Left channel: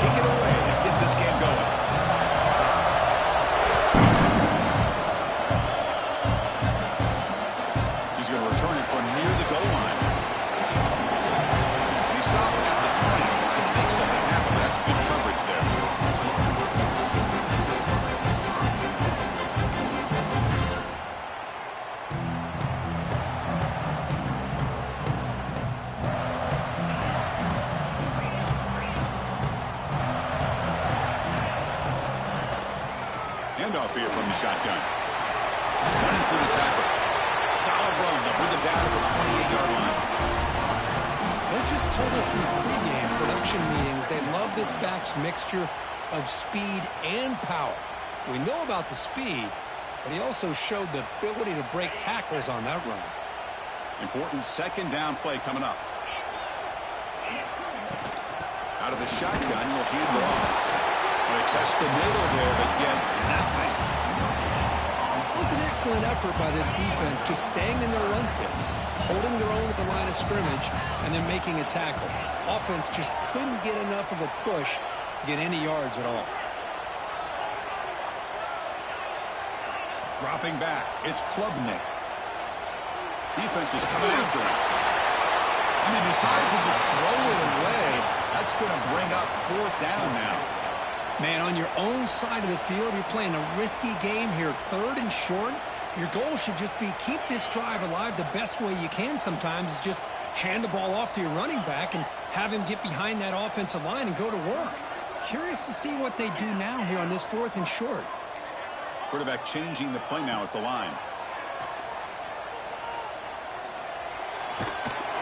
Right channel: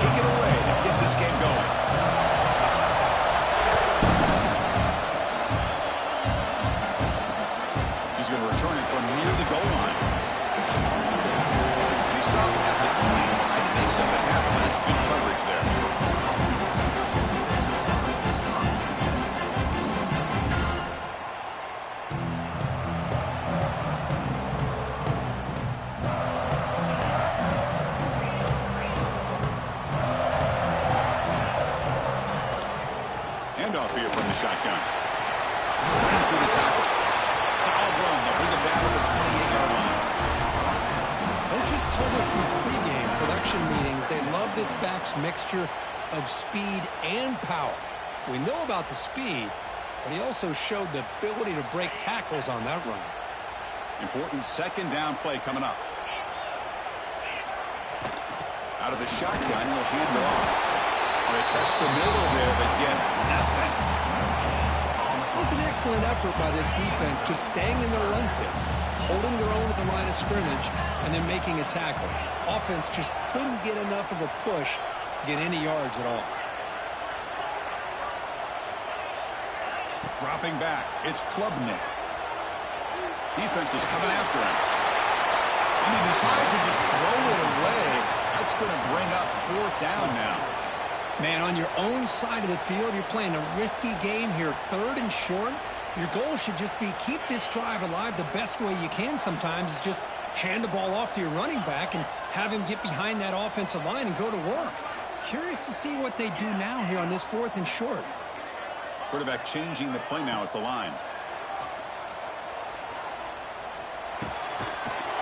kick it away and get this game going. He's going to return it from near the goal line. And he stopped at the 20, trying to make something happen, but that's good coverage there. Handoff here from the shotgun. Running through the tackle. Solid run. They'll bring it down to the 28-yard line. Coaches told us in the pregame production meetings they love this back's mixture of speed and power. We know about the speed, but he also showed the ability to break tackles on that run. Important second down play coming up. Out of the shotgun, he'll hand it off. They test the middle there, but get nothing. It was an excellent effort by this defense, just staying in their run fits, holding their own at the line of scrimmage, and then making a tackle. Offense just couldn't get enough of a push to get any yards at all. Dropping back, it's Klubnik. Defense is coming after him. And he decides to just throw it away. That's going to bring up 4th down now. Man, on your own side of the field, you're playing a risky game here, 3rd and short. Your goal should just be keep this drive alive the best way you can sometimes is just hand the ball off to your running back and have him get behind that offensive line and go to work. Curious to see what they do now here on this 4th and short. Quarterback changing the play now at the line.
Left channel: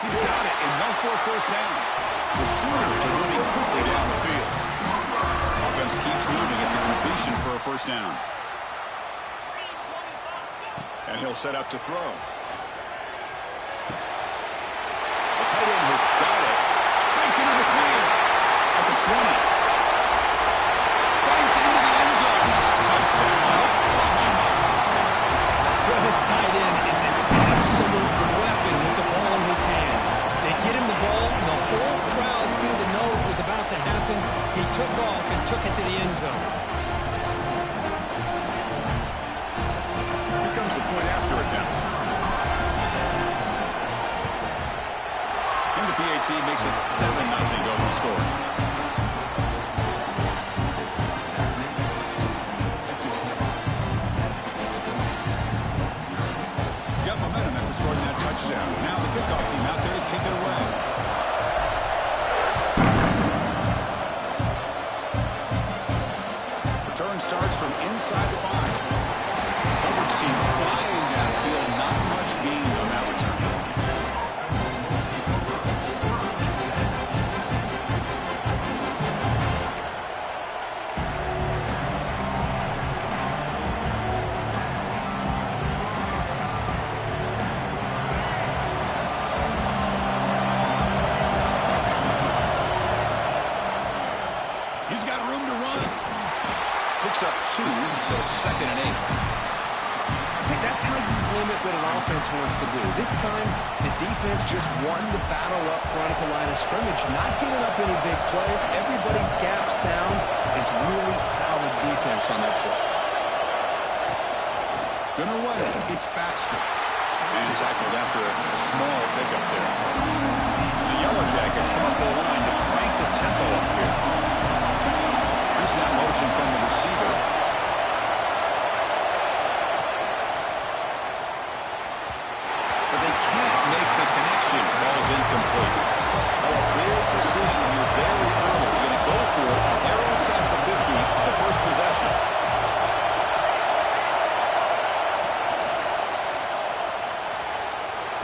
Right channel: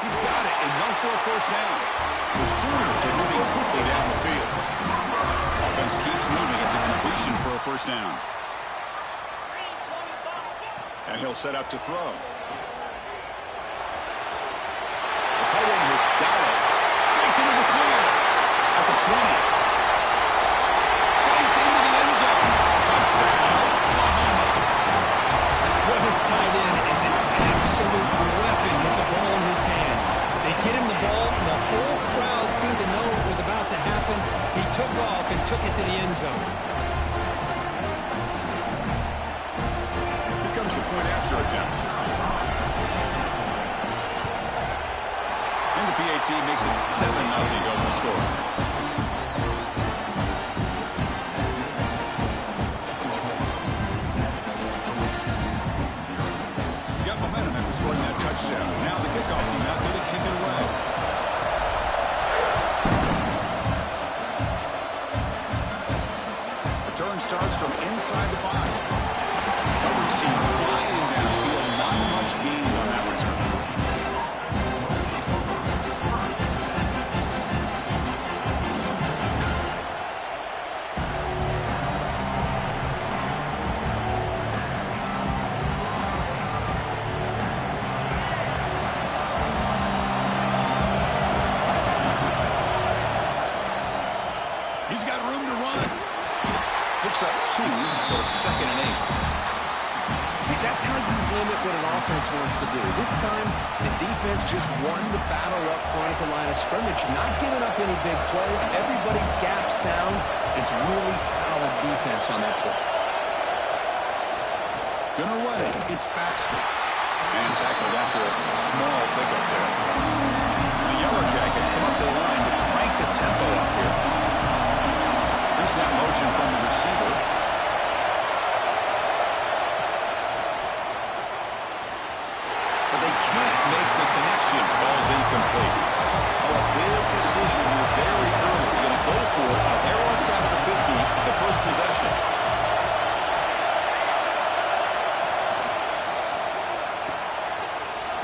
He's got it and no for a 1st down. The Sooners are moving quickly down the field. Offense keeps moving. It's a completion for a 1st down. And he'll set up to throw. The tight end has got it. Breaks into the clear. At the 20. Fights into the end zone. Touchdown, Oklahoma. Well, this tight end is an absolute weapon with the ball in his hands. They get him the ball, and the whole crowd seemed to know it was about to happen. He took off and took it to the end zone. Here comes the point after attempt. And the PAT makes it 7-0 total score. Got momentum after scoring that touchdown. Now the kickoff team out there to kick it away. Return starts from inside the 5. Coverage team flying downfield. Not much gained on that return. He's got room to run. Picks up 2, so it's 2nd and 8. See, that's how you limit what an offense wants to do. This time, the defense just won the battle up front at the line of scrimmage, not giving up any big plays. Everybody's gap sound. It's really solid defense on that play. Gonna run it. It's Baxter. And tackled after a small pickup there. The Yellow Jackets come up to the line to crank the tempo up here. Here's that motion from the receiver. But they can't make the connection. Ball's incomplete. Oh, a big decision here very early. They're going to go for it on their own side of the 50, the first possession.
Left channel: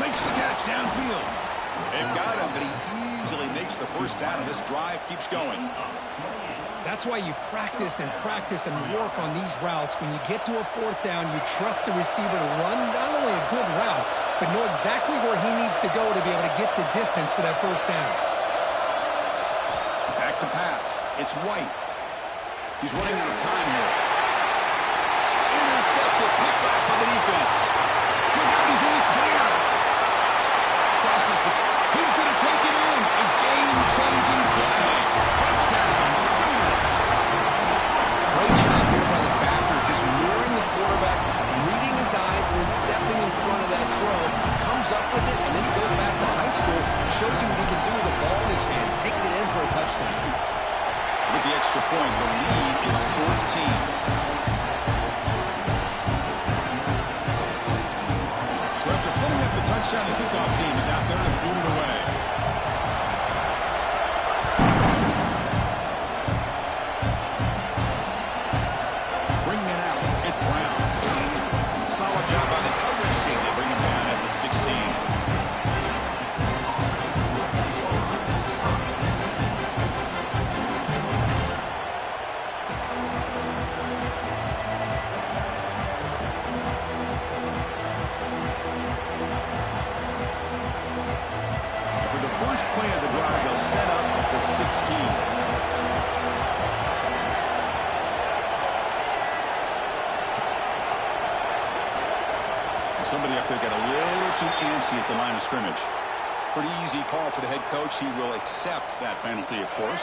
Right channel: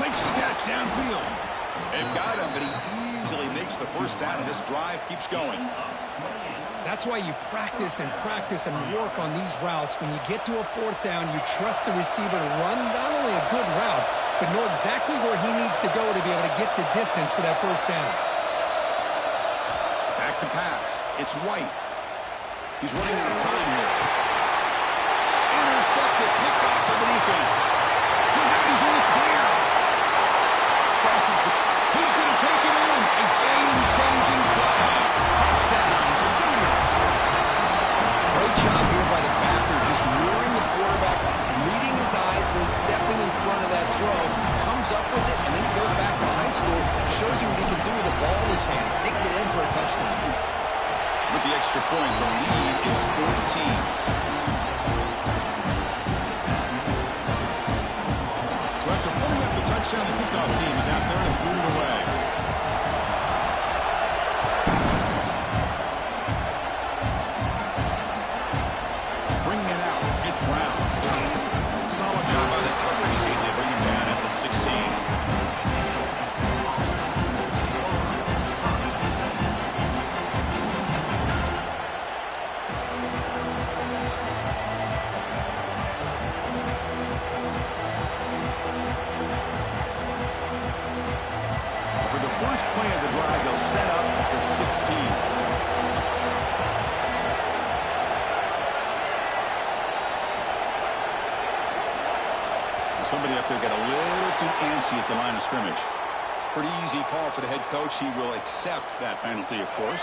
Makes the catch downfield. They've got him, but he easily makes the first down, and this drive keeps going. That's why you practice and work on these routes. When you get to a 4th down, you trust the receiver to run not only a good route, but know exactly where he needs to go to be able to get the distance for that 1st down. Back to pass. It's White. He's running out of time here. Intercepted, picked off by the defense. Look out, he's in the clear. Crosses the... He's going to take it in. A game-changing play. Touchdown, Sooners. there by the backer, just mirroring the quarterback, reading his eyes, and then stepping in front of that throw, comes up with it, and then he goes back to high school, shows you what he can do with the ball in his hands, takes it in for a touchdown. With the extra point, the lead is 14. So after pulling up the touchdown, the kickoff team is out there to boot it away. Bringing it out, it's Brown. Solid job by the coverage team. They bring him down at the 16. First play of the drive, they'll set up at the 16. Somebody up there got a little too antsy at the line of scrimmage. Pretty easy call for the head coach. He will accept that penalty, of course.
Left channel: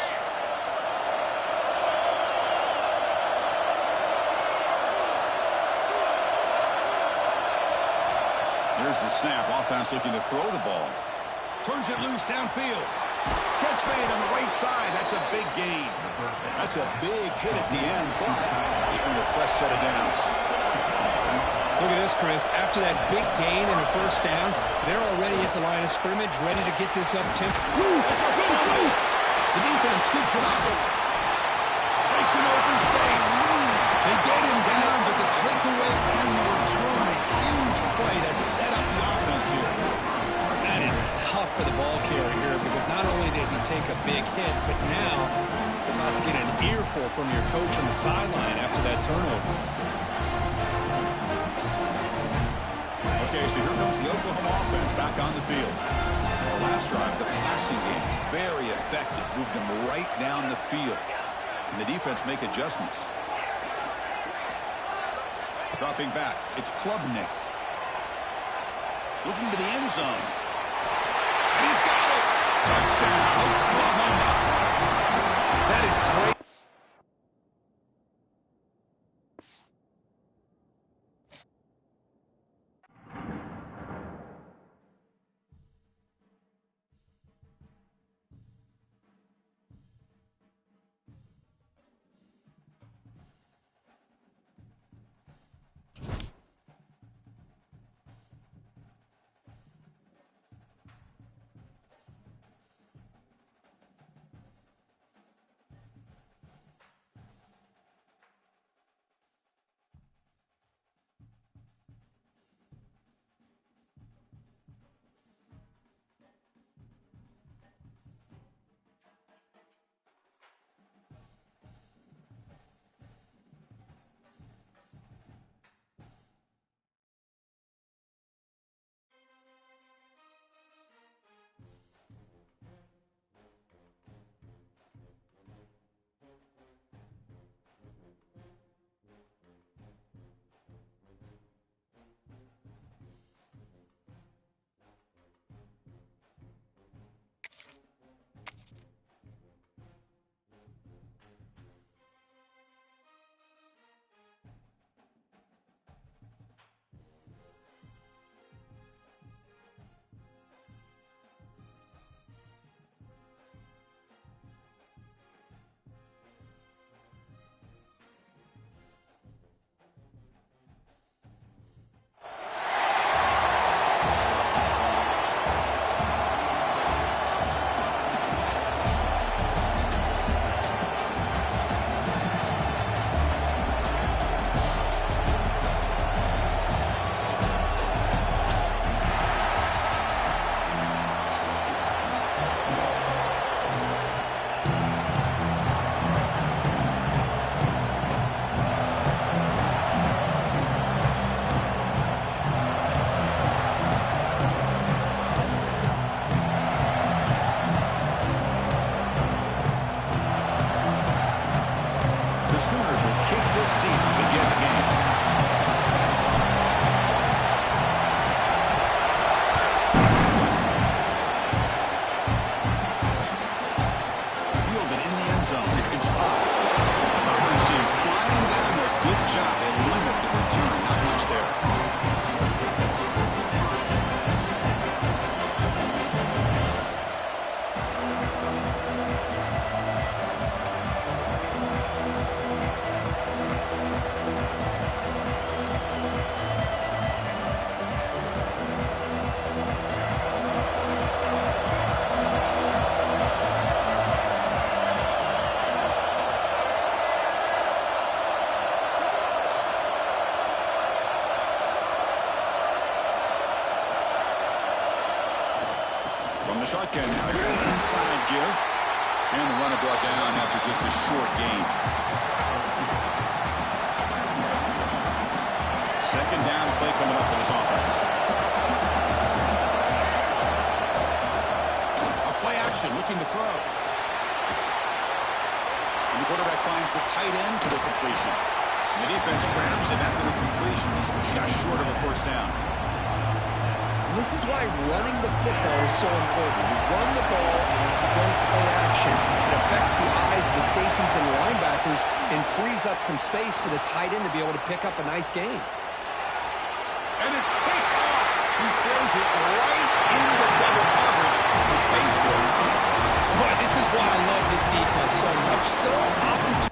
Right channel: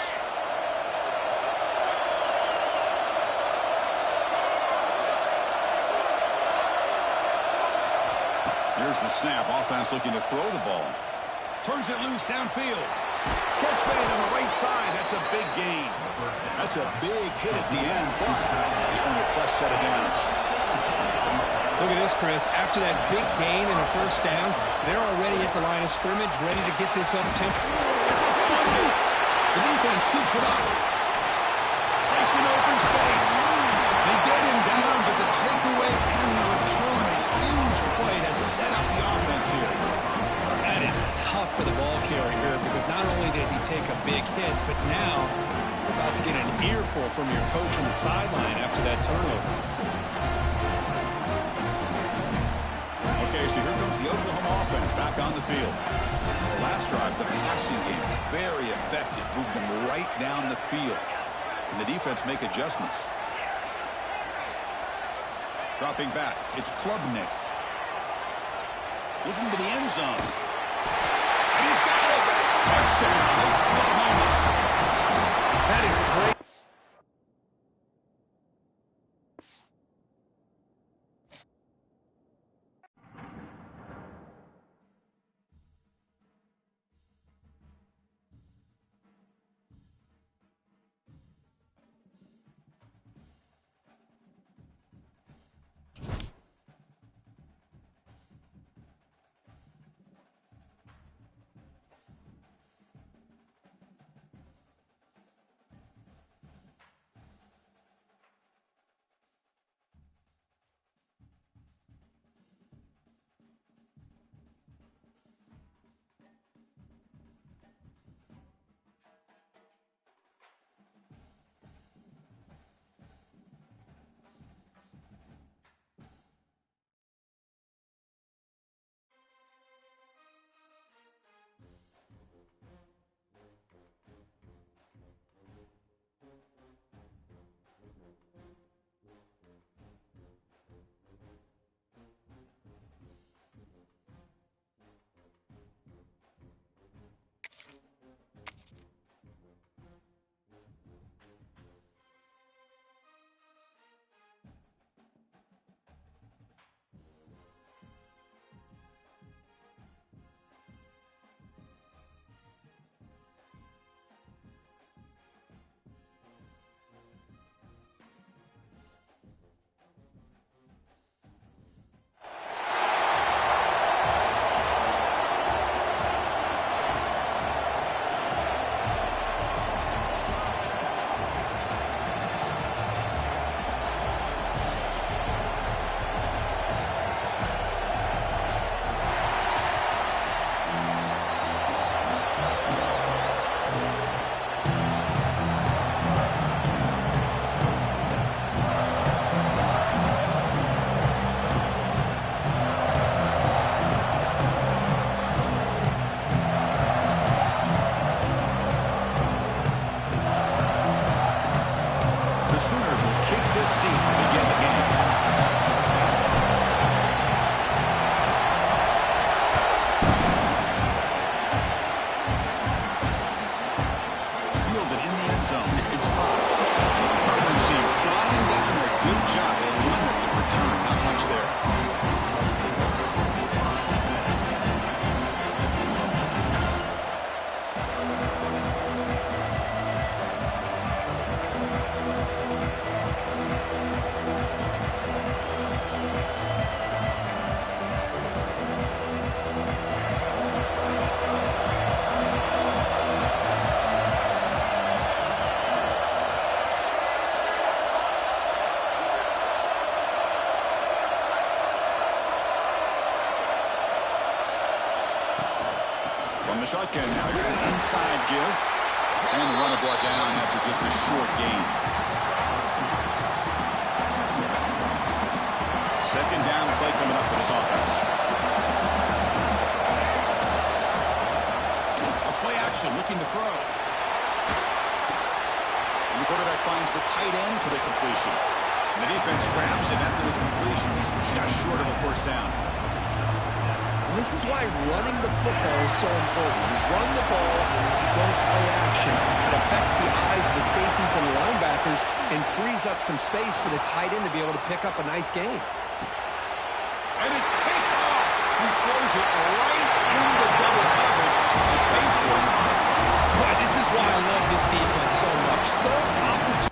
Here's the snap. Offense looking to throw the ball. Turns it loose downfield. Catch made on the right side. That's a big gain. That's a big hit at the end, but they earn a fresh set of downs. Look at this, Chris. After that big gain and a first down, they're already at the line of scrimmage, ready to get this up tempo. It's a fumble. The defense scoops it up. Breaks an open space. They get him down, but the takeaway and the return, a huge play to set up the offense here. That is tough for the ball carrier here because not only does he take a big hit, but now you're about to get an earful from your coach on the sideline after that turnover. Okay, so here comes the Oklahoma offense back on the field. The last drive, the passing game, very effective. Moved them right down the field. Can the defense make adjustments? Dropping back, it's Klubnik. Looking to the end zone. And he's got it. Touchdown, Oklahoma. That is great. Sooners will kick this deep to begin the game. Fielded in the end zone. It's Potts. Auburn team flying down their good job. They limit the return. Not much there. From the shotgun now, here's an inside give. And the runner brought down after just a short gain. Second down play coming up for this offense. A play action, looking to throw. And the quarterback finds the tight end for the completion. And the defense grabs him after the completion. He's just short of a first down. This is why running the football is so important. You run the ball, and if you don't play action, it affects the eyes of the safeties and linebackers and frees up some space for the tight end to be able to pick up a nice gain. And it's picked off. He throws it right into double coverage and pays for it. Boy, this is why I love this defense so much. So opportune.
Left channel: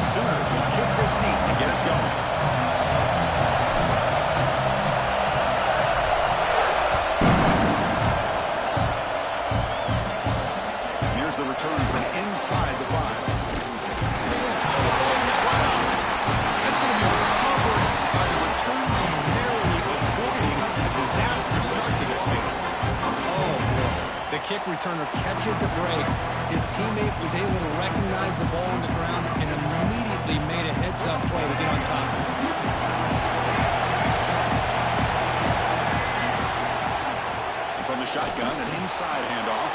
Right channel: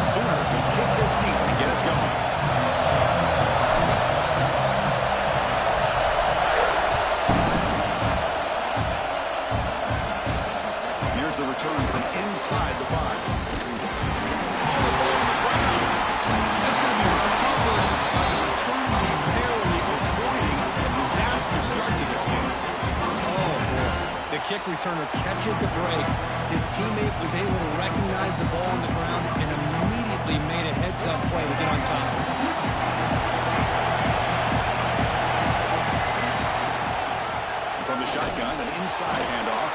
Sooners will kick this deep to get us going. Here's the return from inside the 5. Oh, the ball on the ground. That's going to be recovered by the return team, narrowly avoiding a disaster start to this game. Oh, boy. The kick returner catches a break. His teammate was able to recognize the ball on the ground and immediately made a heads-up play to get on top. And from the shotgun, an inside handoff.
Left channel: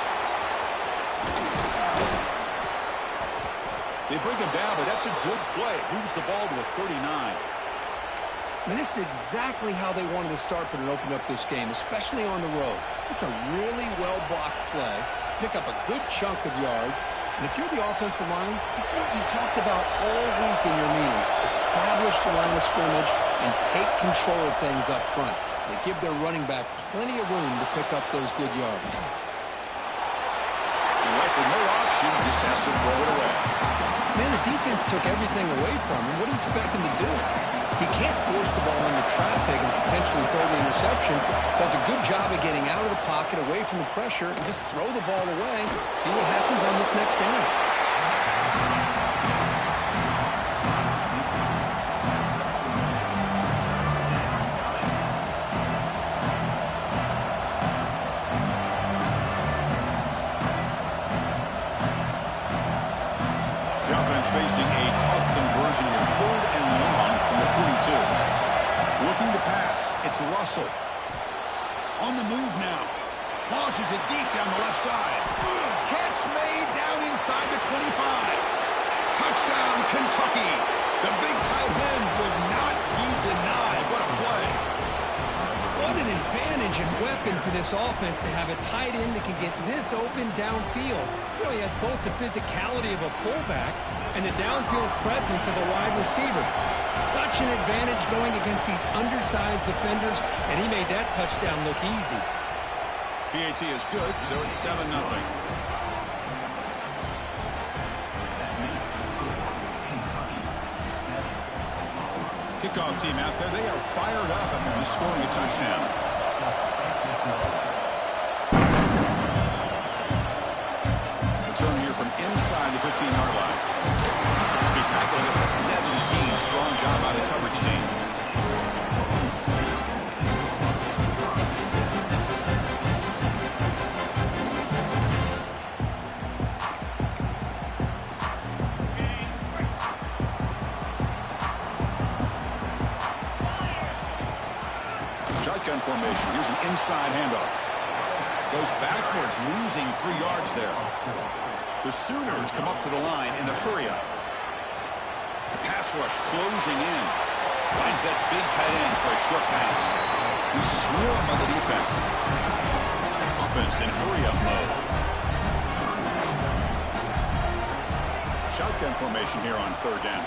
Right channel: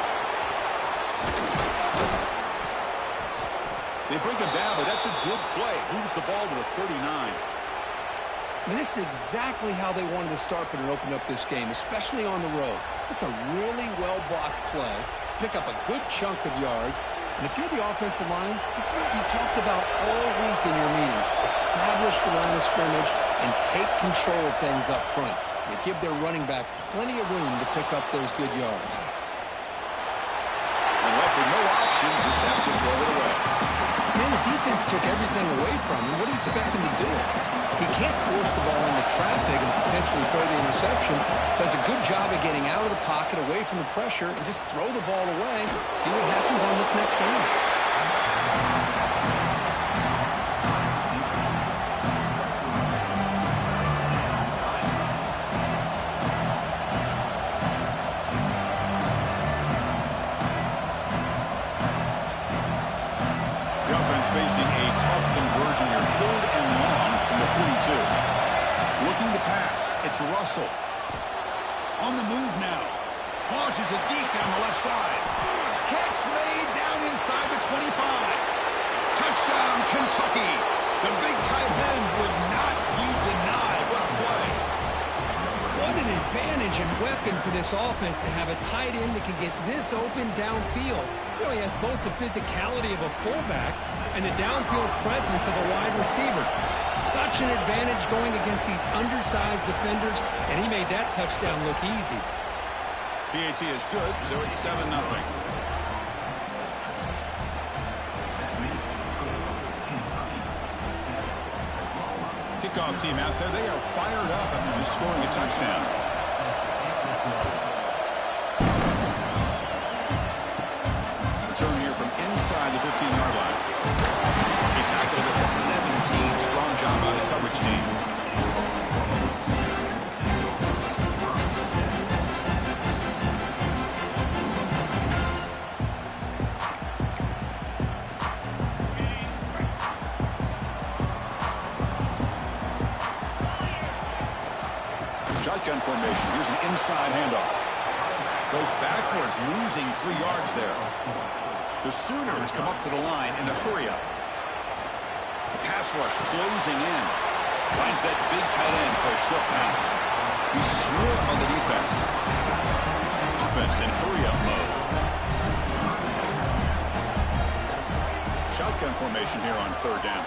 They bring him down, but that's a good play. Moves the ball to the 39. I mean, this is exactly how they wanted to start, but it opened up this game, especially on the road. It's a really well-blocked play. Pick up a good chunk of yards. And if you're the offensive line, this is what you've talked about all week in your meetings. Establish the line of scrimmage and take control of things up front. They give their running back plenty of room to pick up those good yards. And left with no option, just has to throw it away. Man, the defense took everything away from him. What do you expect him to do? He can't force the ball into traffic and potentially throw the interception. Does a good job of getting out of the pocket, away from the pressure, and just throw the ball away. See what happens on this next down. The offense facing a tough conversion here. 3rd and long from the 42. Looking to pass. It's Russell. On the move now. Launches it deep down the left side. Catch made down inside the 25. Touchdown, Kentucky. The big tight end will not be denied. What a play. What an advantage and weapon for this offense to have a tight end that can get this open downfield. You know, he has both the physicality of a fullback and the downfield presence of a wide receiver. Such an advantage going against these undersized defenders, and he made that touchdown look easy. PAT is good, so it's 7-0. Kickoff team out there. They are fired up after just scoring a touchdown. Return here from inside the 15-yard line. He tackled at the 17. Strong job by the coverage team. Shotgun formation. Here's an inside handoff. Goes backwards, losing 3 yards there. The Sooners come up to the line in the hurry-up. Pass rush closing in. Finds that big tight end for a short pass. We swarm on the defense. Offense in hurry-up mode. Shotgun formation here on 3rd down.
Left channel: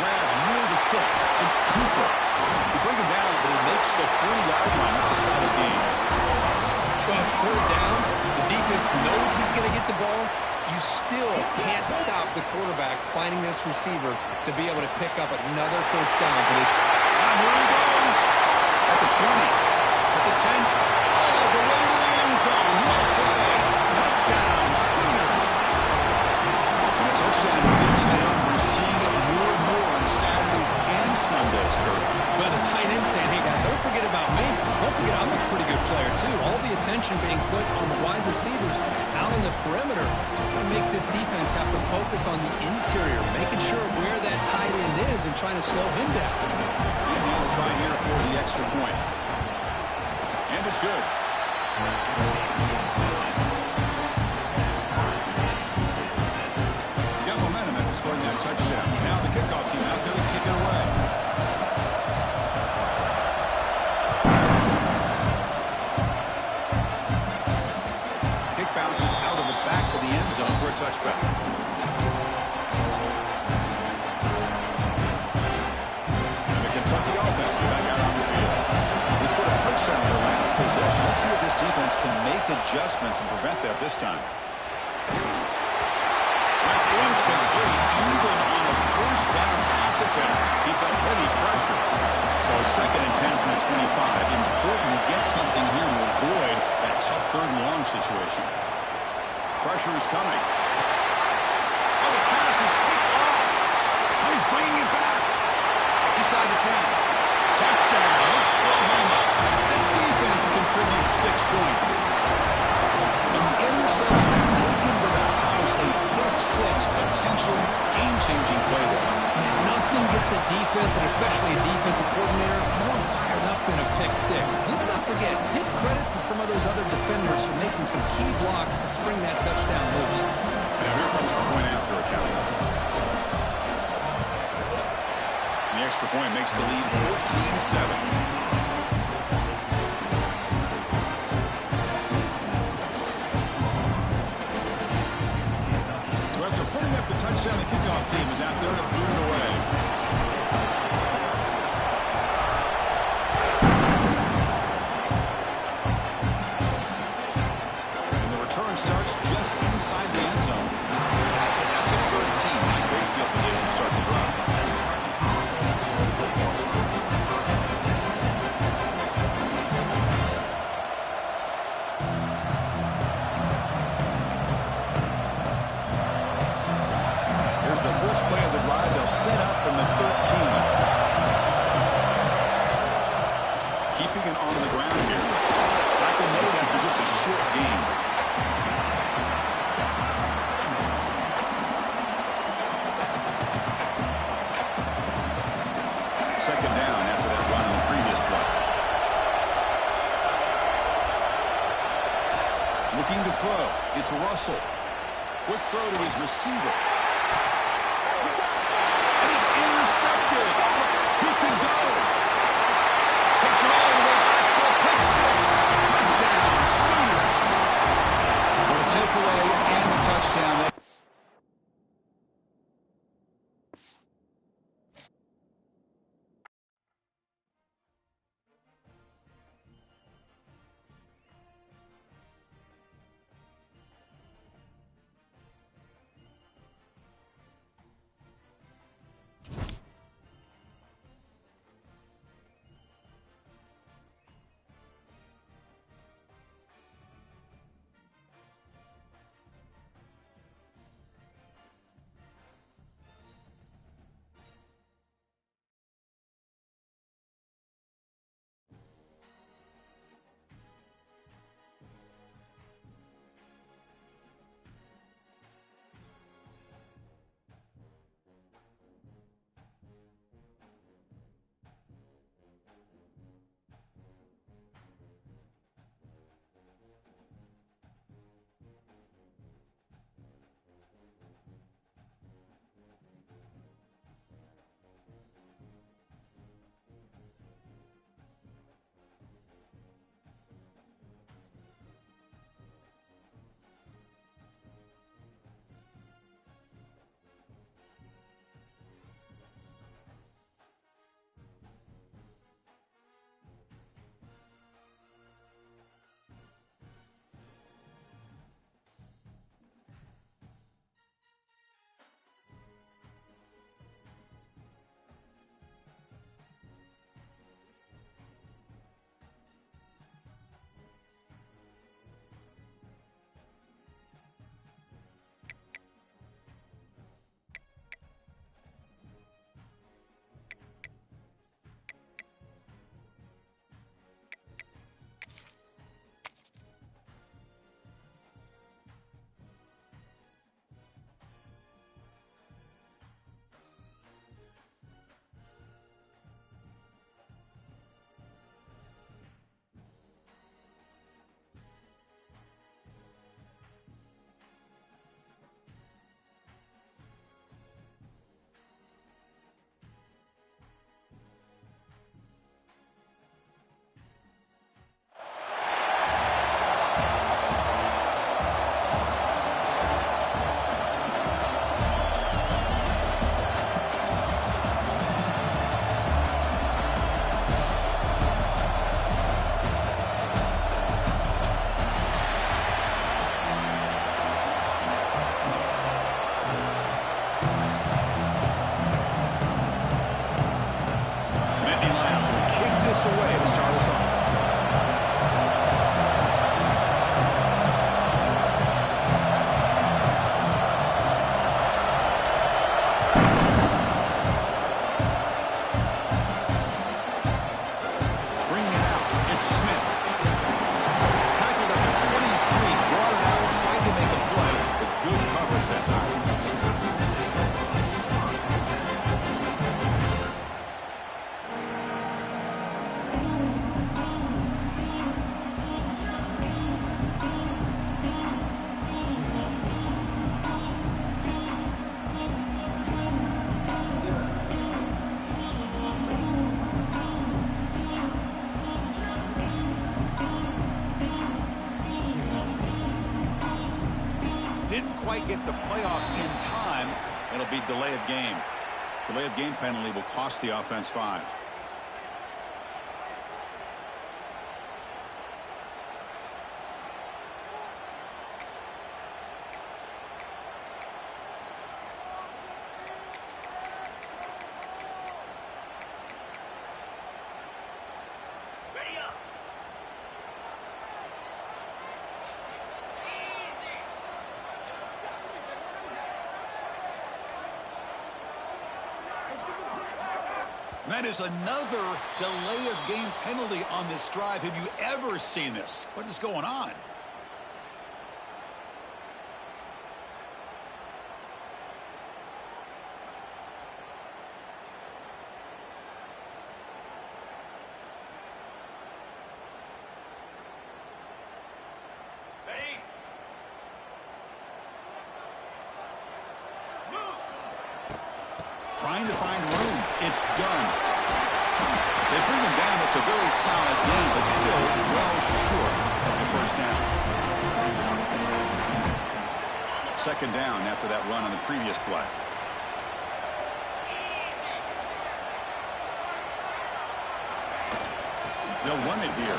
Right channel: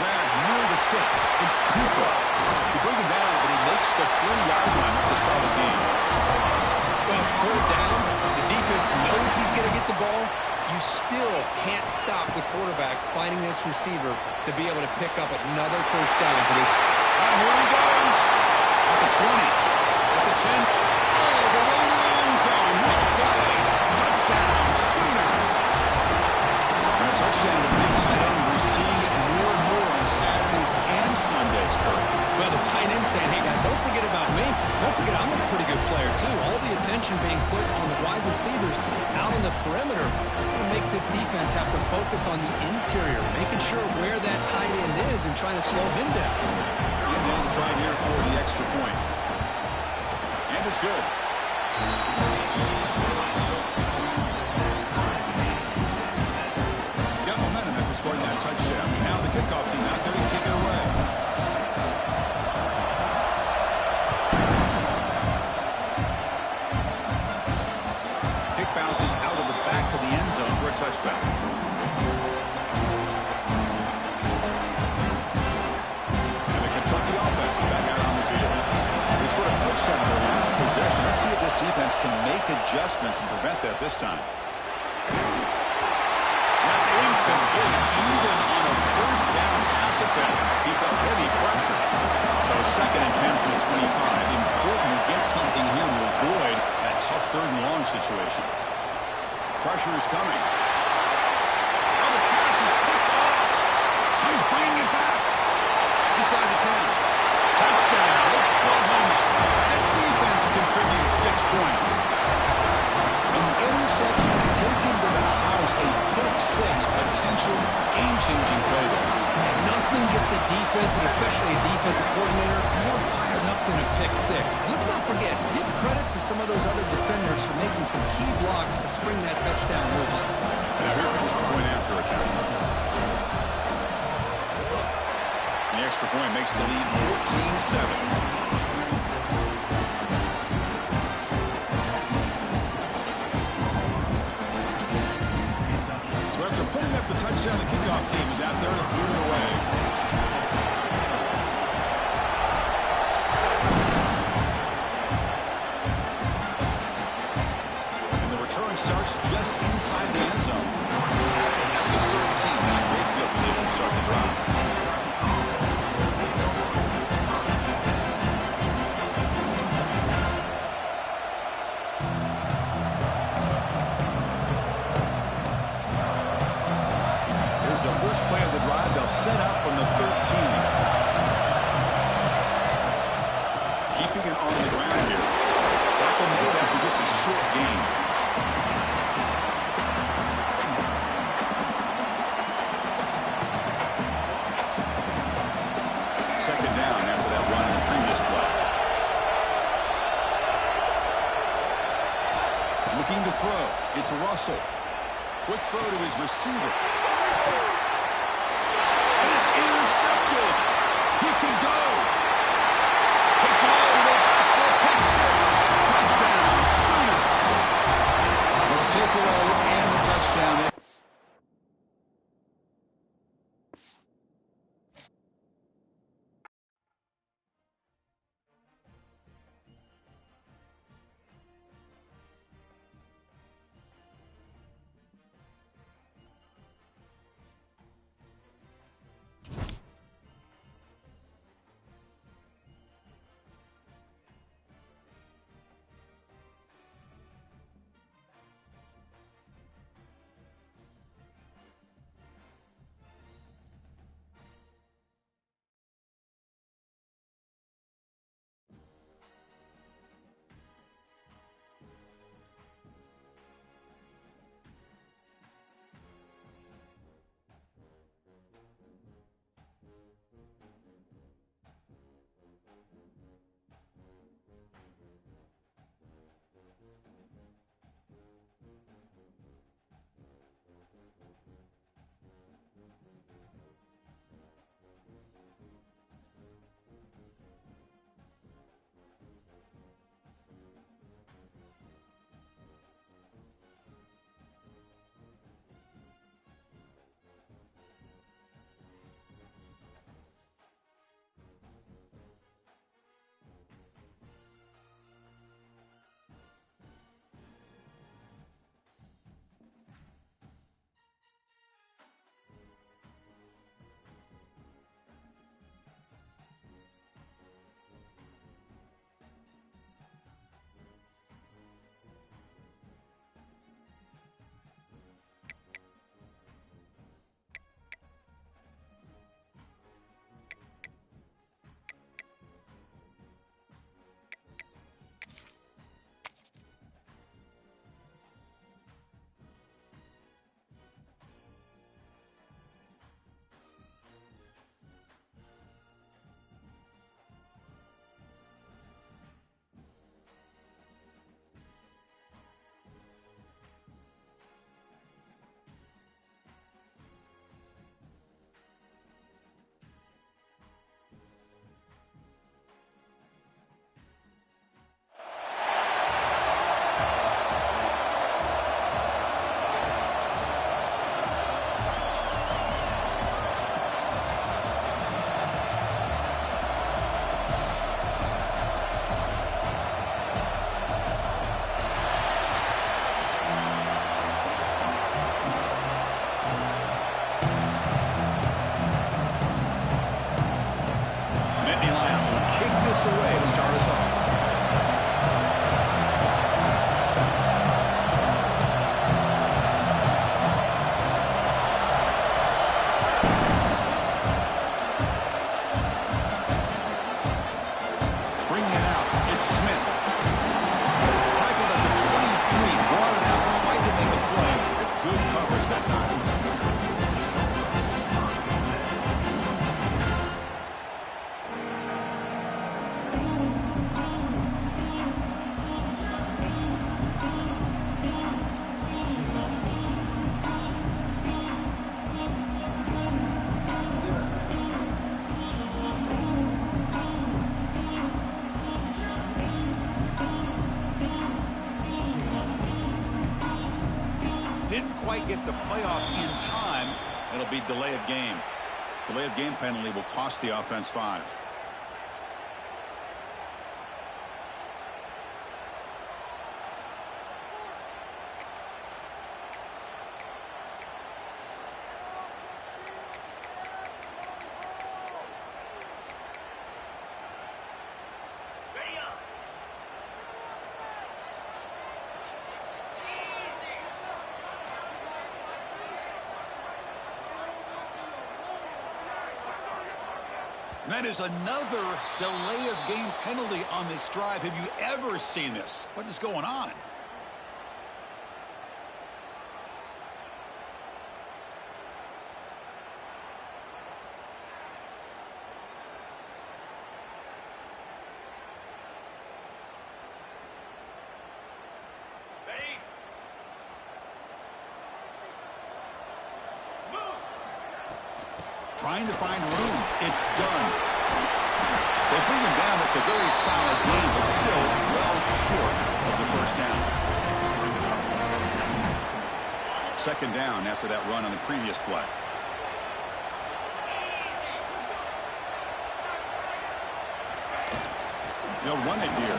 Grab near the sticks. It's Cooper. They bring him down, but he makes the 3-yard line. That's a solid game. Well, it's 3rd down. The defense knows he's going to get the ball. You still can't stop the quarterback finding this receiver to be able to pick up another 1st down for this. Here he goes. At the 20. At the 10. All the way to the end zone. What a play. Touchdown, Sooners. And a touchdown to the big tight end. We're seeing it more and more on Saturdays and Sundays, Kurt. Well, the tight end saying, hey, guys, don't forget about me. Don't forget I'm a pretty good player, too. All the attention being put on the wide receivers out on the perimeter is going to make this defense have to focus on the interior, making sure where that tight end is and trying to slow him down. And now the try here for the extra point. And it's good. Got momentum after scoring that touchdown. Now the kickoff team out there to kick it away. Kick bounces out of the back of the end zone for a touchback. And the Kentucky offense is back out on the field. They scored a touchdown in their last possession. Let's see if this defense can make adjustments and prevent that this time. That's incomplete, even on a 1st down pass attempt. He felt heavy pressure. So 2nd and 10 from the 25. Important to get something here to avoid that tough 3rd and long situation. Pressure is coming. Oh, the pass is picked off. Oh, he's bringing it back. Inside the 10. Touchdown, Oklahoma. The defense contributes 6 points. And the interception taken to the house, a pick 6, potential game-changing play there. Man, nothing gets a defense, and especially a defensive coordinator, more fired up than a pick 6. And let's not forget, give credit to some of those other defenders for making some key blocks to spring that touchdown loose. And now here comes the point after attempt. The extra point makes the lead 14-7. After putting up the touchdown, the kickoff team is out there to boot it away. And the return starts just inside the end zone. Tackled at the 13. Not great field position to start the drive. The first play of the drive, they'll set up from the 13. Keeping it on the ground here. Tackle made after just a short gain. Second down after that run in the previous play. Looking to throw. It's Russell. Quick throw to his receiver. Intercepted. He could go. Takes it all the way back for a pick six. Touchdown, Sooners. Well, the takeaway and the touchdown. Away to start us off. Bringing it out, it's Smith. Tackled at the 23, brought it out, tried to make a play, but good coverage that time. Didn't quite get the playoff in time. It'll be delay of game. Delay of game penalty will cost the offense 5. That is another delay of game penalty on this drive. Have you ever seen this? What is going on? Trying to find room. It's done. They bring him down. It's a very solid game, but still well short of the first down. Second down after that run on the previous play. They'll run it here.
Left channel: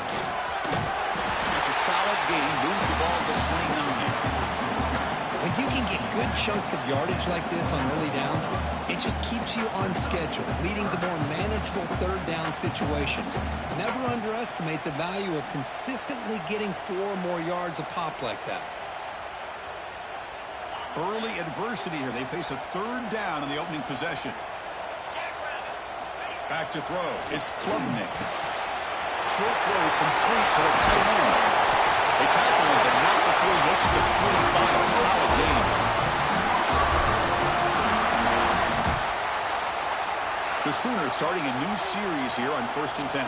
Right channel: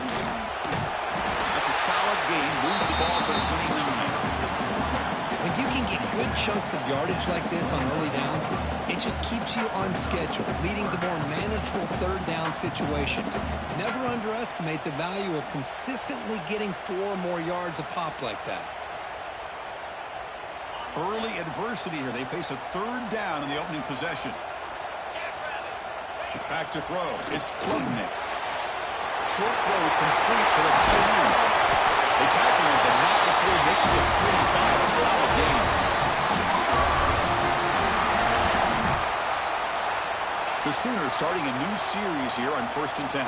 That's a solid gain. Moves the ball to the 29. When you can get good chunks of yardage like this on early downs, it just keeps you on schedule, leading to more manageable third down situations. Never underestimate the value of consistently getting 4 or more yards a pop like that. Early adversity here. They face a third down in the opening possession. Back to throw. It's Klubnik. Short throw complete to the tight end. They tackle him, but not before he makes the 45. A solid gain. The Sooners starting a new series here on 1st and 10.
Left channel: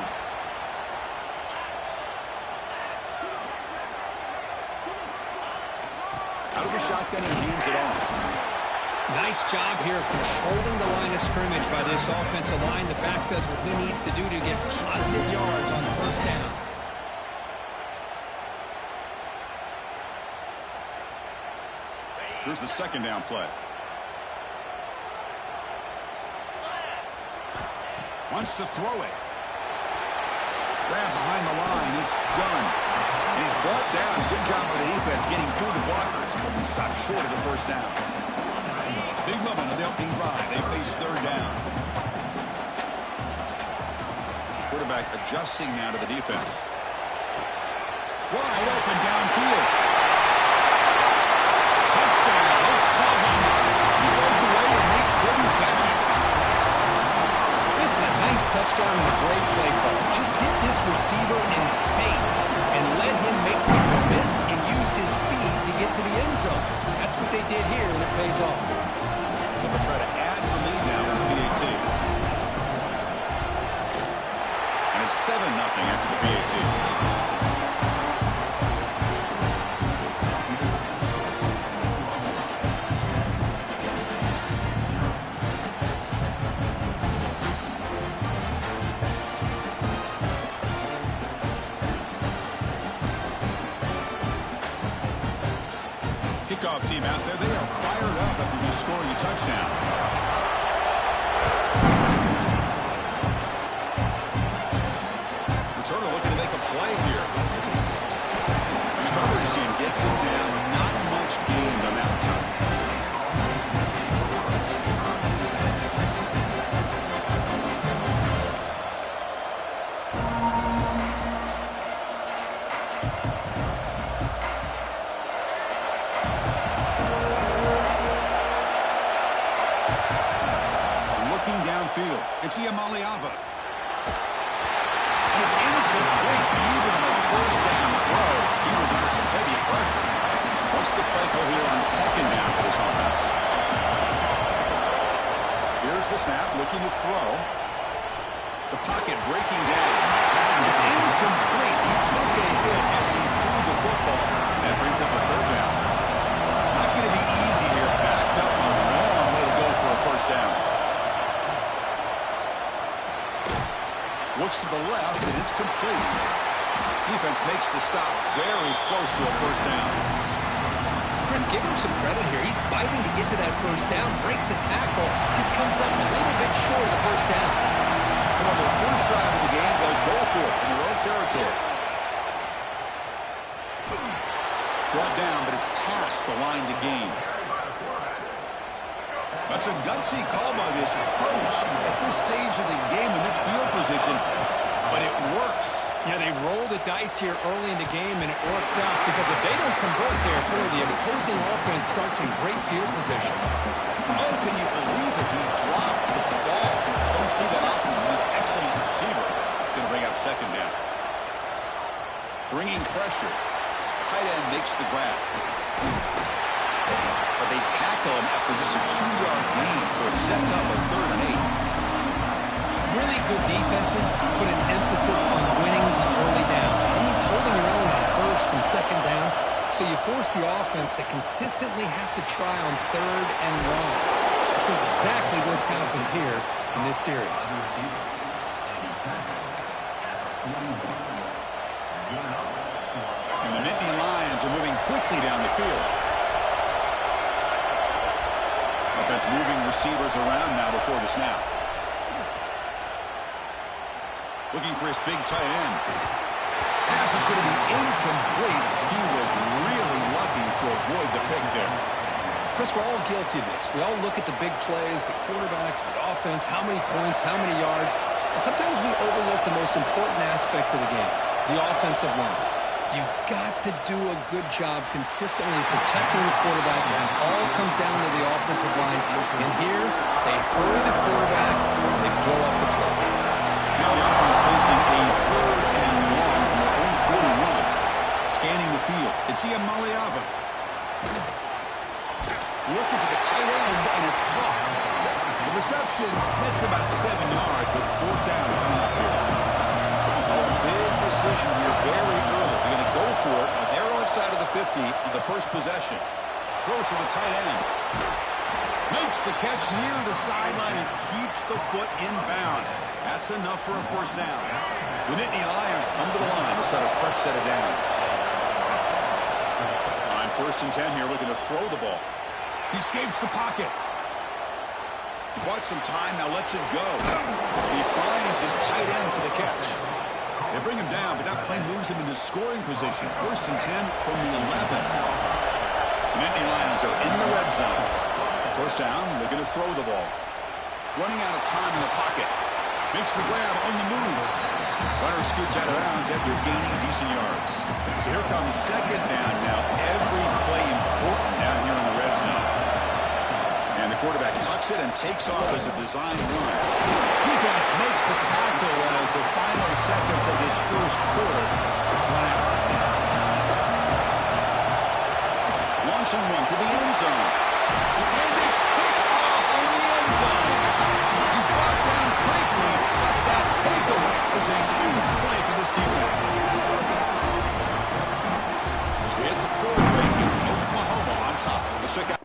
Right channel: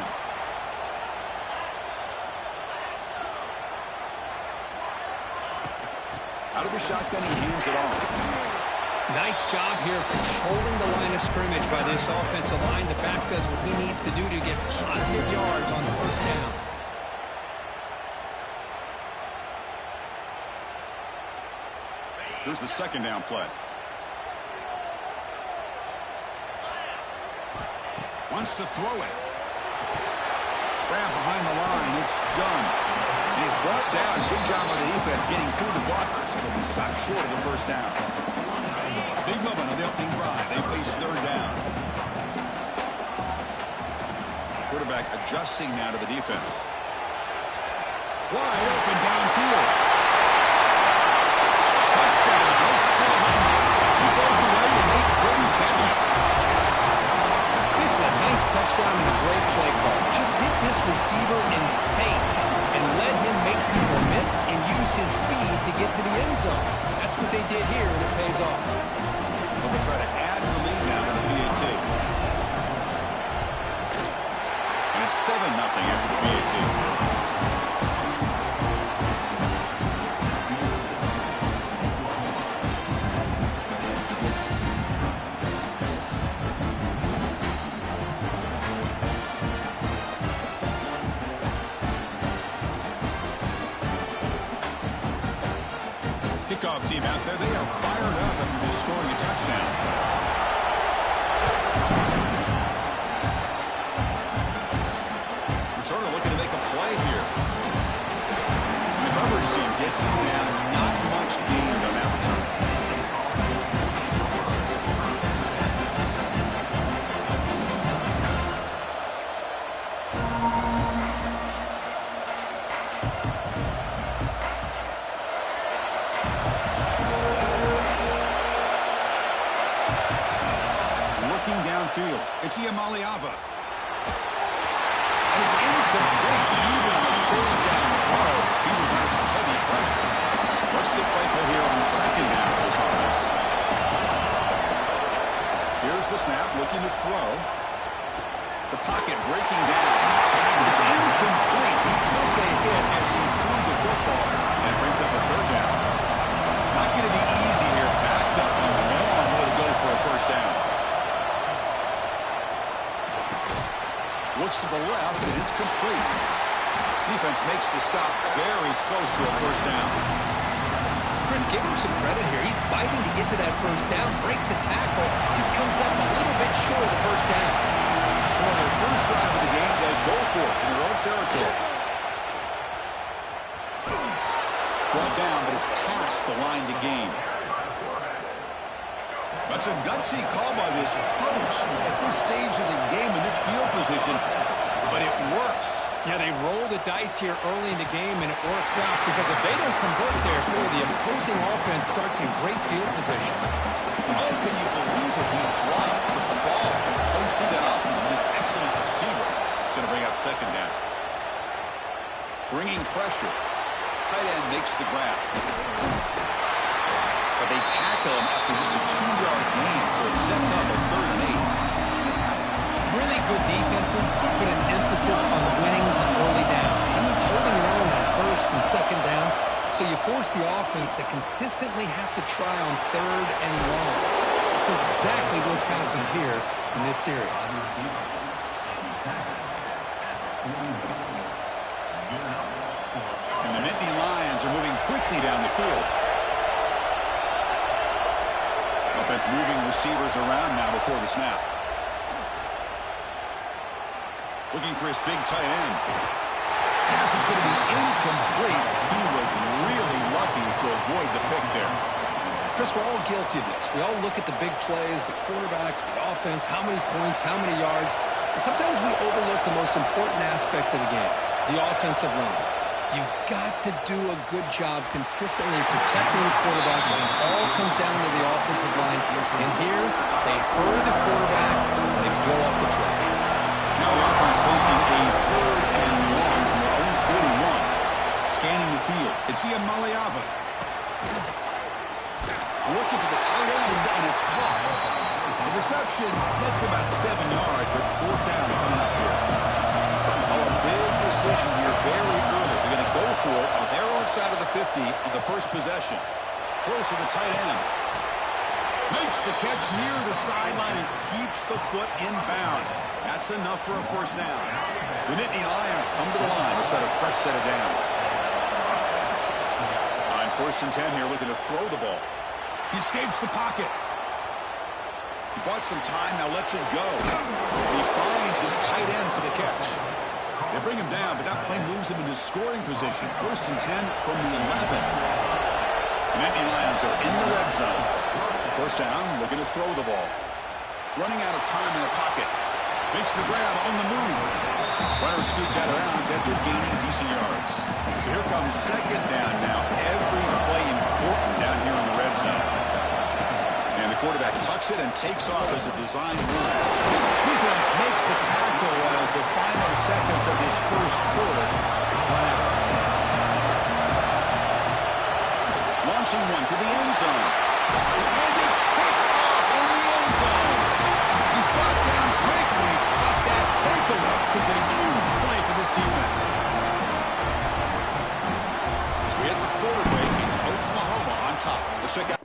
Out of the shotgun, he hands it off. Nice job here of controlling the line of scrimmage by this offensive line. The back does what he needs to do to get positive yards on first down. Here's the second down play. Wants to throw it. Grab behind the line. It's done. And he's brought down. Good job by the defense getting through the blockers. But we stop short of the first down. Big moment on the opening drive. They face third down. Quarterback adjusting now to the defense. Wide open downfield. Touchdown. He broke away and they couldn't catch him. This is a nice touchdown and a great play call. Just get this receiver in space and let him make people miss and use his speed to get to the end zone. That's what they did here, and it pays off. Well, they'll try to add the lead now in the PAT. And it's 7-0 after the PAT. Kickoff team out there, they are fired up after just scoring a touchdown. Returner looking to make a play here. And the coverage team gets him down. Not much gained on that return. Downfield. It's Iamaleava. And it's incomplete. Even on the first down throw, he was under some heavy pressure. What's the play call here on second down for this offense? Here's the snap, looking to throw. The pocket breaking down. It's incomplete. He took a hit as he threw the football. And brings up a third down. Not going to be easy here. Backed up a long way to go for a first down. Looks to the left, and it's complete. Defense makes the stop very close to a first down. Chris, give him some credit here. He's fighting to get to that first down, breaks the tackle, just comes up a little bit short of the first down. So on their first drive of the game, they'll go for it in their own territory. Brought down, but it's past the line to gain. That's a gutsy call by this coach at this stage of the game in this field position, but it works. Yeah, they roll the dice here early in the game, and it works out because if they don't convert there, boy, the opposing offense starts in great field position. Oh, can you believe it? He dropped the ball. Don't see that often from this excellent receiver. It's going to bring up second down. Bringing pressure. Tight end makes the grab. But they tackle him after just a 2-yard gain, so it sets up a 3rd and 8. Really good defenses put an emphasis on winning the early down. That means holding your own on first and second down, so you force the offense to consistently have to try on 3rd and long. That's exactly what's happened here in this series. And the Nittany Lions are moving quickly down the field. Offense moving receivers around now before the snap. Looking for his big tight end. Pass is going to be incomplete. He was really lucky to avoid the pick there. Chris, we're all guilty of this. We all look at the big plays, the quarterbacks, the offense, how many points, how many yards. And sometimes we overlook the most important aspect of the game, the offensive line. You've got to do a good job consistently protecting the quarterback, and it all comes down to the offensive line. And here, they hurry the quarterback, and they blow up the play. Now the offense facing a 3rd and long from their own 41. Scanning the field, it's Maliava. Looking for the tight end, and it's caught. The reception gets about 7 yards, but 4th down coming up here. Oh, a big decision here very early. They're going to go for it on their own side of the 50 on the first possession. Close to the tight end. Makes the catch near the sideline and keeps the foot in bounds. That's enough for a 1st down. The Nittany Lions come to the line to set a fresh set of downs. On 1st and 10 here, looking to throw the ball. He escapes the pocket. He bought some time, now lets it go. And he finds his tight end for the catch. They bring him down, but that play moves him into scoring position. 1st and 10 from the 11. The Nittany Lions are in the red zone. 1st down, looking to throw the ball. Running out of time in the pocket. Makes the grab on the move. Runner scoots out of bounds after gaining decent yards. So here comes 2nd down now. Every play important down here in the red zone. And the quarterback tucks it and takes off as a design run. Defense makes the tackle as the final seconds of this 1st quarter run out. Launching one to the end zone. And it's picked off in the end zone. He's brought down quickly, but that takeaway is a huge play for this defense. As we hit the quarter break, it's Oklahoma on top. Let's check out.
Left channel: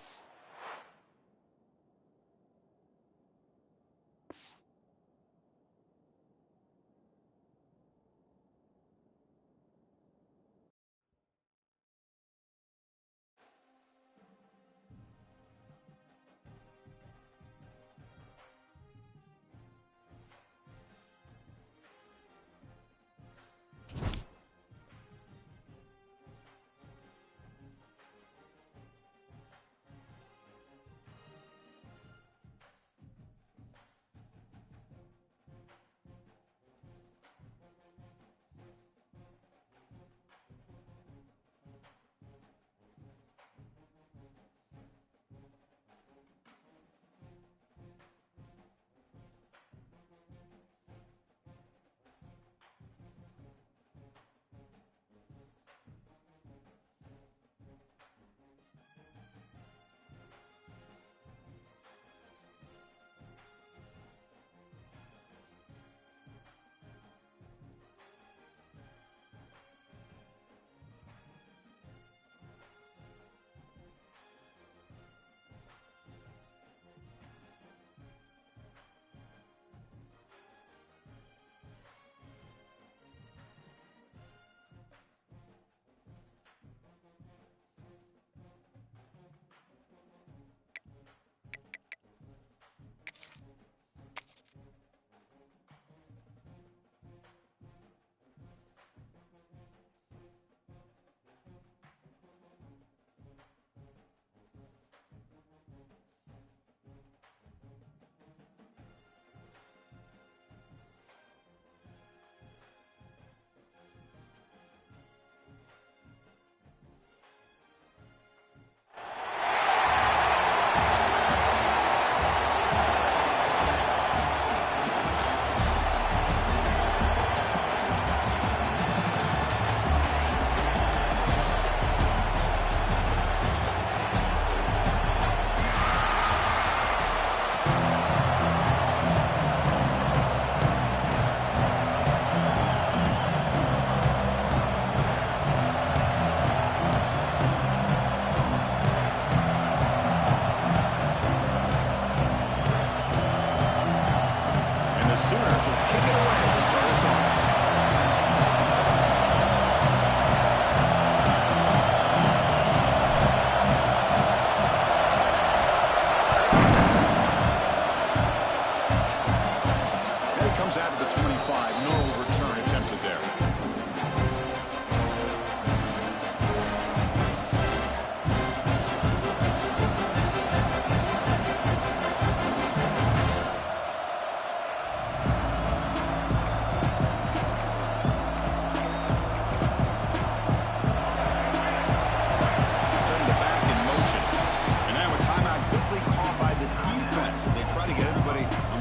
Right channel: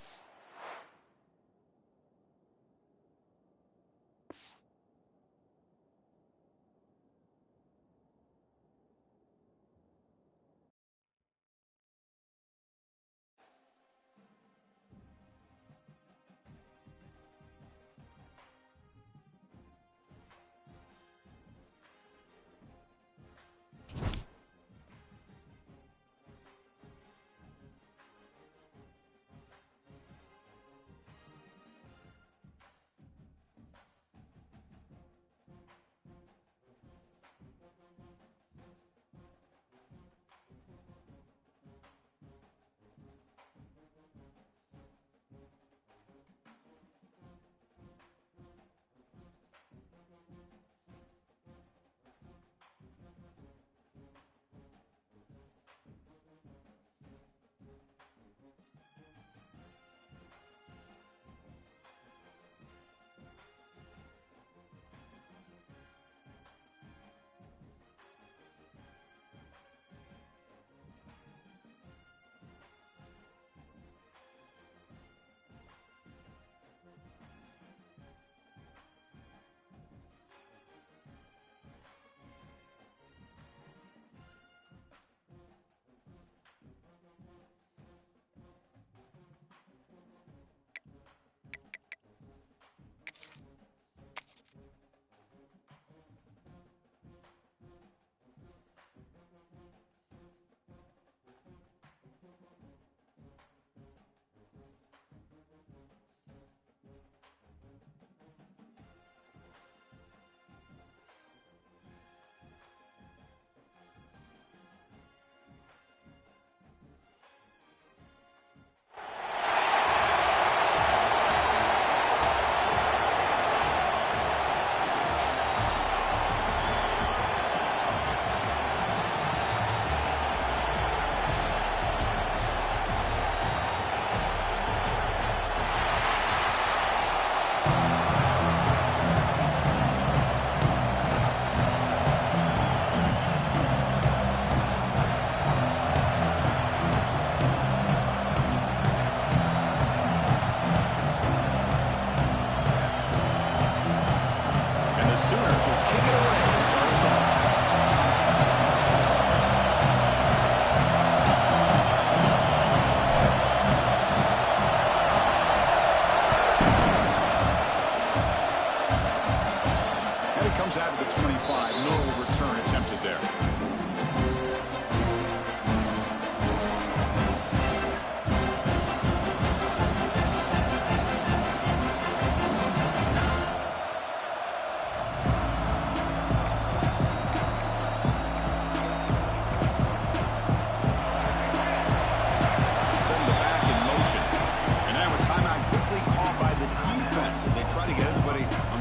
5. No return attempted there.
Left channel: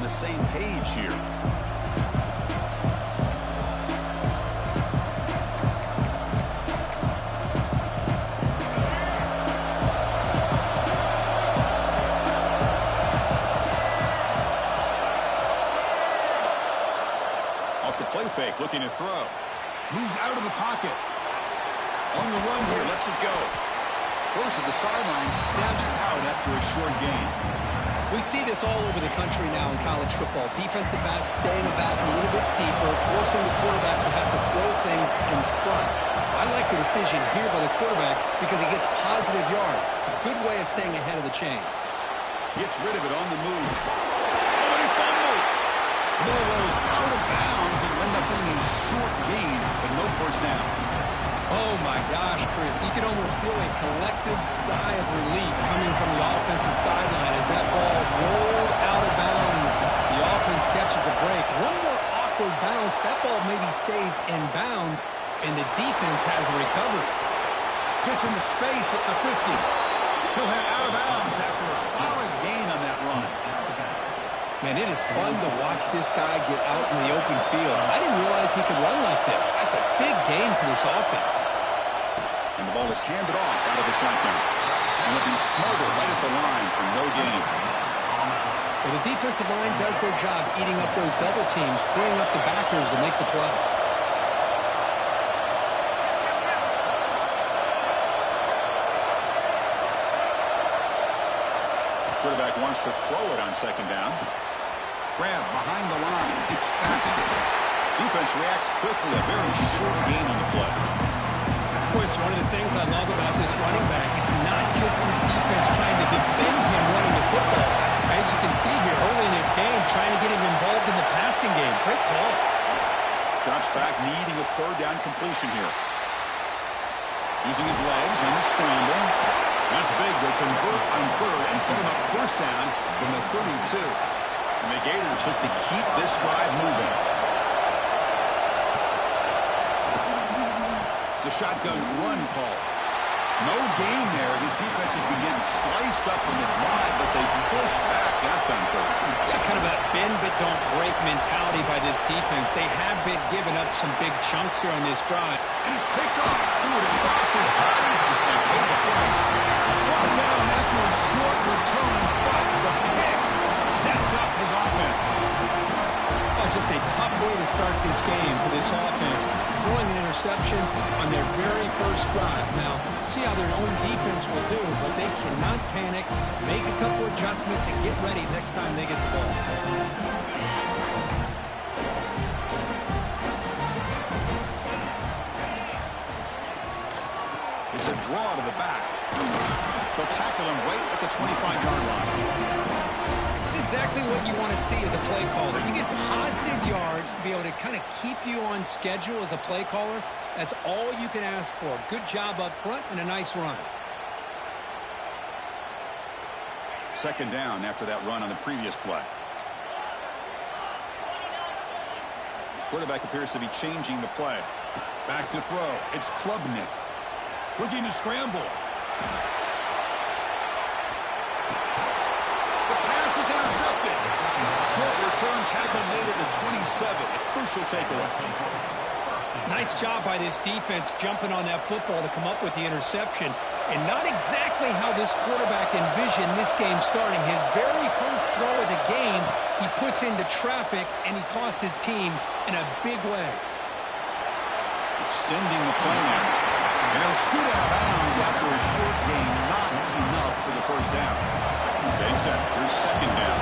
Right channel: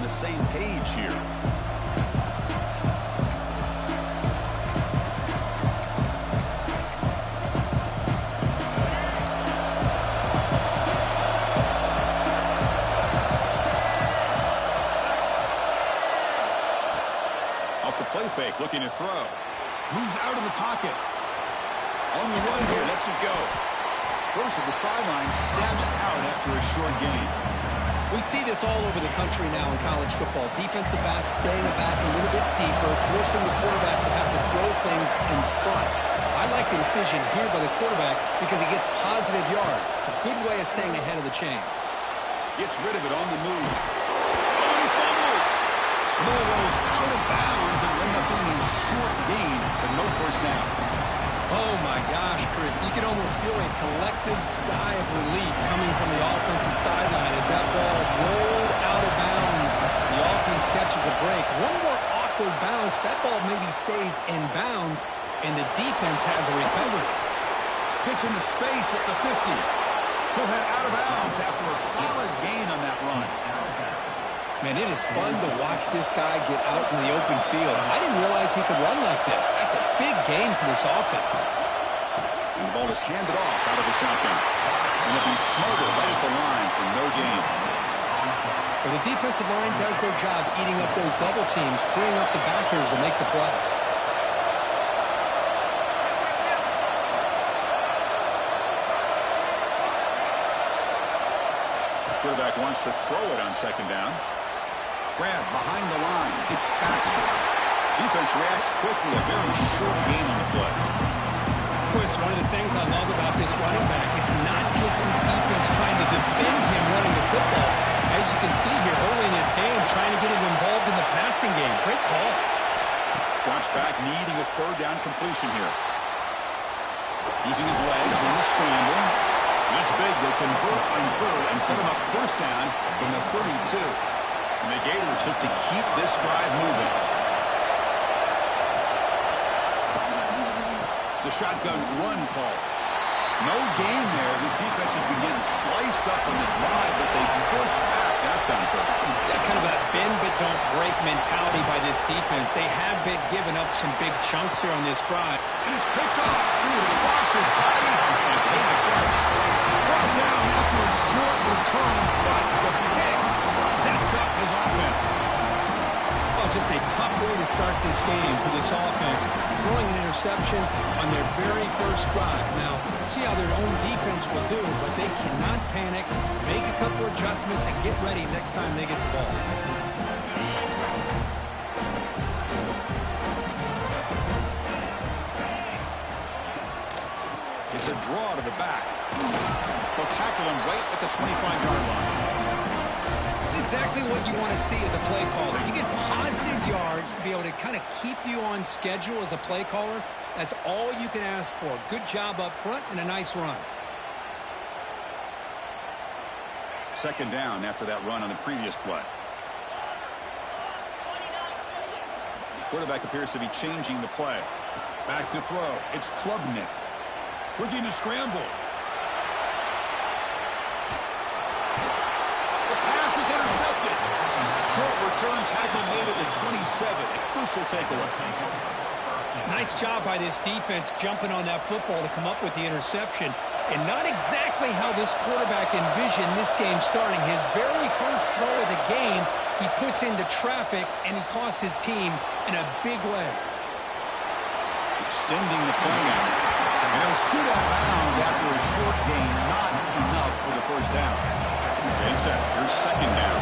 Same page here. Off the play fake, looking to throw. Moves out of the pocket. On the run here, lets it go. Goes to the sideline, steps out after a short gain. We see this all over the country now in college football. Defensive backs staying back a little bit deeper, forcing the quarterback to have to throw things in front. I like the decision here by the quarterback because he gets positive yards. It's a good way of staying ahead of the chains. Gets rid of it on the move. Oh, and he fumbles. The ball rolls out of bounds and will end up being a short gain, but no first down. Oh, my gosh, Chris. You can almost feel a collective sigh of relief coming from the offensive sideline as that ball rolled out of bounds. The offense catches a break. One more awkward bounce. That ball maybe stays in bounds, and the defense has a recovery. Gets into space at the 50. He'll head out of bounds after a solid gain on that run. Man, it is fun to watch this guy get out in the open field. I didn't realize he could run like this. That's a big gain for this offense. And the ball is handed off out of the shotgun. And it'll be Smarter right at the line for no gain. Well, the defensive line does their job eating up those double teams, freeing up the backers to make the play. The quarterback wants to throw it on second down. Grab behind the line. It's Baxter. Defense reacts quickly. A very short gain on the play. Chris, one of the things I love about this running back, it's not just this defense trying to defend him running the football. As you can see here early in this game, trying to get him involved in the passing game. Great call. Drops back, needing a third down completion here. Using his legs on the scramble. That's big. They convert on third and set him up first down from the 32. And the Gators look to keep this drive moving. It's a shotgun run call. No gain there. This defense has been getting sliced up on the drive, but they push back that time. Yeah, kind of a bend but don't break mentality by this defense. They have been giving up some big chunks here on this drive. It is picked off. Threw it across his body and paid the price. Brought down after a short return, but the pick sets up his offense. Oh, just a tough way to start this game for this offense. Throwing an interception on their very first drive. Now, see how their own defense will do, but they cannot panic, make a couple adjustments, and get ready next time they get the ball. It's a draw to the back. They'll tackle him right at the 25-yard line. It's exactly what you want to see as a play caller. You get positive yards to be able to kind of keep you on schedule as a play caller. That's all you can ask for. Good job up front and a nice run. Second down after that run on the previous play. The quarterback appears to be changing the play. Back to throw. It's Klubnik. Looking to scramble. The pass is intercepted. Short return tackle made at the 27. A crucial takeaway. Nice job by this defense jumping on that football to come up with the interception. And not exactly how this quarterback envisioned this game starting. His very first throw of the game, he puts into traffic, and he costs his team in a big way. Extending the play now. And it'll scoot out of bounds after a short gain. Not enough for the first down. Okay, set. Here's second down.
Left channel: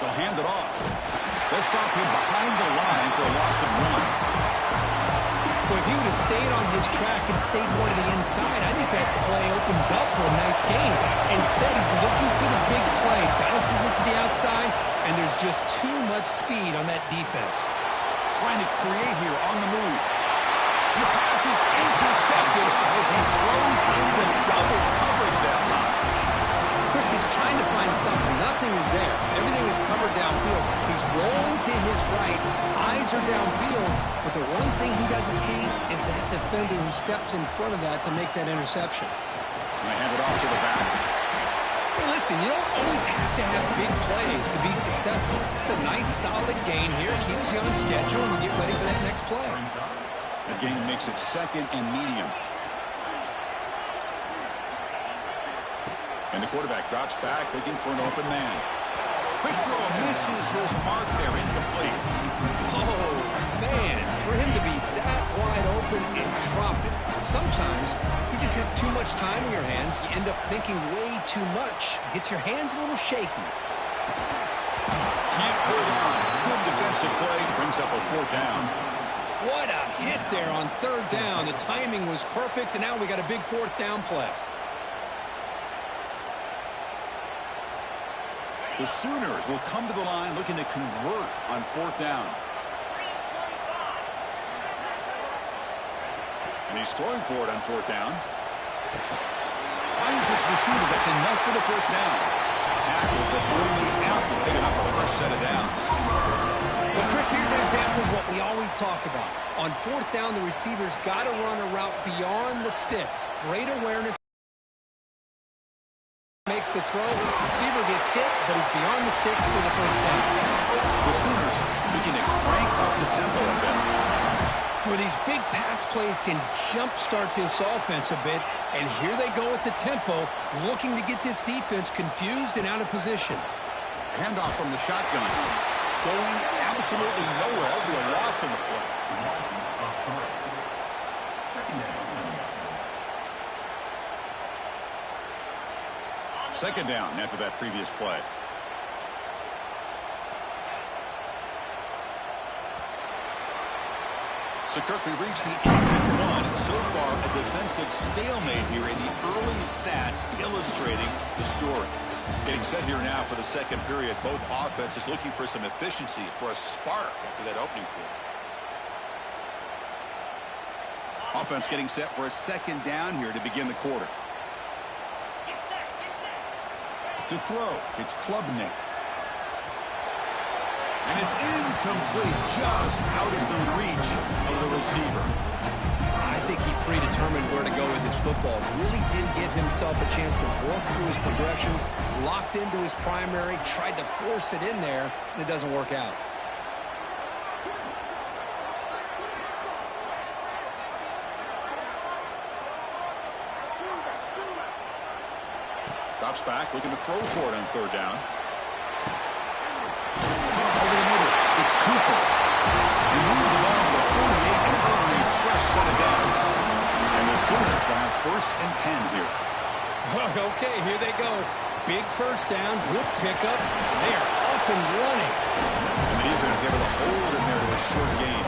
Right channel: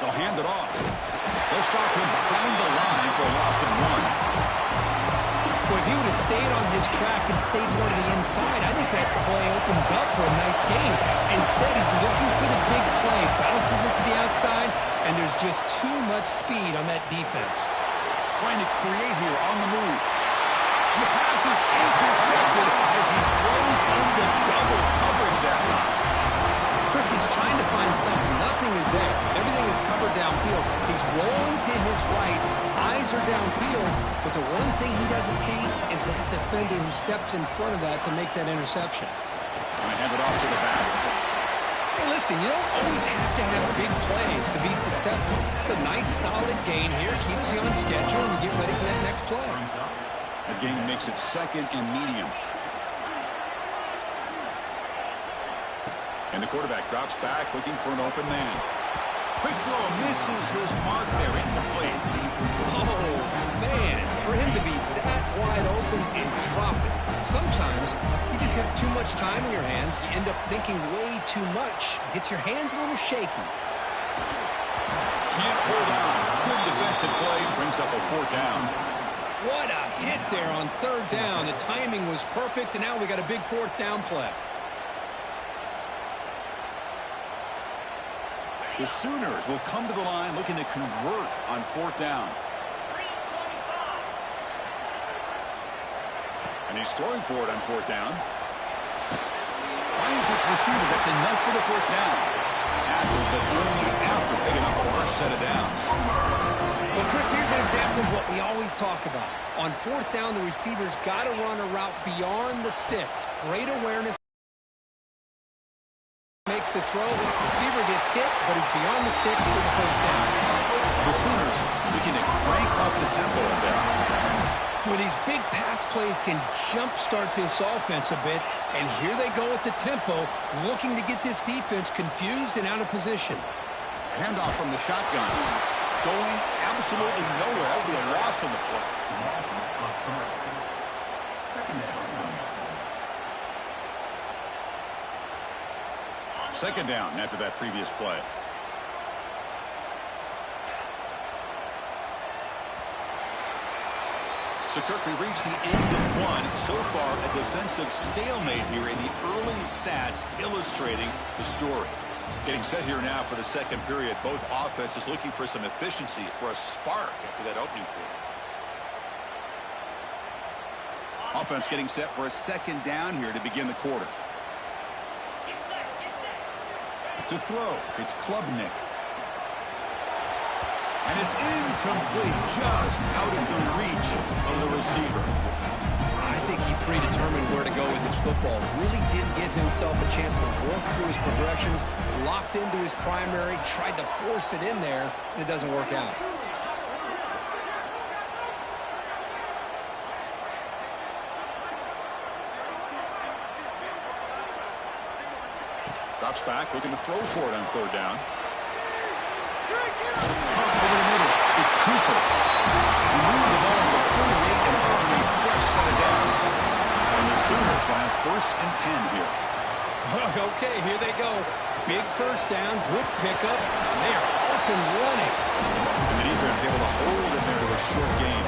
They'll hand it off. They'll stop him behind the line for a loss of 1. Well, if he would have stayed on his track and stayed more to the inside, I think that play opens up for a nice gain. Instead, he's looking for the big play, bounces it to the outside, and there's just too much speed on that defense. Trying to create here on the move. And the pass is intercepted as he throws into double coverage that time. Chris, he's trying to find something. Nothing is there. Everything is covered downfield. He's rolling to his right. Eyes are downfield. But the one thing he doesn't see is that defender who steps in front of that to make that interception. And they hand it off to the back. Hey, listen, you don't always have to have big plays to be successful. It's a nice, solid gain here. Keeps you on schedule, and you get ready for that next play. The gain makes it 2nd and medium. And the quarterback drops back, looking for an open man. Quick throw, misses his mark there, incomplete. Oh, man, for him to be that wide open and drop it. Sometimes you just have too much time in your hands. You end up thinking way too much. Gets your hands a little shaky. Can't hold on. Good defensive play, brings up a 4th down. What a hit there on 3rd down. The timing was perfect, and now we got a big 4th down play. The Sooners will come to the line looking to convert on 4th down. And he's throwing for it on 4th down. Finds this receiver. That's enough for the 1st down. Tackled, but only after picking up a fresh set of downs. Well, Chris, here's an example of what we always talk about. On 4th down, the receiver's got to run a route beyond the sticks. Great awareness. Makes the throw. Receiver gets hit, but he's beyond the sticks for the 1st down. The Sooners looking to crank up the tempo a bit. Well, these big pass plays can jumpstart this offense a bit, and here they go with the tempo, looking to get this defense confused and out of position. Handoff from the shotgun. Going absolutely nowhere. That would be a loss on the play. 2nd down after that previous play. So, Kirk, we reached the end of 1. So far, a defensive stalemate here in the early stats illustrating the story. Getting set here now for the 2nd period. Both offenses looking for some efficiency, for a spark after that opening quarter. Offense getting set for a 2nd down here to begin the quarter. To throw, it's Klubnik. And it's incomplete, just out of the reach of the receiver. I think he predetermined where to go with his football. Really didn't give himself a chance to work through his progressions, locked into his primary, tried to force it in there, and it doesn't work out. Drops back, looking to throw for it on 3rd down. Over the middle, it's Cooper. He moved the ball to the 48 and earned a fresh set of downs. And the Sooners will have 1st and 10 here. Okay, here they go. Big 1st down, good pickup, and they are off and running. And the defense able to hold him there to a short gain.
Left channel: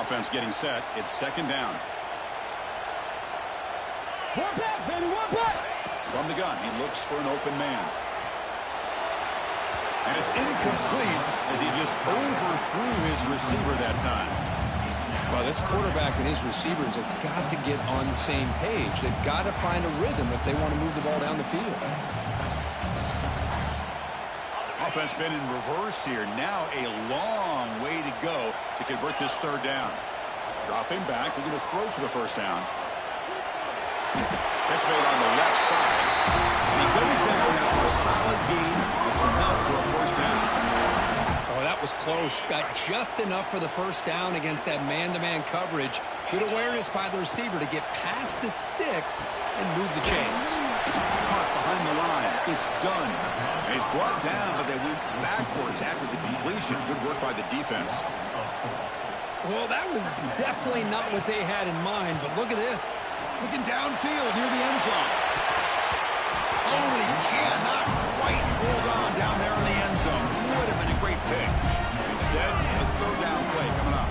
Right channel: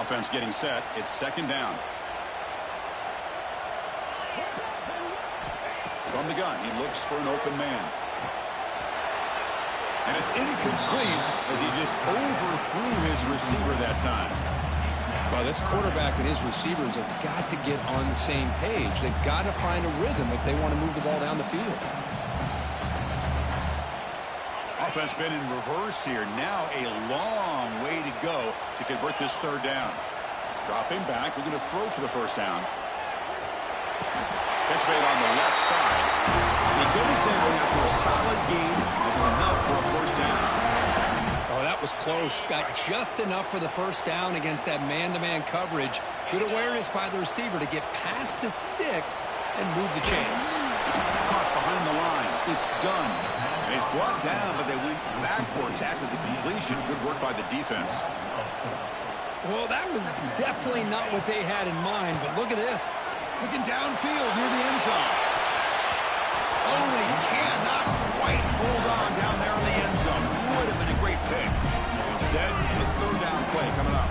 Offense getting set. It's 2nd down. From the gun, he looks for an open man. And it's incomplete as he just overthrew his receiver that time. Well, this quarterback and his receivers have got to get on the same page. They've got to find a rhythm if they want to move the ball down the field. Offense been in reverse here. Now a long way to go to convert this 3rd down. Dropping back, looking to throw for the 1st down. Catch made on the left side. And he goes down after a solid gain. It's enough for a 1st down. Oh, that was close. Got just enough for the 1st down against that man-to-man coverage. Good awareness by the receiver to get past the sticks and move the chains. Caught behind the line. It's done. And he's brought down, but they went backwards after the completion. Good work by the defense. Well, that was definitely not what they had in mind, but look at this. Looking downfield near the end zone. Oh, but he cannot quite hold on down there in the end zone. Would have been a great pick. Instead, a play coming up.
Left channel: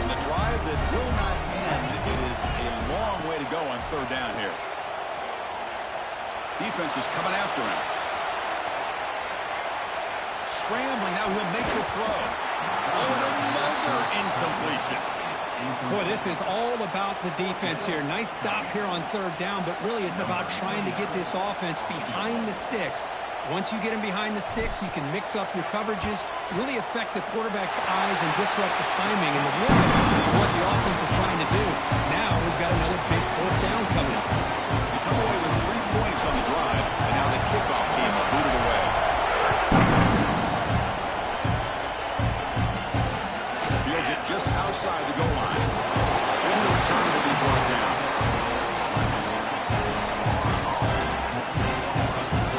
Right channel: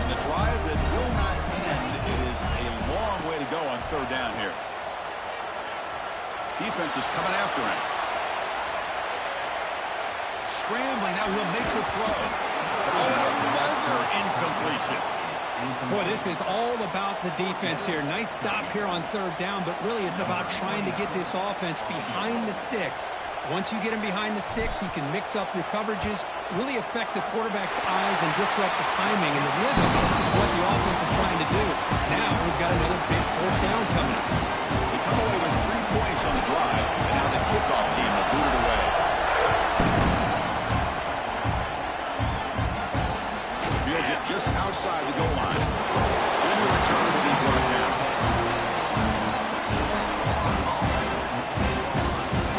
On the drive that will not end, it is a long way to go on third down here. Defense is coming after him. Scrambling, now he'll make the throw. Oh, and another incompletion. Boy, this is all about the defense here. Nice stop here on third down, but really it's about trying to get this offense behind the sticks. Once you get them behind the sticks, you can mix up your coverages, really affect the quarterback's eyes and disrupt the timing and the rhythm of what the offense is trying to do. Now we've got another big fourth down coming up. They come away with 3 points on the drive, and now the kickoff team will boot it away. Fields it just outside the goal line. And the return will be brought down.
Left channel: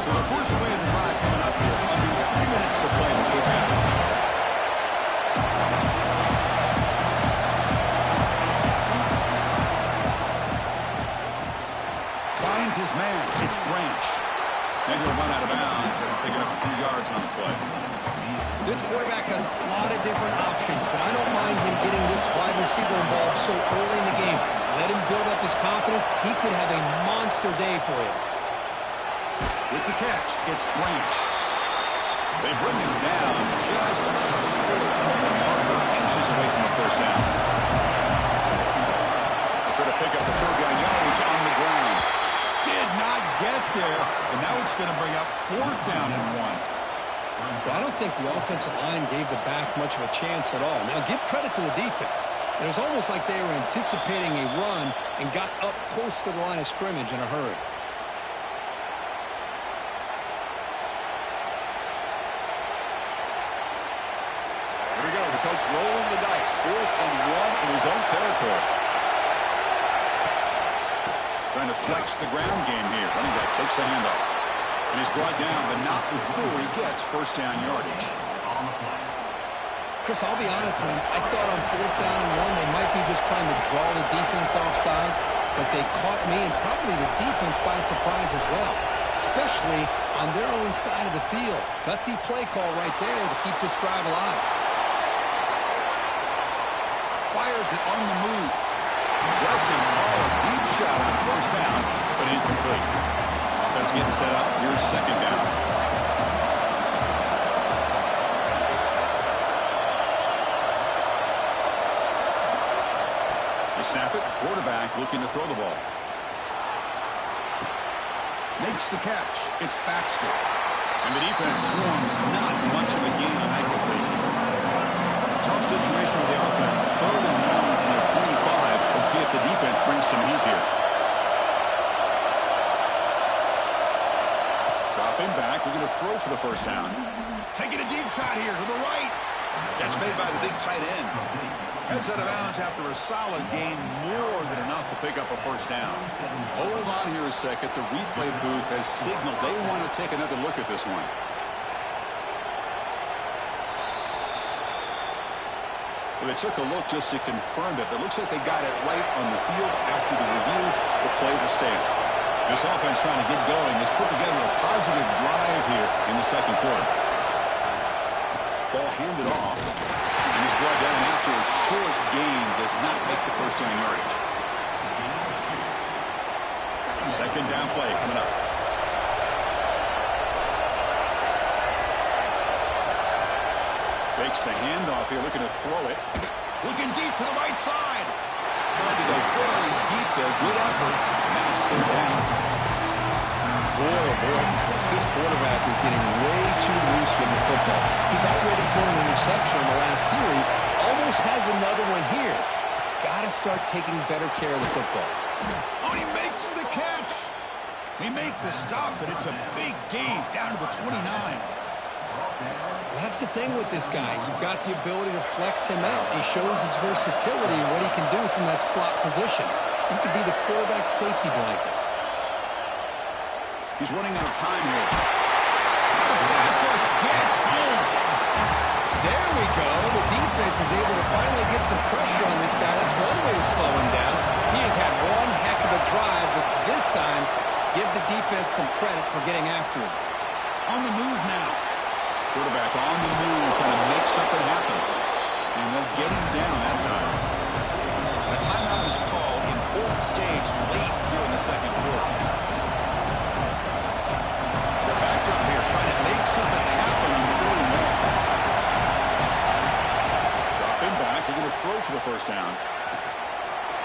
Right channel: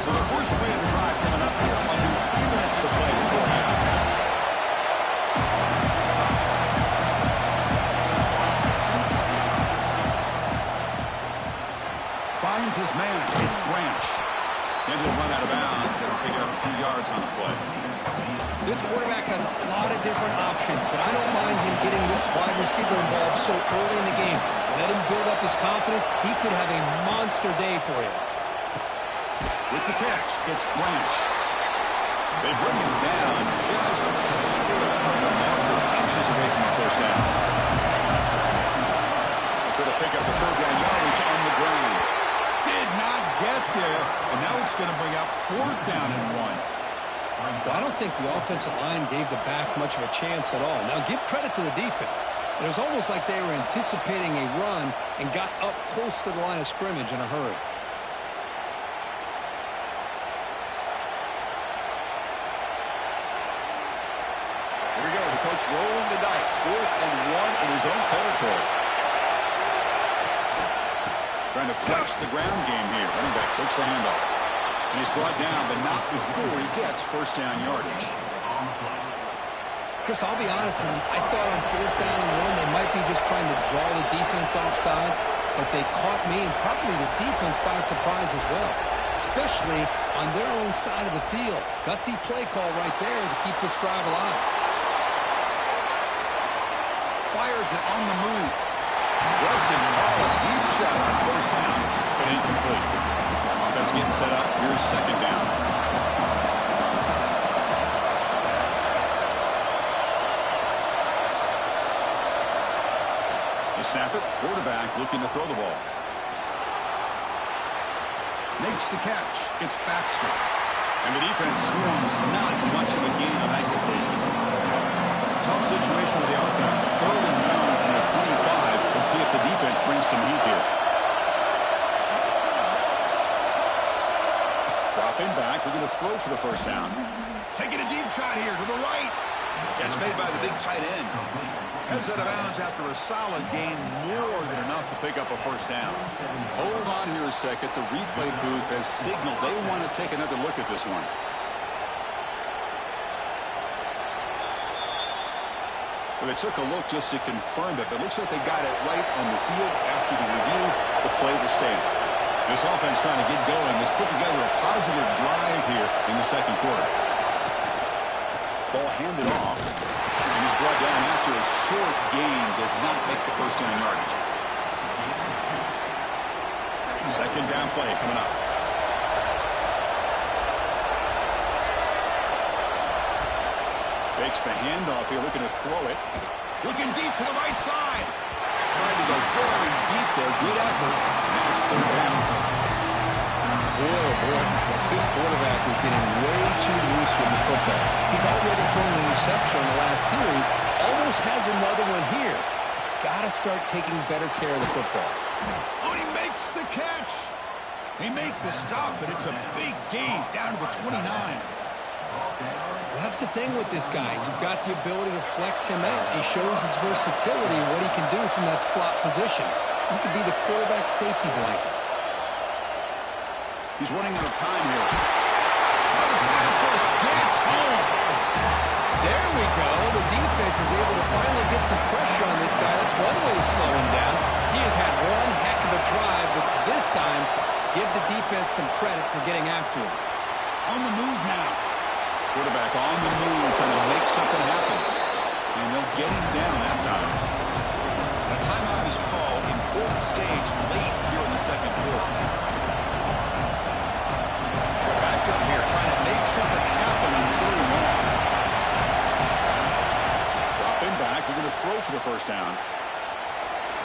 So the first play of the drive coming up here. Under 3 minutes to play before half. Finds his man. It's Branch. Then he'll run out of bounds and pick it up a few yards on the play. This quarterback has a lot of different options, but I don't mind him getting this wide receiver involved so early in the game. Let him build up his confidence. He could have a monster day for you. With the catch, it's Branch. They bring him down just short of the marker, inches away from the first down. They'll try to pick up the third down yardage on the ground. Did not get there, and now it's going to bring up fourth down and 1. Well, I don't think the offensive line gave the back much of a chance at all. Now, give credit to the defense. It was almost like they were anticipating a run and got up close to the line of scrimmage in a hurry. Here we go. The coach rolling the dice. 4th and 1 in his own territory. Trying to flex the ground game here. Running back takes the handoff. And he's brought down, but not before he gets first down yardage. Chris, I'll be honest, man. I thought on 4th down and 1, they might be just trying to draw the defense off sides, but they caught me and probably the defense by surprise as well, especially on their own side of the field. Gutsy play call right there to keep this drive alive. Fires it on the move. Aggressive call, a deep shot on first down, but incomplete. Offense getting set up. Here's second down. They snap it. Quarterback looking to throw the ball. Makes the catch. It's Baxter. And the defense swarms. Not much of a gain on that completion. Tough situation with the offense. 3rd and 1 from their 25. Let's see if the defense brings some heat here. Dropping back, looking to throw for the first down. Taking a deep shot here to the right. Catch made by the big tight end. Heads out of bounds after a solid gain, more than enough to pick up a first down. Hold on here a second. The replay booth has signaled they want to take another look at this one. Well, they took a look just to confirm it, but it looks like they got it right on the field. After the review, the play will stand. This offense trying to get going has put together a positive drive here in the second quarter. Ball handed off, and he's brought down after a short gain. Does not make the first down yardage. Second down play coming up. Fakes the handoff here, looking to throw it. Looking deep to the right side. Trying to go very deep there. Good effort. And now it's third down. Boy, oh boy, Chris, this quarterback is getting way too loose with the football. He's already thrown an interception on the last series. Almost has another one here. He's got to start taking better care of the football. Oh, he makes the catch. He make the stop, but it's a big gain down to the 29. Well, that's the thing with this guy. You've got the ability to flex him out. He shows his versatility and what he can do from that slot position. He could be the quarterback safety blanket. He's running out of time here. Oh, the pass rush gets home. There we go. The defense is able to finally get some pressure on this guy. That's one way to slow him down. He has had one heck of a drive, but this time, give the defense some credit for getting after him. On the move now. Quarterback on the move, trying to make something happen. And they'll get him down that time. A timeout is called in fourth stage late here in the second quarter. They're backed up here trying to make something happen on third and long. Dropping back. They're going to throw for the first down.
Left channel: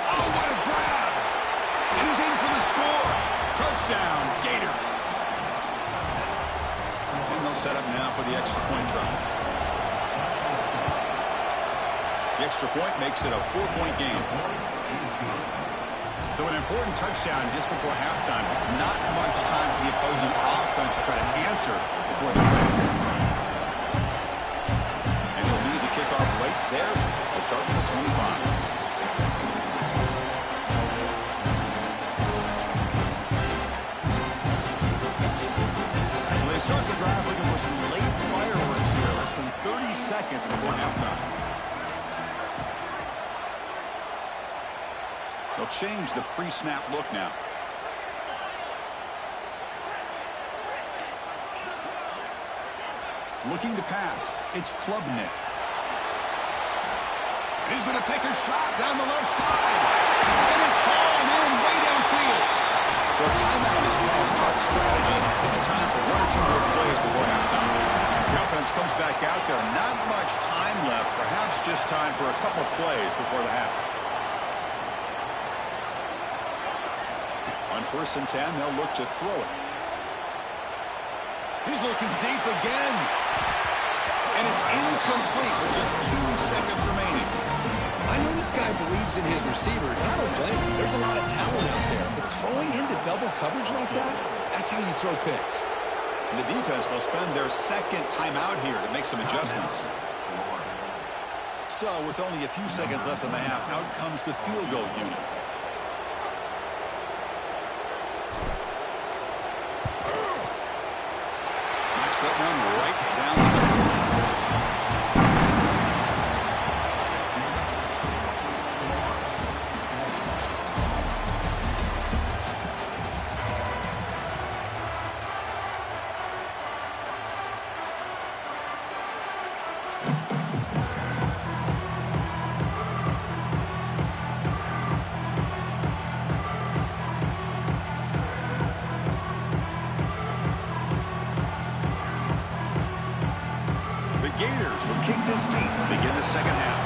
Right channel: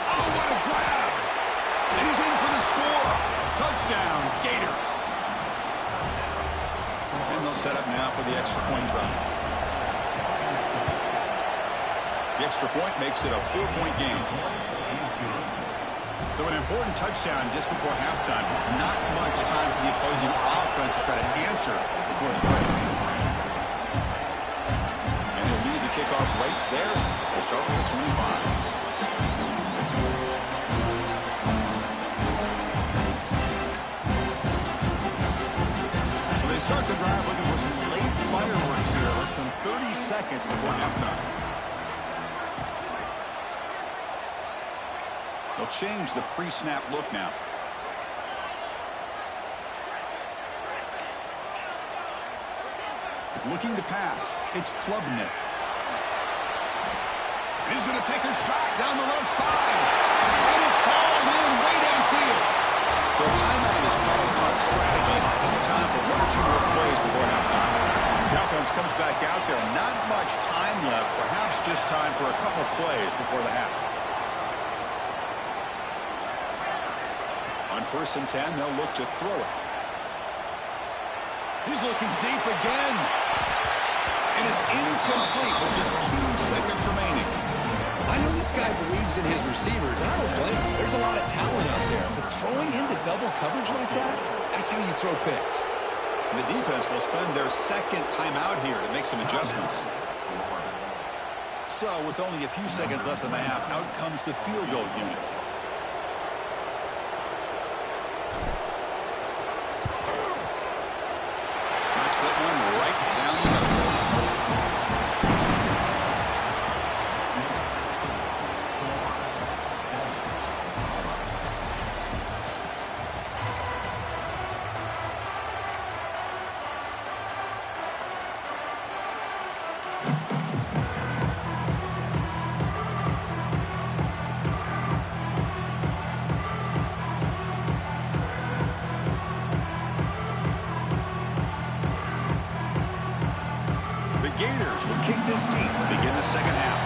Oh, what a grab! And he's in for the score. Touchdown, Gators. And they'll set up now for the extra point try. The extra point makes it a 4-point game. So an important touchdown just before halftime. Not much time for the opposing offense to try to answer before the break. And he'll lead the kickoff right there. They'll start from the 25. They start the drive looking for some late fireworks here. Less than 30 seconds before halftime. They'll change the pre-snap look now. Looking to pass. It's Klubnik. He's going to take a shot down the left side. And it's hauled in way downfield. So a timeout is called to talk strategy. Give time for one or two more plays before halftime. The offense comes back out there. Not much time left. Perhaps just time for a couple plays before the half. On 1st and 10, they'll look to throw it. He's looking deep again. And it's incomplete with just 2 seconds remaining. I know this guy believes in his receivers, and I don't blame him. There's a lot of talent out there. But throwing into double coverage like that, that's how you throw picks. And the defense will spend their second timeout here to make some adjustments. So with only a few seconds left in the half, out comes the field goal unit. Knocks that one right down the middle. Gators will kick this deep to begin the second half.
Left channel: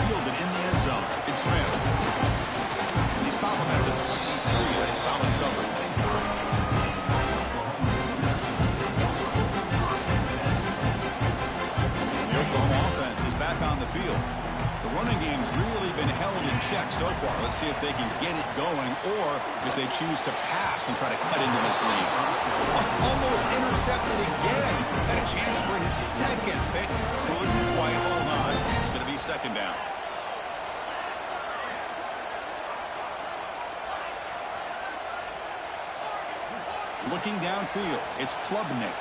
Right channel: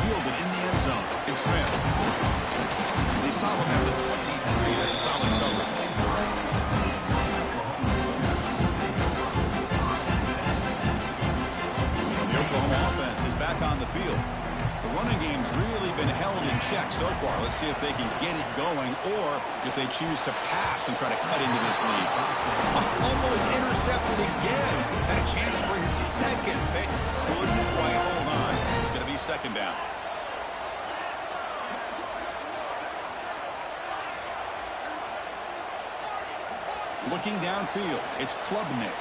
Fielded in the end zone. Big Smith. They stop him at the 23. That's solid coverage. Offense is back on the field. The running game's really been held in check so far. Let's see if they can get it going or if they choose to pass and try to cut into this lead. Almost intercepted again. Had a chance for his second, but couldn't quite hold on. It's going to be second down. Looking downfield, it's Klubnik.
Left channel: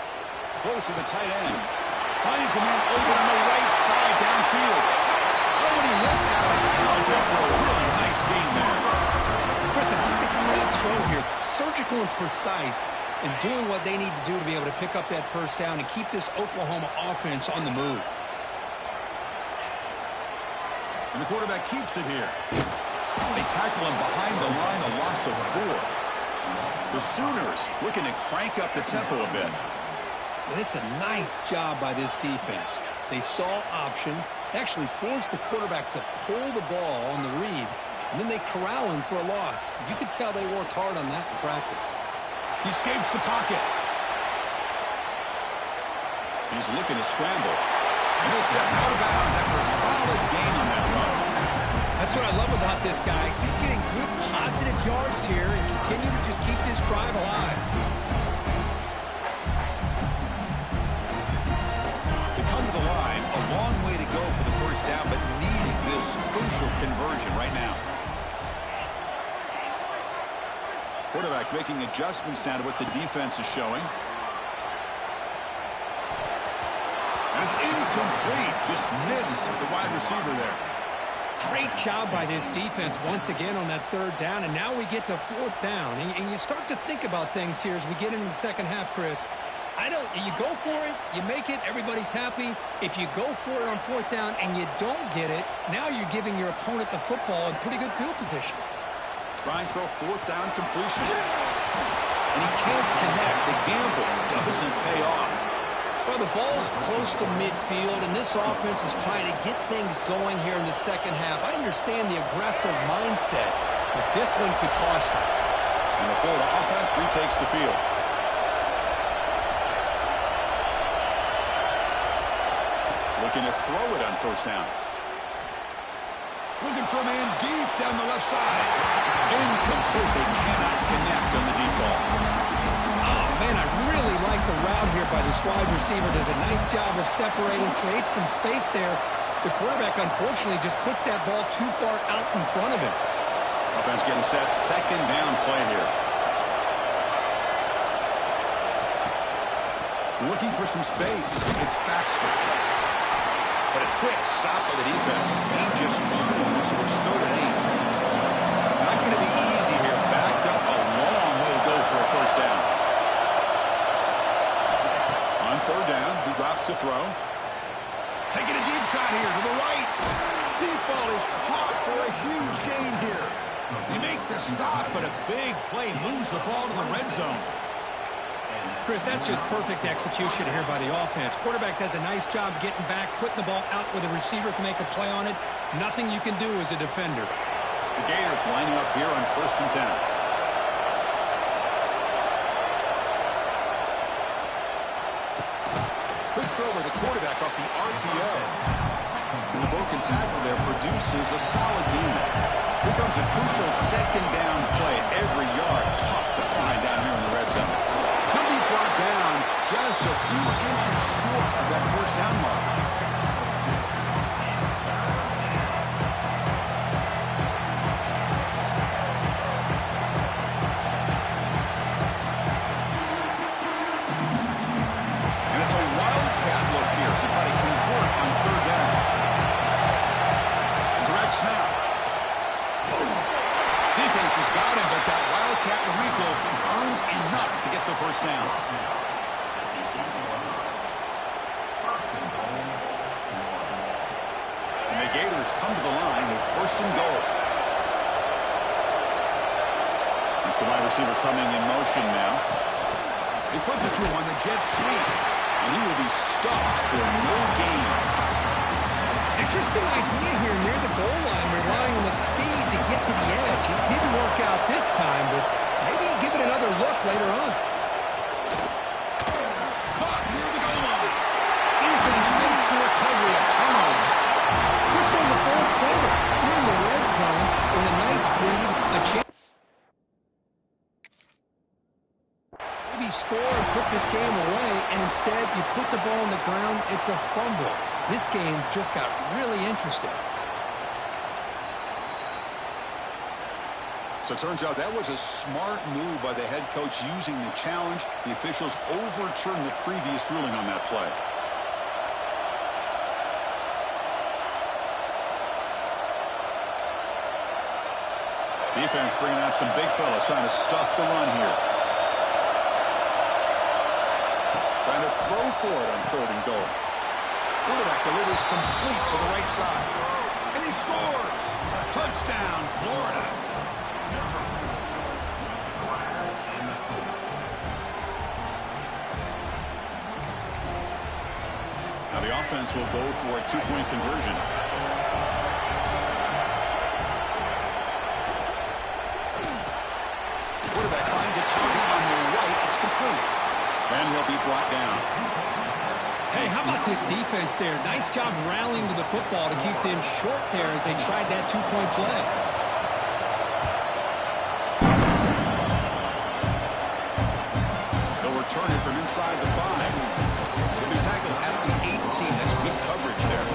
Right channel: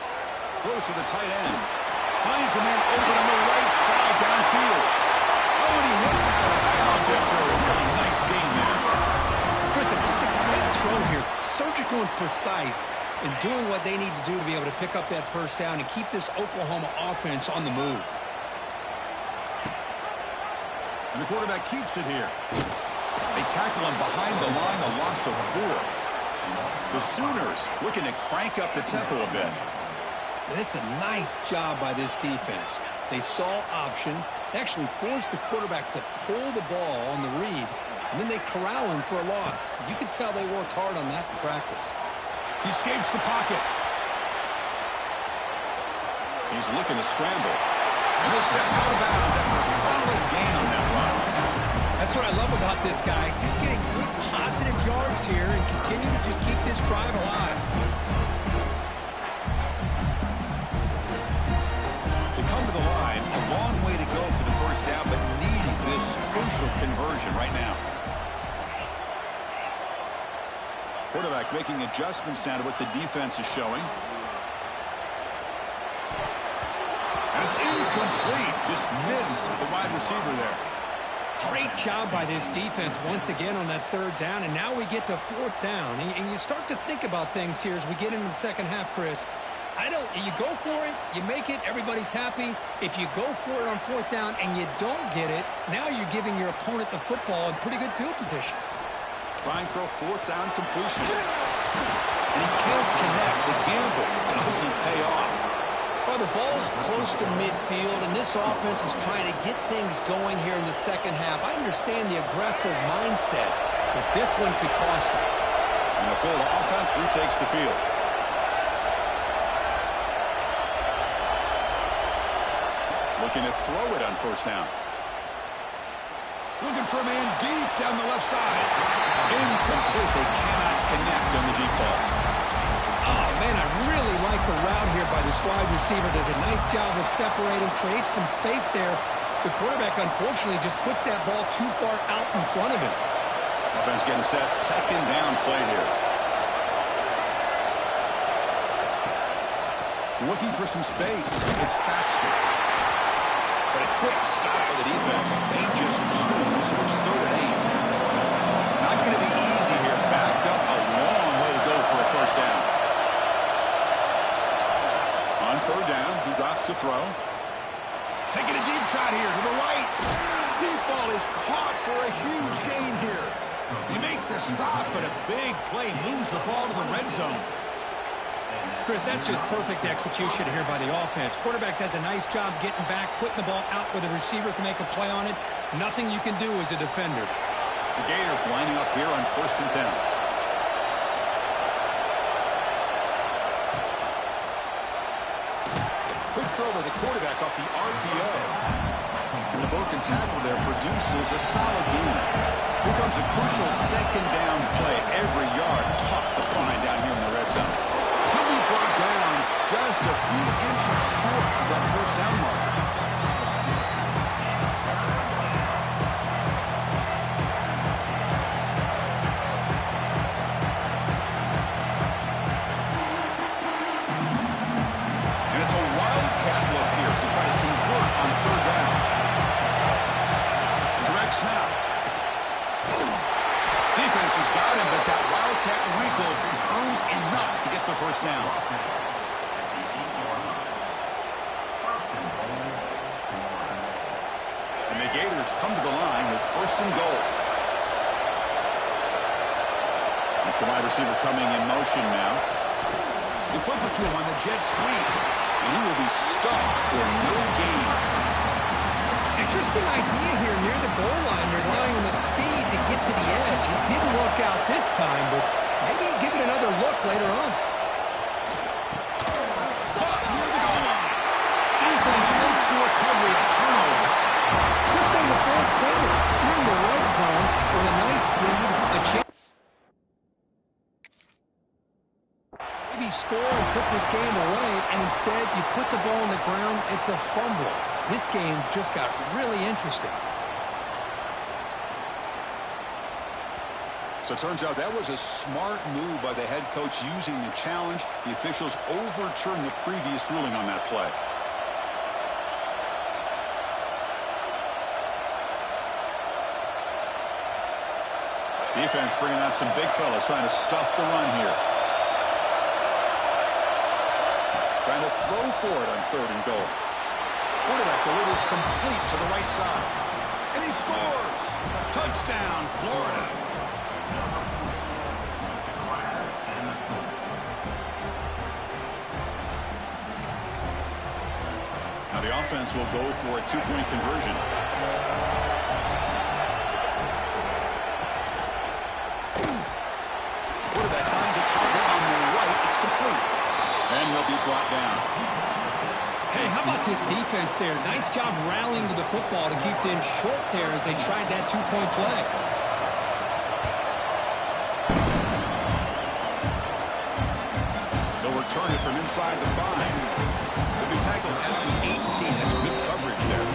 Close to the tight end. Finds a man open on the right side downfield. Oh, and he hits out of bounds after a really nice game there. Chris, just a great throw here. Surgical and precise in doing what they need to do to be able to pick up that first down and keep this Oklahoma offense on the move. And the quarterback keeps it here. They tackle him behind the line, a loss of 4. The Sooners looking to crank up the tempo a bit. And it's a nice job by this defense. They saw option. They actually forced the quarterback to pull the ball on the read, and then they corral him for a loss. You could tell they worked hard on that in practice. He escapes the pocket. He's looking to scramble. And he'll step out of bounds after a solid gain on that run. That's what I love about this guy. Just getting good positive yards here and continue to just keep this drive alive. Come to the line, a long way to go for the first down, but needing this crucial conversion right now. Quarterback making adjustments now to what the defense is showing. And it's incomplete. Just missed the wide receiver there. Great job by this defense once again on that third down, and now we get to fourth down. And you start to think about things here as we get into the second half, Chris. You go for it, you make it, everybody's happy. If you go for it on fourth down and you don't get it, now you're giving your opponent the football in pretty good field position. Trying for a fourth down completion. And he can't connect. The gamble doesn't pay off. Well, the ball's close to midfield, and this offense is trying to get things going here in the second half. I understand the aggressive mindset, but this one could cost them. And the Florida offense retakes the field. Looking to throw it on first down. Looking for a man deep down the left side. Incomplete. They cannot connect on the deep ball. Oh, man, I really like the route here by this wide receiver. Does a nice job of separating, creates some space there. The quarterback, unfortunately, just puts that ball too far out in front of him. Offense getting set. Second down play here. Looking for some space. It's Baxter. But a quick stop by the defense. They just choose, so it's third and 8. Not going to be easy here. Backed up a long way to go for a first down. On third down, he drops to throw. Taking a deep shot here to the right. Deep ball is caught for a huge gain here. You make the stop, but a big play moves the ball to the red zone. Chris, that's just perfect execution here by the offense. Quarterback does a nice job getting back, putting the ball out where the receiver can make a play on it. Nothing you can do as a defender. The Gators lining up here on first and 10. Quick throw by the quarterback off the RPO. And the broken tackle there produces a solid gain. Here comes a crucial second down play. Every yard tough to find down here in the red zone. He'll be brought down just a few inches short of that first down marker. And it's a wildcat look here to try to convert on third down. Direct snap. Defense has got him, but that wildcat wrinkle earns enough to get the first down. And the Gators come to the line with first and goal. It's the wide receiver coming in motion now. They flip it to him on the jet sweep, and he will be stuffed for no gain. Interesting idea here near the goal line, relying on the speed to get to the edge. It didn't work out this time, but maybe give it another look later on. Caught near the goal line. Defense makes the recovery, a turnover. Chris, we're in the fourth quarter. You're in the red zone with a nice lead, a chance. Maybe score and put this game away, and instead you put the ball on the ground. It's a fumble. This game just got really interesting. So it turns out that was a smart move by the head coach using the challenge. The officials overturned the previous ruling on that play. Defense bringing out some big fellas trying to stuff the run here. Trying to throw for it on third and goal. Quarterback delivers complete to the right side. And he scores! Touchdown, Florida. Now the offense will go for a two-point conversion. Quarterback finds a target on the right. It's complete. And he'll be brought down. Hey, how about this defense there? Nice job rallying to the football to keep them short there as they tried that two-point play. They'll return it from inside the 5. They'll be tackled at the 18. That's good coverage there.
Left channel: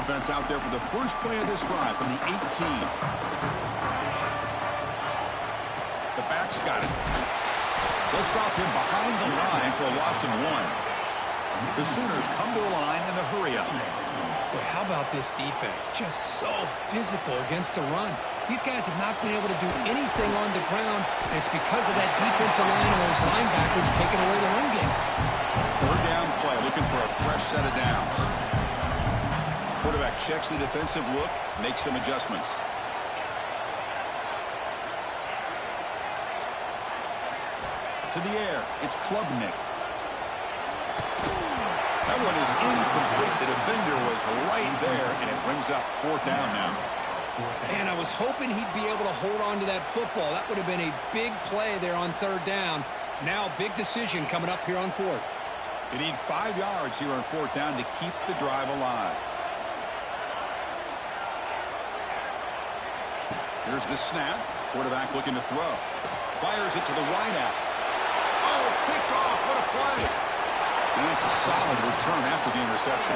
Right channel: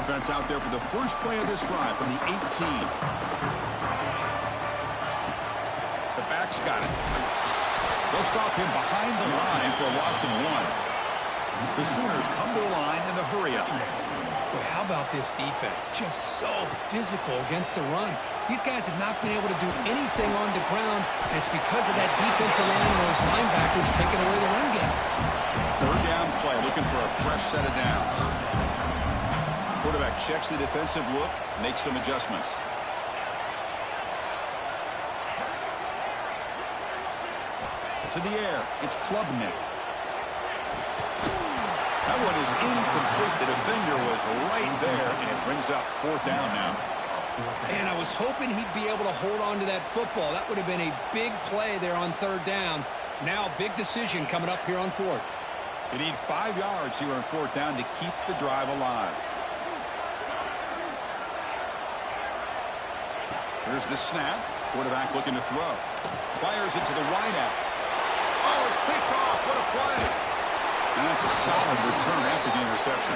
Offense out there for the first play of this drive from the 18. The back's got it. They'll stop him behind the line for a loss of 1. The Sooners come to the line in the hurry-up. Boy, how about this defense? Just so physical against the run. These guys have not been able to do anything on the ground, and it's because of that defensive line and those linebackers taking away the run game. Third down play, looking for a fresh set of downs. Quarterback checks the defensive look, makes some adjustments. To the air, it's Klubnik. That one is incomplete. The defender was right there, and it brings up 4th down now. And I was hoping he'd be able to hold on to that football. That would have been a big play there on 3rd down. Now, big decision coming up here on 4th. You need 5 yards here on 4th down to keep the drive alive. Here's the snap. Quarterback looking to throw. Fires it to the wideout. Oh, it's picked off. What a play. And that's a solid return after the interception.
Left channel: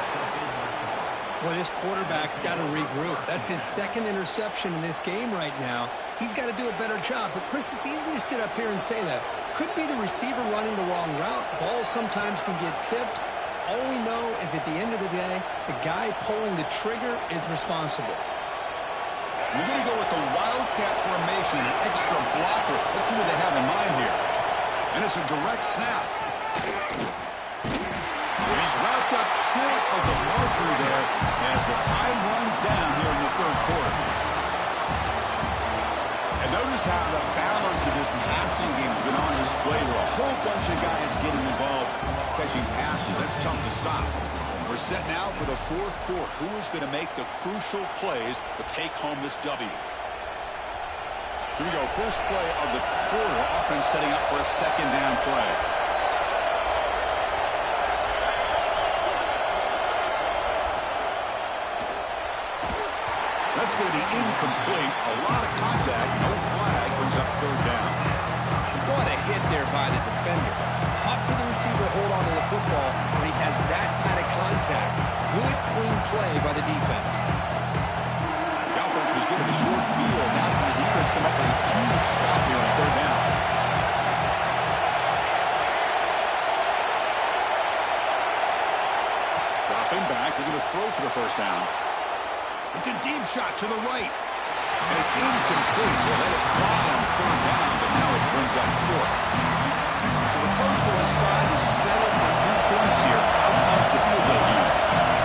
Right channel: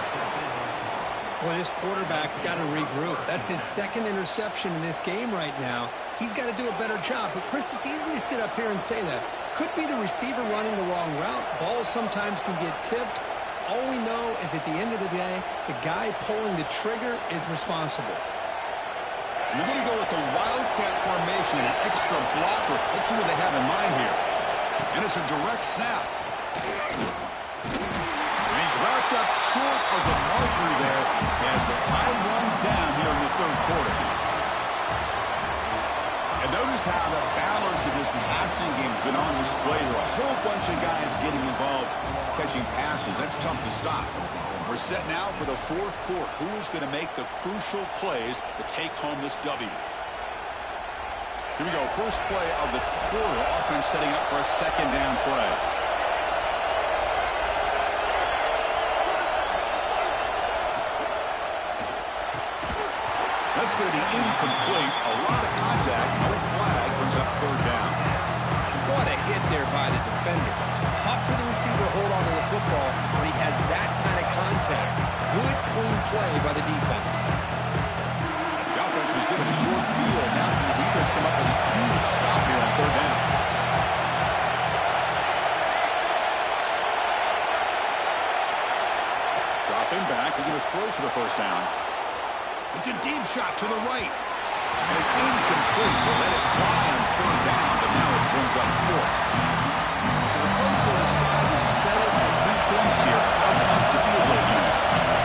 Well, this quarterback's got to regroup. That's his 2nd interception in this game right now. He's got to do a better job. But, Chris, it's easy to sit up here and say that. Could be the receiver running the wrong route. Balls sometimes can get tipped. All we know is at the end of the day, the guy pulling the trigger is responsible. We're going to go with the Wildcat formation and an extra blocker. Let's see what they have in mind here. And it's a direct snap. And he's wrapped up short of the marker there as the time runs down here in the 3rd quarter. And notice how the balance of this passing game has been on display. There are a whole bunch of guys getting involved catching passes. That's tough to stop. We're set now for the 4th quarter. Who is going to make the crucial plays to take home this W? Here we go. First play of the quarter. Offense setting up for a 2nd down play. That's going to be incomplete. A lot of contact. No flag. Brings up 3rd down. What a hit there by the defender. Tough for the receiver to hold on to the football when he has that kind of contact. Good, clean play by the defense. The offense was given a short field. Now can the defense come up with a huge stop here on 3rd down? Dropping back. They're going to throw for the 1st down. It's a deep shot to the right. And it's incomplete. They let it fly on 3rd down, but now it brings up 4th. So the coach will decide to settle for 3 points here. Out comes the field goal unit.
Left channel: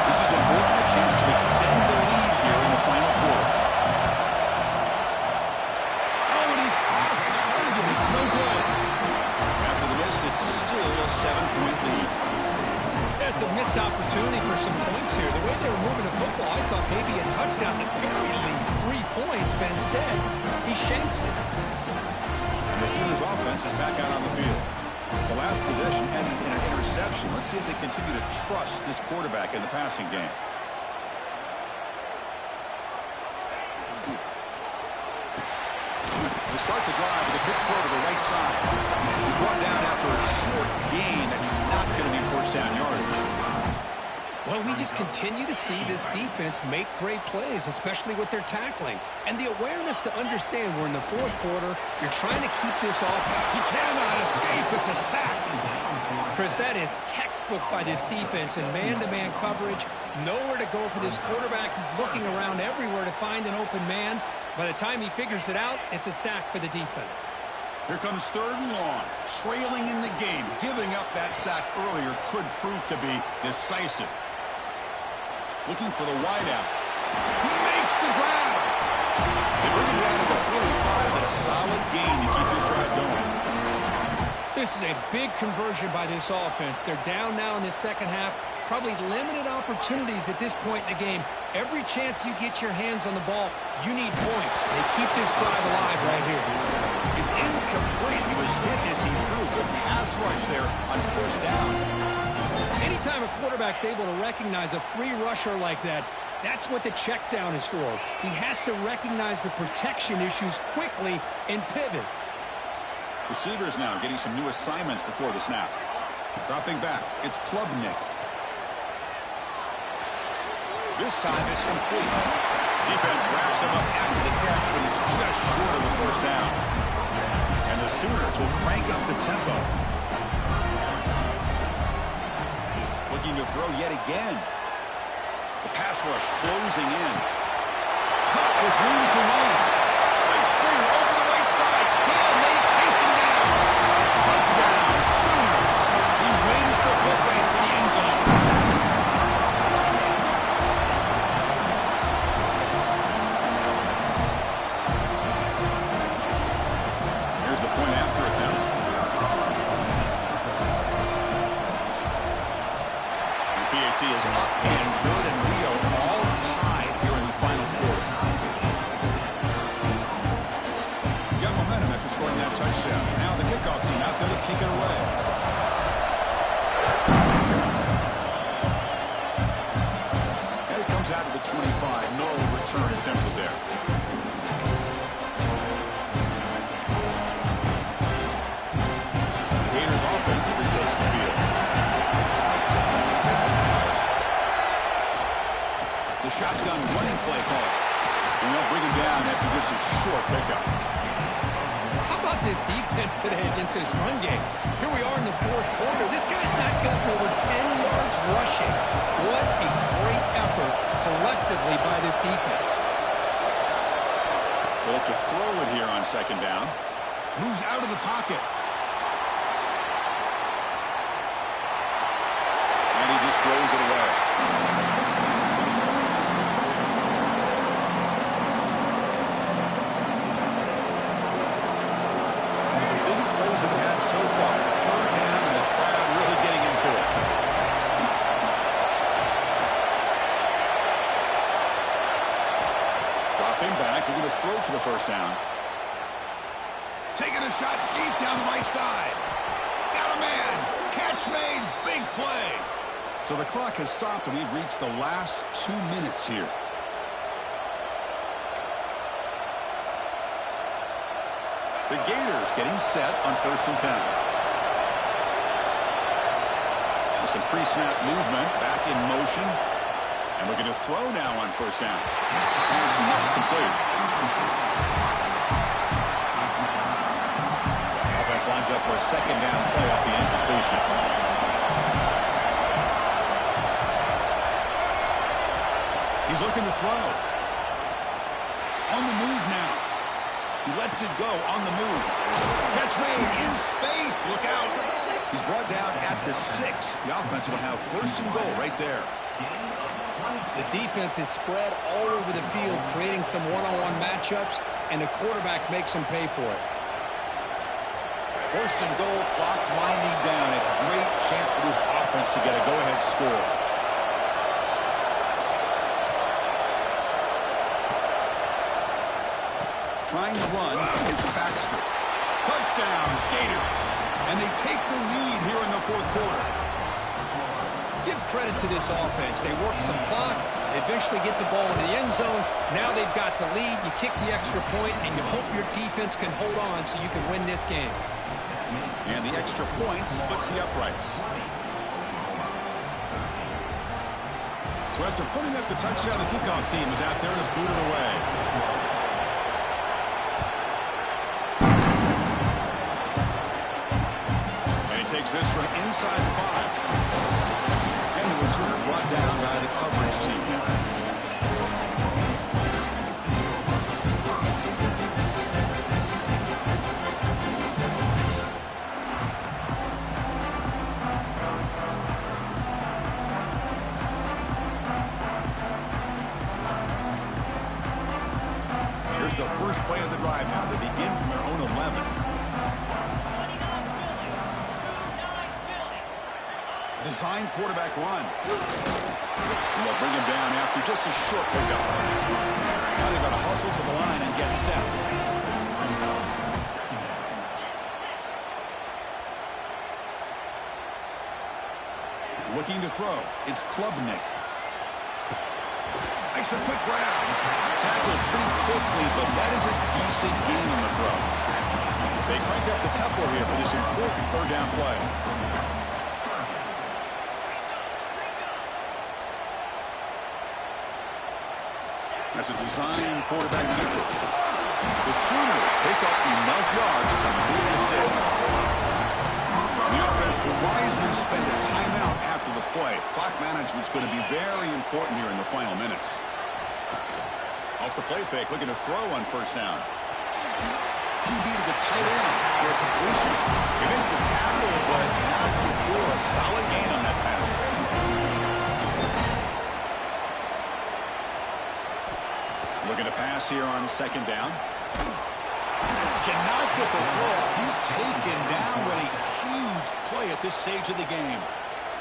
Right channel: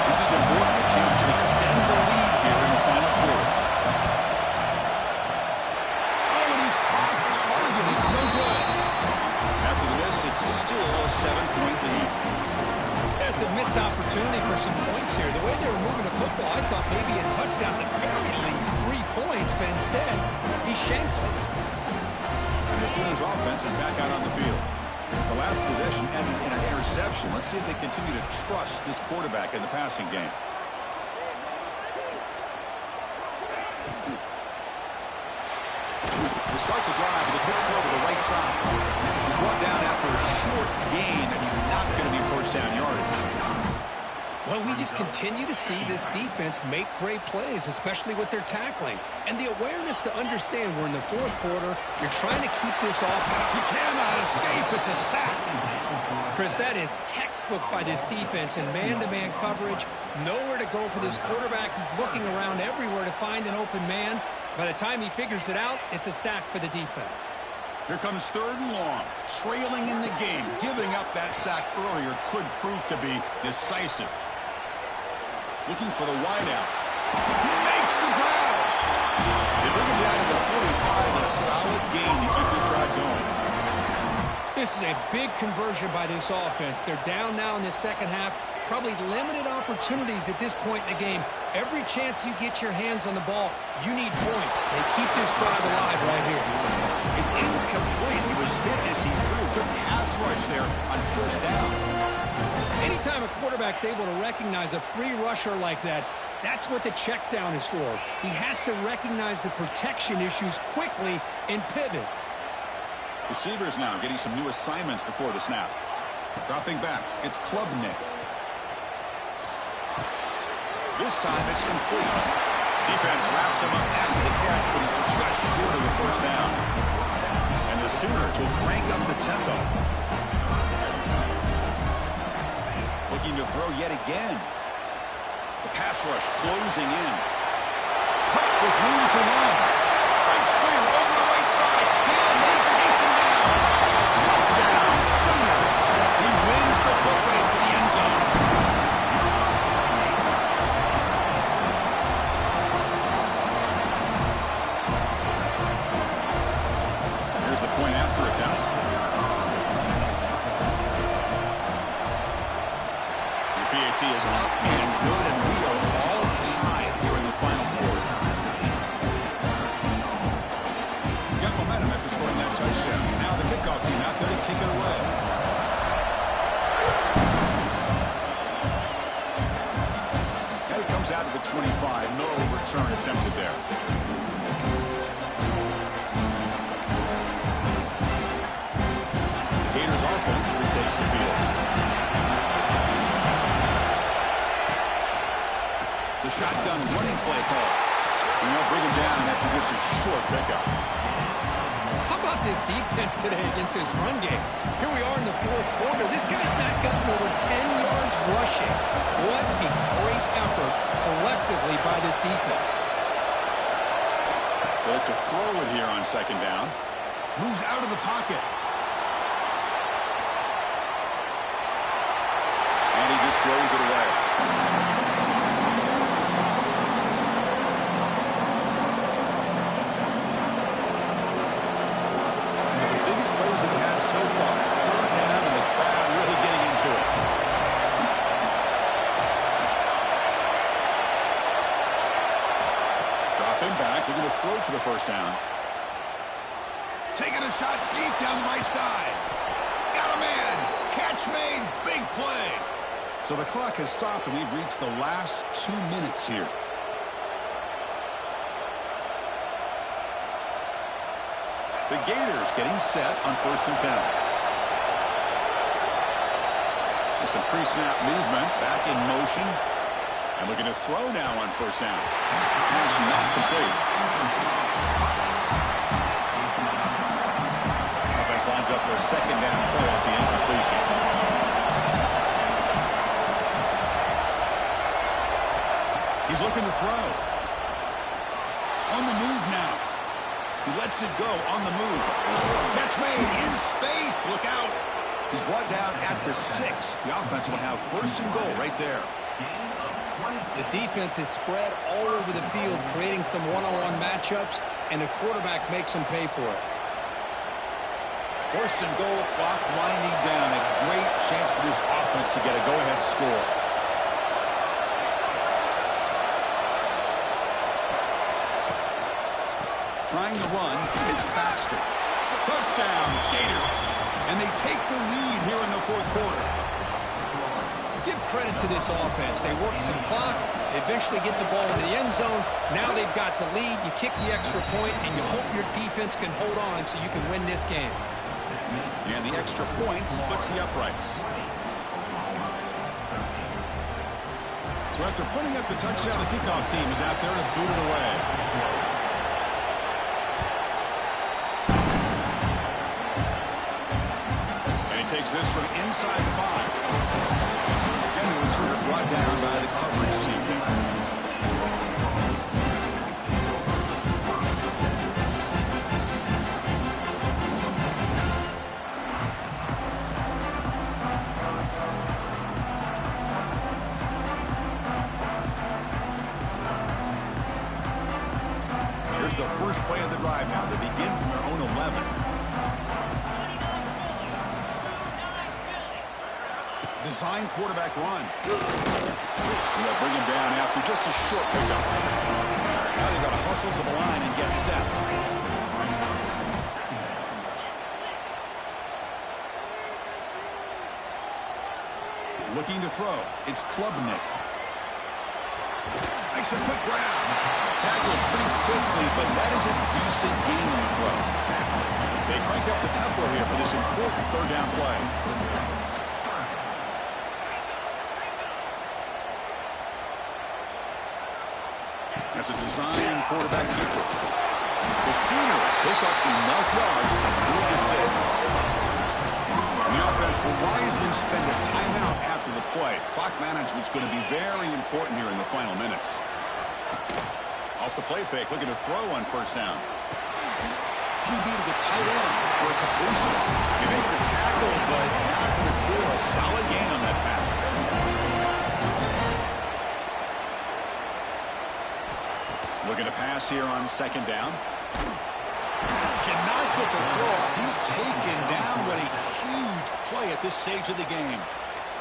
This is important, a chance to extend the lead here in the final quarter. Oh, and he's off target. It's no good. After the miss, it's still a 7-point lead. It's a missed opportunity for some points here. The way they were moving the football, I thought maybe a touchdown at the very least, 3 points, but instead, he shanks it. And the Sooners offense is back out on the field. The last possession ended in an interception. Let's see if they continue to trust this quarterback in the passing game. They start the drive with a quick throw to the right side. He's brought down after a short gain. That's not going to be 1st down yardage. Well, we just continue to see this defense make great plays, especially with their tackling. And the awareness to understand we're in the 4th quarter, you're trying to keep this off. He cannot escape. It's a sack. Chris, that is textbook by this defense in man-to-man coverage. Nowhere to go for this quarterback. He's looking around everywhere to find an open man. By the time he figures it out, it's a sack for the defense. Here comes 3rd and long. Trailing in the game. Giving up that sack earlier could prove to be decisive. Looking for the wideout. He makes the ground. They bring him down to the 45, and a solid gain to keep this drive going. This is a big conversion by this offense. They're down now in the 2nd half. Probably limited opportunities at this point in the game. Every chance you get your hands on the ball, you need points. They keep this drive alive right here. It's incomplete. He was hit as he threw. Good pass rush there on 1st down. Anytime a quarterback's able to recognize a free rusher like that, that's what the check down is for. He has to recognize the protection issues quickly and pivot. Receivers now getting some new assignments before the snap. Dropping back, it's Klubnik. This time it's complete. Defense wraps him up after the catch, but he's just short of the first down. And the Sooners will crank up the tempo. Looking to throw yet again. The pass rush closing in. Caught with room to run. Breaks clear over the right side. And they chase him down. Touchdown, Sooners. He wins the foot race to the end zone. Here's the point after attempt. The PAT is up and good, and we are all tied here in the final quarter. Got momentum after scoring that touchdown. Now the kickoff team out there to kick it away. And it comes out to the 25. No return attempted there. Offense retakes the field. The shotgun running play call. And they'll bring him down after just a short pickup. How about this defense today against this run game? Here we are in the fourth quarter. This guy's not gotten over 10 yards rushing. What a great effort collectively by this defense. They look to throw it here on second down. Moves out of the pocket. And he just throws it away. One of the biggest plays we've had so far. Third down and the crowd really getting into it. Dropping back, looking to throw for the first down. Taking a shot deep down the right side. Got a man. Catch made. Big play. So the clock has stopped, and we've reached the last 2 minutes here. The Gators getting set on 1st and 10. With some pre-snap movement, back in motion. And looking to throw now on 1st down. Pass not complete. Offense lines up for a second down play off the incompletion. He's looking to throw. On the move now. He lets it go on the move. Catch made in space. Look out. He's brought down at the 6. The offense will have 1st and goal right there. The defense is spread all over the field, creating some one-on-one matchups, and the quarterback makes them pay for it. 1st and goal, clock winding down. A great chance for this offense to get a go-ahead score. Trying to run, it's Baxter. Touchdown, Gators. And they take the lead here in the 4th quarter. Give credit to this offense. They work some clock. They eventually get the ball into the end zone. Now they've got the lead. You kick the extra point, and you hope your defense can hold on so you can win this game. And the extra point splits the uprights. So after putting up the touchdown, the kickoff team is out there to boot it away. Takes this from inside the 5. And the returner brought down by the coverage team. Here's the first play of the drive now. They begin from their own 11. Design quarterback run. And they'll bring him down after just a short pickup. Now they've got to hustle to the line and get set. Looking to throw. It's Klubnik. Makes a quick grab. Tackled pretty quickly, but that is a decent gain on the throw. They crank up the tempo here for this important 3rd down play. As a design quarterback keeper. The Sooners pick up enough yards to move the sticks. And the offense will wisely spend a timeout after the play. Clock management's going to be very important here in the final minutes. Off the play fake, looking to throw on first down. QB to the tight end for a completion. He made the tackle, but not before a solid gain on that pass. Looking to pass here on second down. Cannot get the throw off. He's taken down with a huge play at this stage of the game.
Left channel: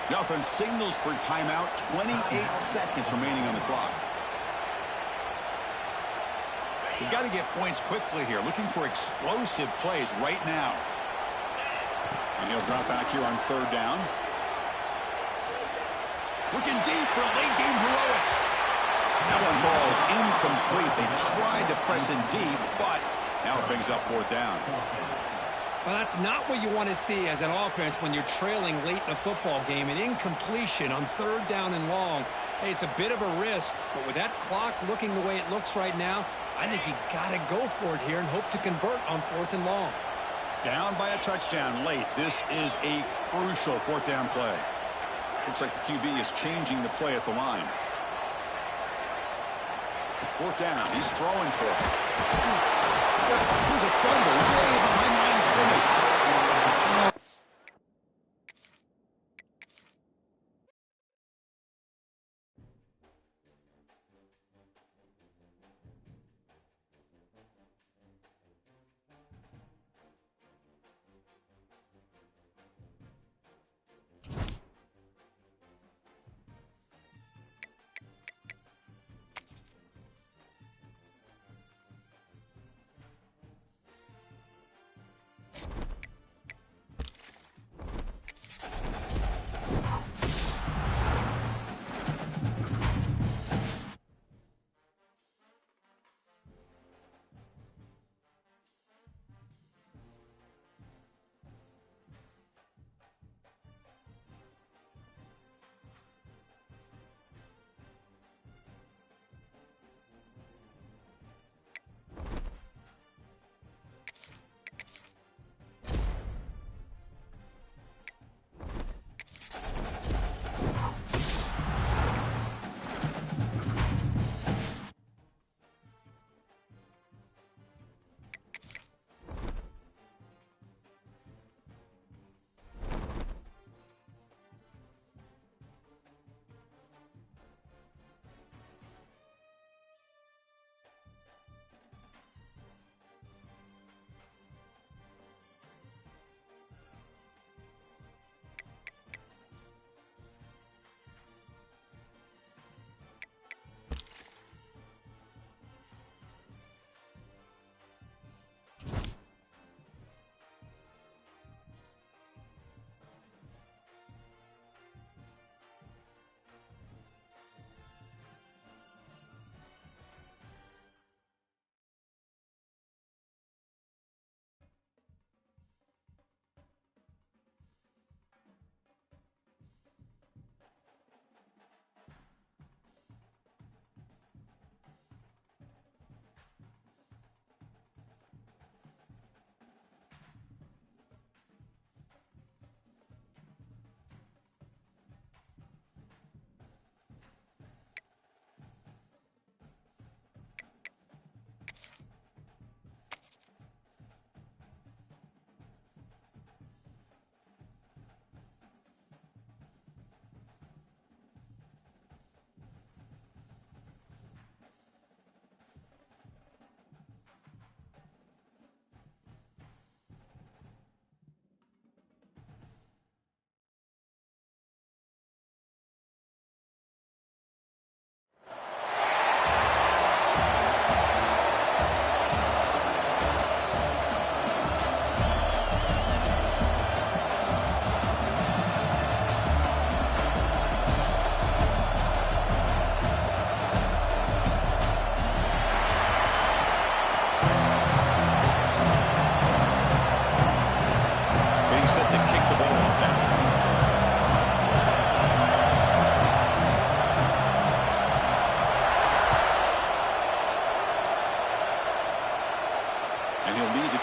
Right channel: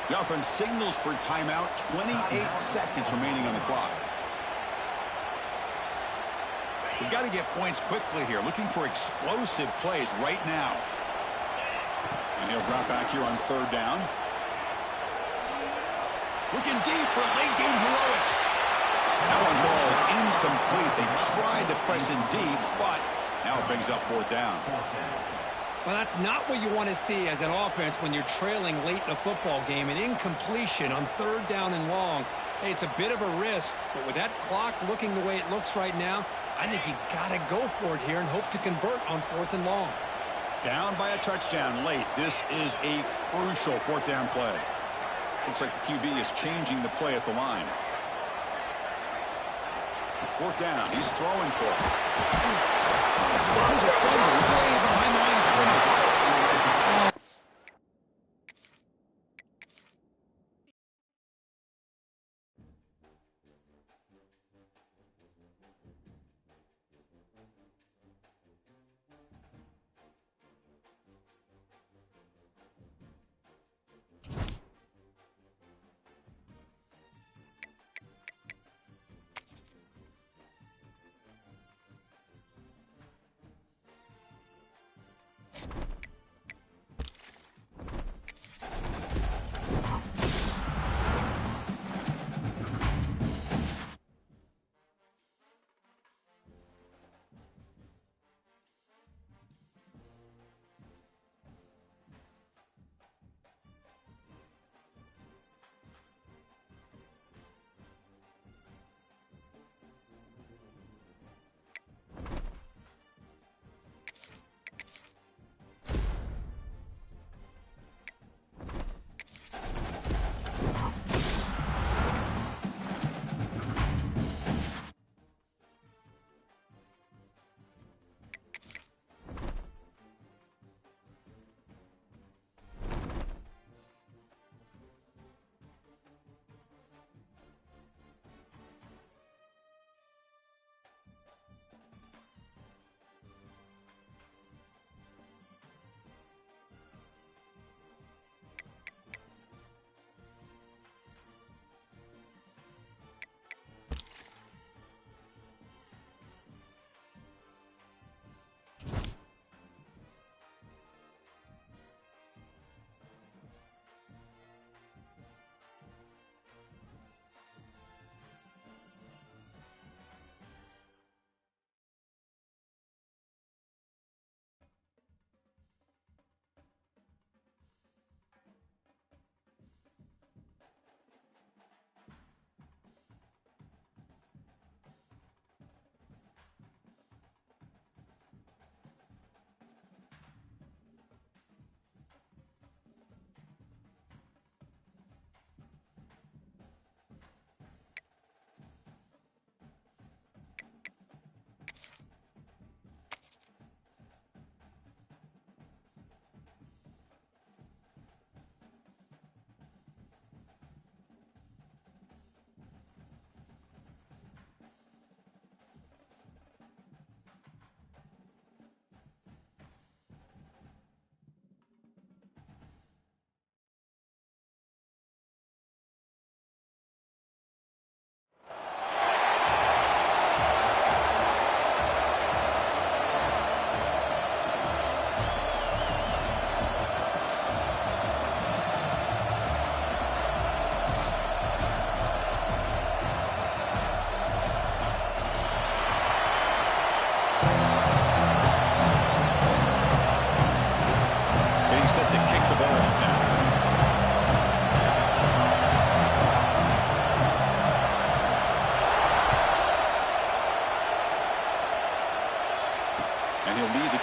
The offense signals for timeout. 28 seconds remaining on the clock. We've got to get points quickly here. Looking for explosive plays right now. And he'll drop back here on third down. Looking deep for late game heroics. That one falls incomplete. They tried to press in deep, but now it brings up fourth down. Well, that's not what you want to see as an offense when you're trailing late in a football game. An incompletion on third down and long. Hey, it's a bit of a risk, but with that clock looking the way it looks right now, I think you got to go for it here and hope to convert on fourth and long. Down by a touchdown late. This is a crucial fourth down play. Looks like the QB is changing the play at the line. Fourth down. He's throwing for it. There's a fumble way behind the line of scrimmage.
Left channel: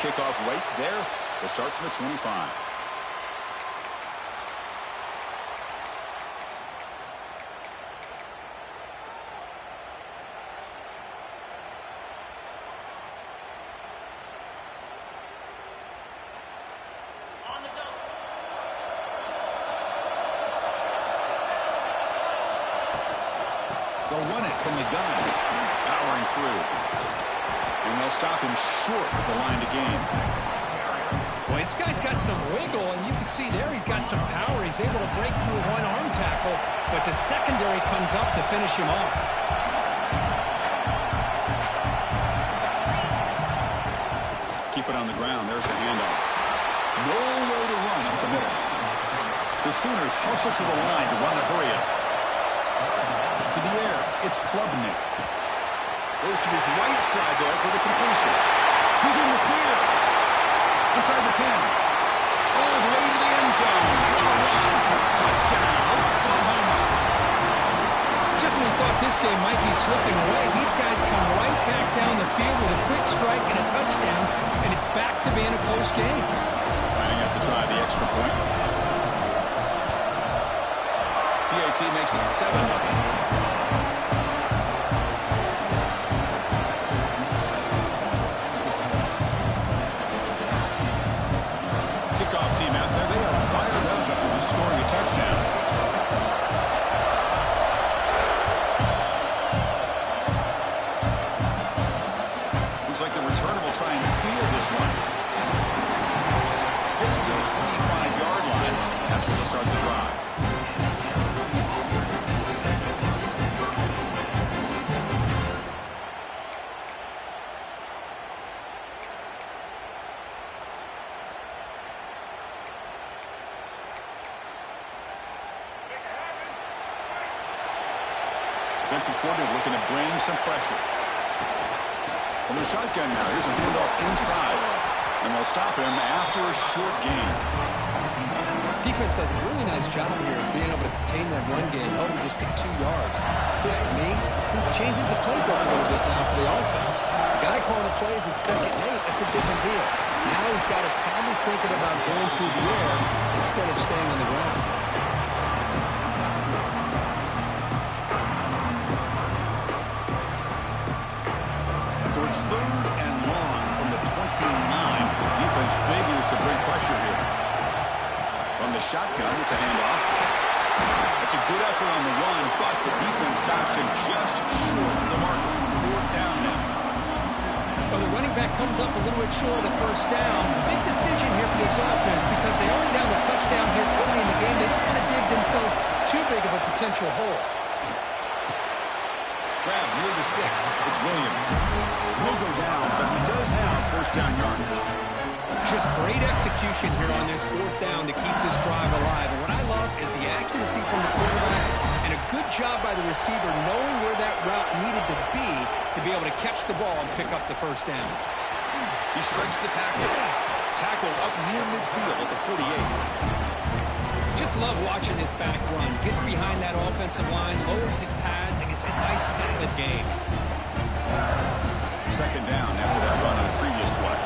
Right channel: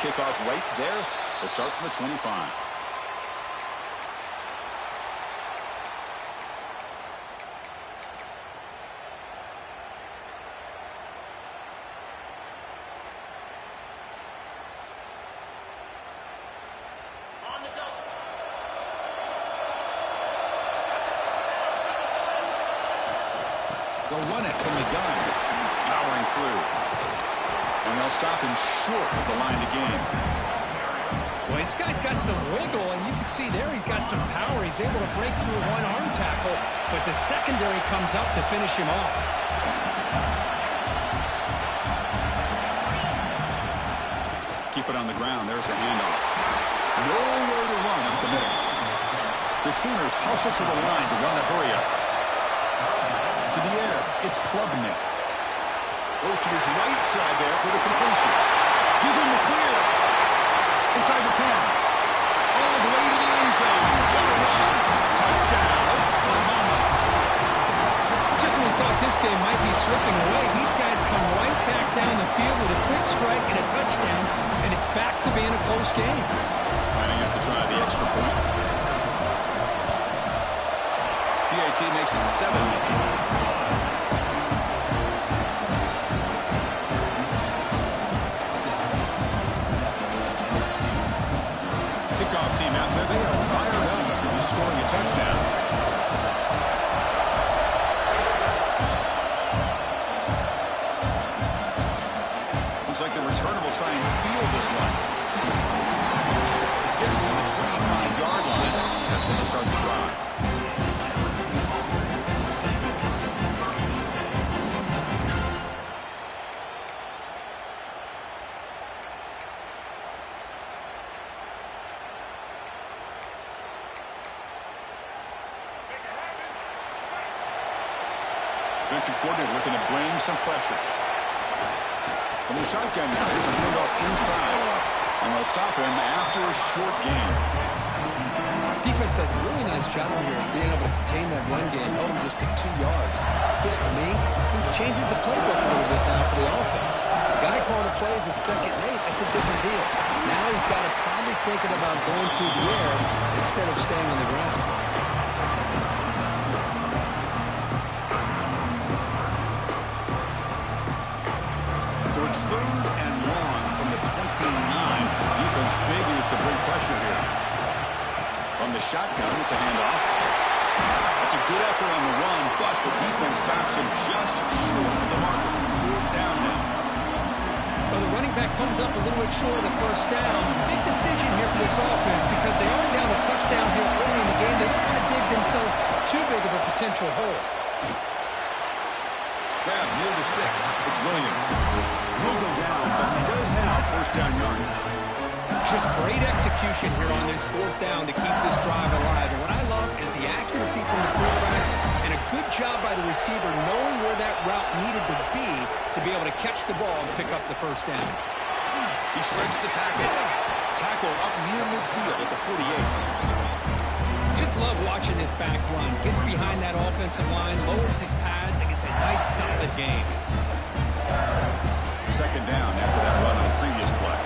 kickoff right there to start from the 25. They'll run it from the gun, powering through. And they'll stop him short of the line to gain. Well, this guy's got some wiggle, and you can see there he's got some power. He's able to break through one arm tackle, but the secondary comes up to finish him off. Keep it on the ground. There's the handoff. Nowhere to run up the middle. The Sooners hustle to the line to run the hurry up. To the air, it's Klubnik. Goes to his right side there for the completion. He's in the clear. Inside the 10. All the way to the end zone. What a run. Touchdown, Oklahoma. Just when we thought this game might be slipping away, these guys come right back down the field with a quick strike and a touchdown, and it's back to being a close game. Lining up to try the extra point. PAT makes it 7-0. Kickoff team out there, they are fired up after just scoring a touchdown. Looks like the returner will try and field this one. Gets him to the 25-yard line. That's where they'll start the drive. Defensive coordinator looking to bring some pressure. From the shotgun now, here's a handoff inside. And they'll stop him after a short gain. Defense does a really nice job here of being able to contain that run game, held him just to 2 yards. This, to me, this changes the playbook a little bit now for the offense. The guy calling the plays at 2nd and 8, that's a different deal. Now he's got to probably thinking about going through the air instead of staying on the ground. So it's 3rd and long from the 29. Defense figures to bring pressure here. From the shotgun, it's a handoff. That's a good effort on the run, but the defense stops him just short of the marker. 4th down now. Well, the running back comes up a little bit short of the first down. Big decision here for this offense because they are down a touchdown here early in the game. They don't want to dig themselves too big of a potential hole. Grab near the sticks. It's Williams. He'll go down, but he does have 1st down yardage. Just great execution here on this 4th down to keep this drive alive. And what I love is the accuracy from the quarterback and a good job by the receiver knowing where that route needed to be able to catch the ball and pick up the 1st down. He shreds the tackle. Tackle up near midfield at the 48. Just love watching this back run. Gets behind that offensive line, lowers his pads, and gets a nice, solid gain. 2nd down after that run on the previous play.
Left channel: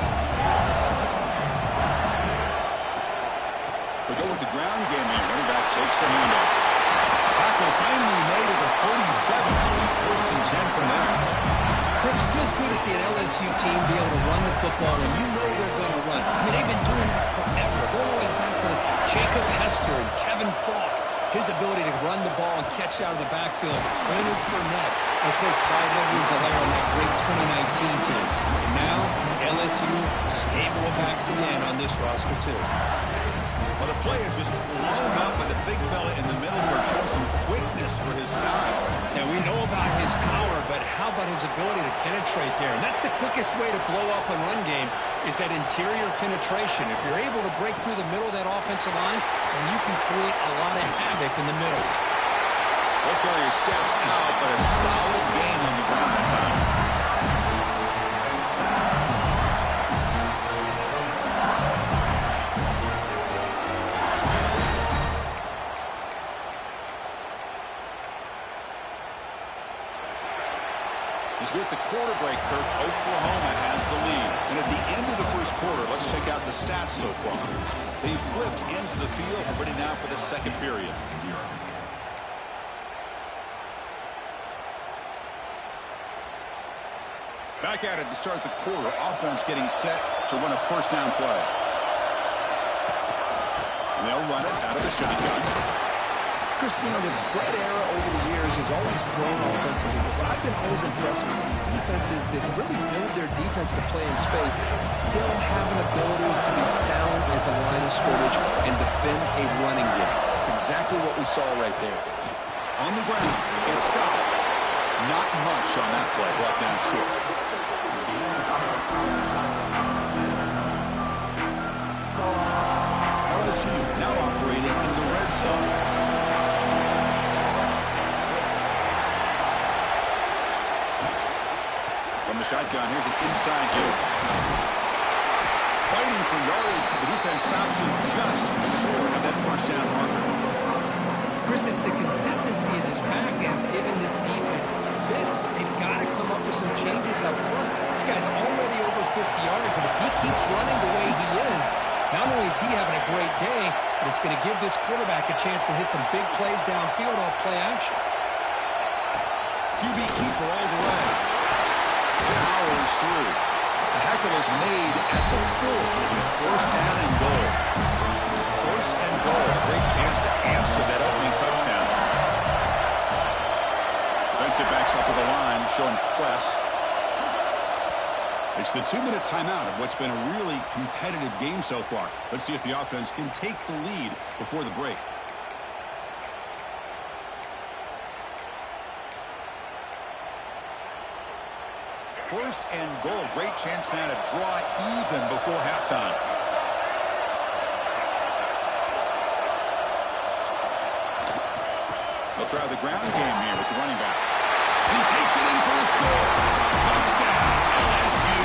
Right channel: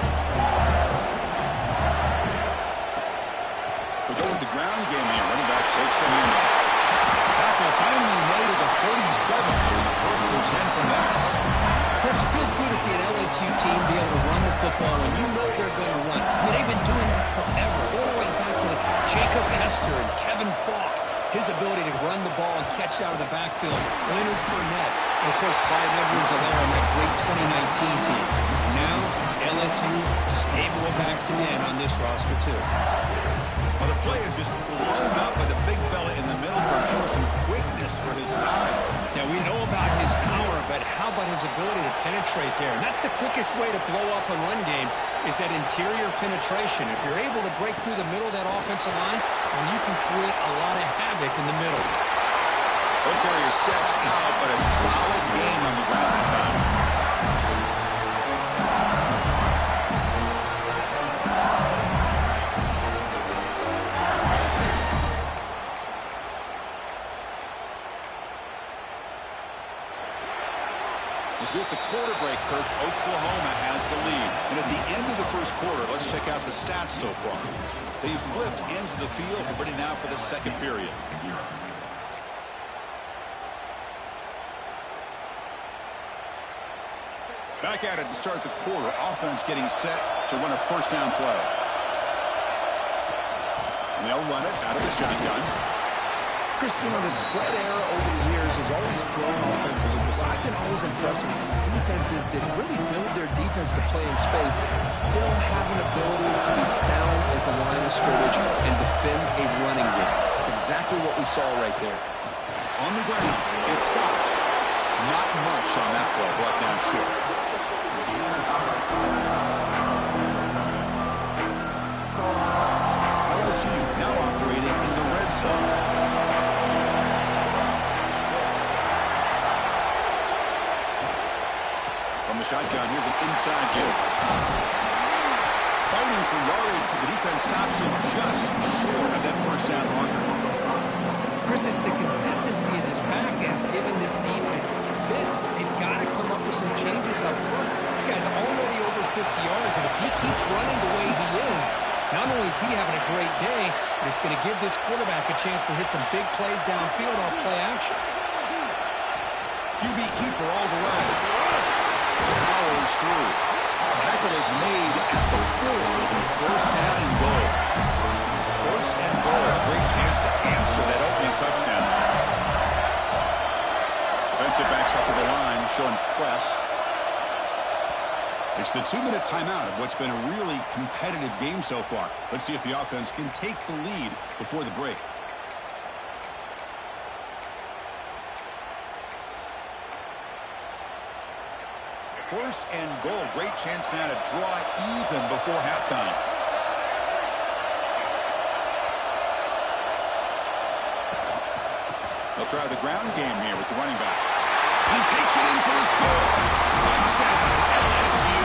They'll go with the ground game here. Running back takes the handoff. Tackle finally made at the 37. It'll be 1st and 10 from there. Chris, it feels good to see an LSU team be able to run the football when you know they're going to run. I mean, they've been doing that forever. Going all the way back to Jacob Hester and Kevin Falk. His ability to run the ball and catch out of the backfield. Leonard Fournette. And, of course, Clyde Edwards-Helaire on that great 2019 team. And now, LSU stable of backs again on this roster, too. Well, the play is just blown up by the big fella in the middle for showing some quickness for his size. Yeah, we know about his power, but how about his ability to penetrate there? And that's the quickest way to blow up a run game is that interior penetration. If you're able to break through the middle of that offensive line, then you can create a lot of havoc in the middle. Ball carrier steps out, but a solid gain on the ground that time. As we hit the quarter break, Kirk, Oklahoma has the lead. And at the end of the first quarter, let's check out the stats so far. They've flipped ends of the field, ready now for the second period. Back at it to start the quarter. Offense getting set to run a first down play. And they'll run it out of the shotgun. Christina, the spread era over the years has always grown offensively, but what I've been always impressed with defenses that really build their defense to play in space still have an ability to be sound at the line of scrimmage and defend a running game. It's exactly what we saw right there. On the ground, it's Scott. Not much on that play, brought down short. LSU now operating in the red zone. From the shotgun, here's an inside give. Fighting for yardage, but the defense stops him just short of that first down marker. Chris, it's the consistency of this back has given this defense fits. They've got to come up with some changes up front. This guy's already over 50 yards, and if he keeps running the way he is, not only is he having a great day, but it's going to give this quarterback a chance to hit some big plays downfield off play action. QB keeper all the way. Powers through. Tackle is made at the 4. It'll be first down and goal. First and goal. A great chance to answer that opening touchdown. Defensive backs up at the line, showing press. It's the 2-minute timeout of what's been a really competitive game so far. Let's see if the offense can take the lead before the break. First and goal. Great chance now to draw even before halftime. They'll try the ground game here with the running back. He takes it in for the score. Touchdown, LSU.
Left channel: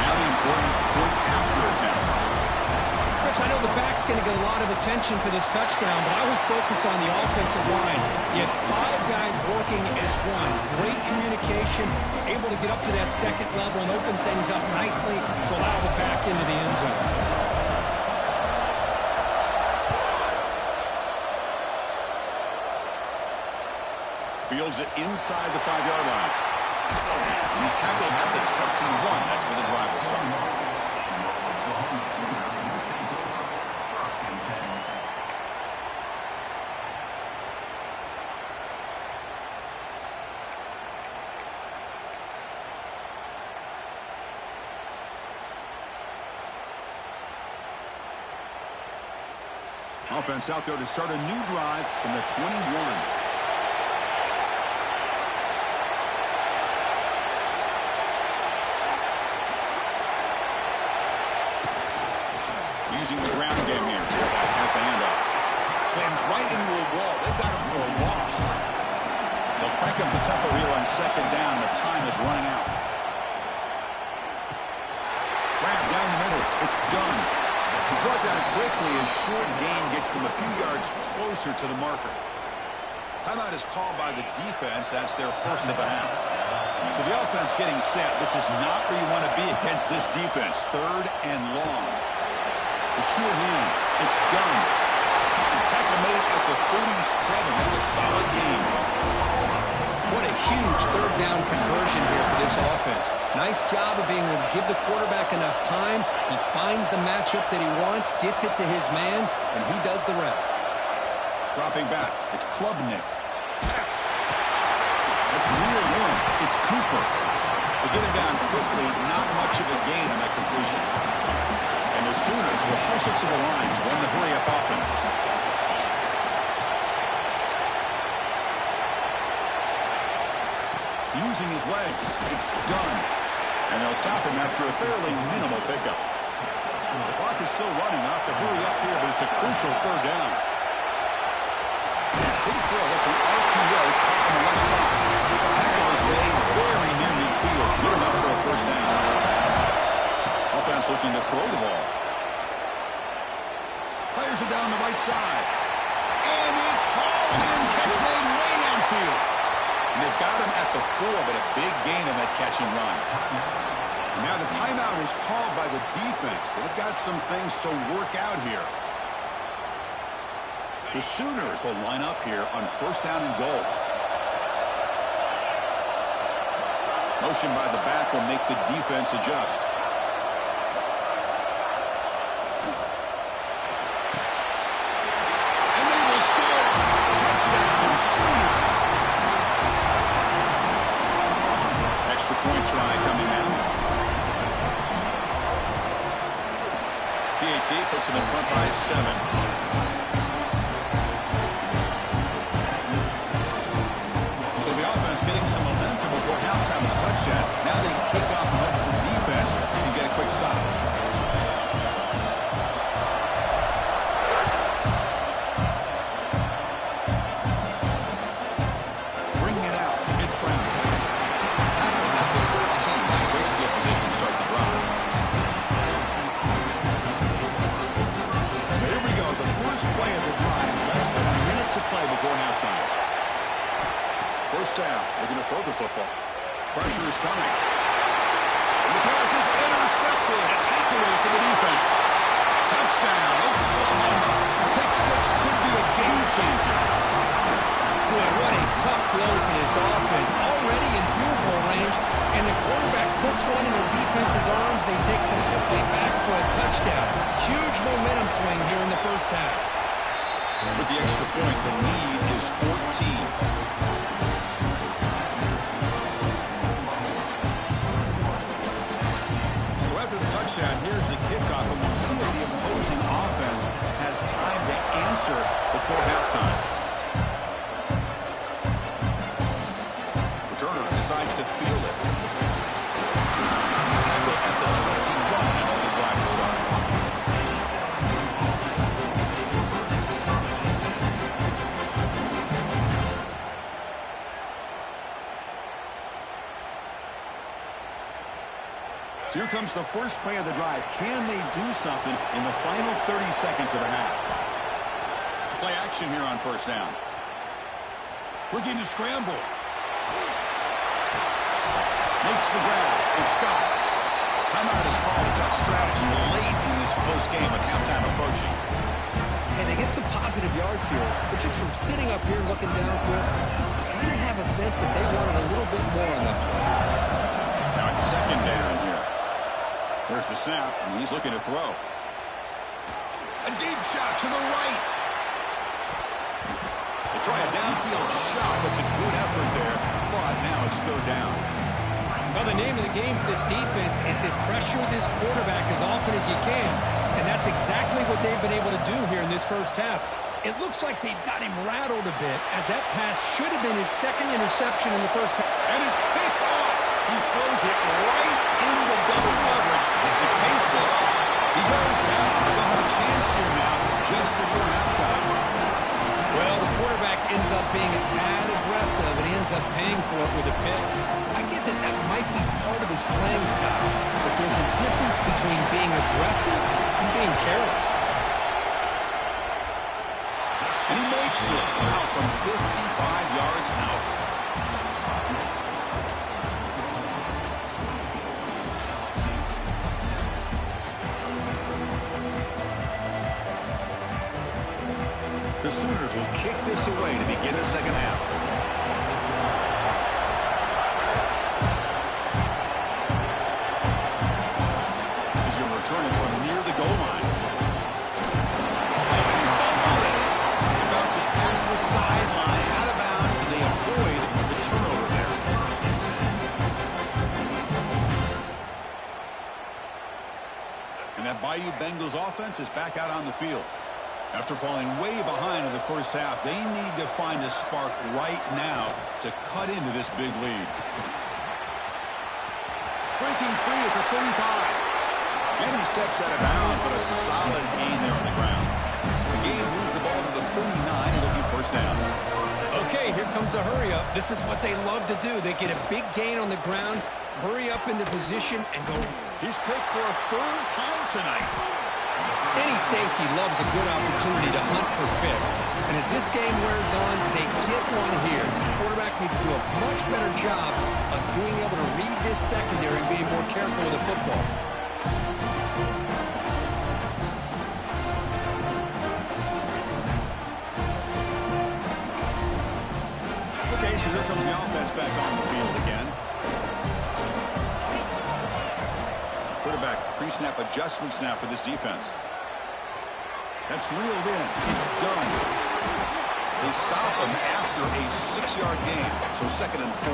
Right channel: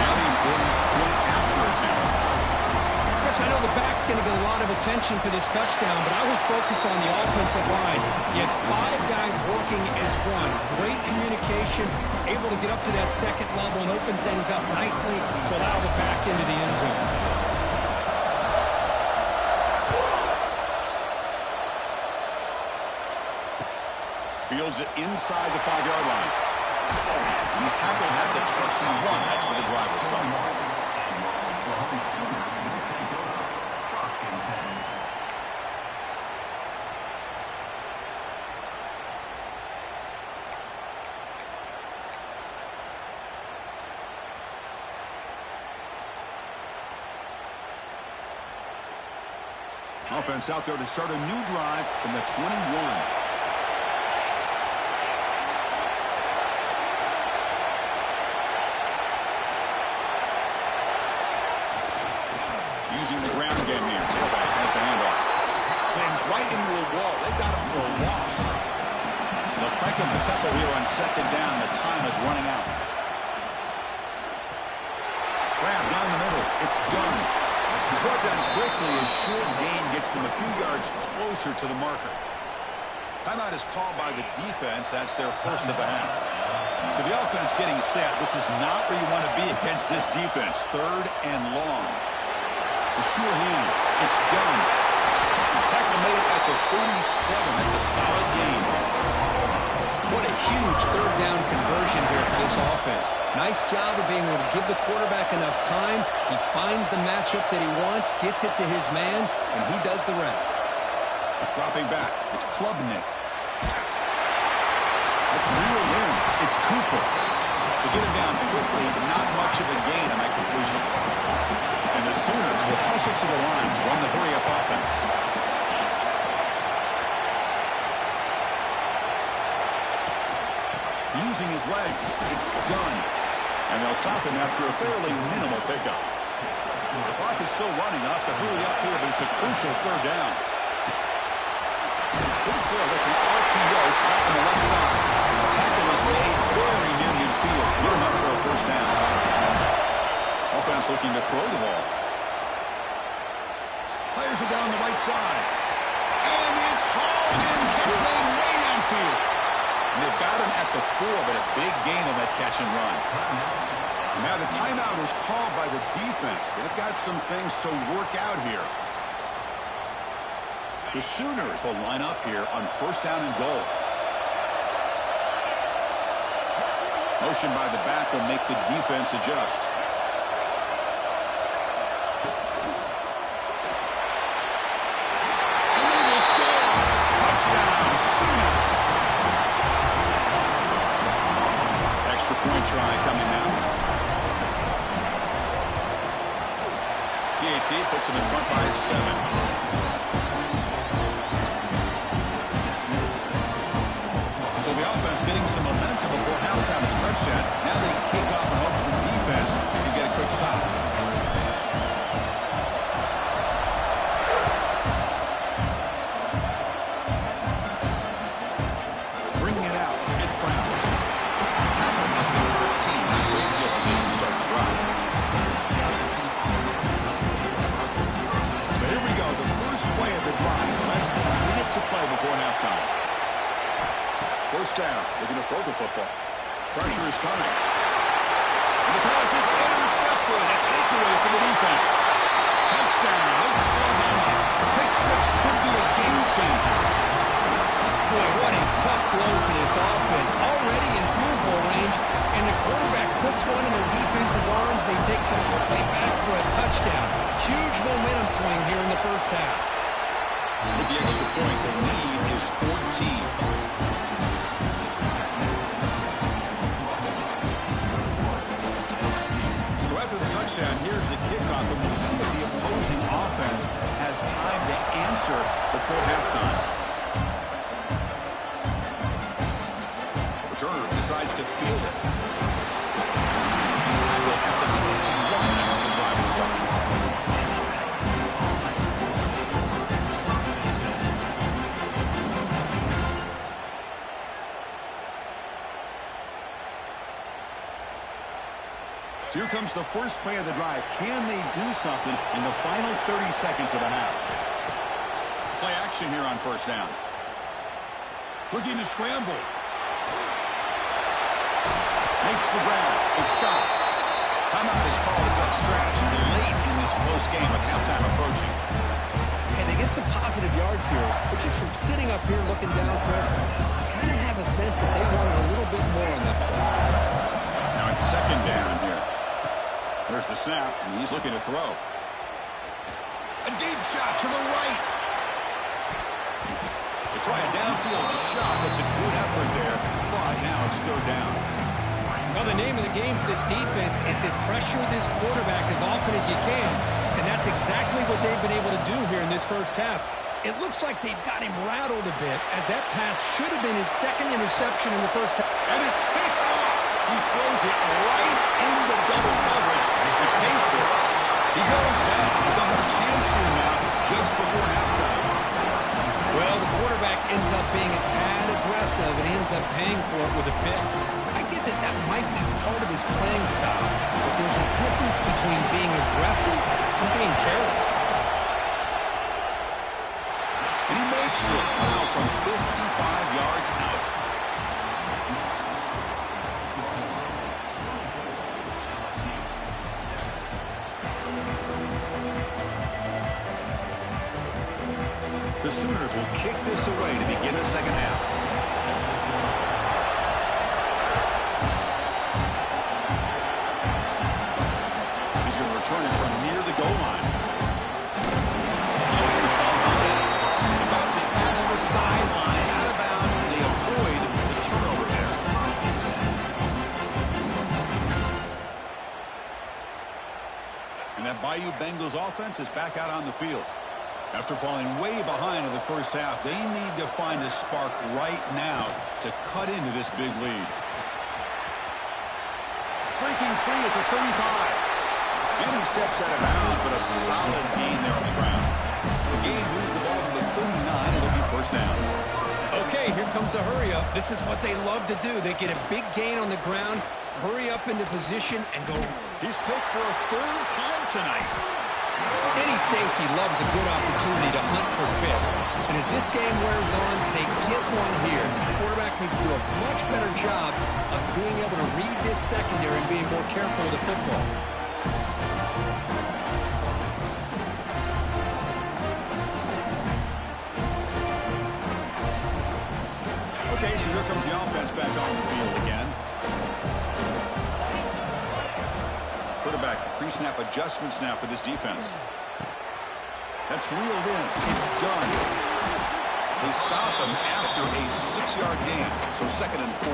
Now the important point after attempt. Chris, I know the back's going to get a lot of attention for this touchdown, but I was focused on the offensive line. You had 5 guys working as one. Great communication, able to get up to that second level and open things up nicely to allow the back into the end zone. Fields it inside the 5-yard line. And he's tackled at the 21. That's where the drive will start. Offense out there to start a new drive from the 21. Using the ground game here. Tailback has the handoff. Slams right into a wall. They've got him for a loss. They'll crank up the tempo here on second down. The time is running out. Grab down the middle. It's done. He's brought down quickly as short gain gets them a few yards closer to the marker. Timeout is called by the defense. That's their first of the half. So the offense getting set. This is not where you want to be against this defense. Third and long. The sure hands. It's done. The tackle made at the 37. That's a solid gain. What a huge third down conversion here for this offense. Nice job of being able to give the quarterback enough time. He finds the matchup that he wants, gets it to his man, and he does the rest. Dropping back. It's Klubnik. That's reeled in. It's Cooper. They get him down quickly. Not much of a gain on that completion. And the Sooners will hustle to the line to run the hurry-up offense. Using his legs, it's done. And they'll stop him after a fairly minimal pickup. The clock is still running. Off to hurry up here, but it's a crucial third down. Good throw. That's an RPO caught on the left side. The tackle is made very near midfield. Good enough for a first down. Offense looking to throw the ball. Players are down the right side. And it's hauled in. Catch made way downfield. And they've got him at the 4, but a big gain on that catch and run. Now the timeout is called by the defense. They've got some things to work out here. The Sooners will line up here on 1st down and goal. Motion by the back will make the defense adjust. And they will score. Touchdown, Sooners. Extra point try coming now. PAT puts them in front by 7. So the offense getting some momentum before halftime with a touchdown. Now they kick off in hopes the defense can get a quick stop. Bringing it out. It's Brown. Tackled at the 13. Not great field position to start the drive. So here we go. The first play of the drive. Less than a minute to play before halftime. 1st down, looking to throw the football. Pressure is coming. And the pass is intercepted. A takeaway for the defense. Touchdown, Oklahoma. Pick 6 could be a game changer. Boy, what a tough blow for this offense. Already in field goal range, and the quarterback puts one in the defense's arms. They take some way back for a touchdown. Huge momentum swing here in the 1st half. With the extra point, the lead is 14. So after the touchdown, here's the kickoff, and we'll see if the opposing offense has time to answer before halftime. Returner decides to field it. He's tackled at the 21. That's where the drive will start. So here comes the first play of the drive. Can they do something in the final 30 seconds of the half? Play action here on 1st down. Looking to scramble. Makes the grab. It's Scott. Timeout is called. A duck strategy late in this close game with halftime approaching. And they get some positive yards here, but just from sitting up here looking down, Chris, I kind of have a sense that they wanted a little bit more on that play. Now it's 2nd down here. There's the snap, and he's looking to throw. A deep shot to the right. They try a downfield shot. That's a good effort there, but now it's 3rd down. Well, the name of the game for this defense is to pressure this quarterback as often as you can, and that's exactly what they've been able to do here in this 1st half. It looks like they've got him rattled a bit, as that pass should have been his 2nd interception in the 1st half. And it's picked off. He throws it right into double coverage and pays for it. He goes down, but they'll have a chance here now just before halftime. Well, the quarterback ends up being a tad aggressive and ends up paying for it with a pick. I get that that might be part of his playing style, but there's a difference between being aggressive and being careless. And he makes it. Wow, from 55 yards out. The Sooners will kick this away to begin the 2nd half. He's going to return it from near the goal line. Oh, and he fumbled it. It bounces past the sideline, out of bounds, and they avoid the turnover there. And that Bayou Bengals offense is back out on the field. After falling way behind in the 1st half, they need to find a spark right now to cut into this big lead. Breaking free at the 35. And he steps out of bounds, but a solid gain there on the ground. The game moves the ball to the 39. It'll be 1st down. Okay, here comes the hurry up. This is what they love to do. They get a big gain on the ground, hurry up into position, and go. He's picked for a 3rd time tonight. Any safety loves a good opportunity to hunt for picks. And as this game wears on, they get one here. This quarterback needs to do a much better job of being able to read this secondary and being more careful with the football. Okay, so here comes the offense back on the field again. Quarterback pre-snap adjustments now for this defense. That's reeled in. It's done. They stop him after a 6-yard gain, so 2nd and 4.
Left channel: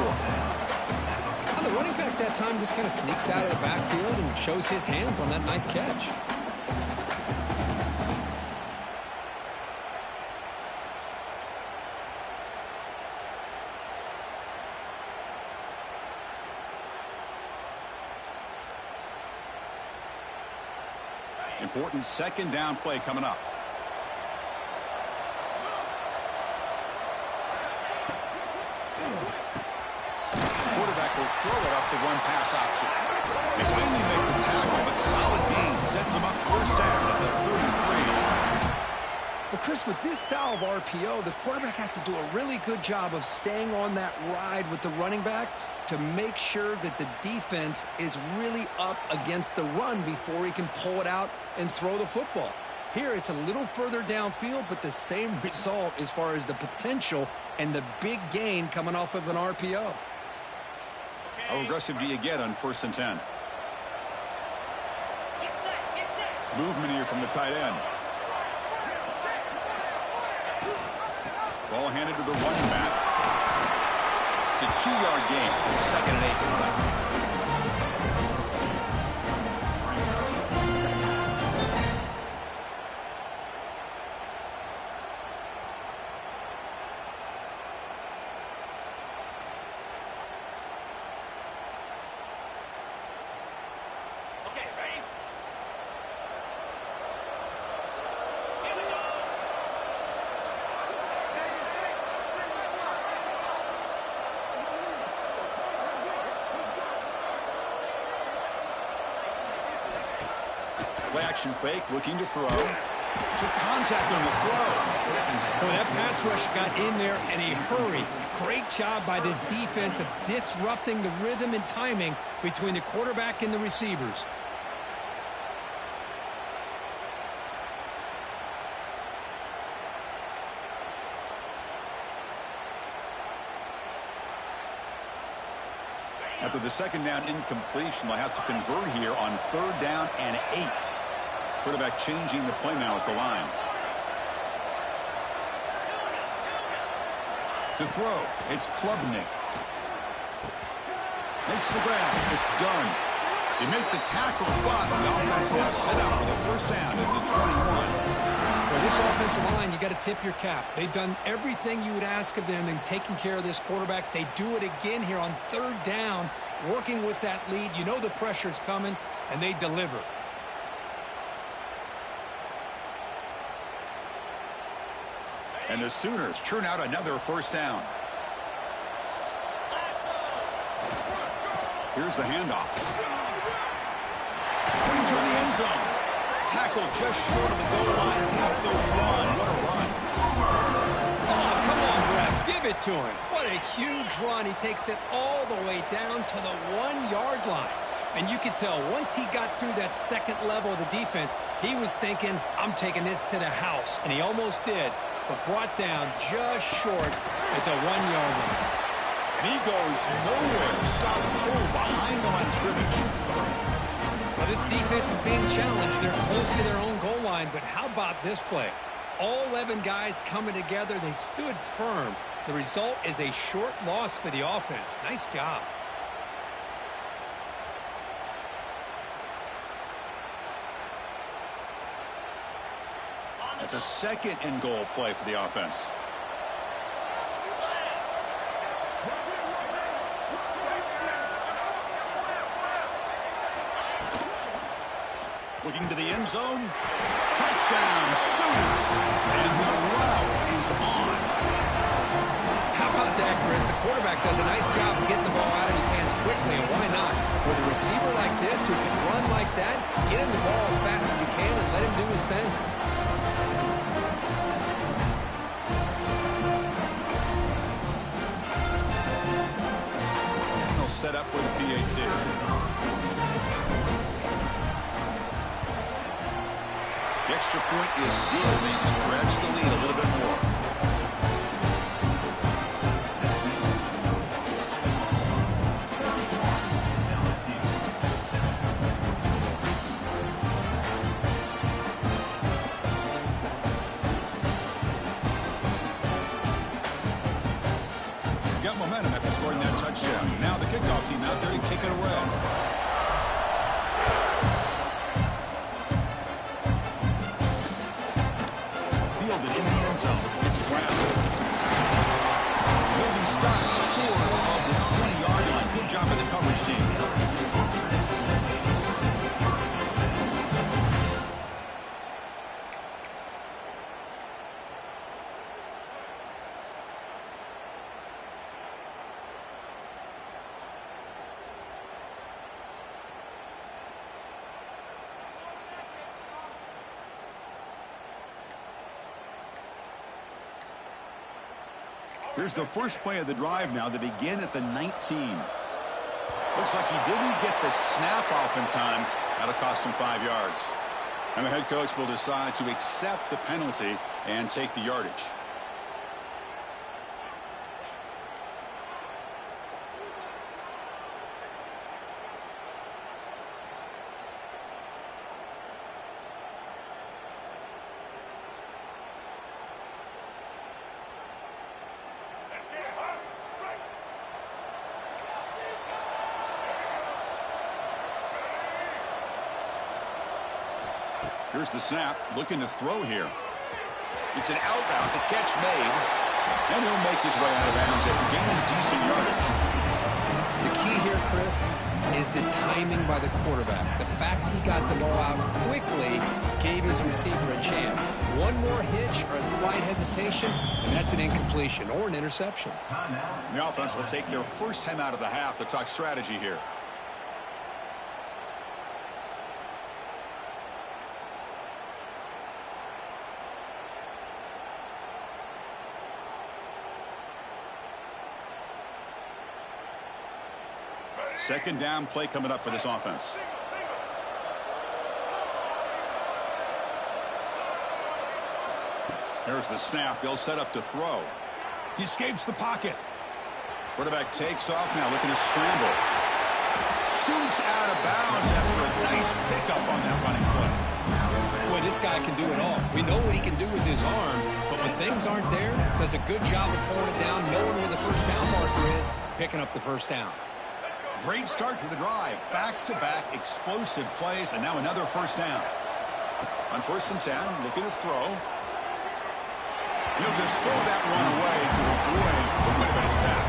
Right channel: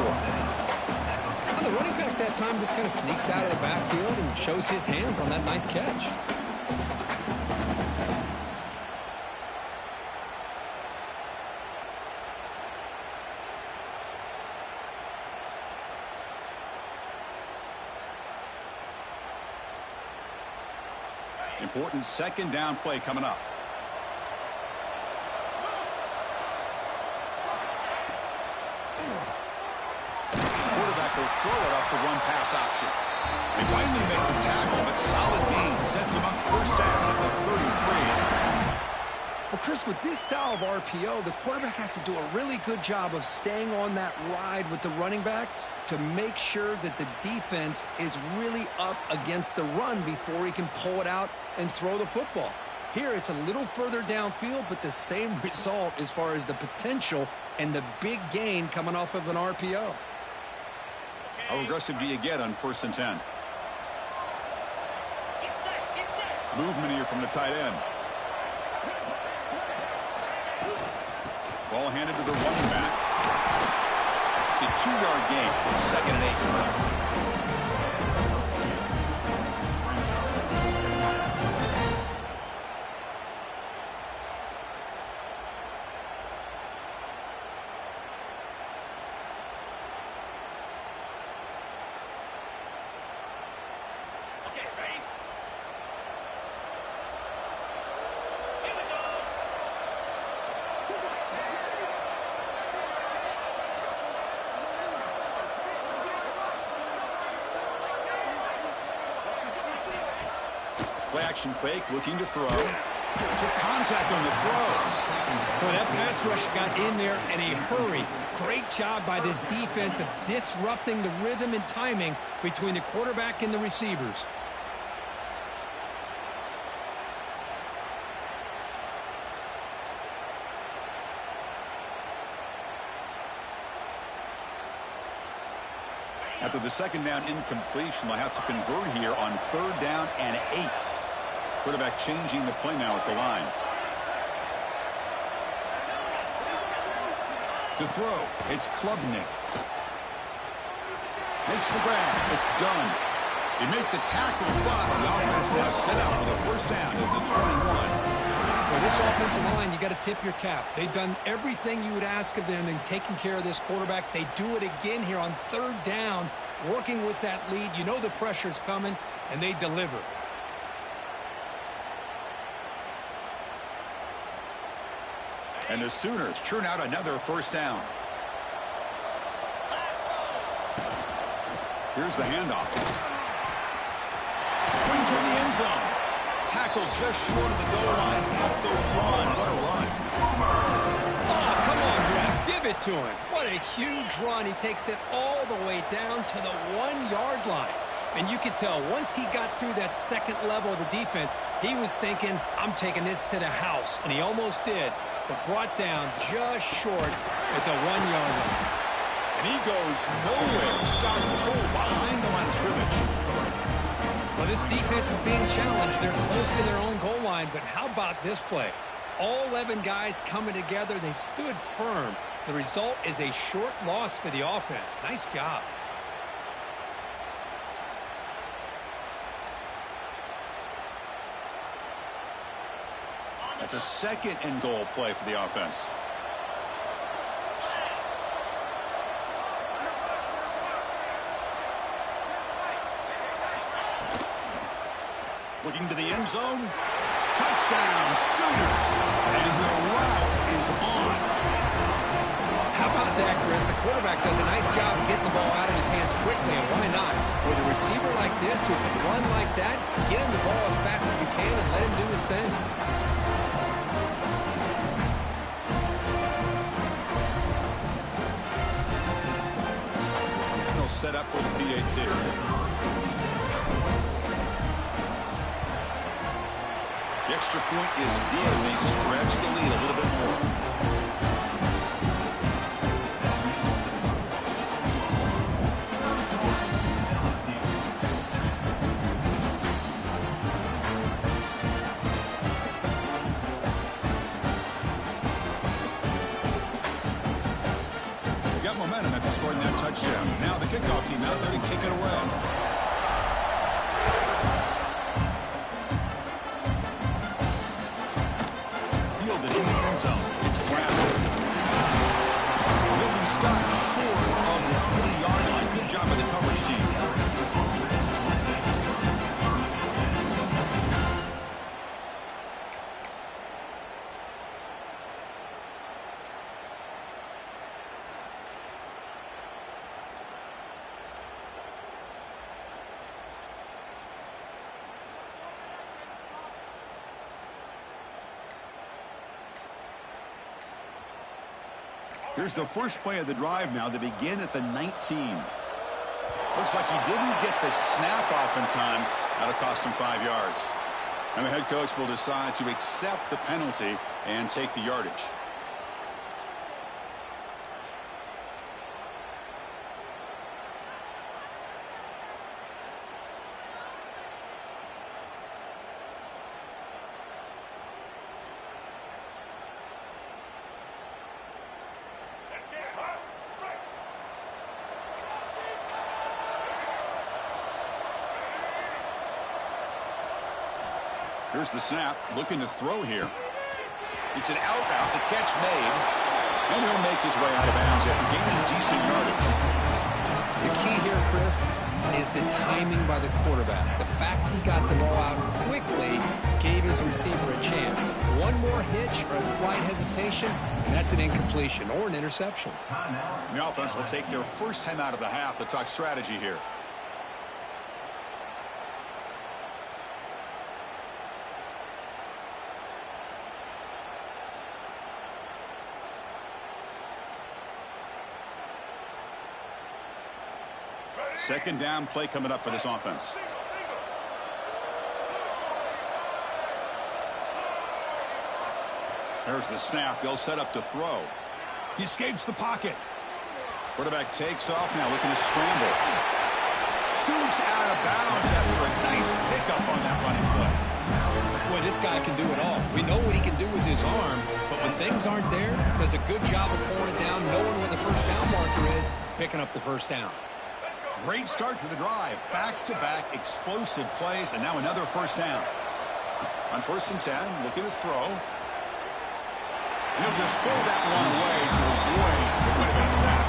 Well, the running back that time just kind of sneaks out of the backfield and shows his hands on that nice catch. Important 2nd down play coming up. Quarterback will throw it off the run-pass option. They finally make the tackle, but solid gain sets them up 1st down at the 33. Well, Chris, with this style of RPO, the quarterback has to do a really good job of staying on that ride with the running back to make sure that the defense is really up against the run before he can pull it out and throw the football. Here, it's a little further downfield, but the same result as far as the potential and the big gain coming off of an RPO. How aggressive do you get on 1st and 10? Movement here from the tight end. Ball handed to the running back. It's a 2-yard gain. 2nd and 8 coming up. Okay, ready? Play action fake, looking to throw. Took contact on the throw. Boy, that pass rush got in there in a hurry. Great job by this defense of disrupting the rhythm and timing between the quarterback and the receivers. After the 2nd down incompletion, they'll have to convert here on 3rd down and 8. Quarterback changing the play now at the line. To throw, it's Klubnik. Makes the grab. It's done. They make the tackle, but the offense now set up with a 1st down at the 21. Well, this offensive line, you got to tip your cap. They've done everything you would ask of them in taking care of this quarterback. They do it again here on 3rd down, working with that lead. You know the pressure's coming, and they deliver. And the Sooners churn out another 1st down. Here's the handoff. Swing toward the end zone. Tackle just short of the goal line at the run. What a run. Oh, come on, ref. Give it to him. What a huge run. He takes it all the way down to the 1-yard line. And you could tell once he got through that 2nd level of the defense, he was thinking, I'm taking this to the house. And he almost did, but brought down just short at the 1-yard line. And he goes nowhere. Stopped cold behind the line of scrimmage. Well, this defense is being challenged. They're close to their own goal line, but how about this play? All 11 guys coming together. They stood firm. The result is a short loss for the offense. Nice job. That's a 2nd and goal play for the offense. Looking to the end zone. Touchdown, Sooners. And the route is on. How about that, Chris? The quarterback does a nice job of getting the ball out of his hands quickly, and why not? With a receiver like this who can run like that, get him the ball as fast as you can and let him do his thing. And they'll set up with a PAT. The extra point is good. They stretch the lead a little bit more. Got momentum after scoring that touchdown. Now the kickoff team out there to kick it away. Fielded in the end zone. It's Brown. He'll be stopped short of the 20-yard line. Good job by the coverage team. Here's the first play of the drive now. They begin at the 19. Looks like he didn't get the snap off in time. That'll cost him 5 yards. And the head coach will decide to accept the penalty and take the yardage. Here's the snap, looking to throw here. It's an out route, the catch made, and he'll make his way out of bounds after gaining decent yardage. The key here, Chris, is the timing by the quarterback. The fact he got the ball out quickly gave his receiver a chance. One more hitch or a slight hesitation, and that's an incompletion or an interception. The offense will take their first time out of the half to talk strategy here. Second down play coming up for this offense. There's the snap. They'll set up to throw. He escapes the pocket. Quarterback takes off now, looking to scramble. Scoots out of bounds after a nice pickup on that running play. Boy, this guy can do it all. We know what he can do with his arm, but when things aren't there, does a good job of pulling it down, knowing where the first down marker is, picking up the first down. Great start to the drive. Back-to-back explosive plays, and now another first down. On 1st and 10, looking to throw. And he'll just throw that one away to avoid what would have been a sack.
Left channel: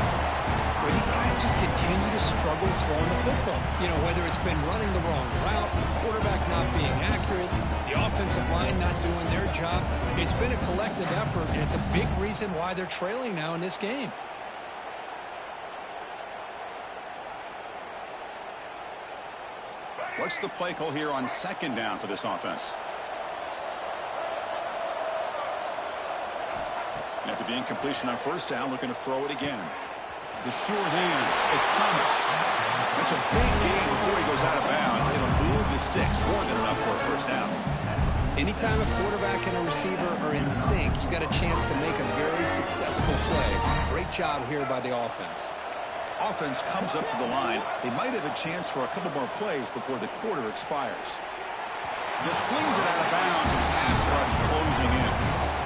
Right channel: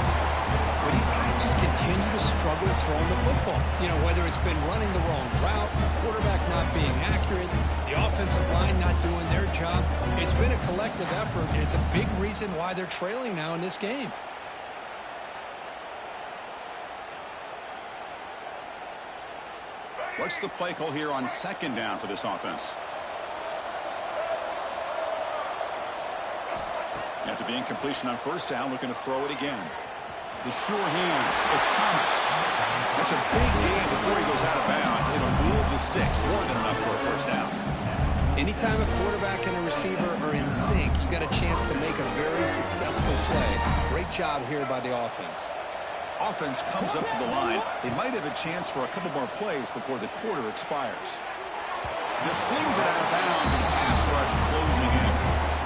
Well, these guys just continue to struggle throwing the football. You know, whether it's been running the wrong route, the quarterback not being accurate, the offensive line not doing their job. It's been a collective effort, and it's a big reason why they're trailing now in this game. What's the play call here on 2nd down for this offense? After the incompletion on 1st down, looking to throw it again. The sure hands. It's Thomas. That's a big gain before he goes out of bounds. It'll move the sticks. More than enough for a 1st down. Anytime a quarterback and a receiver are in sync, you got a chance to make a very successful play. Great job here by the offense. Offense comes up to the line. They might have a chance for a couple more plays before the quarter expires. Just flings it out of bounds, and the pass rush closing in.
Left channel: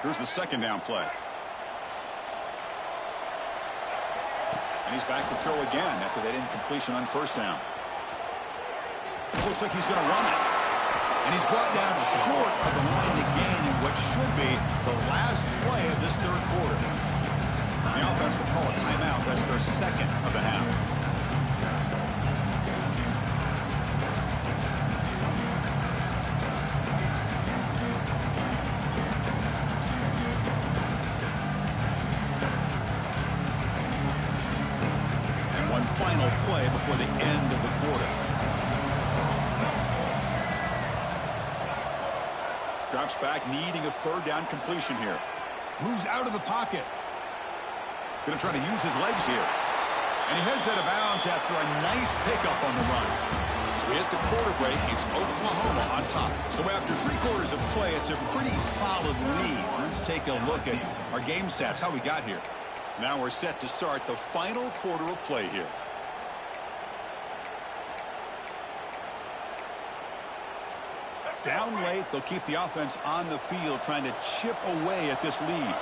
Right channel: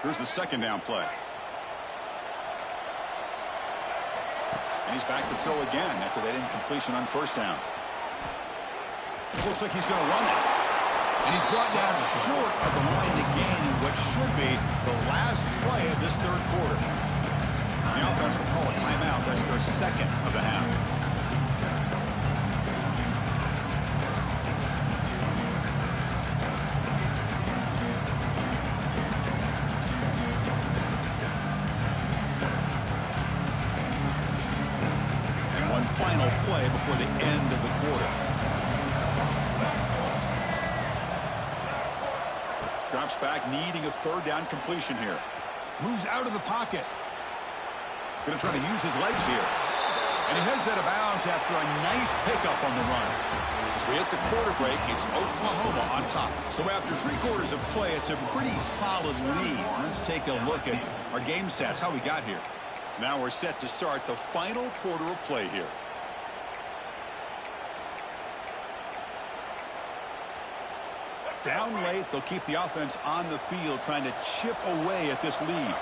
Here's the 2nd down play. And he's back to throw again after that incompletion on 1st down. Looks like he's going to run it. And he's brought down short of the line to gain in what should be the last play of this third quarter. The offense will call a timeout. That's their second of the half. And one final play before the end of the quarter. Drops back, needing a third down completion here. Moves out of the pocket. Going to try to use his legs here. And he heads out of bounds after a nice pickup on the run. As we hit the quarter break, it's Oklahoma on top. So after 3 quarters of play, it's a pretty solid lead. Let's take a look at our game stats, how we got here. Now we're set to start the final quarter of play here. Down late, they'll keep the offense on the field trying to chip away at this lead.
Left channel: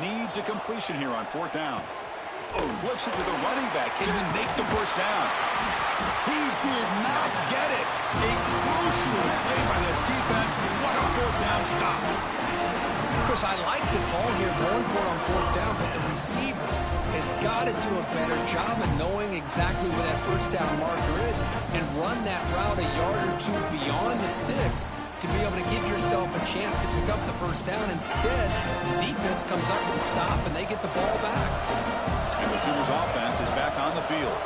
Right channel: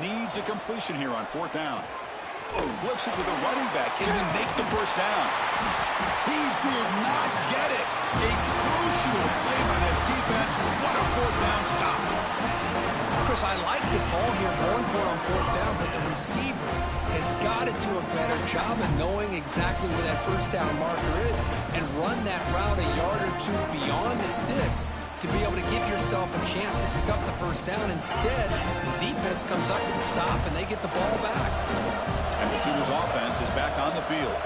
Needs a completion here on 4th down. Oh, flips it to the running back. Can he make the first down? He did not get it. A crucial play by this defense. What a 4th down stop. Chris, I like the call here going for it on 4th down, but the receiver has got to do a better job of knowing exactly where that first down marker is and run that route a yard or 2 beyond the sticks to be able to give yourself a chance to pick up the first down. Instead, the defense comes up with a stop and they get the ball back. And the Sooners offense is back on the field.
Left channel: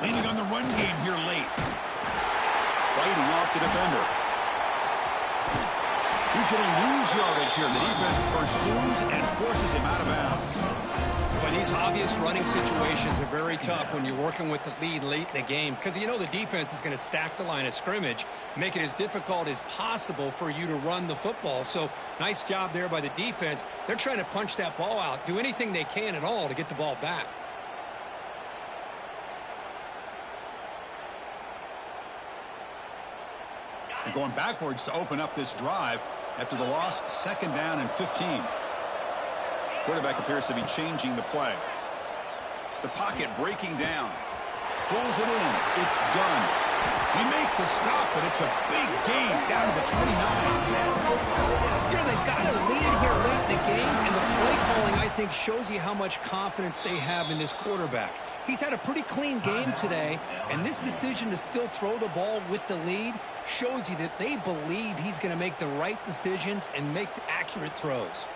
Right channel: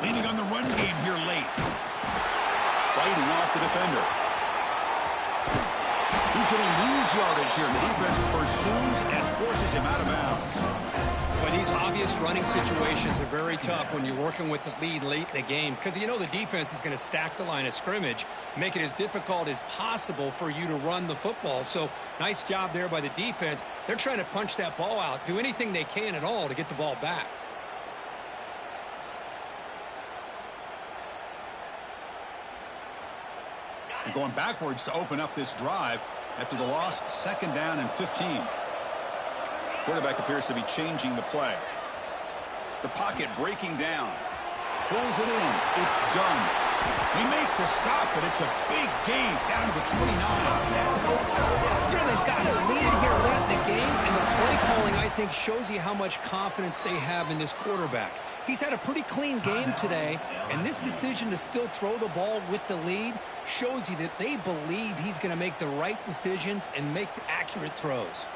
Leaning on the run game here late. Fighting off the defender. He's going to lose yardage here. The defense pursues and forces him out of bounds. But these obvious running situations are very tough when you're working with the lead late in the game because you know the defense is going to stack the line of scrimmage, make it as difficult as possible for you to run the football. So nice job there by the defense. They're trying to punch that ball out, do anything they can at all to get the ball back. And going backwards to open up this drive after the loss, 2nd down and 15. Quarterback appears to be changing the play. The pocket breaking down. Pulls it in. It's done. They make the stop, but it's a big game down to the 29. You know, they've got a lead here late in the game, and the play calling, I think, shows you how much confidence they have in this quarterback. He's had a pretty clean game today, and this decision to still throw the ball with the lead shows you that they believe he's going to make the right decisions and make accurate throws.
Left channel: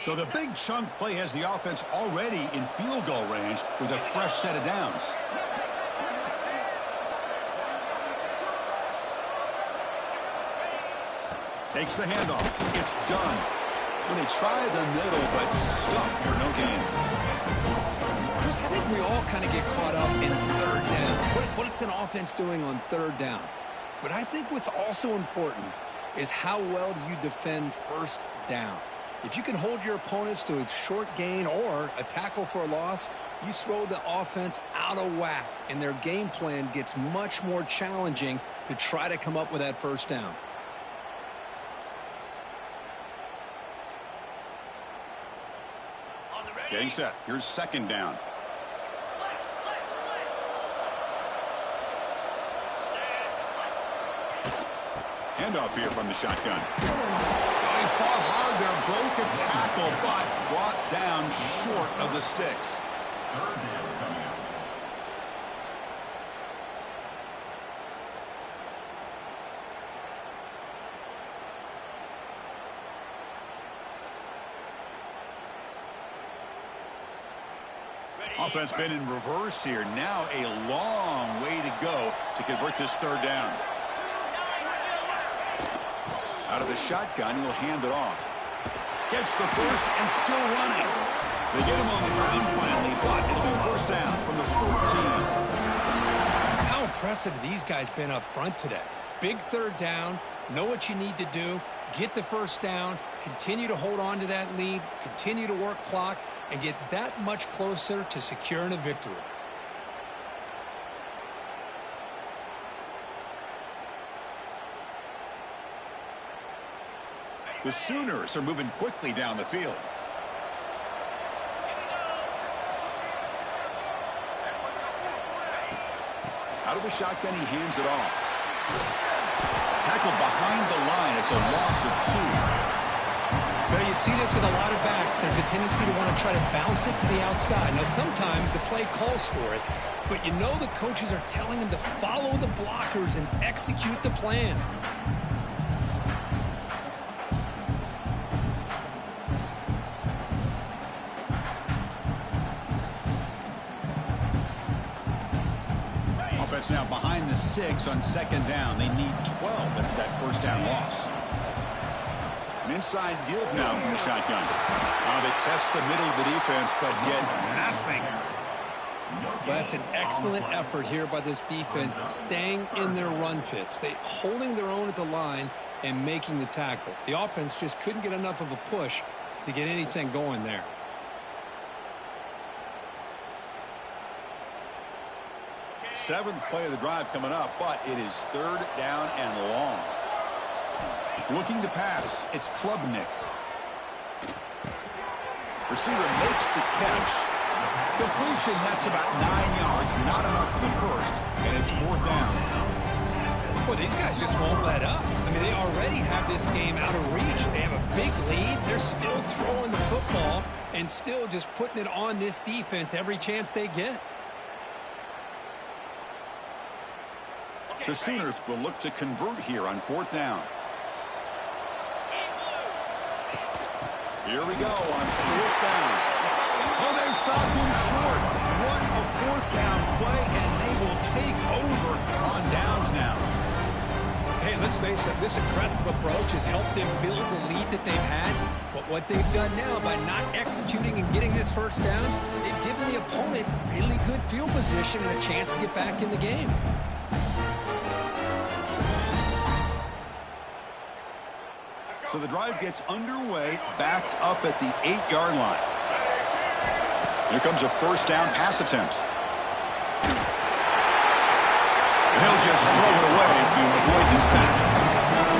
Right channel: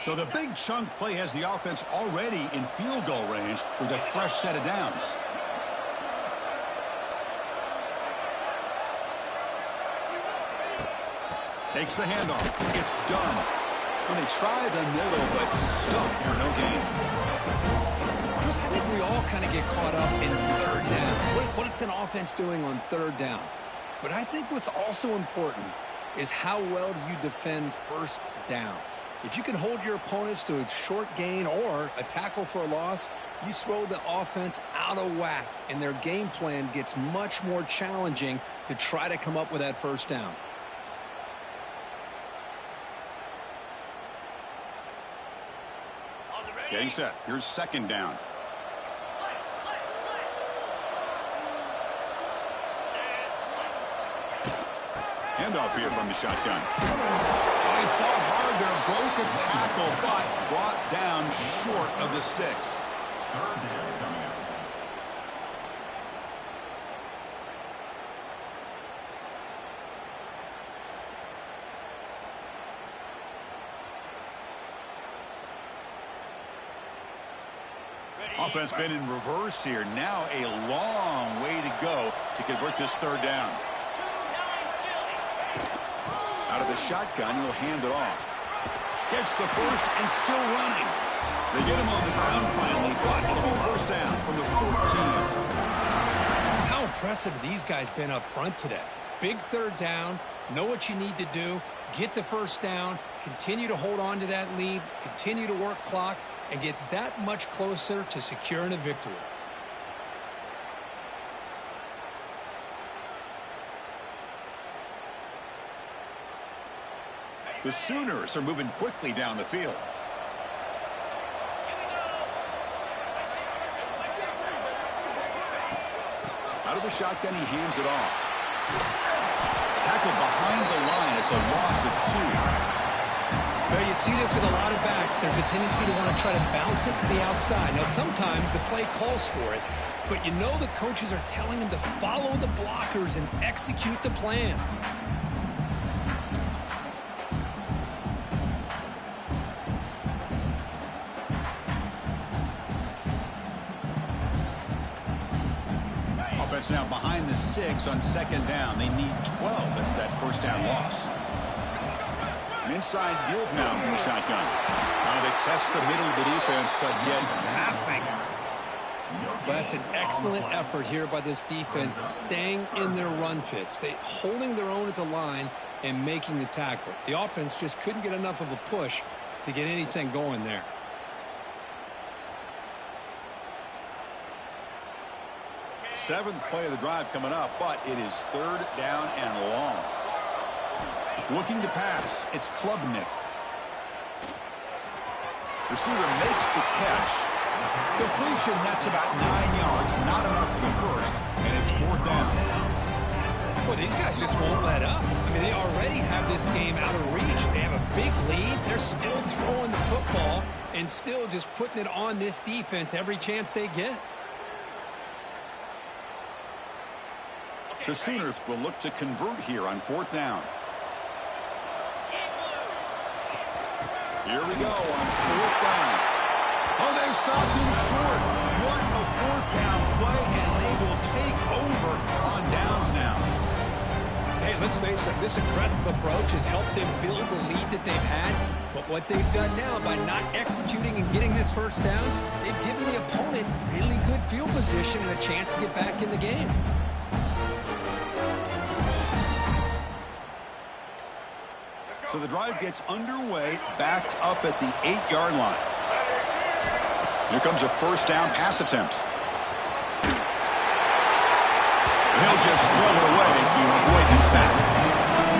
So the big chunk play has the offense already in field goal range with a fresh set of downs. Takes the handoff. It's done. When they try the middle, but stuffed for no gain. Chris, I think we all kind of get caught up in 3rd down. What is an offense doing on 3rd down? But I think what's also important is how well do you defend 1st down. If you can hold your opponents to a short gain or a tackle for a loss, you throw the offense out of whack, and their game plan gets much more challenging to try to come up with that 1st down. Getting set. Here's 2nd down. Handoff here from the shotgun. He fought hard there, broke a tackle, but brought down short of the sticks. Offense been in reverse here. Now a long way to go to convert this 3rd down. Out of the shotgun, he'll hand it off. Gets the first and still running. They get him on the ground finally, but it'll be 1st down from the 14. How impressive these guys been up front today. Big third down, know what you need to do, get the first down, continue to hold on to that lead, continue to work clock, and get that much closer to securing a victory. The Sooners are moving quickly down the field. Out of the shotgun, he hands it off. Tackled behind the line. It's a loss of 2. Well, you see this with a lot of backs. There's a tendency to want to try to bounce it to the outside. Now, sometimes the play calls for it, but you know the coaches are telling them to follow the blockers and execute the plan. Offense now behind the 6 on second down. They need 12 after that first down loss. An inside give now from the shotgun. They test the middle of the defense, but get nothing. Well, that's an excellent effort here by this defense, staying in their run fits. They holding their own at the line and making the tackle. The offense just couldn't get enough of a push to get anything going there. Seventh play of the drive coming up, but it is third down and long. Looking to pass, it's Klubnik. Receiver makes the catch. Completion, that's about 9 yards, not enough for the first, and it's fourth down. Boy, these guys just won't let up. I mean, they already have this game out of reach. They have a big lead. They're still throwing the football and still just putting it on this defense every chance they get. The Sooners will look to convert here on fourth down. Here we go on fourth down. Oh, they've stopped him short. What a fourth down play, and they will take over on downs now. Hey, let's face it, this aggressive approach has helped them build the lead that they've had. But what they've done now by not executing and getting this first down, they've given the opponent really good field position and a chance to get back in the game. So the drive gets underway, backed up at the 8-yard line. Here comes a first down pass attempt. And he'll just throw it away to avoid the sack.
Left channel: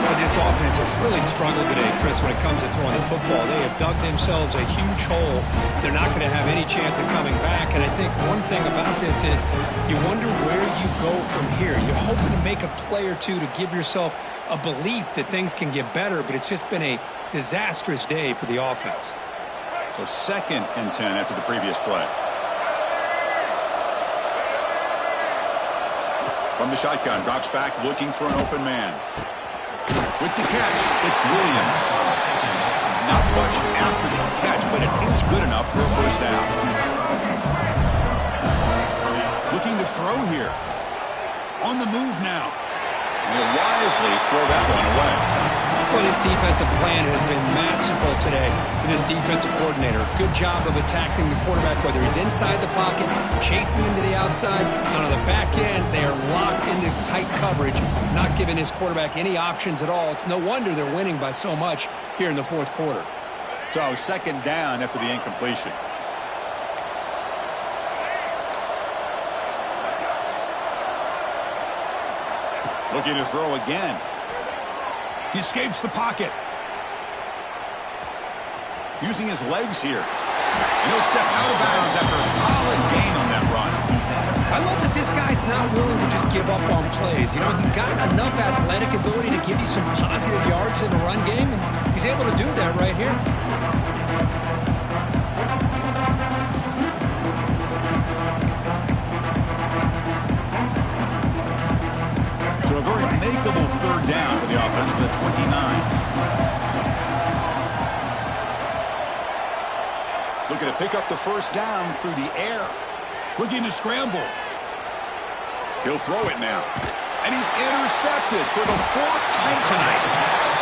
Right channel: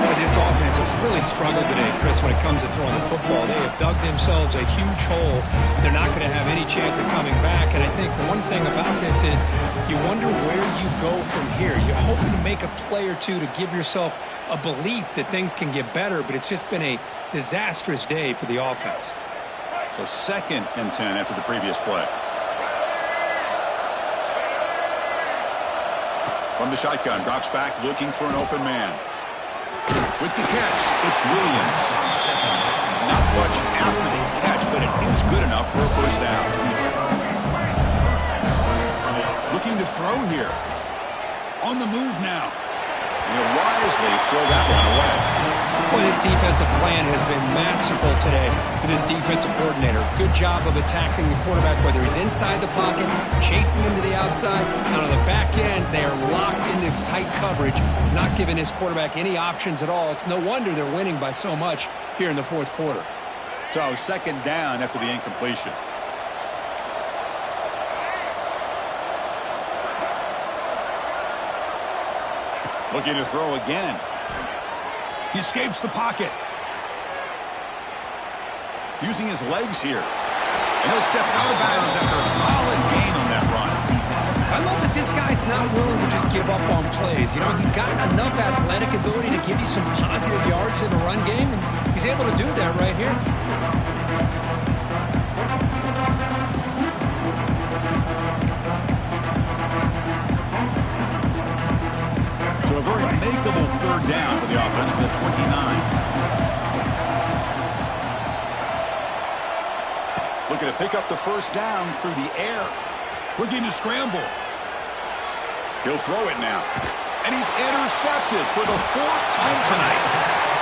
Boy, this offense has really struggled today, Chris, when it comes to throwing the football. They have dug themselves a huge hole. They're not going to have any chance of coming back. And I think one thing about this is you wonder where you go from here. You're hoping to make a play or two to give yourself a belief that things can get better, but it's just been a disastrous day for the offense. So 2nd and 10 after the previous play. From the shotgun, drops back looking for an open man. With the catch, it's Williams. Not much after the catch, but it is good enough for a first down. Looking to throw here. On the move now. He'll wisely throw that one away. Boy, this defensive plan has been masterful today for this defensive coordinator. Good job of attacking the quarterback, whether he's inside the pocket, chasing him to the outside. And on the back end, they are locked into tight coverage, not giving his quarterback any options at all. It's no wonder they're winning by so much here in the fourth quarter. So 2nd down after the incompletion. Looking to throw again. He escapes the pocket. Using his legs here. And he'll step out of bounds after a solid gain on that run. I love that this guy's not willing to just give up on plays. You know, he's got enough athletic ability to give you some positive yards in the run game, and he's able to do that right here. So a very makeable third down for the offense with a 29. Looking to pick up the first down through the air. Looking to scramble. He'll throw it now. And he's intercepted for the 4th time tonight.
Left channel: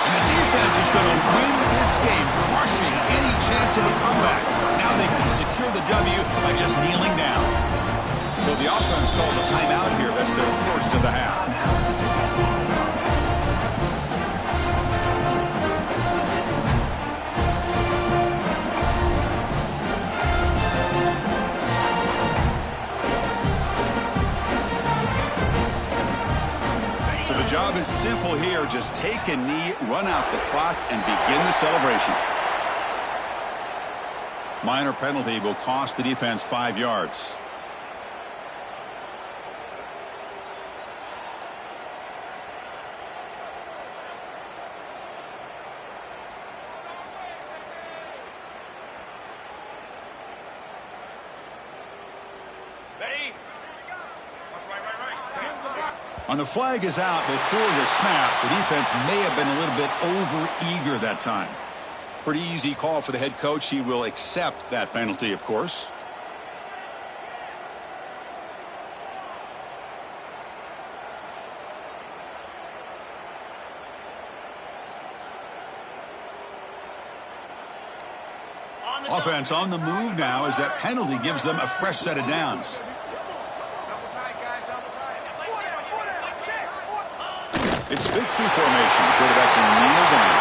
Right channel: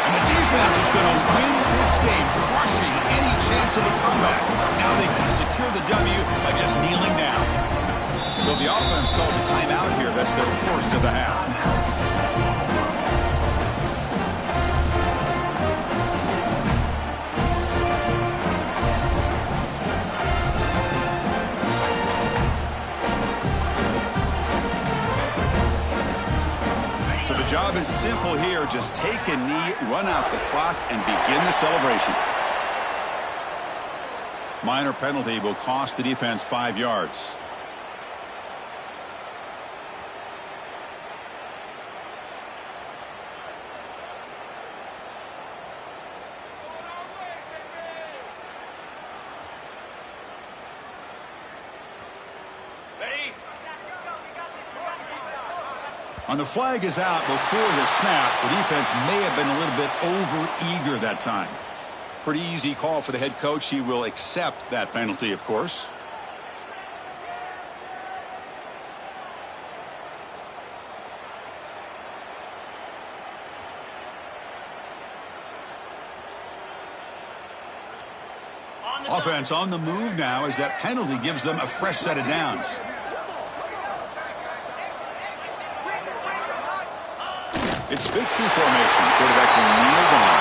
And the defense is going to win this game, crushing any chance of a comeback. Now they can secure the W by just kneeling down. So the offense calls a timeout here. That's their first of the half. So the job is simple here. Just take a knee, run out the clock, and begin the celebration. Minor penalty will cost the defense 5 yards. Ready? On the flag is out before the snap. The defense may have been a little bit over-eager that time. Pretty easy call for the head coach. He will accept that penalty, of course. Offense on the move now as that penalty gives them a fresh set of downs. It's victory formation. The quarterback will kneel down.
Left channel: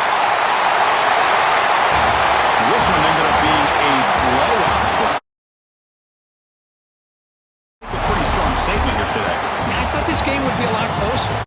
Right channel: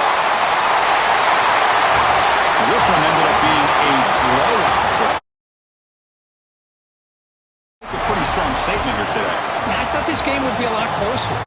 This one ended up being a blowout. A pretty strong statement here today. Yeah, I thought this game would be a lot closer.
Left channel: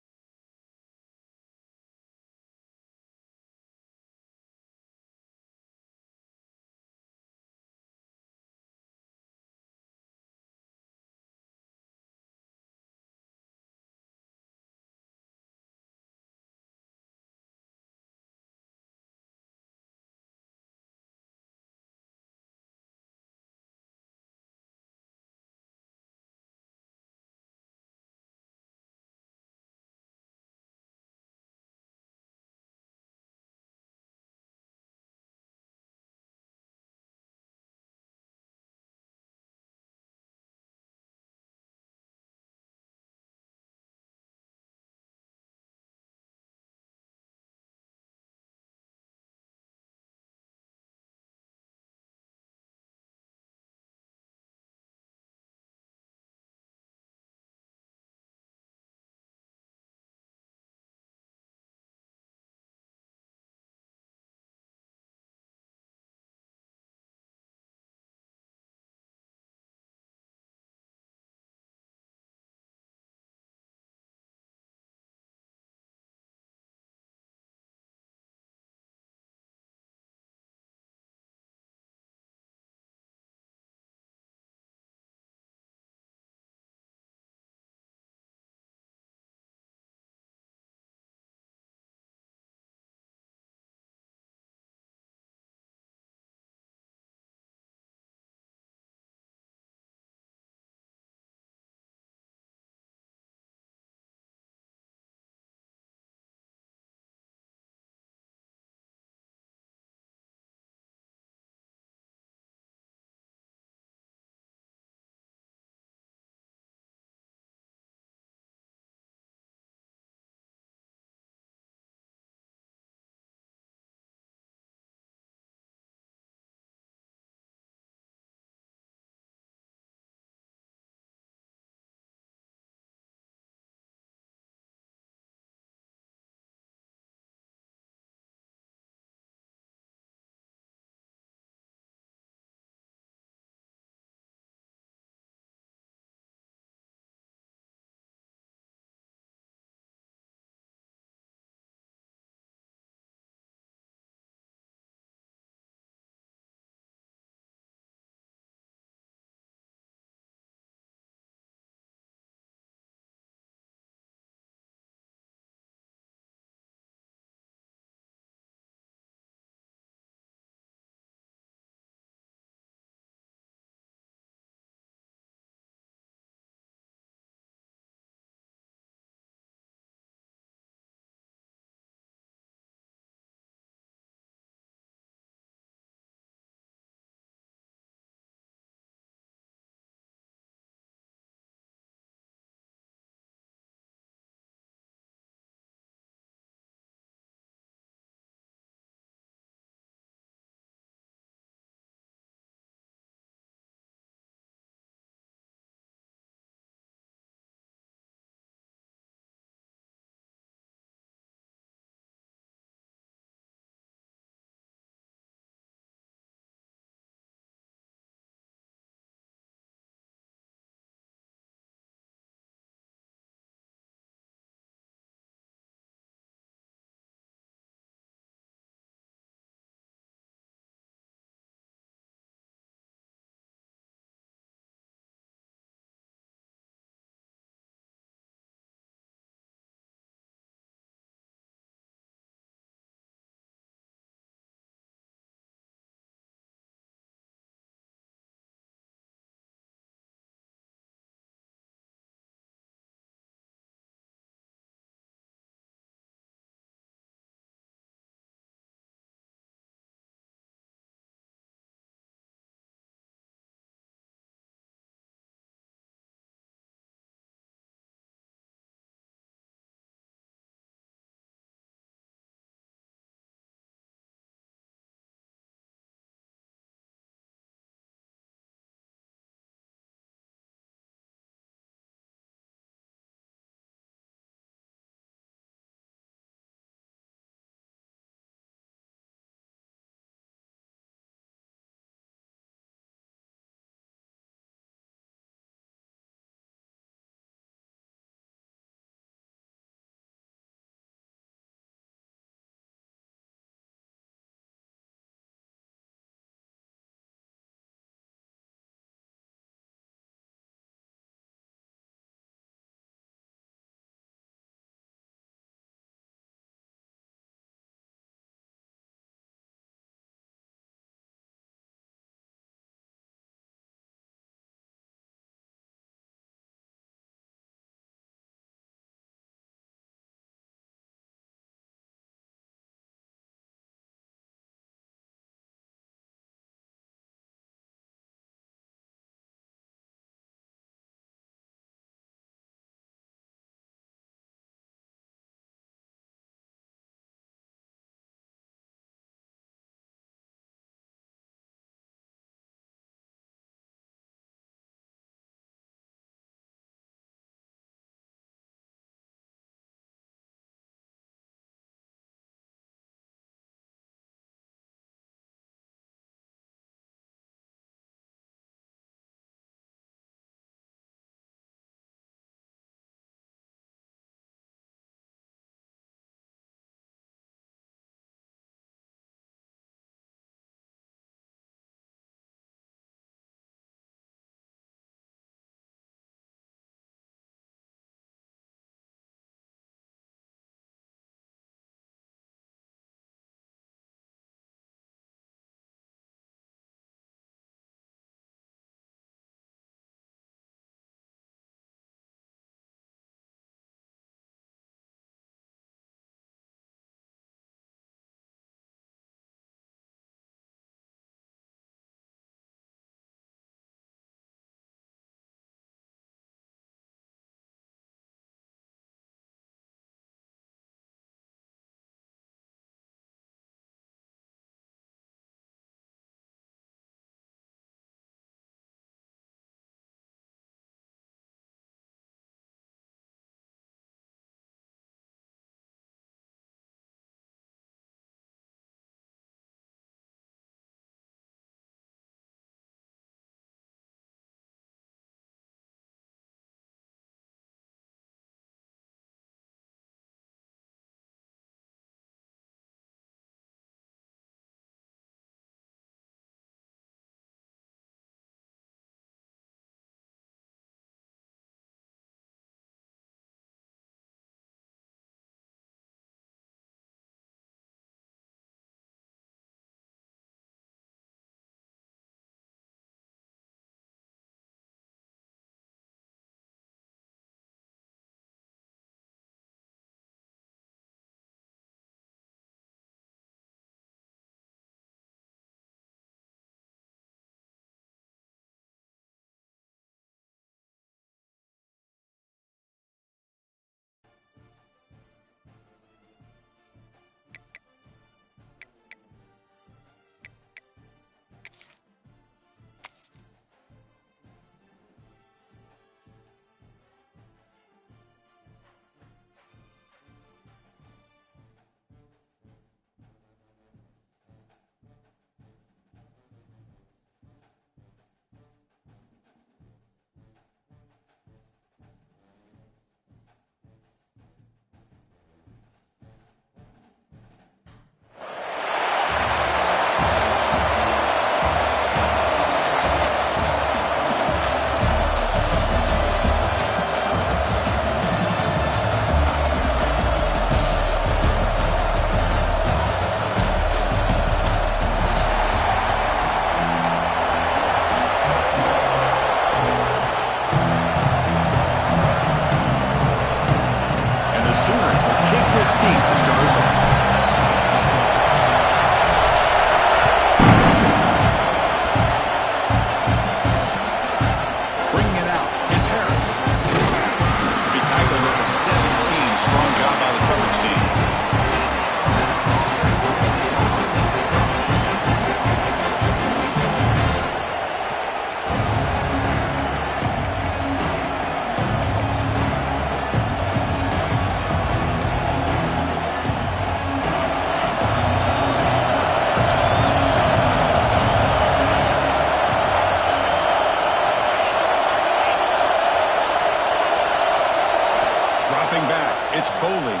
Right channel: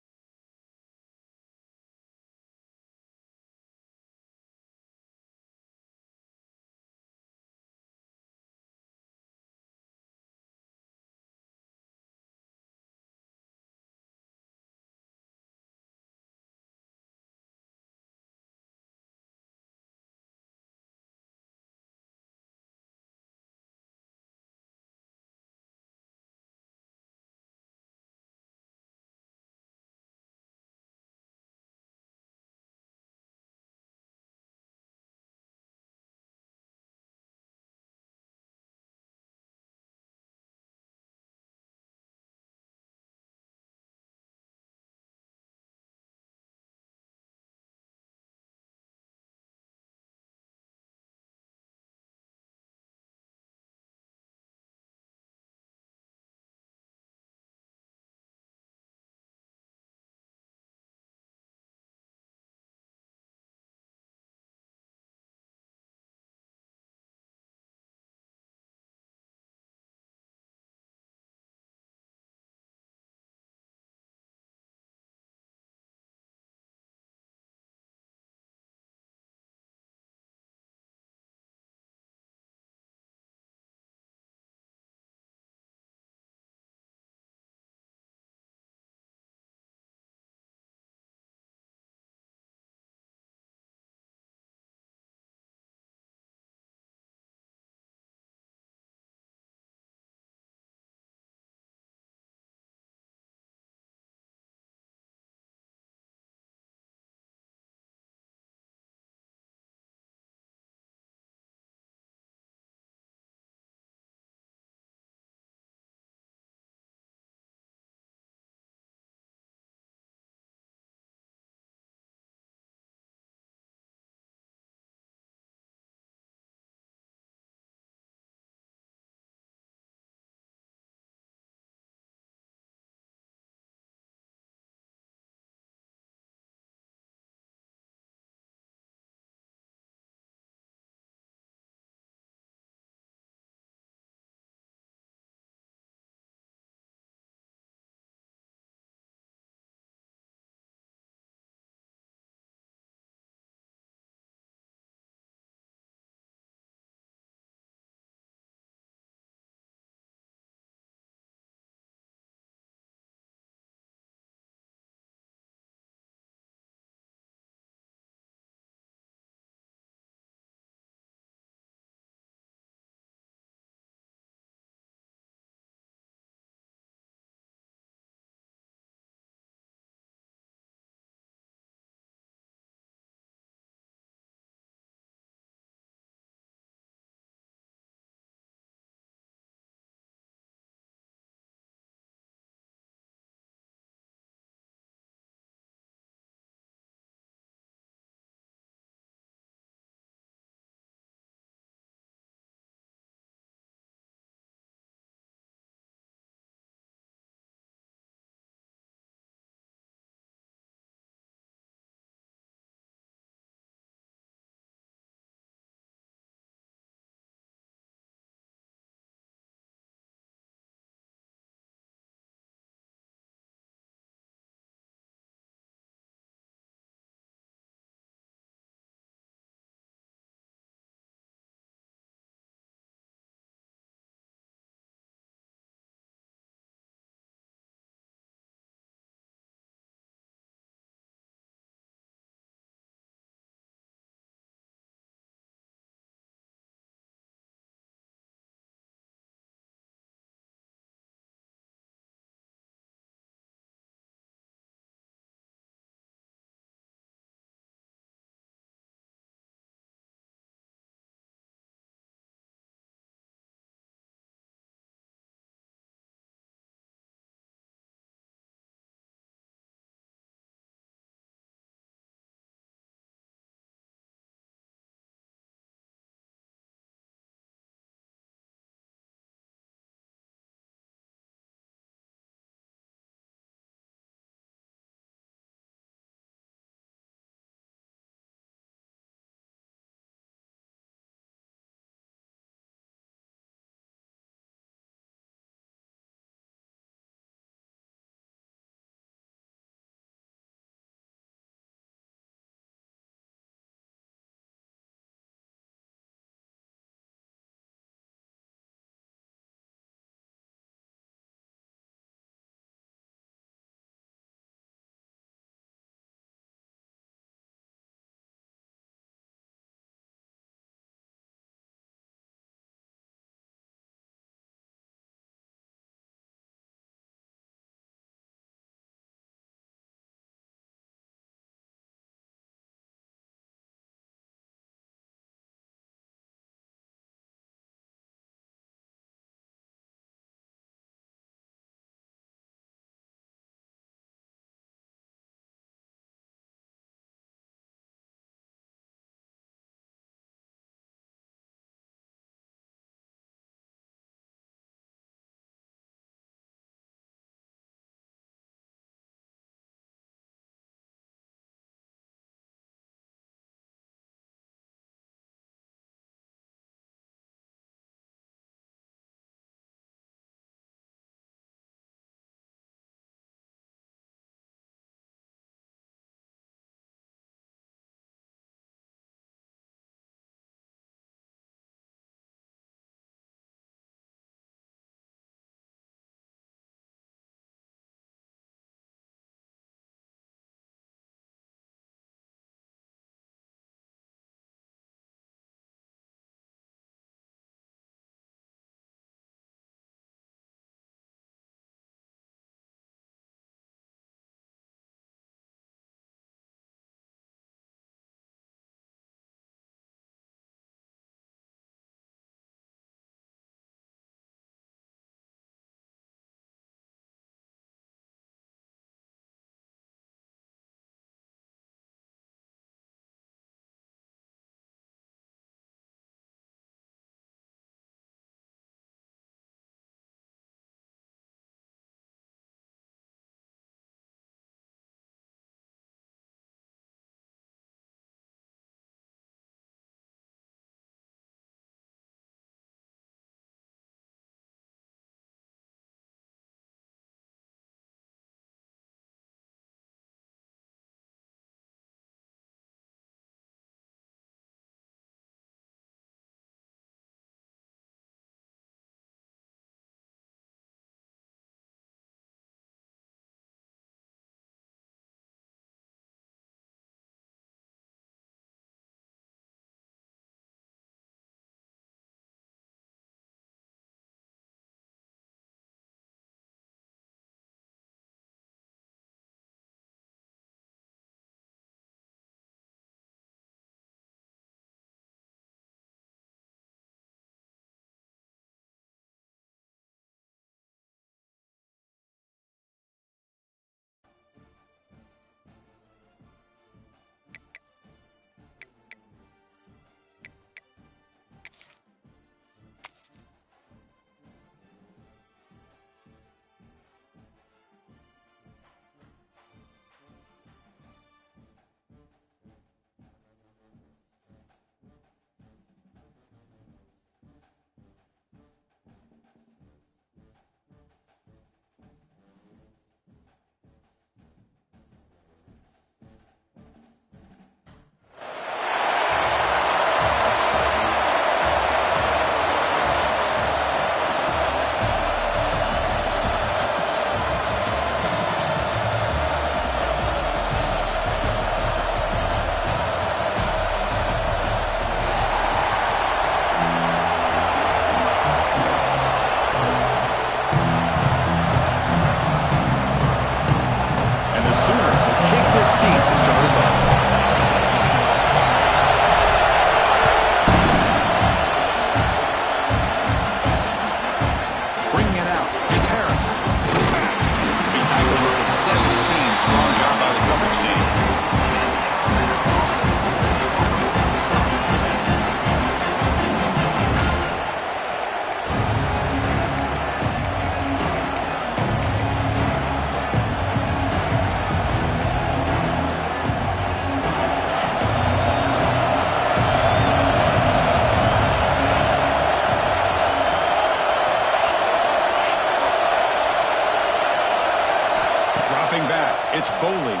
Boley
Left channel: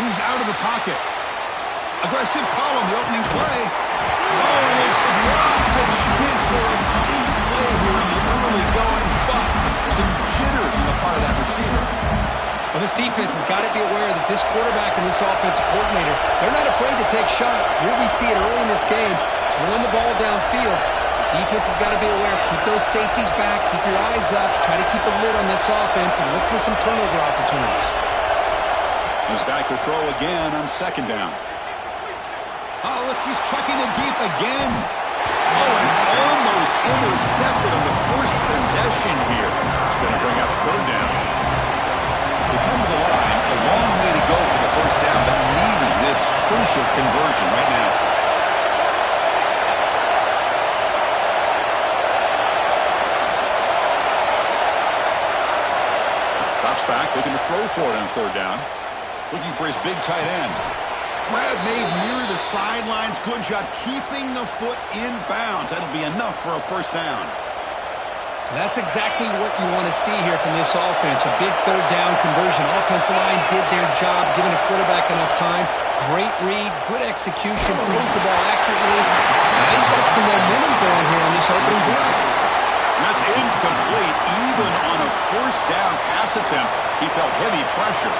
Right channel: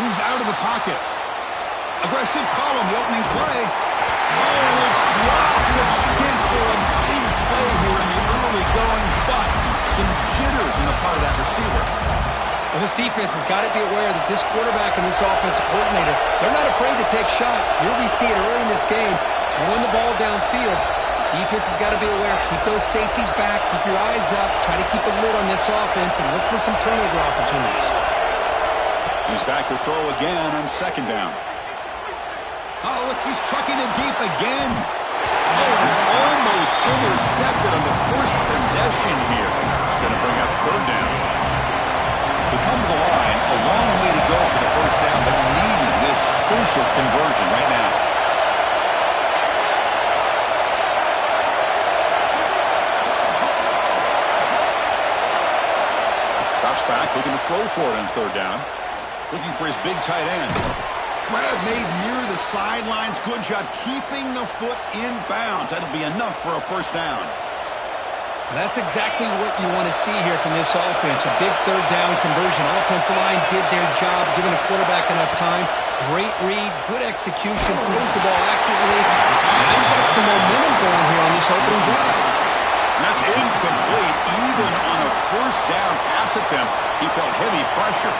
moves out of the pocket. Aggressive call on the opening play. Oh, and it's dropped. A chance for a big play here in the early going, but some jitters on the part of that receiver. Well, this defense has got to be aware that this quarterback and this offensive coordinator, they're not afraid to take shots. Here we see it early in this game, throwing the ball downfield. The defense has got to be aware. Keep those safeties back. Keep your eyes up. Try to keep a lid on this offense and look for some turnover opportunities. He's back to throw again on second down. Oh, look, he's trucking it deep again. Oh, and it's almost intercepted on the first possession here. It's going to bring up third down. They come to the line, a long way to go for the first down, but needing this crucial conversion right now. Drops back, looking to throw for it on third down. Looking for his big tight end. Grab made near the sidelines. Good job keeping the foot in bounds. That'll be enough for a first down. That's exactly what you want to see here from this offense. A big third down conversion. Offensive line did their job, giving a quarterback enough time. Great read, good execution, throws the ball accurately. Now you've got some momentum going here on this opening drive. And that's incomplete. Even on a first down pass attempt, he felt heavy pressure.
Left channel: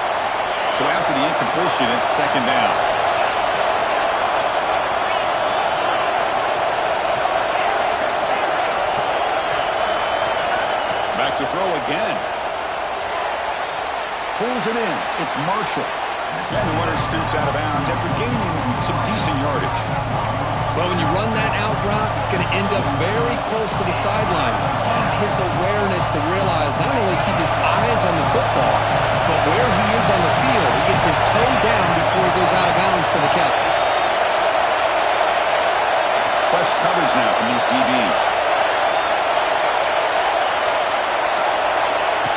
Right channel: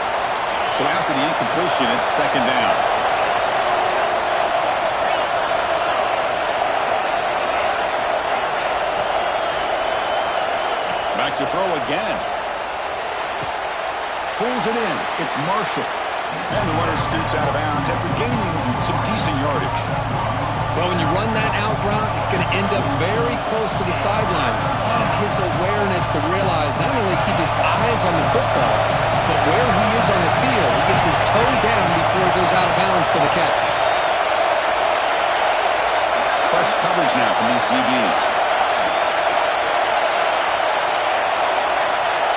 So after the incompletion, it's second down. Back to throw again. Pulls it in. It's Marshall. And the runner scoots out of bounds after gaining some decent yardage. Well, when you run that out route, he's going to end up very close to the sideline. Love his awareness to realize not only keep his eyes on the football, but where he is on the field. He gets his toe down before he goes out of bounds for the catch. It's press coverage now from these DBs.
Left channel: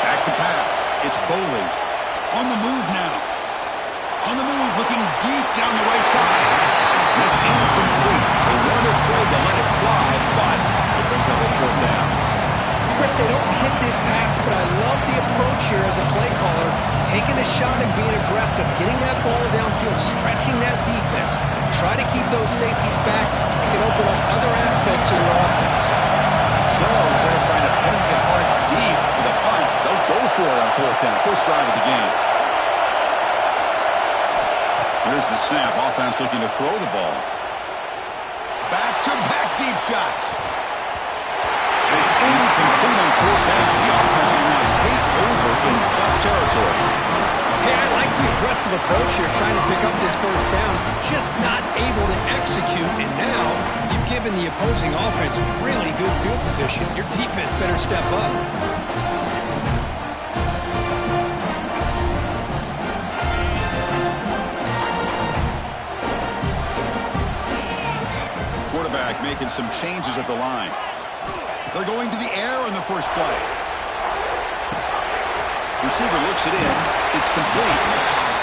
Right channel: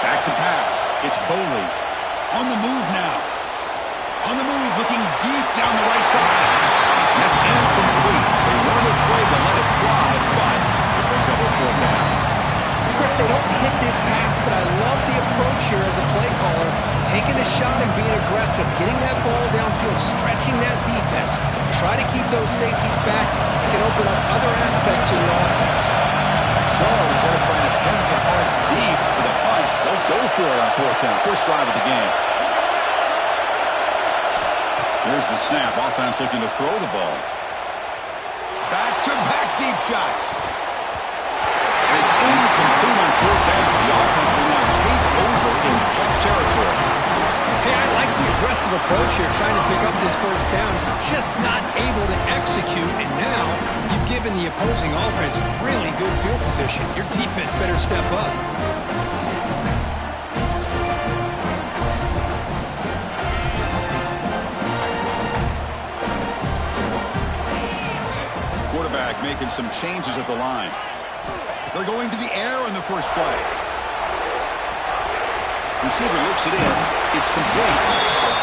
Back to pass. It's Boley. On the move now. On the move, looking deep down the right side. And that's incomplete. They weren't afraid to let it fly, but it brings up a fourth down. Chris, they don't hit this pass, but I love the approach here as a play caller. Taking a shot and being aggressive, getting that ball downfield, stretching that defense. Try to keep those safeties back. It can open up other aspects of your offense. So instead of trying to pin the opponents deep with a punt, they'll go for it on fourth down. First drive of the game. Here's the snap. Offense looking to throw the ball. Back-to-back deep shots. And it's incomplete on fourth down. The offense will now take over in plus territory. Hey, I like the aggressive approach here, trying to pick up this first down. Just not able to execute, and now you've given the opposing offense really good field position. Your defense better step up. Quarterback making some changes at the line. They're going to the air on the first play. Receiver looks it in. It's complete.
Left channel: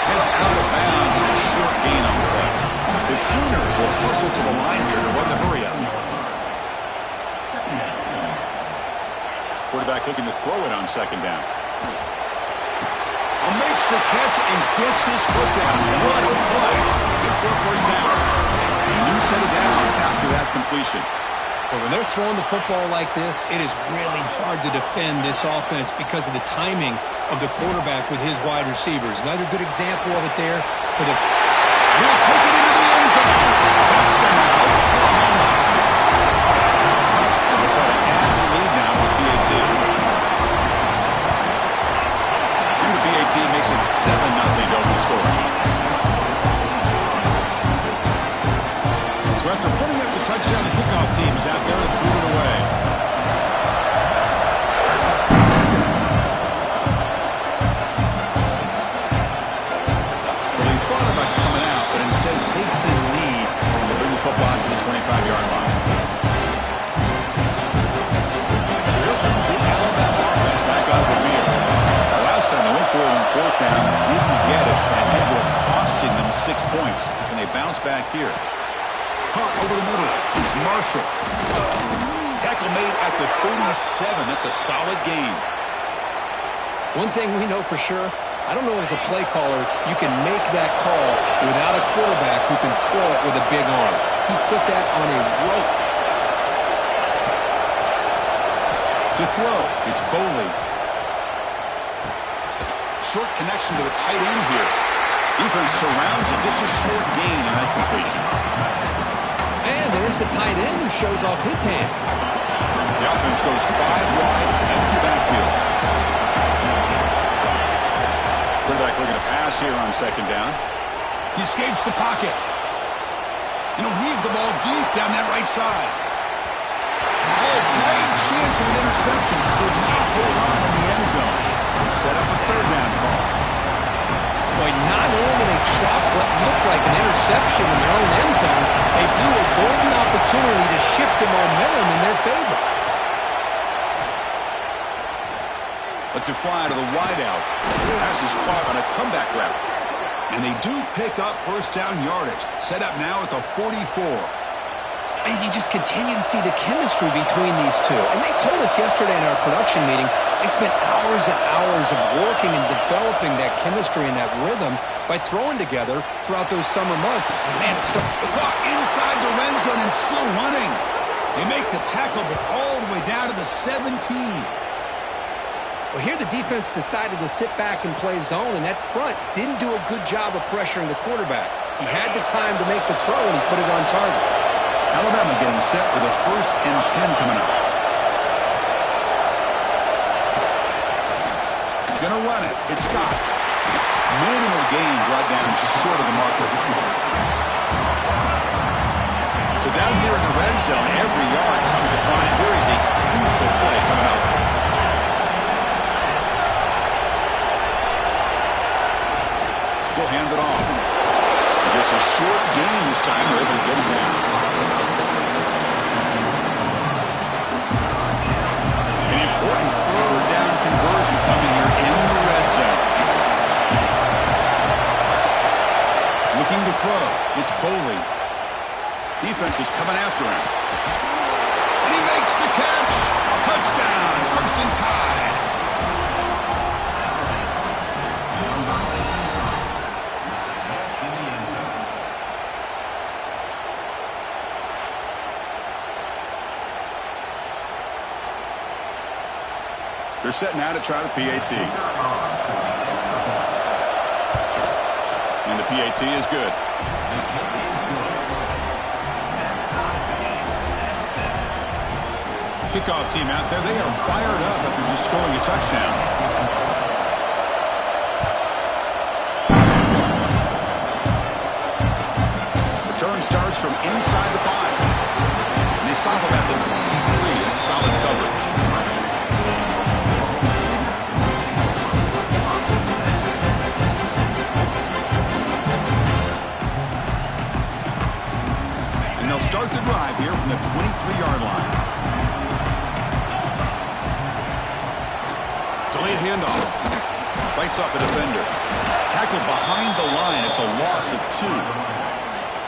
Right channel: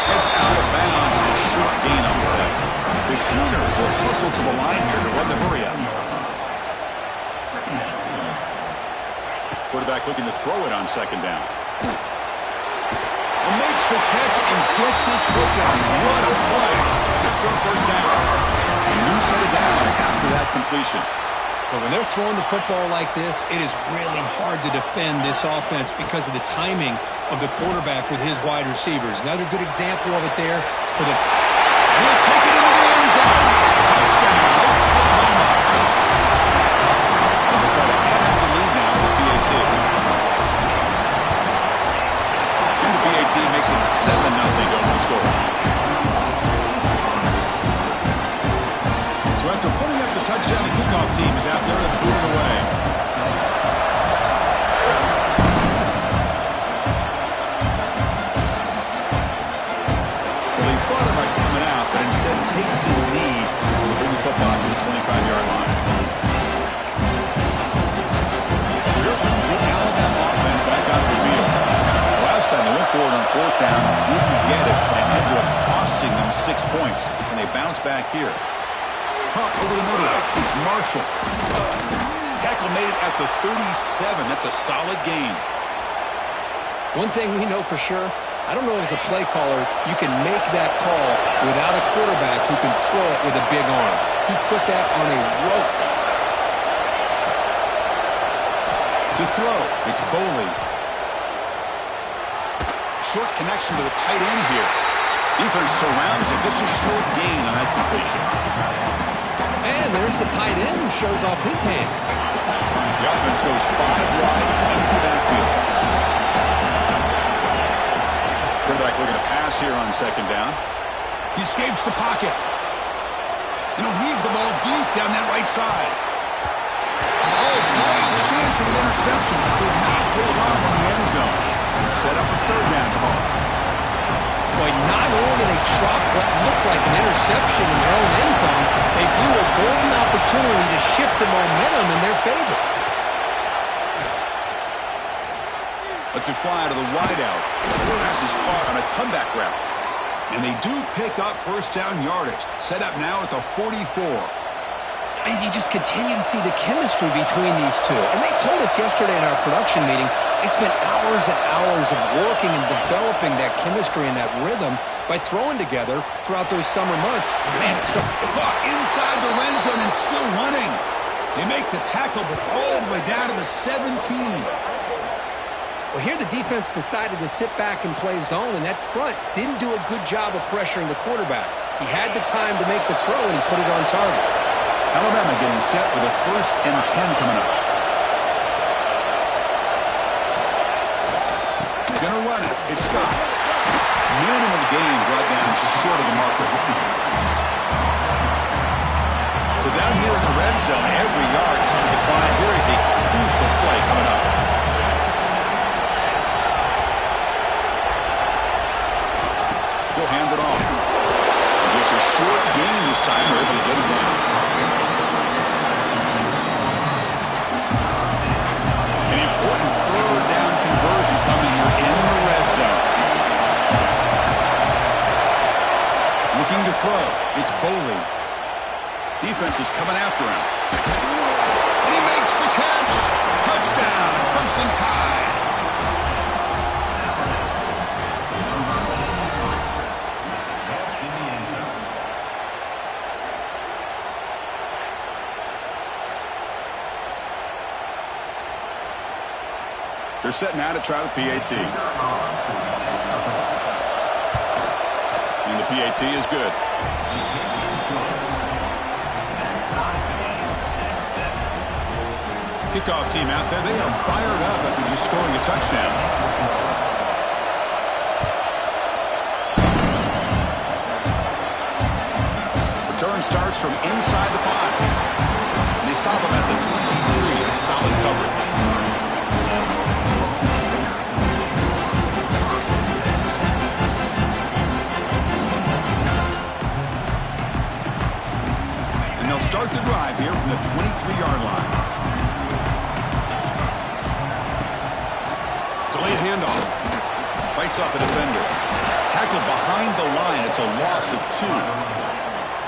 Heads out of bounds with a short gain on the play. The Sooners will hustle to the line here to run the hurry up. Quarterback looking to throw it on second down. Makes the catch and gets his foot down. What a play. Good for a first down. A new set of downs after that completion. But when they're throwing the football like this, it is really hard to defend this offense because of the timing of the quarterback with his wide receivers. Another good example of it there for the... And he'll take it into the end zone. Touchdown, Oklahoma. And they'll try to add the lead now with BAT. And the BAT makes it 7-0 to open the score. So after putting up the touchdown, the kickoff team is out there to boot it away. Well, he thought about coming out, but instead takes a knee to bring the football to the 25-yard line. Here comes the Alabama offense back out of the field. The last time they went forward on fourth down, didn't get it, and it ended up costing them 6 points. And they bounce back here. Caught over the middle. It's Marshall. Tackle made at the 37. That's a solid gain. One thing we know for sure, I don't know as a play caller you can make that call without a quarterback who can throw it with a big arm. He put that on a rope. To throw, it's Boley. Short connection to the tight end here. Defense surrounds him. Just a short gain on that completion. And there's the tight end who shows off his hands. The offense goes 5 wide, empty backfield. Quarterback looking to pass here on second down. He escapes the pocket. And he'll heave the ball deep down that right side. Oh, great chance of an interception. Could not hold on in the end zone. Set up a third down call. Boy, not only did they drop what looked like an interception in their own end zone, they blew a golden opportunity to shift the momentum in their favor. Lets it fly to the wideout. Pass is caught on a comeback route. And they do pick up first down yardage. Set up now at the 44. And you just continue to see the chemistry between these two. And they told us yesterday in our production meeting, they spent hours and hours of working and developing that chemistry and that rhythm by throwing together throughout those summer months. And man, it's still inside the red zone and still running. They make the tackle, but all the way down to the 17. Well, here the defense decided to sit back and play zone, and that front didn't do a good job of pressuring the quarterback. He had the time to make the throw, and he put it on target. Alabama getting set for the 1st and 10 coming up. Gonna run it. It's Scott. Minimal gain brought down short of the marker. So down here in the red zone, every yard tough to find. Here is a crucial play coming up. He'll hand it off. And just a short gain this time. We're able to get him down. An important third down conversion coming here in the red zone. Looking to throw. It's Boley. Defense is coming after him. And he makes the catch. Touchdown, Crimson Tide. They're set now to try the PAT. And the PAT is good. Kickoff team out there. They are fired up after just scoring a touchdown. Return starts from inside the 5. And they stop him at the 23. That's solid coverage. They'll start the drive here from the 23-yard line. Delayed handoff. Bites off a defender. Tackled behind the line. It's a loss of 2.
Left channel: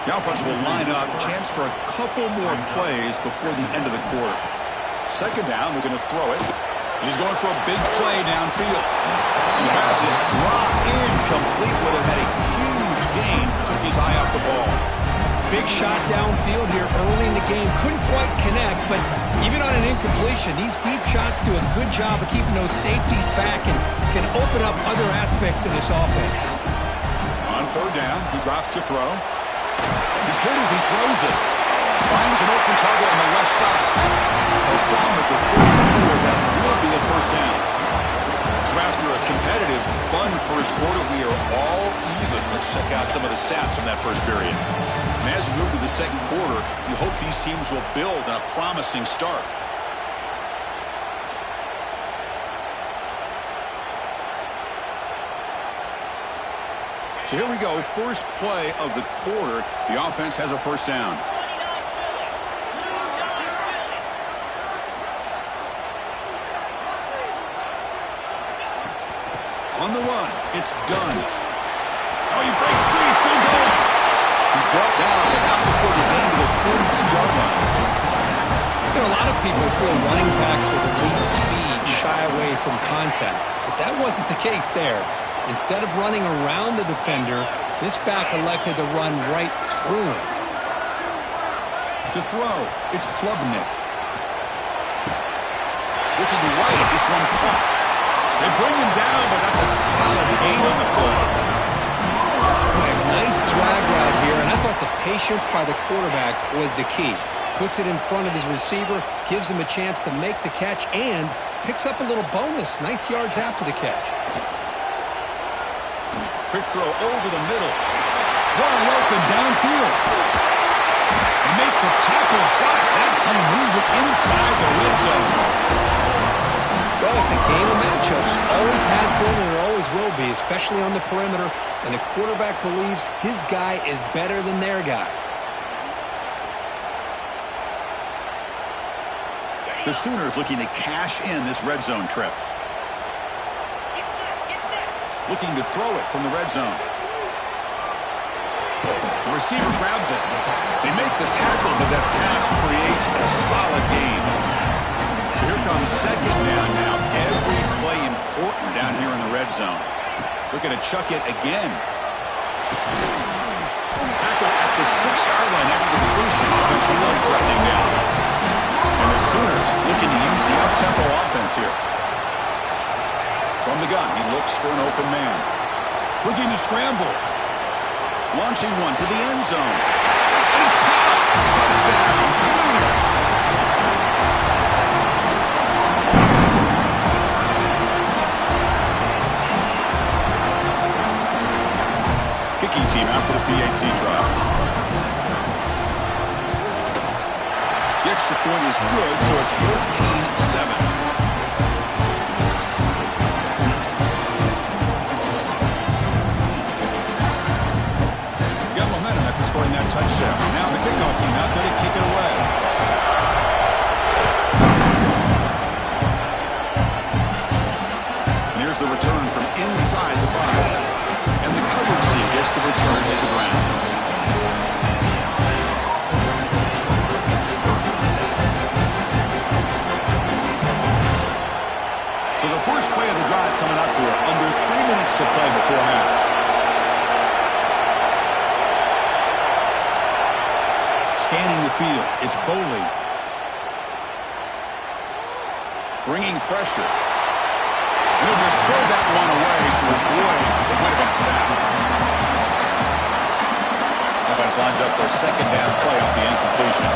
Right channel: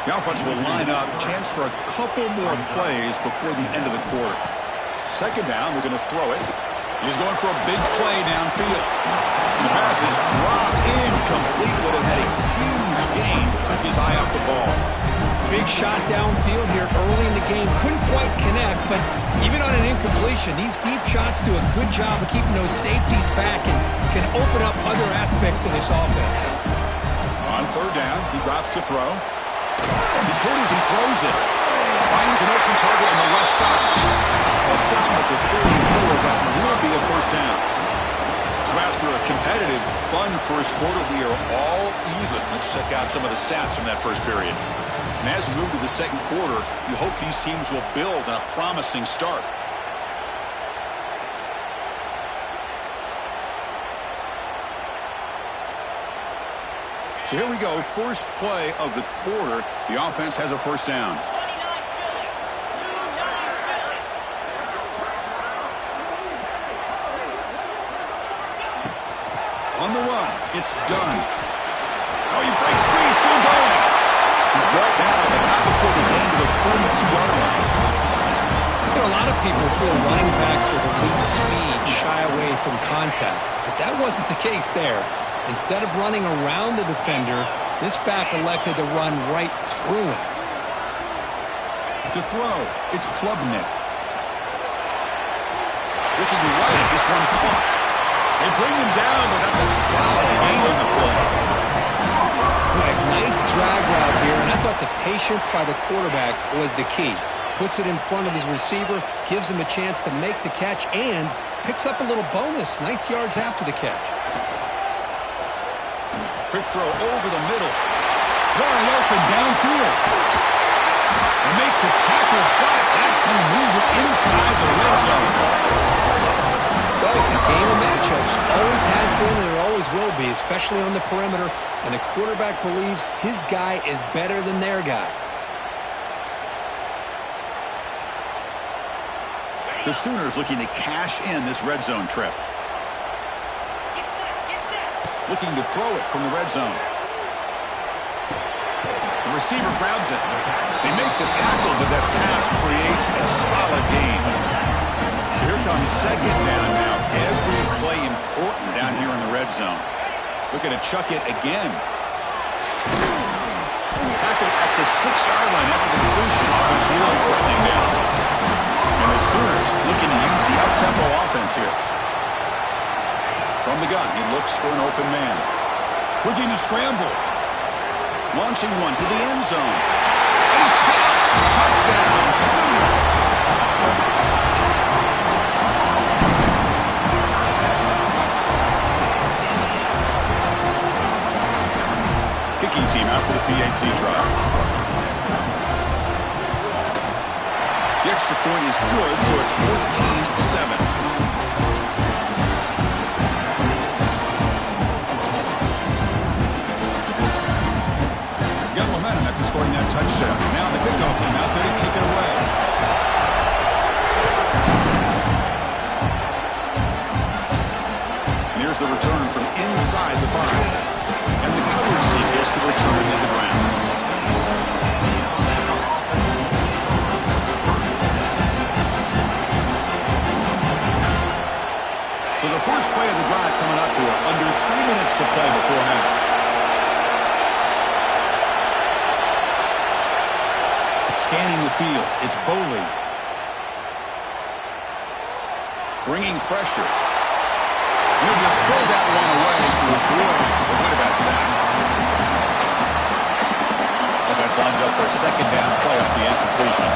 The offense will line up. Chance for a couple more plays before the end of the quarter. Second down. We're going to throw it. He's going for a big play downfield. And the pass is dropped incomplete. Would have had a huge gain. Took his eye off the ball. Big shot downfield here early in the game. Couldn't quite connect, but even on an incompletion, these deep shots do a good job of keeping those safeties back and can open up other aspects of this offense. On third down, he drops to throw. He's hit as he throws it. Finds an open target on the left side. They'll stop him at the 34. That will be a first down. So after a competitive, fun first quarter, we are all even. Let's check out some of the stats from that first period. And as we move to the second quarter, you hope these teams will build on a promising start. So here we go, first play of the quarter. The offense has a first down. On the run, it's done. Oh, he breaks free, still going. He's brought down, but not before the gain to the 42-yard line. You know, a lot of people feel running backs with elite speed shy away from contact, but that wasn't the case there. Instead of running around the defender, this back elected to run right through him. To throw, it's Klubnik. Looking right at this one caught. They bring him down, but that's a solid gain on the play. Boy, nice drag route here, and I thought the patience by the quarterback was the key. Puts it in front of his receiver, gives him a chance to make the catch, and picks up a little bonus. Nice yards after the catch. Quick throw over the middle. Wide open downfield. They make the tackle, but that play moves it inside the red zone. Well, it's a game of matchups. Always has been and it always will be, especially on the perimeter, when the quarterback believes his guy is better than their guy. The Sooners looking to cash in this red zone trip. Looking to throw it from the red zone. The receiver grabs it. They make the tackle, but that pass creates a solid gain. So here comes second down now. Every play important down here in the red zone. Looking to chuck it again. Tackle at the 6-yard line after the completion. Offense really threatening now. And the Sooners looking to use the up-tempo offense here. From the gun, he looks for an open man. Looking to scramble. Launching one to the end zone. And it's caught. Touchdown, Sooners. Kicking team out for the PAT try. The extra point is good, so it's 14-7. Scoring that touchdown. Now the kickoff team out there to kick it away. And here's the return from inside the 5. And the coverage team gets the return to the ground. So the first play of the drive coming up here. Under 3 minutes to play before half. Scanning the field, it's Boley. Bringing pressure. And he'll just throw that one away to avoid what would have been a sack. Offense lines up for a second down play off the incompletion.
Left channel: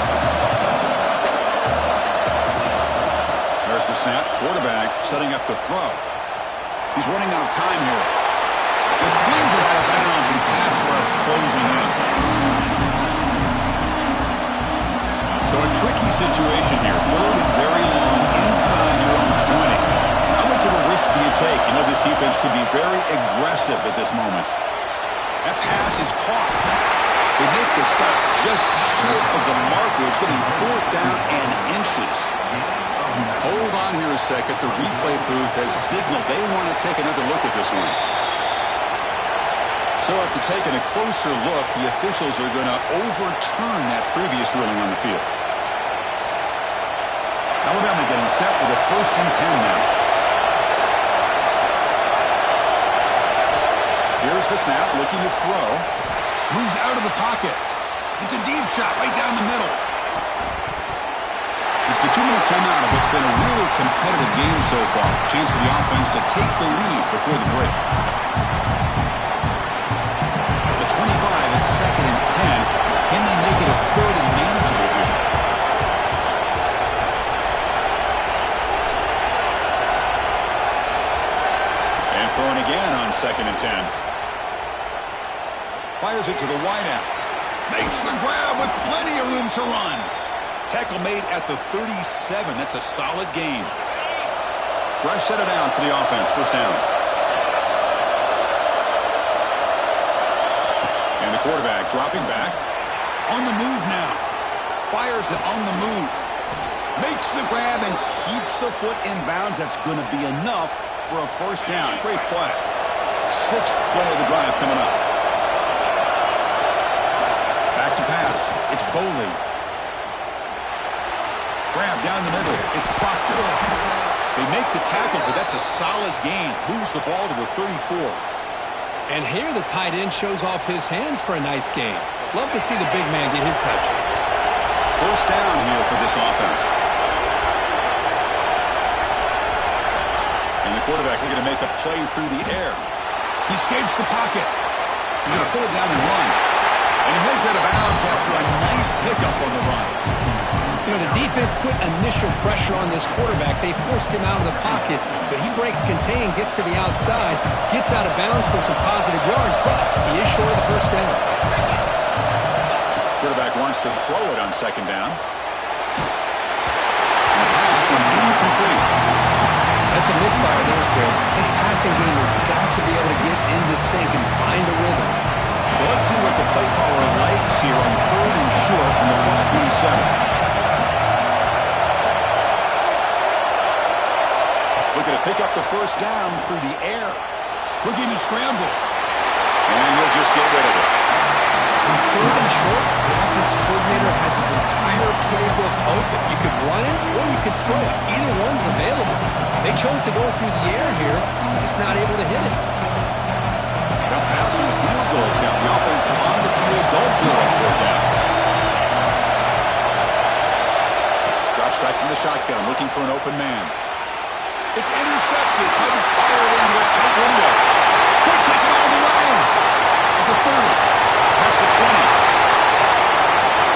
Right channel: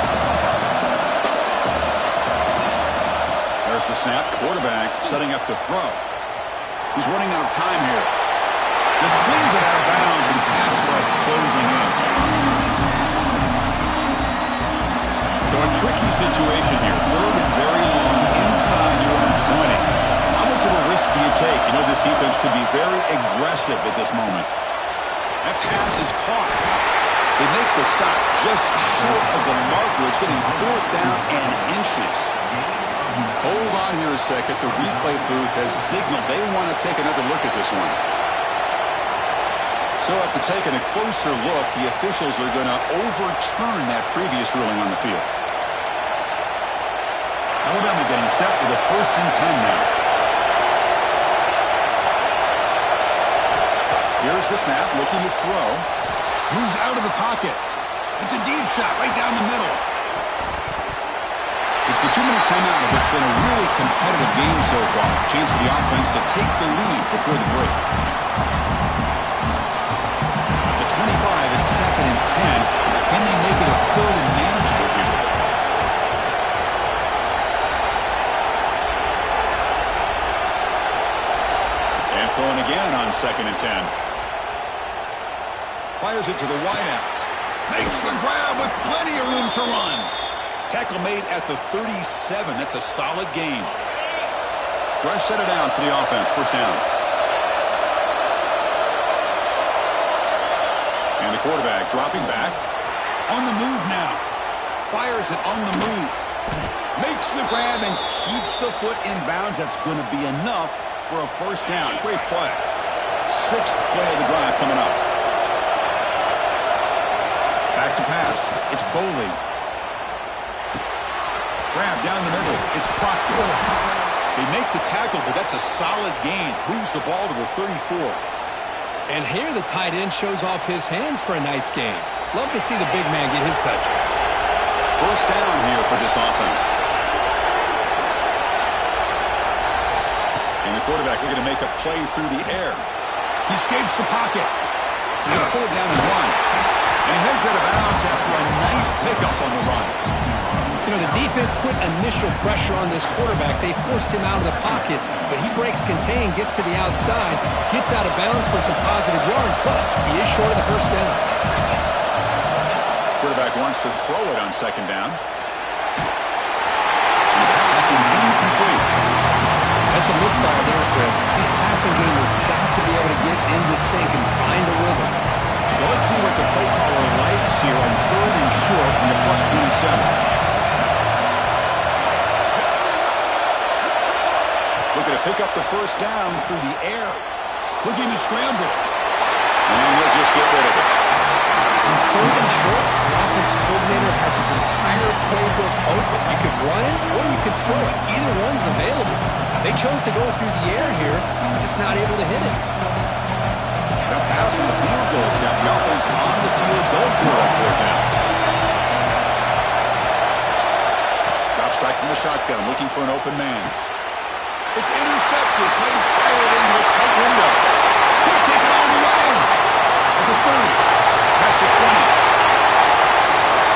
There's the snap. Quarterback setting up the throw. He's running out of time here. Just flings it out of bounds and pass rush closing in. So a tricky situation here. Third and very long inside your own 20. How much of a risk do you take? You know this defense could be very aggressive at this moment. That pass is caught. They make the stop just short of the marker. It's getting 4th down and inches. Hold on here a second. The replay booth has signaled they want to take another look at this one. So after taking a closer look, the officials are going to overturn that previous ruling on the field. Alabama getting set with a 1st and 10 now. Here's the snap, looking to throw. Moves out of the pocket. It's a deep shot right down the middle. It's the 2-minute timeout of what's been a really competitive game so far. Chance for the offense to take the lead before the break. 25, it's 2nd and 10. Can they make it a 3rd and manageable here? And throwing again on 2nd and 10. Fires it to the wideout. Makes the grab with plenty of room to run. Tackle made at the 37. That's a solid gain. Fresh set of downs for the offense. 1st down. And the quarterback dropping back. On the move now. Fires it on the move. Makes the grab and keeps the foot in bounds. That's going to be enough for a 1st down. Great play. 6th play of the drive coming up. Back to pass. It's Boley. Grab down the middle. It's Proctor. They make the tackle, but that's a solid gain. Moves the ball to the 34. And here the tight end shows off his hands for a nice game. Love to see the big man get his touches. First down here for this offense. And the quarterback looking to make a play through the air. He escapes the pocket. He's going to pull it down and run. And he heads out of bounds after a nice pickup on the run. You know, the defense put initial pressure on this quarterback. They forced him out of the pocket, but he breaks contain, gets to the outside, gets out of bounds for some positive yards, but he is short of the first down. Quarterback wants to throw it on second down. And the pass is incomplete. That's a misfire there, Chris. This passing game has got to be able to get into sync and find a rhythm. So let's see what the play caller likes here on 3rd and short on the +27. Looking to pick up the first down through the air. Looking to scramble. And he'll just get rid of it. On 3rd and short, the offense coordinator has his entire playbook open. You could run it or you could throw it. Either one's available. They chose to go through the air here, just not able to hit it. Now pass on the field goal attempt. The offense on the field goal for a 4th down. Drops back from the shotgun, looking for an open man. It's intercepted. Trying to fire it into a tight window. Could take it all the way. At the 30. Past the 20.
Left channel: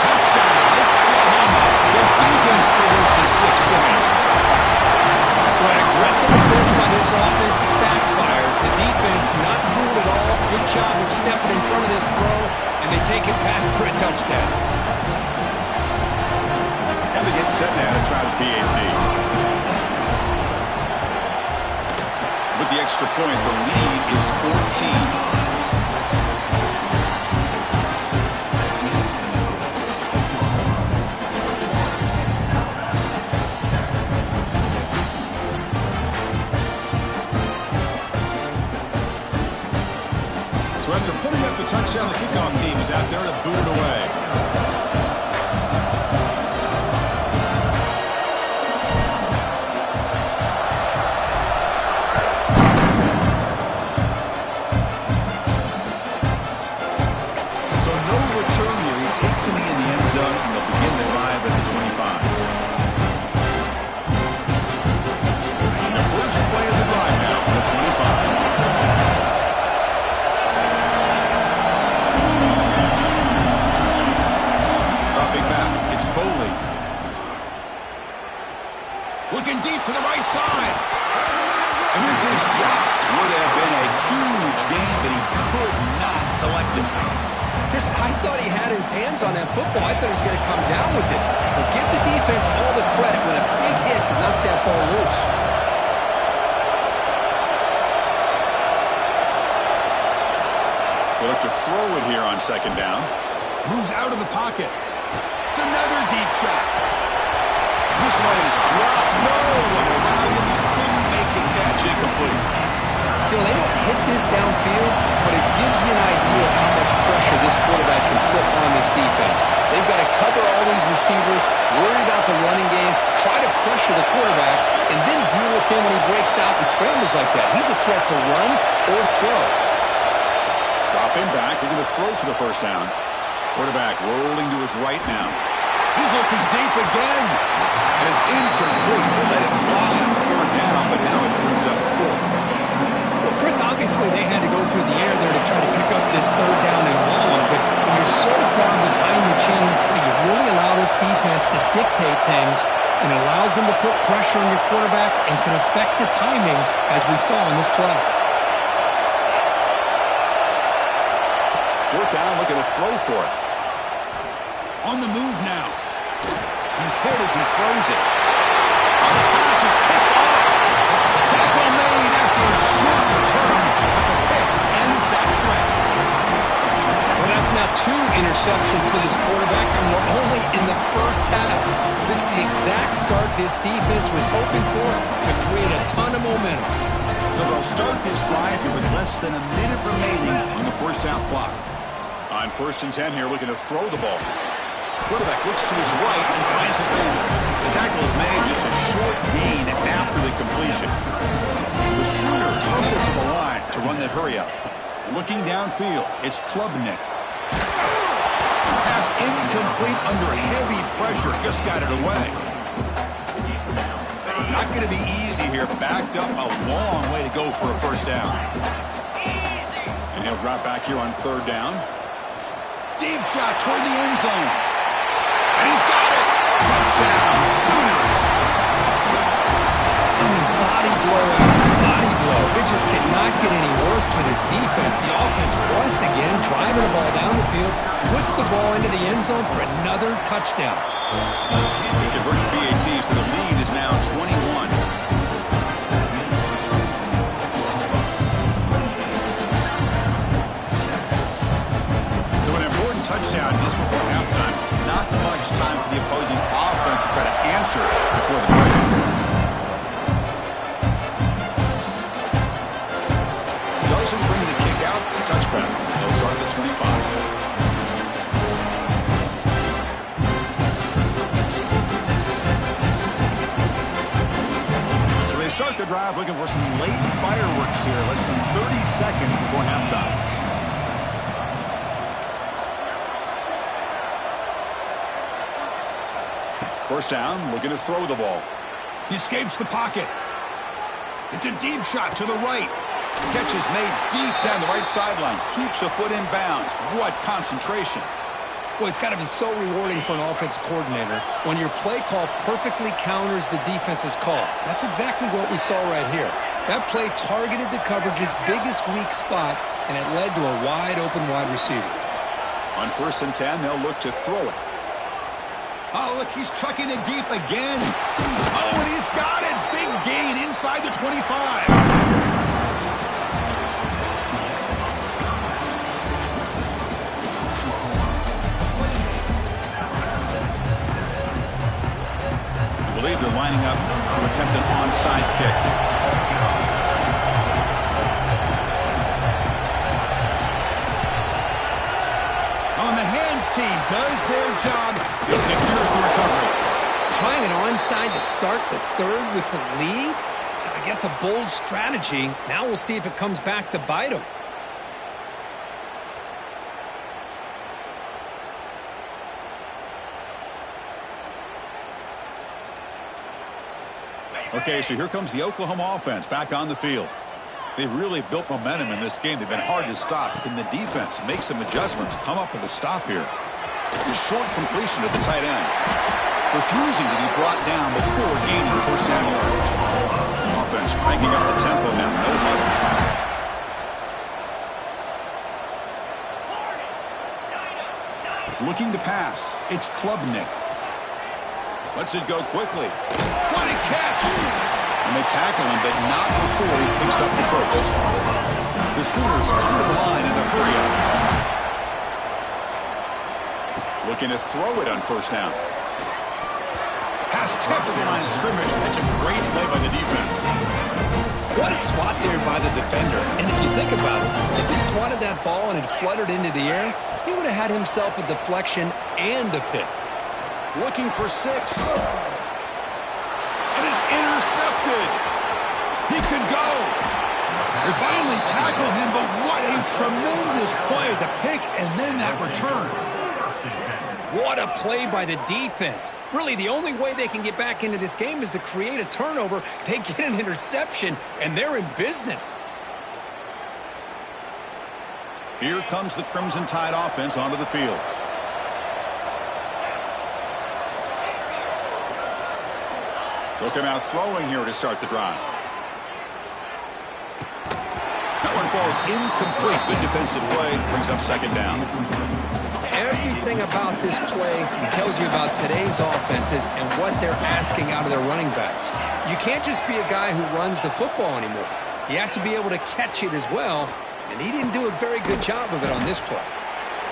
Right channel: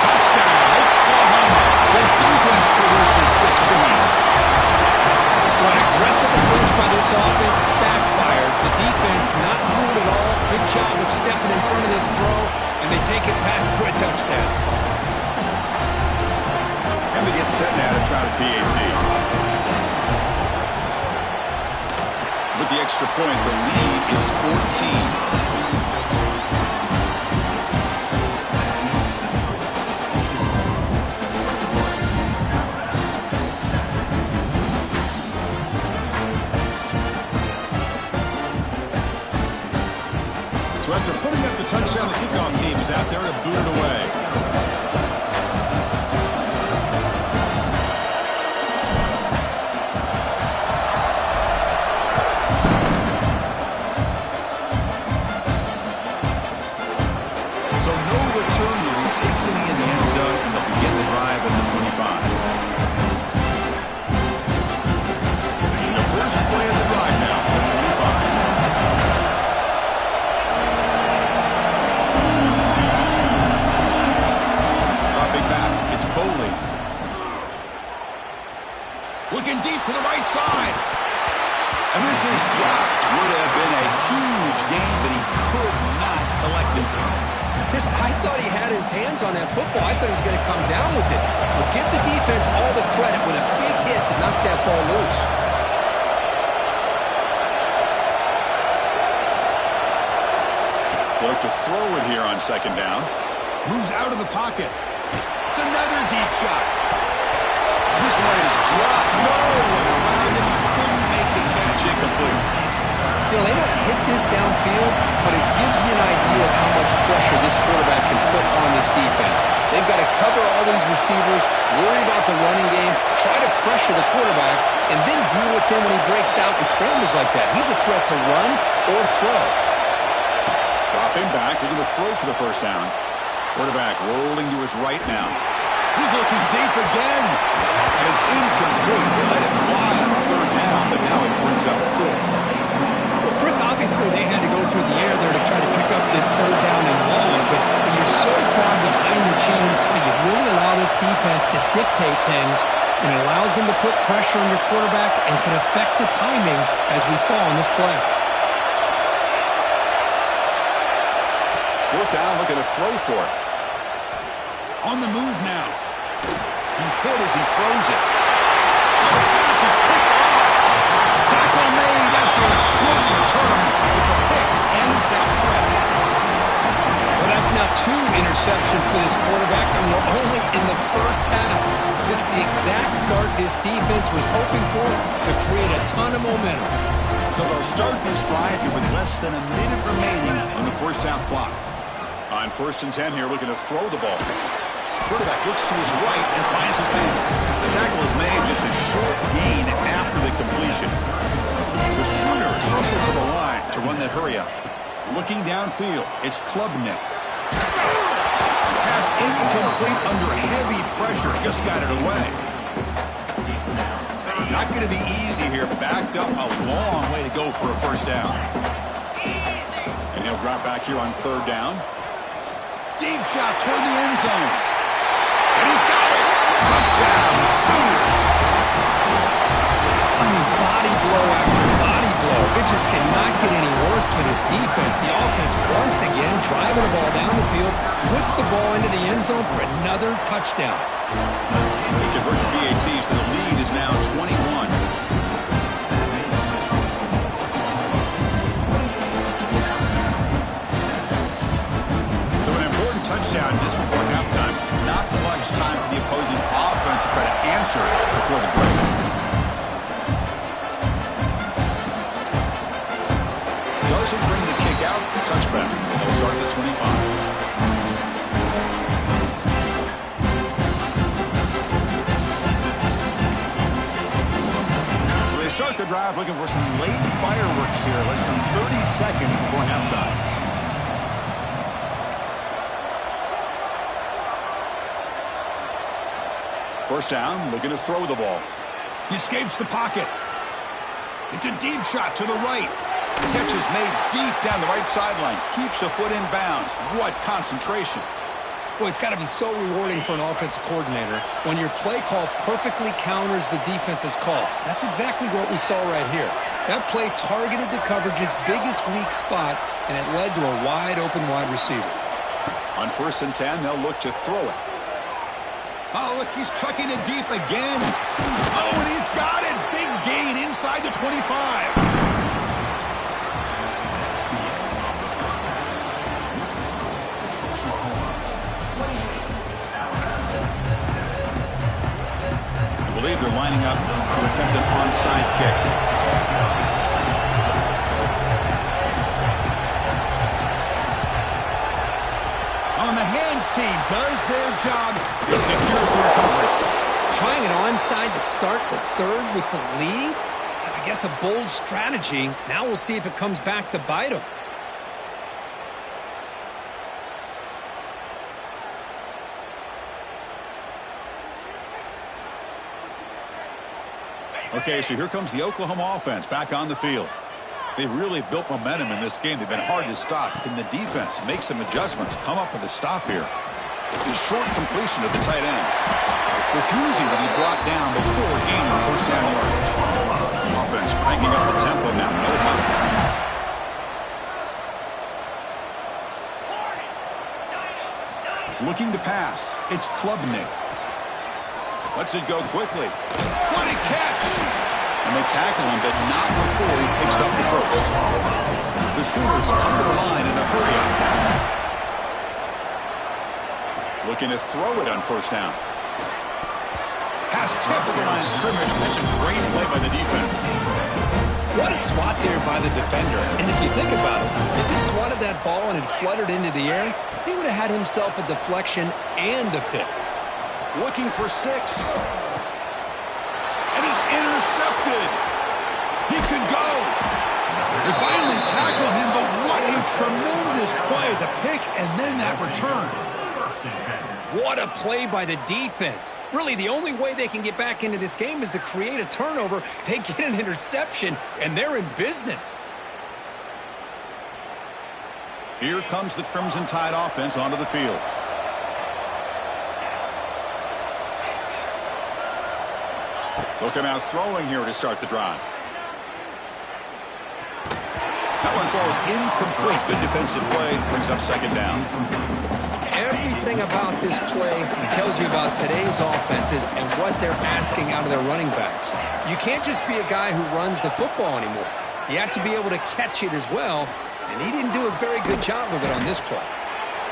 Touchdown, Oklahoma. The defense produces 6 points. An aggressive approach by this offense backfires. The defense not fooled at all. Good job of stepping in front of this throw, and they take it back for a touchdown. And they get set now to try the PAT. With the extra point, the lead is 14. So after putting up the touchdown, the kickoff team is out there to boot it away. Takes it in the end zone, and they'll begin the drive at the 25. And the first play of the drive now, the 25. Dropping back, it's Boley. Looking deep to the right side. And this is dropped. Would have been a huge gain, but he could not collect it. Chris, I thought he had his hands on that football. I thought he was going to come down with it. But give the defense all the credit with a big hit to knock that ball loose. They look to throw it here on second down. Moves out of the pocket. It's another deep shot. This one is dropped. No one around him. He couldn't make the catch. Incomplete. You know, they don't hit this downfield, but it gives you an idea of how much pressure this quarterback can put on this defense. They've got to cover all these receivers, worry about the running game, try to pressure the quarterback, and then deal with him when he breaks out and scrambles like that. He's a threat to run or throw. Dropping back, looking to throw for the first down. Quarterback rolling to his right now. He's looking deep again. And it's incomplete. They let it fly on 3rd down, but now it brings up 4th. Chris, obviously they had to go through the air there to try to pick up this 3rd down and long, but when you're so far behind the chains, you really allow this defense to dictate things, and it allows them to put pressure on your quarterback and can affect the timing, as we saw in this play. 4th down, looking to throw for it. On the move now. He's hit as he throws it. Oh, the pass is picked off. Tackle made after a short return, but the pick ends that threat. Well, that's now 2 interceptions for this quarterback, and we're only in the first half. This is the exact start this defense was hoping for to create a ton of momentum. So they'll start this drive here with less than a minute remaining on the first half clock. On 1st and 10 here, looking to throw the ball. Quarterback looks to his right and finds his man. The tackle is made, just a short gain after the completion. The Sooners hustle to the line to run that hurry up. Looking downfield, it's Klubnik. Pass incomplete under heavy pressure. Just got it away. Not going to be easy here. Backed up a long way to go for a first down. And he'll drop back here on third down. Deep shot toward the end zone. And he's got it. Touchdown, Sooners. I mean, body blow after body blow. It just cannot get any worse for this defense. The offense, once again, driving the ball down the field, puts the ball into the end zone for another touchdown. They convert the PAT, so the lead is now 21. So an important touchdown just before halftime. Not much time for the opposing offense to try to answer before the break. Doesn't bring the kick out. Touchback. They'll start at the 25. Start the drive looking for some late fireworks here. Less than 30 seconds before halftime. First down, looking to throw the ball. He escapes the pocket. It's a deep shot to the right. Catch is made deep down the right sideline. Keeps a foot in bounds. What concentration. Boy, it's got to be so rewarding for an offensive coordinator when your play call perfectly counters the defense's call. That's exactly what we saw right here. That play targeted the coverage's biggest weak spot, and it led to a wide-open wide receiver. On 1st and 10, they'll look to throw it. Oh, look, he's chucking it deep again. Oh, and he's got it. Big gain inside the 25. I believe they're lining up to attempt an onside kick. On the hands team does their job. It secures the recovery. Trying an onside to start the third with the lead? It's, I guess, a bold strategy. Now we'll see if it comes back to bite him. Okay, so here comes the Oklahoma offense back on the field. They've really built momentum in this game. They've been hard to stop. Can the defense make some adjustments, come up with a stop here? The short completion of the tight end. Refusing to be brought down before gaining first down yardage. Offense cranking up the tempo now. No huddle. Looking to pass. It's Klubnik. Lets it go quickly. What a catch! And they tackle him, but not before he picks up the first. The Sooners come to the line in the hurry-up. Looking to throw it on first down. Pass tip of the line of scrimmage. That's a great play by the defense. What a swat there by the defender. And if you think about it, if he swatted that ball and it fluttered into the air, he would have had himself a deflection and a pick. Looking for 6. And is intercepted. He could go. They finally tackle him, but what a tremendous play. The pick and then that return. What a play by the defense. Really, the only way they can get back into this game is to create a turnover. They get an interception, and they're in business. Here comes the Crimson Tide offense onto the field. They'll come out throwing here to start the drive. That one falls incomplete. Good defensive play. Brings up second down. Everything about this play tells you about today's offenses and what they're asking out of their running backs. You can't just be a guy who runs the football anymore. You have to be able to catch it as well, and he didn't do a very good job of it on this play.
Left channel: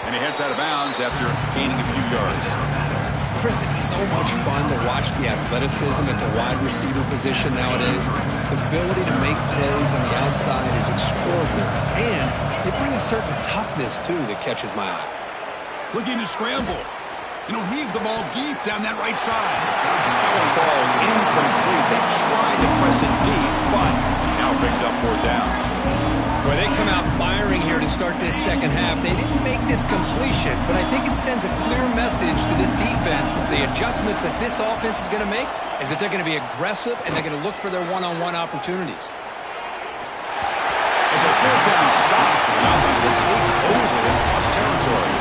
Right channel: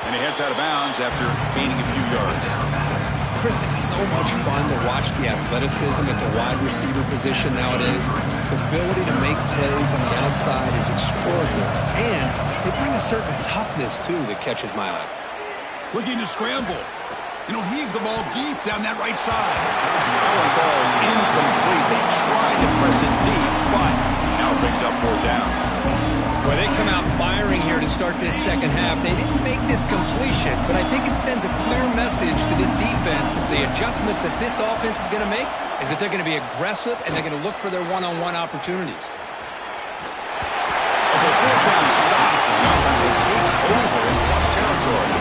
And he heads out of bounds after gaining a few yards. Chris, it's so much fun to watch the athleticism at the wide receiver position nowadays. The ability to make plays on the outside is extraordinary. And they bring a certain toughness, too, that catches my eye. Looking to scramble. And he'll heave the ball deep down that right side. That one falls incomplete. They tried to press it deep, but now it brings up 4th down. Well, they come out firing here to start this second half. They didn't make this completion, but I think it sends a clear message to this defense that the adjustments that this offense is going to make is that they're going to be aggressive and they're going to look for their one-on-one opportunities. It's a 4th down stop. The offense will take over in plus territory.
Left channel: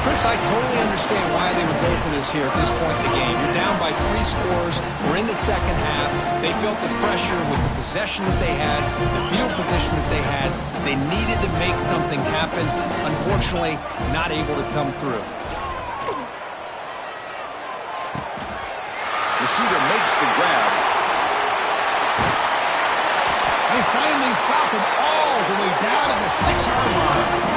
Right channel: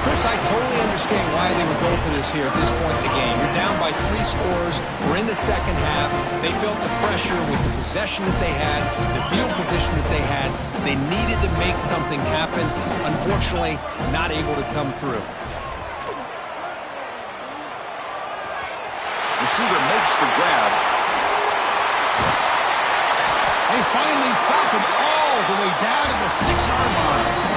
Chris, I totally understand why they would go for this here at this point in the game. You're down by 3 scores. We're in the second half. They felt the pressure with the possession that they had, the field position that they had. They needed to make something happen. Unfortunately, not able to come through. Receiver makes the grab. They finally stop him all the way down at the 6-yard line.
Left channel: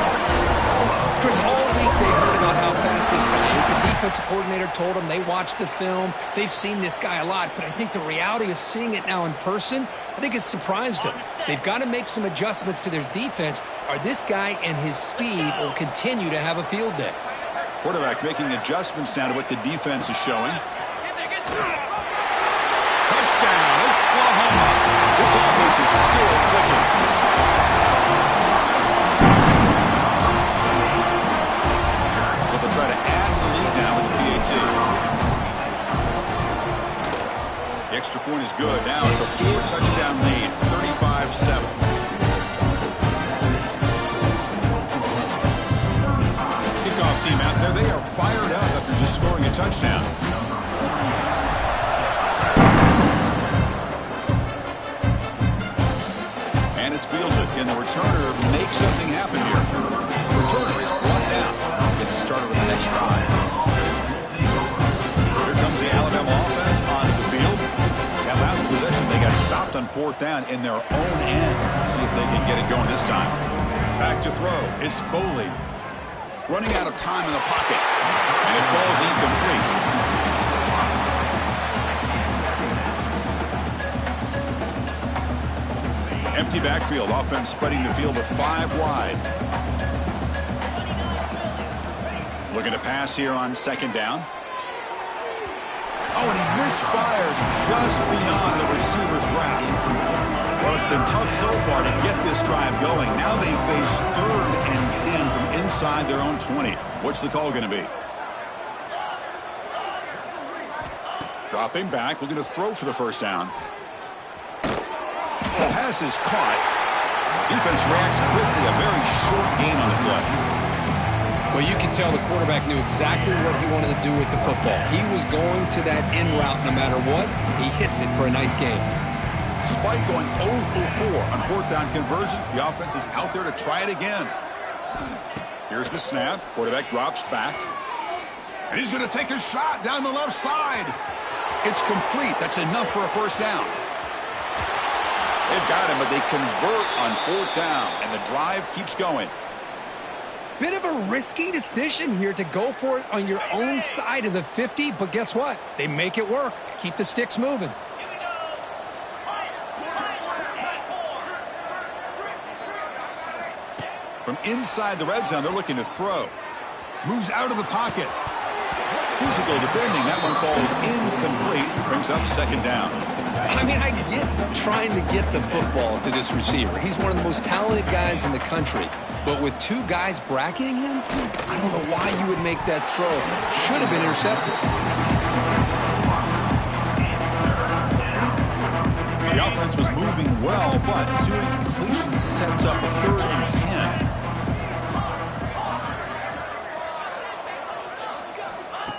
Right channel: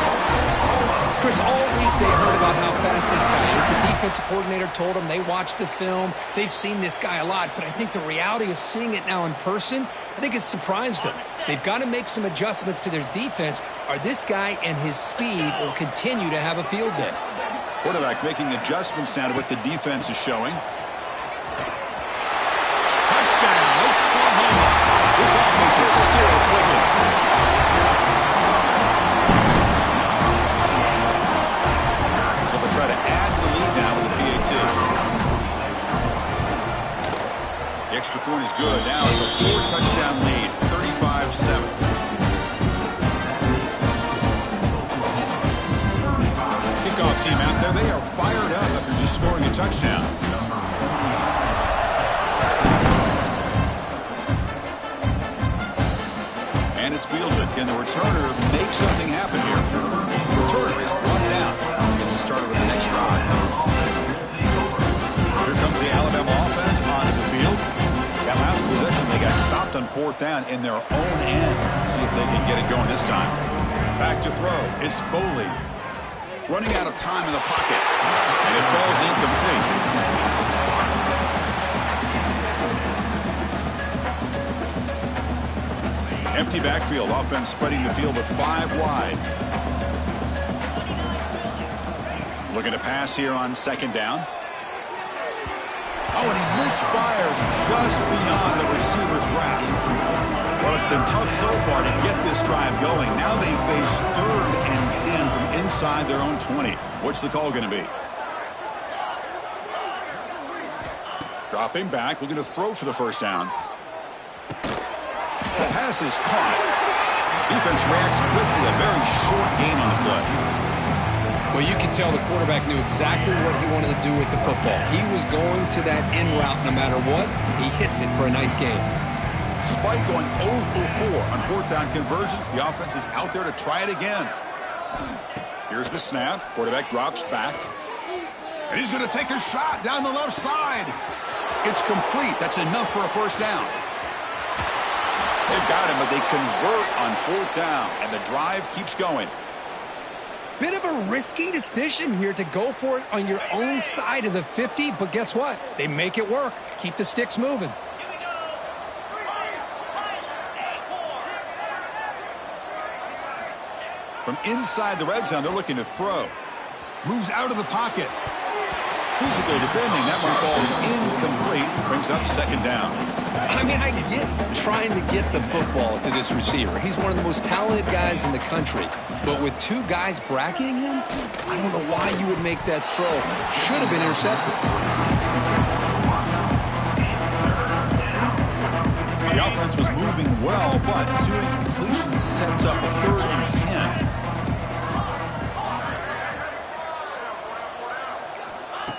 Chris, all week they heard about how fast this guy is. The defensive coordinator told them they watched the film. They've seen this guy a lot, but I think the reality of seeing it now in person, I think it's surprised them. They've got to make some adjustments to their defense, or this guy and his speed will continue to have a field day. Quarterback making adjustments now to what the defense is showing. Touchdown, Oklahoma. This offense is still clicking. They'll try to add to the lead now with the PAT. The extra point is good. Now it's a 4-touchdown lead, 35-7. Kickoff team out there. They are fired up after just scoring a touchdown. And it's fielded. Can the returner make something happen here? The returner is brought down. Gets us started with the next drive. Here comes the Alabama offense onto the field. That last possession, they got stopped on 4th down in their own end. Let's see if they can get it going this time. Back to throw. It's Boley. Running out of time in the pocket. And it falls incomplete. Empty backfield. Offense spreading the field with 5 wide. Looking to pass here on 2nd down. Oh, and he misfires just beyond the receiver's grasp. Well, it's been tough so far to get this drive going. Now they face 3rd and 10 from inside their own 20. What's the call going to be? Dropping back, looking to throw for the 1st down. The pass is caught. Defense reacts quickly. A very short gain on the play. Well, you can tell the quarterback knew exactly what he wanted to do with the football. He was going to that in route no matter what. He hits it for a nice gain. Despite going 0 for 4 on 4th down conversions, the offense is out there to try it again. Here's the snap. Quarterback drops back. And he's going to take a shot down the left side. It's complete. That's enough for a 1st down. They've got him, but they convert on 4th down, and the drive keeps going. Bit of a risky decision here to go for it on your own side of the 50, but guess what? They make it work. Keep the sticks moving. From inside the red zone, they're looking to throw. Moves out of the pocket. Physical defending. That one falls incomplete. Brings up 2nd down. I mean, I get trying to get the football to this receiver. He's one of the most talented guys in the country. But with 2 guys bracketing him, I don't know why you would make that throw. Should have been intercepted. The offense was moving well, but 2 incompletions sets up a 3rd and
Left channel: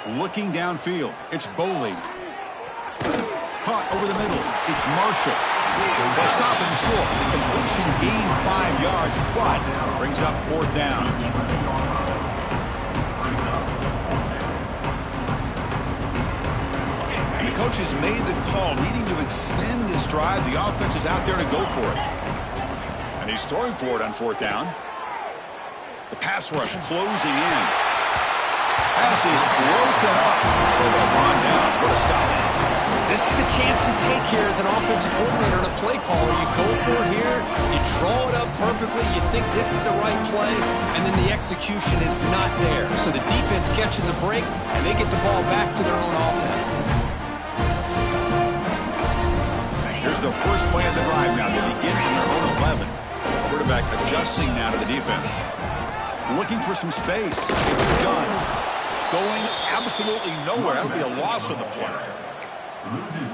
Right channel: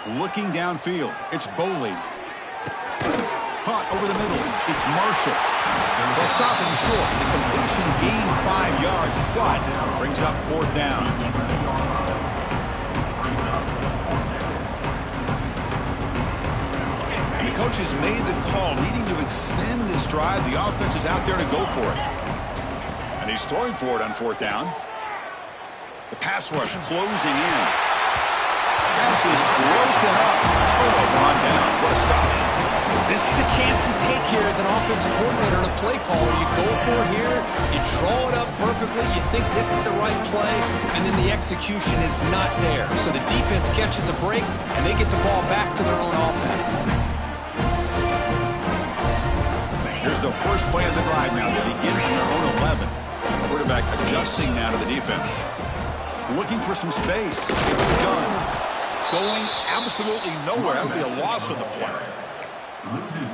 10. Looking downfield, it's Boley. Caught over the middle, it's Marshall. They'll stop him short. The completion gained 5 yards, but brings up 4th down. And the coaches made the call, needing to extend this drive. The offense is out there to go for it. And he's throwing for it on 4th down. The pass rush closing in. Pass is broken up. Turnover on downs. What a stop. This is the chance you take here as an offensive coordinator and a play caller. You go for it here, you draw it up perfectly, you think this is the right play, and then the execution is not there. So the defense catches a break, and they get the ball back to their own offense. Here's the first play of the drive now. They begin from their own 11. Quarterback adjusting now to the defense. Looking for some space. It's done. Going absolutely nowhere. That would be a loss of the play.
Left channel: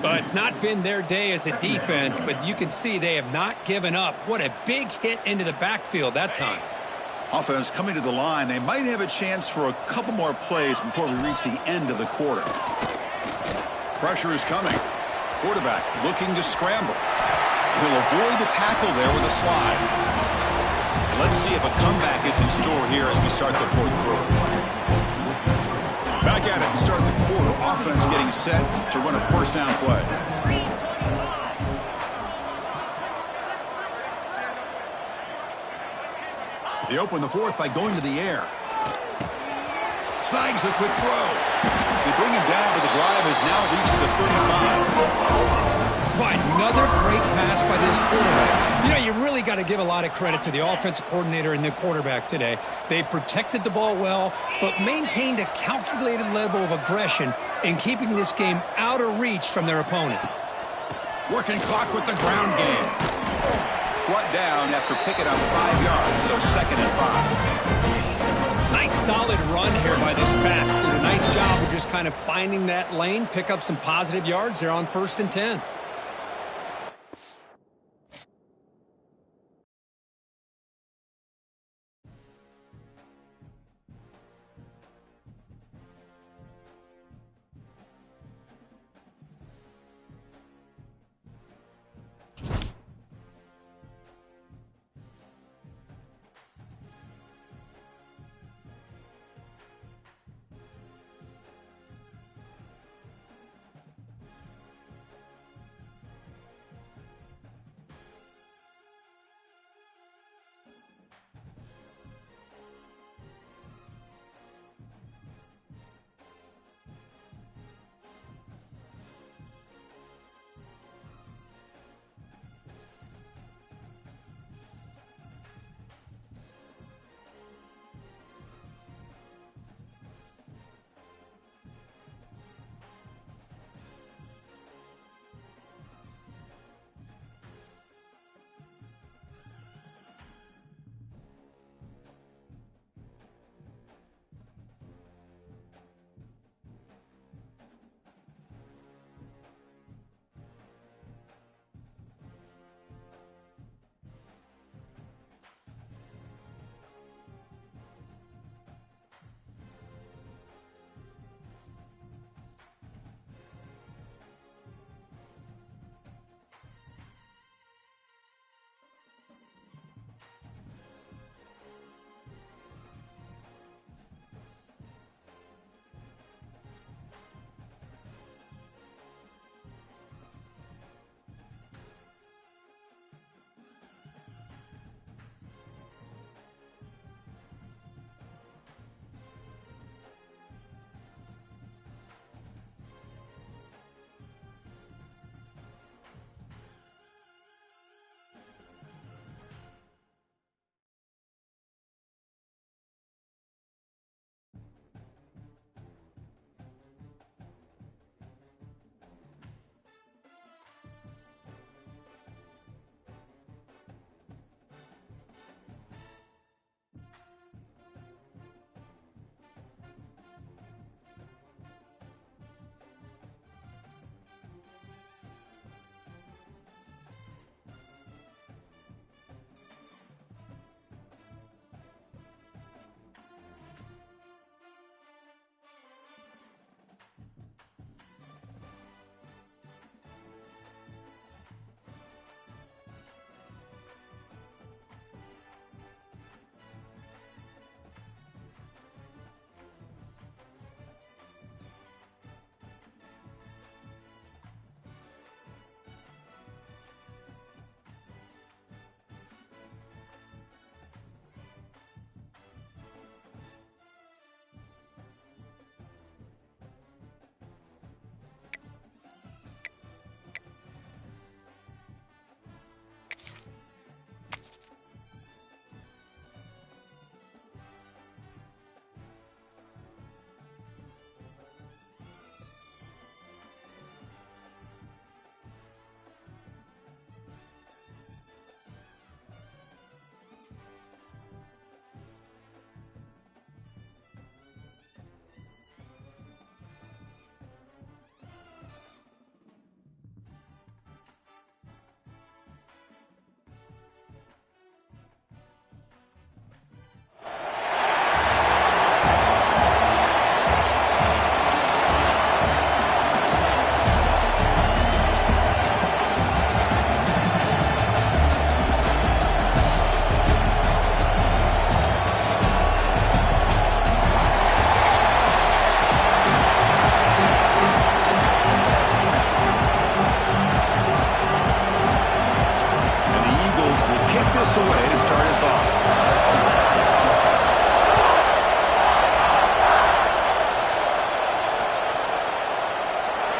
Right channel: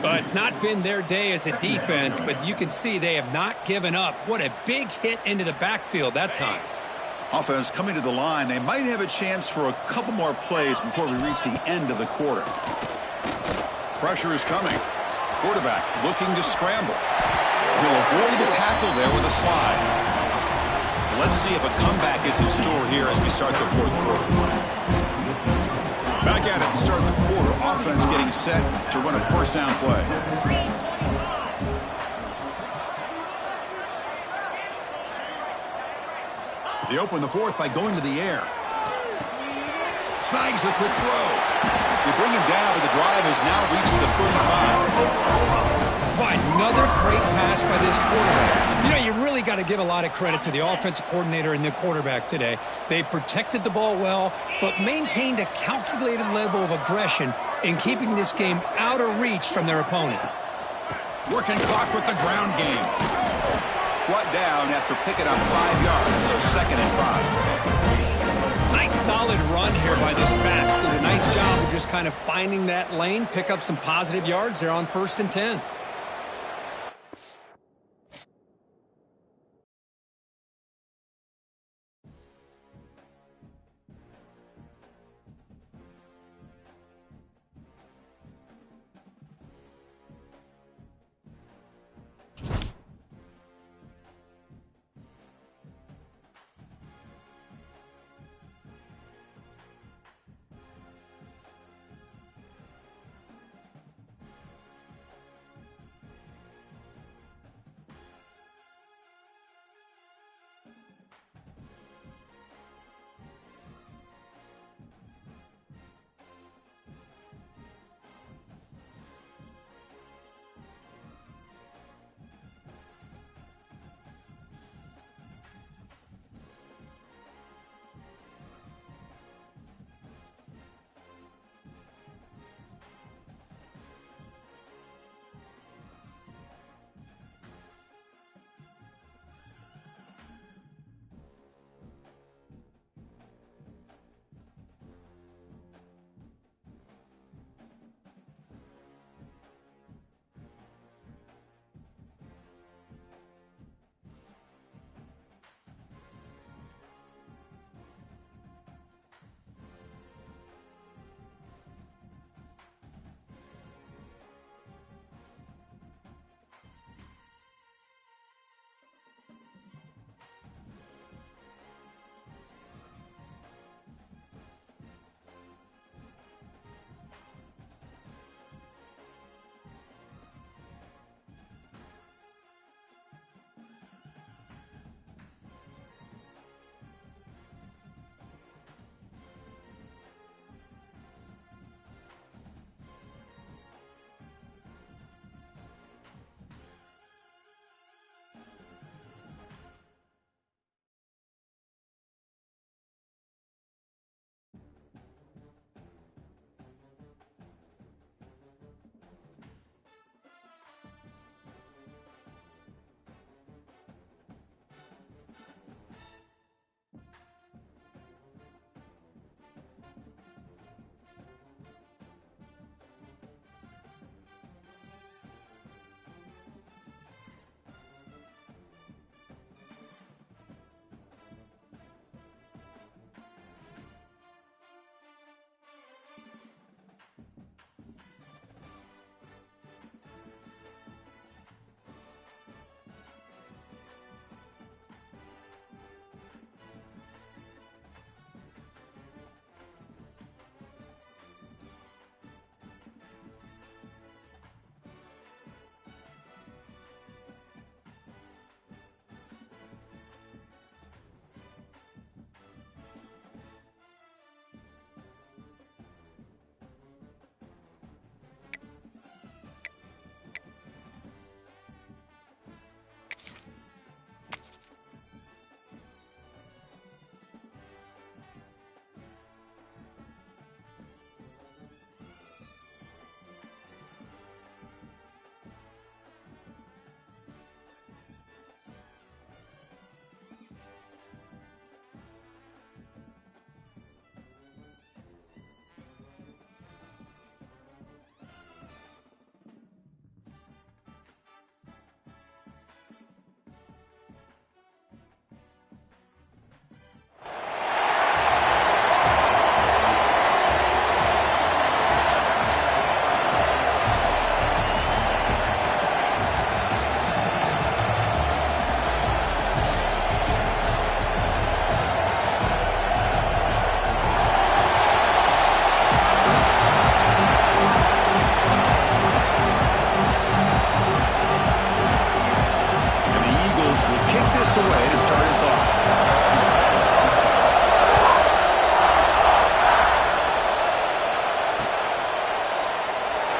Well, it's not been their day as a defense, but you can see they have not given up. What a big hit into the backfield that time. Offense coming to the line. They might have a chance for a couple more plays before we reach the end of the quarter. Pressure is coming. Quarterback looking to scramble. He'll avoid the tackle there with a slide. Let's see if a comeback is in store here as we start the fourth quarter. Back at it to start the quarter. Offense getting set to run a first down play. They open the fourth by going to the air. Snags the quick throw. They bring him down, but the drive has now reached the 35. Another great pass by this quarterback. You know, you really got to give a lot of credit to the offensive coordinator and the quarterback today. They protected the ball well, but maintained a calculated level of aggression in keeping this game out of reach from their opponent. Working clock with the ground game. Brought down after picking up 5 yards, so 2nd and 5. Nice solid run here by this back. Did a nice job of just kind of finding that lane, pick up some positive yards there on 1st and 10.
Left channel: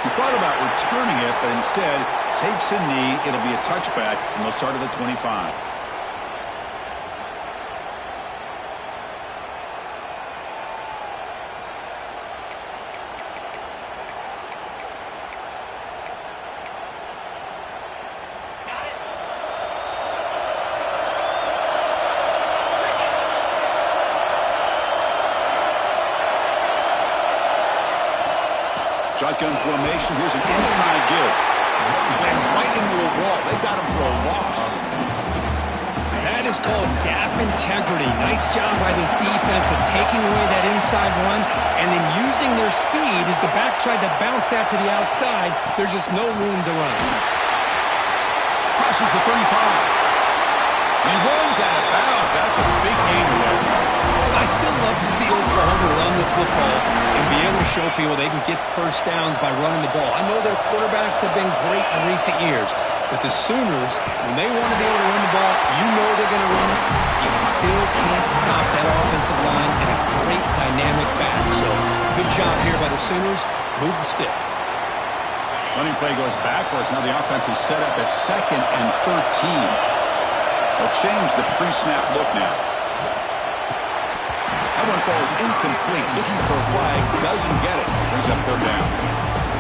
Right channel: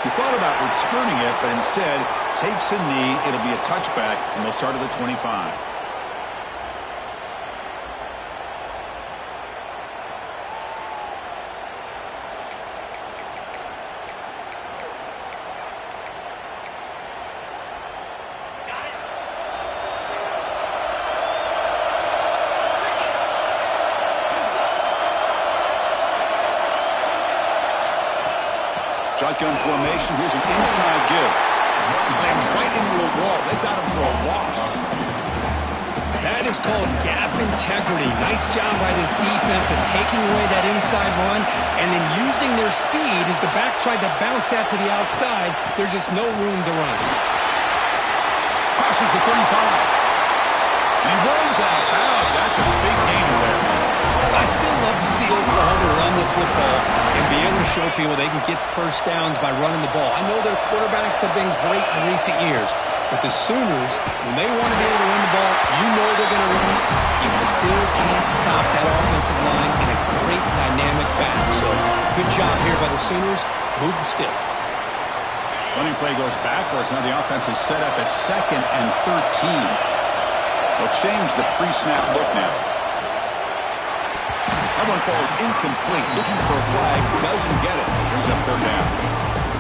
He thought about returning it, but instead takes a knee. It'll be a touchback, and they'll start at the 25. Shotgun formation. Here's an inside give. Slams right into a wall. They've got him for a loss. That is called gap integrity. Nice job by this defense of taking away that inside run and then using their speed as the back tried to bounce that to the outside. There's just no room to run. Crosses the 35. And he runs out of bounds. That's a big gainer there. I still love to see Oklahoma run the football and be able to show people they can get first downs by running the ball. I know their quarterbacks have been great in recent years, but the Sooners, when they want to be able to run the ball, you know they're going to run it. You still can't stop that offensive line and a great dynamic back. So good job here by the Sooners. Move the sticks. Running play goes backwards. Now the offense is set up at 2nd and 13. They'll change the pre-snap look now. That one falls incomplete. Looking for a flag. Doesn't get it. Brings up 3rd down.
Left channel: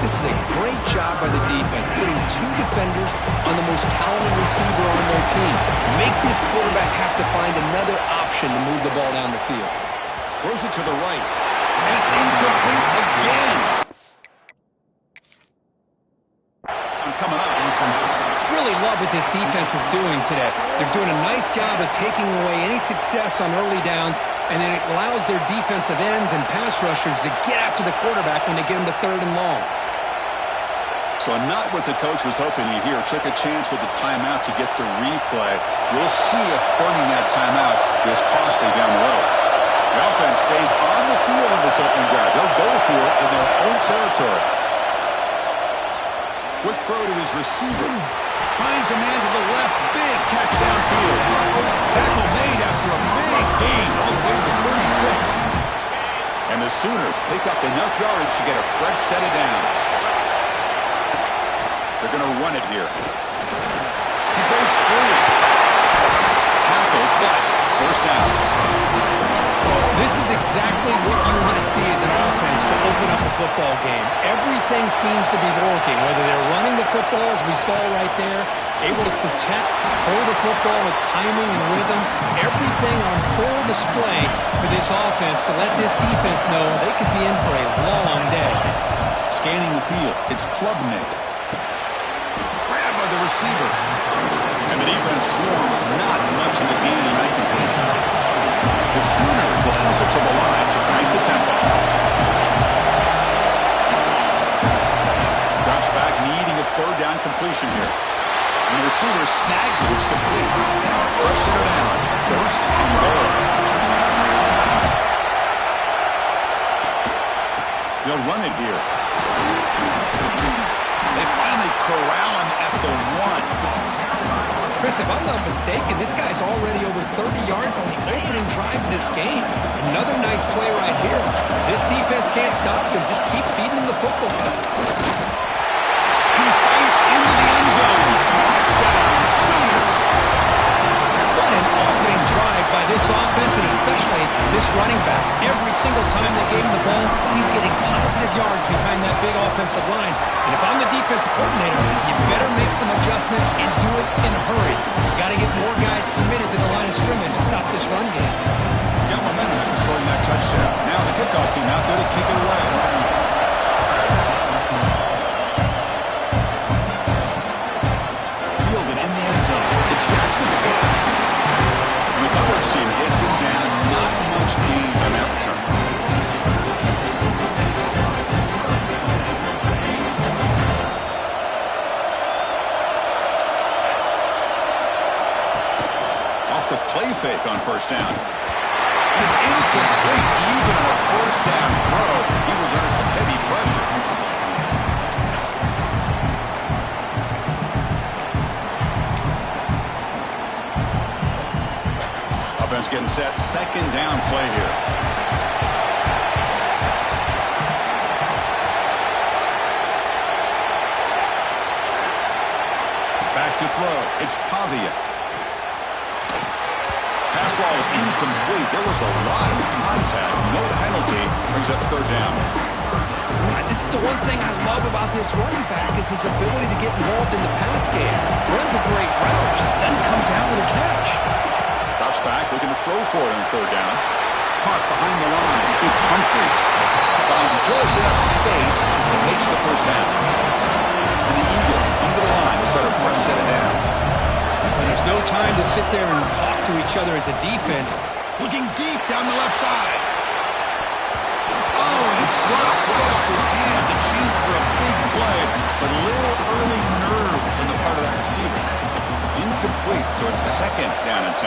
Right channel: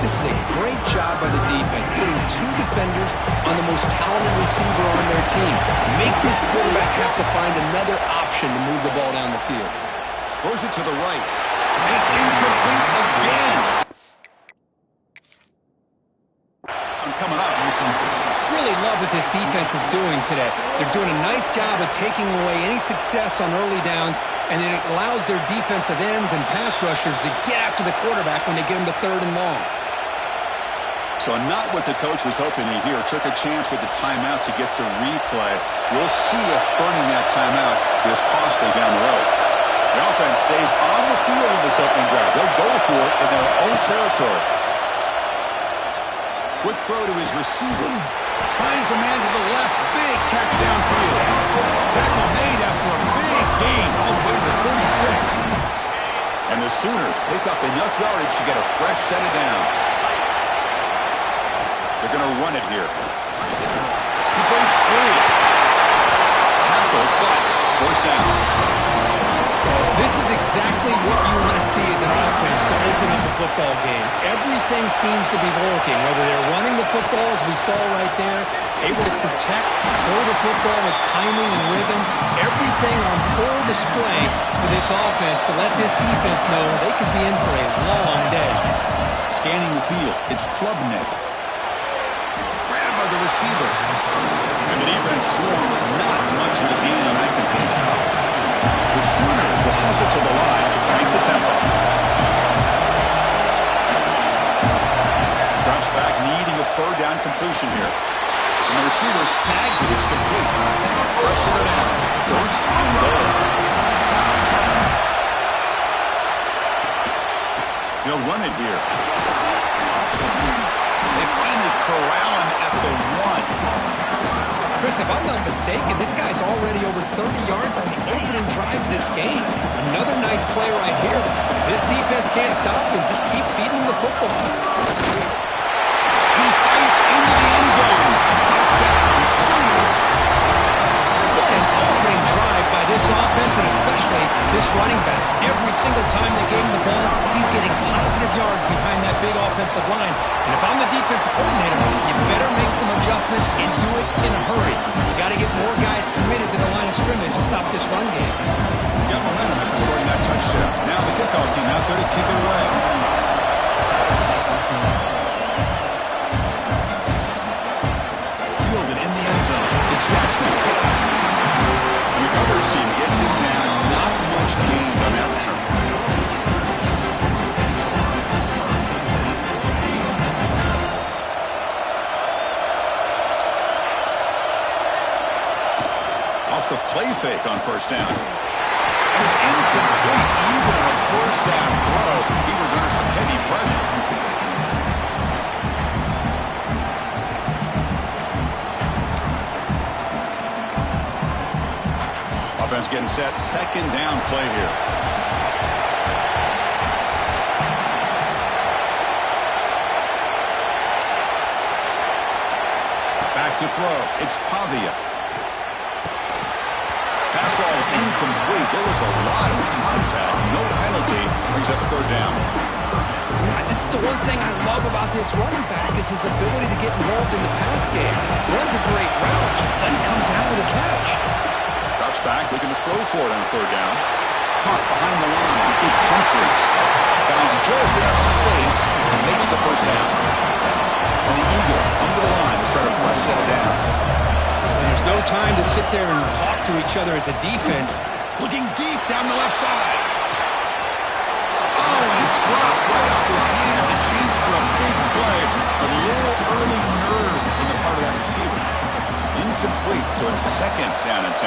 This is a great job by the defense, putting 2 defenders on the most talented receiver on their team. Make this quarterback have to find another option to move the ball down the field. Throws it to the right. And it's incomplete again. Coming up. Really love what this defense is doing today. They're doing a nice job of taking away any success on early downs, and then it allows their defensive ends and pass rushers to get after the quarterback when they get him to 3rd and long. So not what the coach was hoping to hear. Took a chance with the timeout to get the replay. We'll see if burning that timeout is costly down the road. The offense stays on the field in this opening drive. They'll go for it in their own territory. Quick throw to his receiver. Finds a man to the left. Big catch downfield. Tackle made after a big gain all the way to the 36. And the Sooners pick up enough yardage to get a fresh set of downs. They're going to run it here. He breaks free. Tackled, but 1st down. This is exactly what you want to see as an offense to open up a football game. Everything seems to be working, whether they're running the football, as we saw right there, able to protect, throw the football with timing and rhythm, everything on full display for this offense to let this defense know they could be in for a long day. Scanning the field, it's Klubnik. Grabbed by the receiver. And the defense swarms not much in the gain on that completion. The Sooners will hustle to the line to crank the tempo. Drops back, needing a 3rd down completion here. And the receiver snags it. It's complete. Fresh set of downs. 1st and goal. They'll run it here. They finally corral him at the 1. Chris, if I'm not mistaken, this guy's already over 30 yards on the opening drive of this game. Another nice play right here. If this defense can't stop him, just keep feeding him the football. And he fights into the end zone. Touchdown, Sooners. What an opening drive by this offense, and especially this running back. Every single time they gave him the ball, he's getting positive yards behind that big offensive line. And if I'm the defensive coordinator, you better make some adjustments and do it in a hurry. You got to get more guys committed to the line of scrimmage to stop this run game. Got momentum after scoring that touchdown. Now the kickoff team out there to kick it away. Fielded in the end zone. It's Jackson. And the coverage team gets him down. Not much gain on that return. Off the play fake on 1st down. And it's incomplete. Even on a 1st down throw, he was under some heavy pressure. Offense getting set. 2nd down play here. back to throw. It's Pavia. Pass ball is incomplete. There was a lot of contact. No penalty. Brings up third down. Yeah, this is the one thing I love about this running back is his ability to get involved in the pass game. Runs a great route, just doesn't come down with a catch. Drops back, looking to throw for it on third down. Caught behind the line. It's Humphreys. Finds just enough space and makes the first down. And the Eagles come to the line to start a fresh set of downs. Well, there's no time to sit there and talk to each other as a defense. Looking deep down the left side. Oh, and it's dropped right off his hands. A chance for a big play, but a little early nerves on the part of that receiver. Incomplete, so it's second down and 10.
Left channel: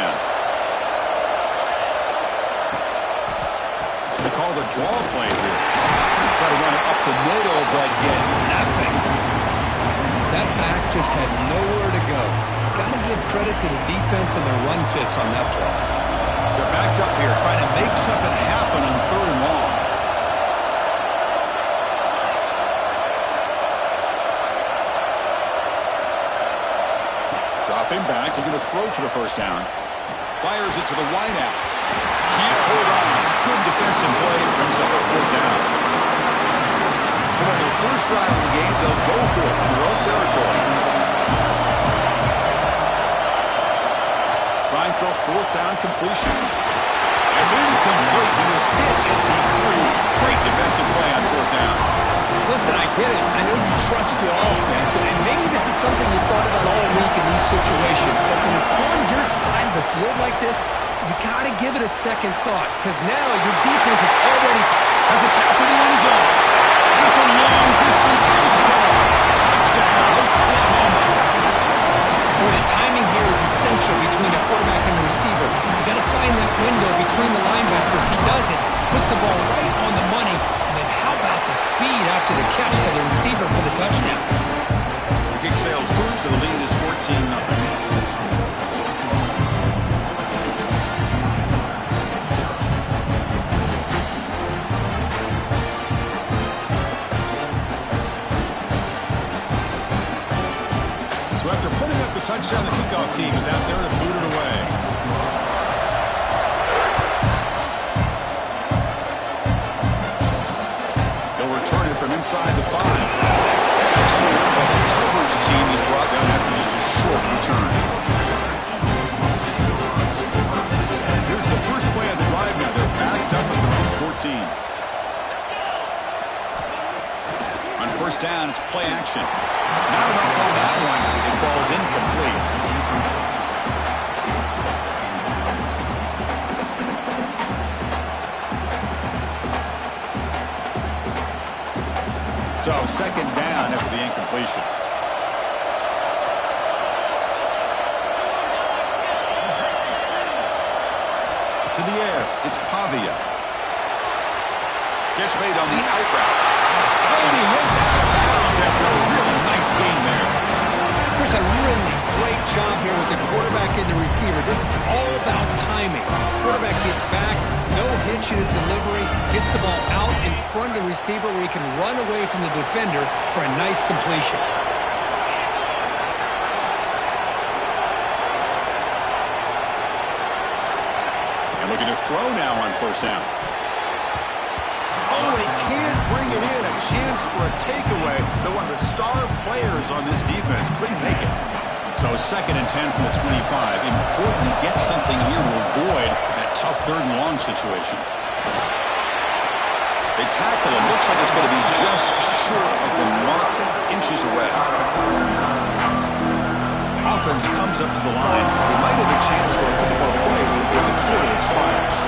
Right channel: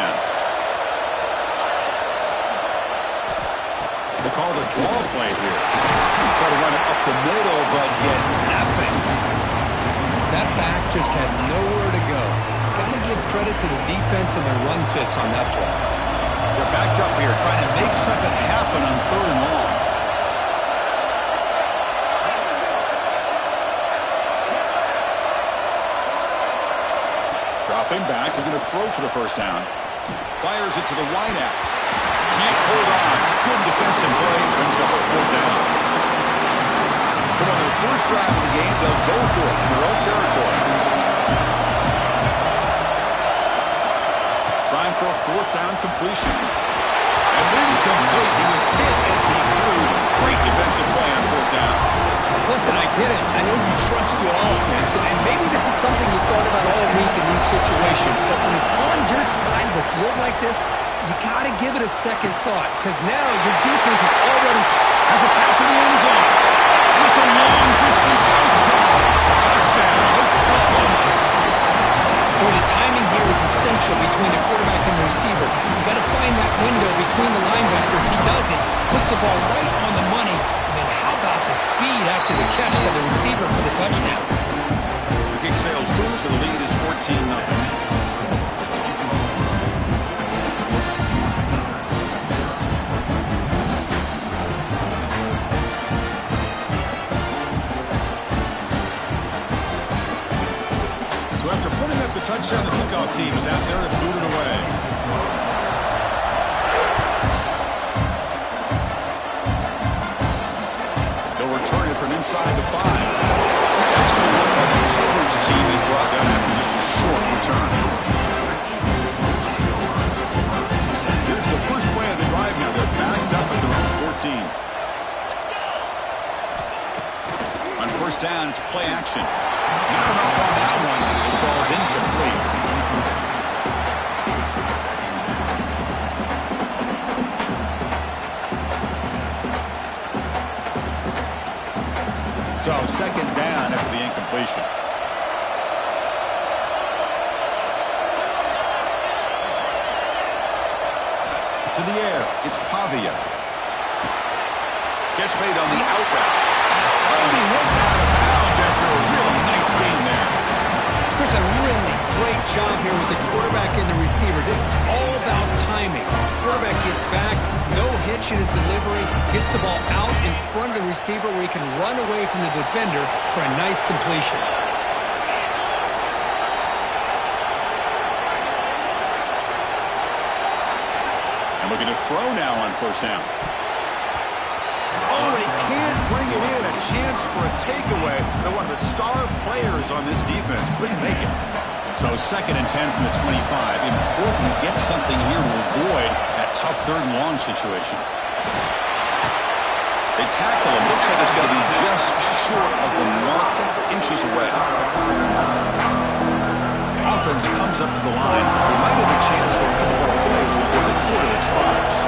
They call the draw play here. Try to run it up the middle, but get nothing. That back just had nowhere to go. Got to give credit to the defense and their run fits on that play. They're backed up here trying to make something happen on third and long. Dropping back, looking to throw for the first down. Fires it to the wideout. Can't hold on. Good defensive play. Brings up a fourth down. So on their first drive of the game, they'll go for it in their own territory. Trying for a fourth down completion. That's incomplete. He was hit as he grew. Great defensive play on fourth down. Listen, I get it. I know you trust your offense, and maybe this is something you thought about all week in these situations, but when it's on your side of the field like this, you got to give it a second thought, because now your defense is already Has a path to the end zone. And it's a long-distance house call. Touchdown, Oklahoma. Boy, the timing here is essential between the quarterback and the receiver. You got to find that window between the linebackers. He does it, puts the ball right on the money, and then how about the speed after the catch by the receiver for the touchdown? The kick sails through, so the lead is 14-0. So after putting up the touchdown, the kickoff team is out there to boot it away. They'll return it from inside the 5. Excellent work by the coverage team. He's brought down after just a short return. Here's the first play of the drive now. They're backed up at their own 14. On first down, it's play action. Not enough on that one. It falls incomplete. So second down after the incompletion. To the air, it's Pavia. Catch made on the out route. And he hits out of bounds after a real nice game there. There's a really great job here with the quarterback and the receiver. This is all about timing. Quarterback gets back, no hitch in his delivery, gets the ball out in front of the receiver where he can run away from the defender for a nice completion. And looking to throw now on first down. Oh, he can't bring it in. A chance for a takeaway, but one of the star players on this defense couldn't make it. So second and 10 from the 25. Important to get something here to avoid that tough third and long situation. They tackle him. Looks like it's going to be just short of the mark, inches away. Offense comes up to the line. They might have a chance for a couple more plays before the quarter expires.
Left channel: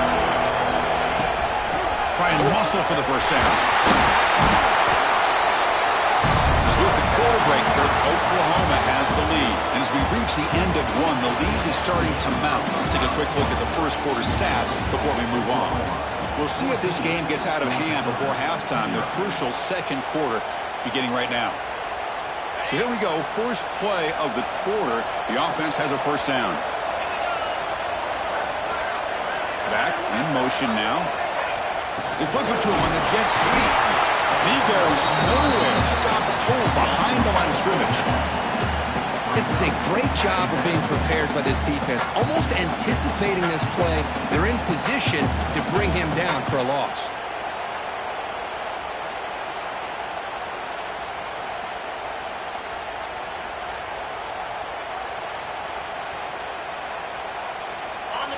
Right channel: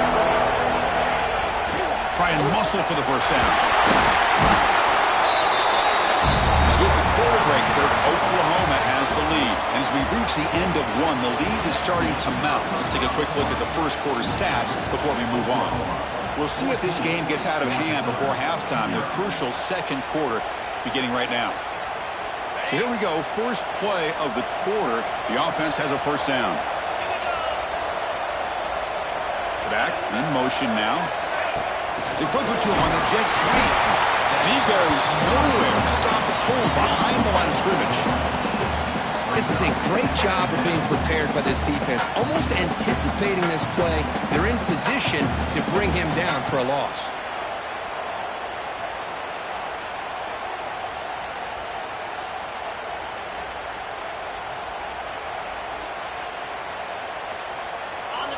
Try and muscle for the first down. As with the quarter break, Kirk, Oklahoma has the lead. And as we reach the end of one, the lead is starting to mount. Let's take a quick look at the first quarter stats before we move on. We'll see if this game gets out of hand before halftime. The crucial second quarter beginning right now. So here we go. First play of the quarter. The offense has a first down. Back in motion now. They flip it to him on the jet sweep. And he goes nowhere. Stopped full behind the line of scrimmage. This is a great job of being prepared by this defense, almost anticipating this play. They're in position to bring him down for a loss.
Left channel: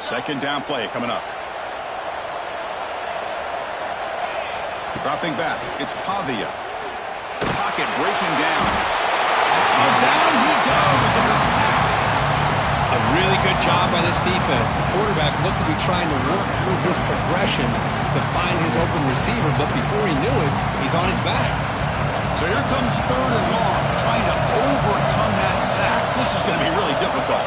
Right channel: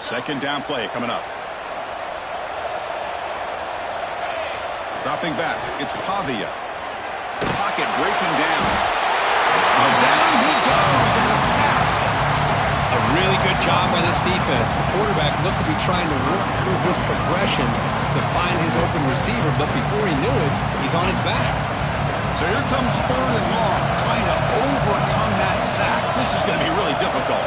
Second down play coming up. Dropping back, it's Pavia. Pocket breaking down. Oh, down he goes. It's a sack. A really good job by this defense. The quarterback looked to be trying to work through his progressions to find his open receiver, but before he knew it, he's on his back. So here comes third and long, trying to overcome that sack. This is going to be really difficult.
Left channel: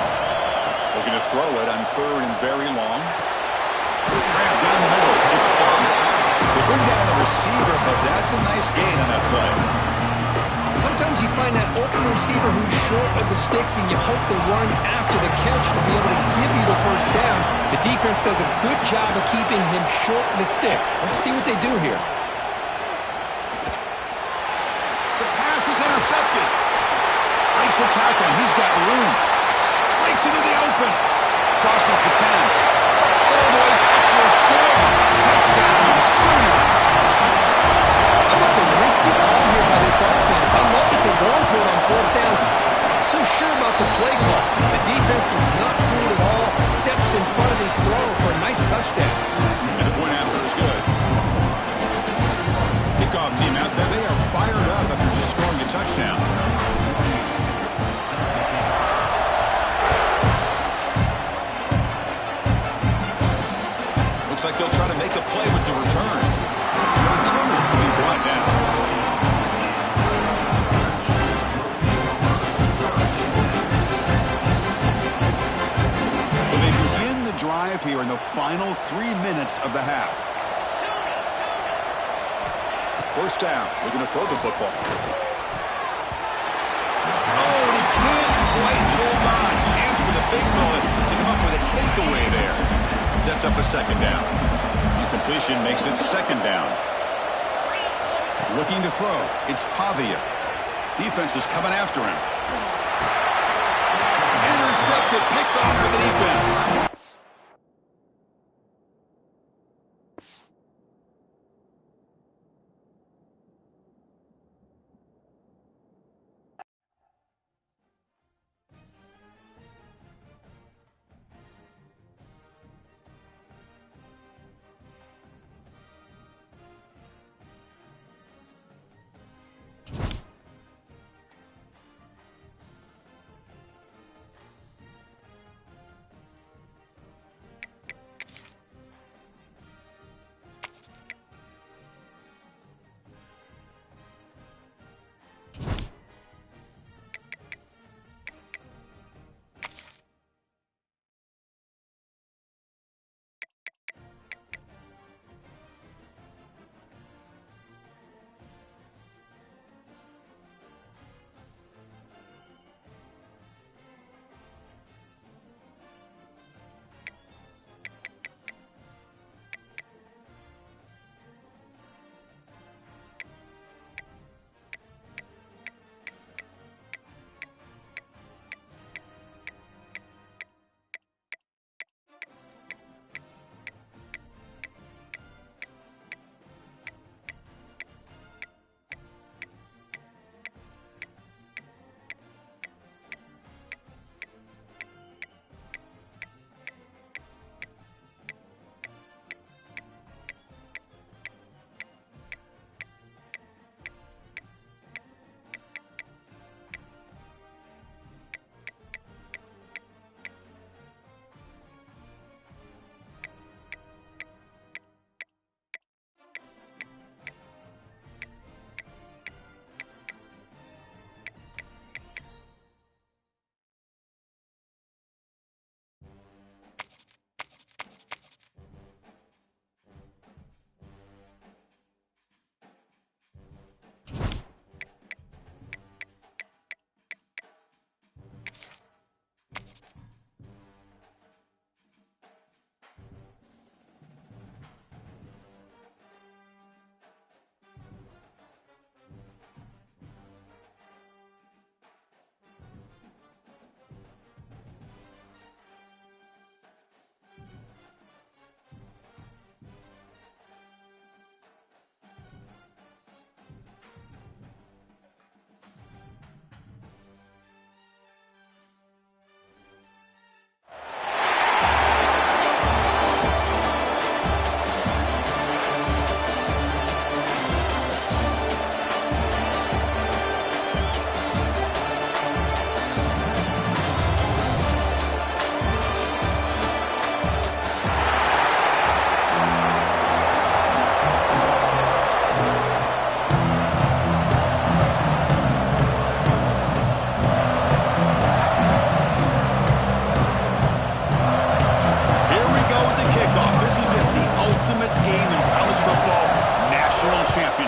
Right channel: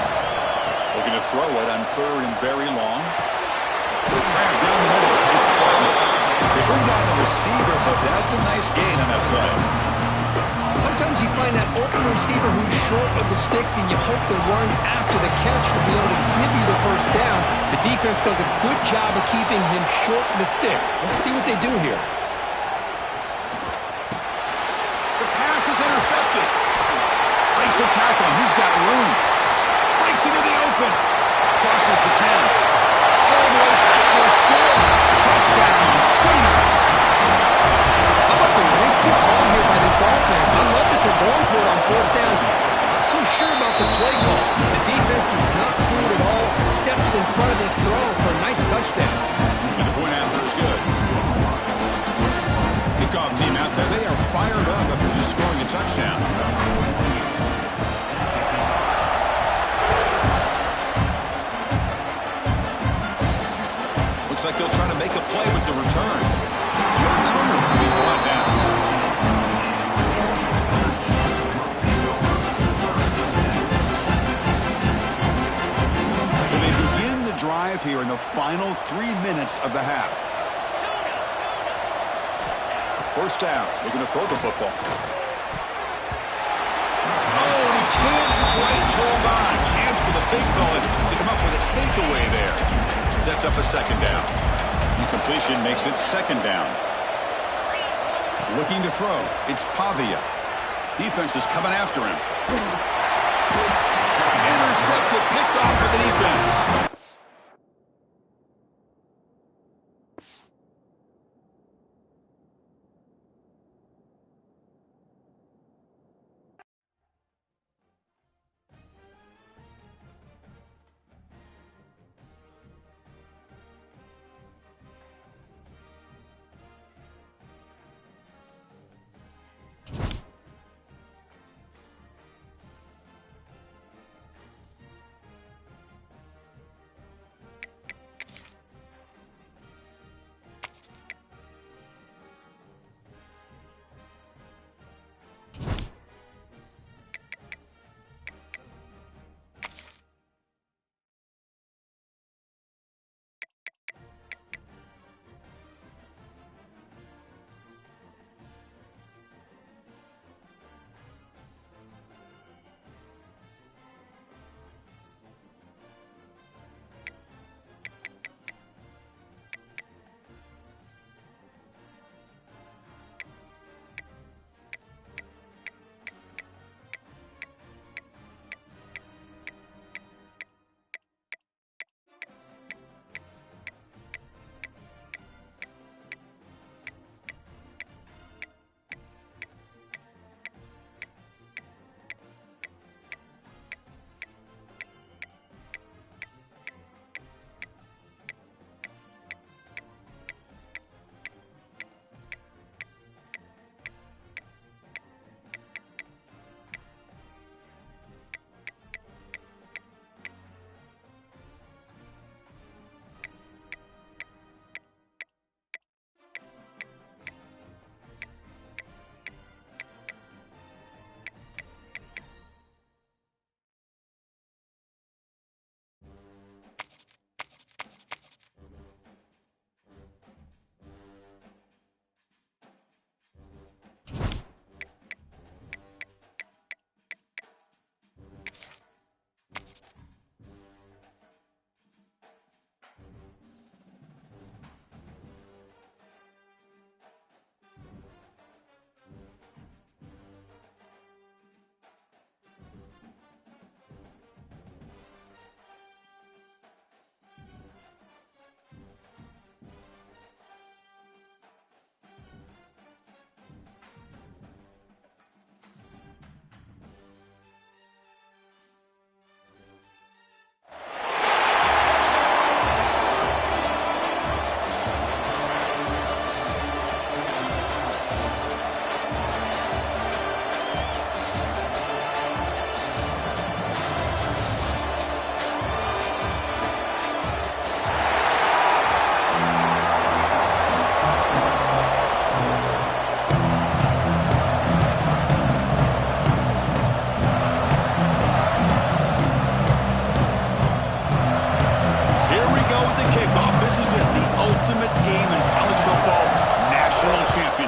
Looking to throw it on third and very long. Grab down the middle. It's Bob. They bring down the receiver, but that's a nice gain on that play. Sometimes you find that open receiver who's short of the sticks, and you hope the run after the catch will be able to give you the first down. The defense does a good job of keeping him short of the sticks. Let's see what they do here. The pass is intercepted. Breaks a tackle, and he's got room. Breaks into the open. Crosses the 10. All the way back for a score. Touchdown, Sooners. How about the risky call here by this offense? I love that they're going for it on fourth down. Not so sure about the play call. The defense was not fooled at all. Steps in front of this throw for a nice touchdown. And the point after is good. Kickoff team out there. They are fired up after just scoring a touchdown. Looks like they'll try to make a play with the return. And the returner will be brought down. So they begin the drive here in the final 3 minutes of the half. First down, looking to throw the football. Oh, and he can't quite hold on. Chance for the big fella to come up with a takeaway there. Sets up a second down. Incompletion makes it second down. Looking to throw. It's Pavia. Defense is coming after him. Intercepted, picked off by the defense.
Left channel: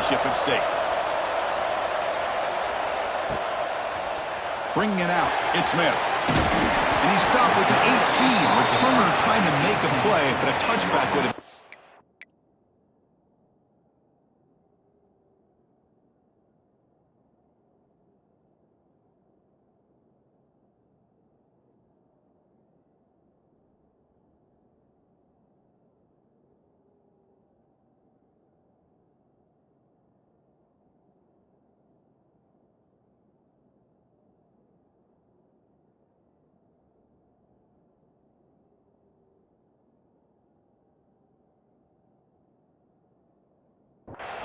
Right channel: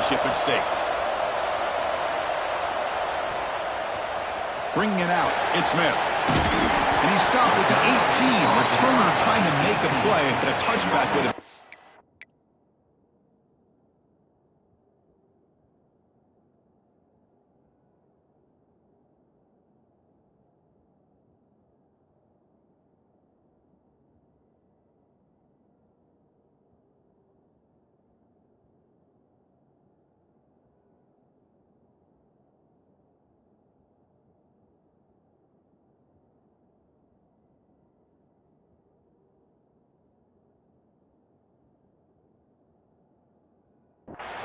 championship at stake. Bringing it out, it's Smith. And he stopped with the 18. Returner trying to make a play, but a touchback would have...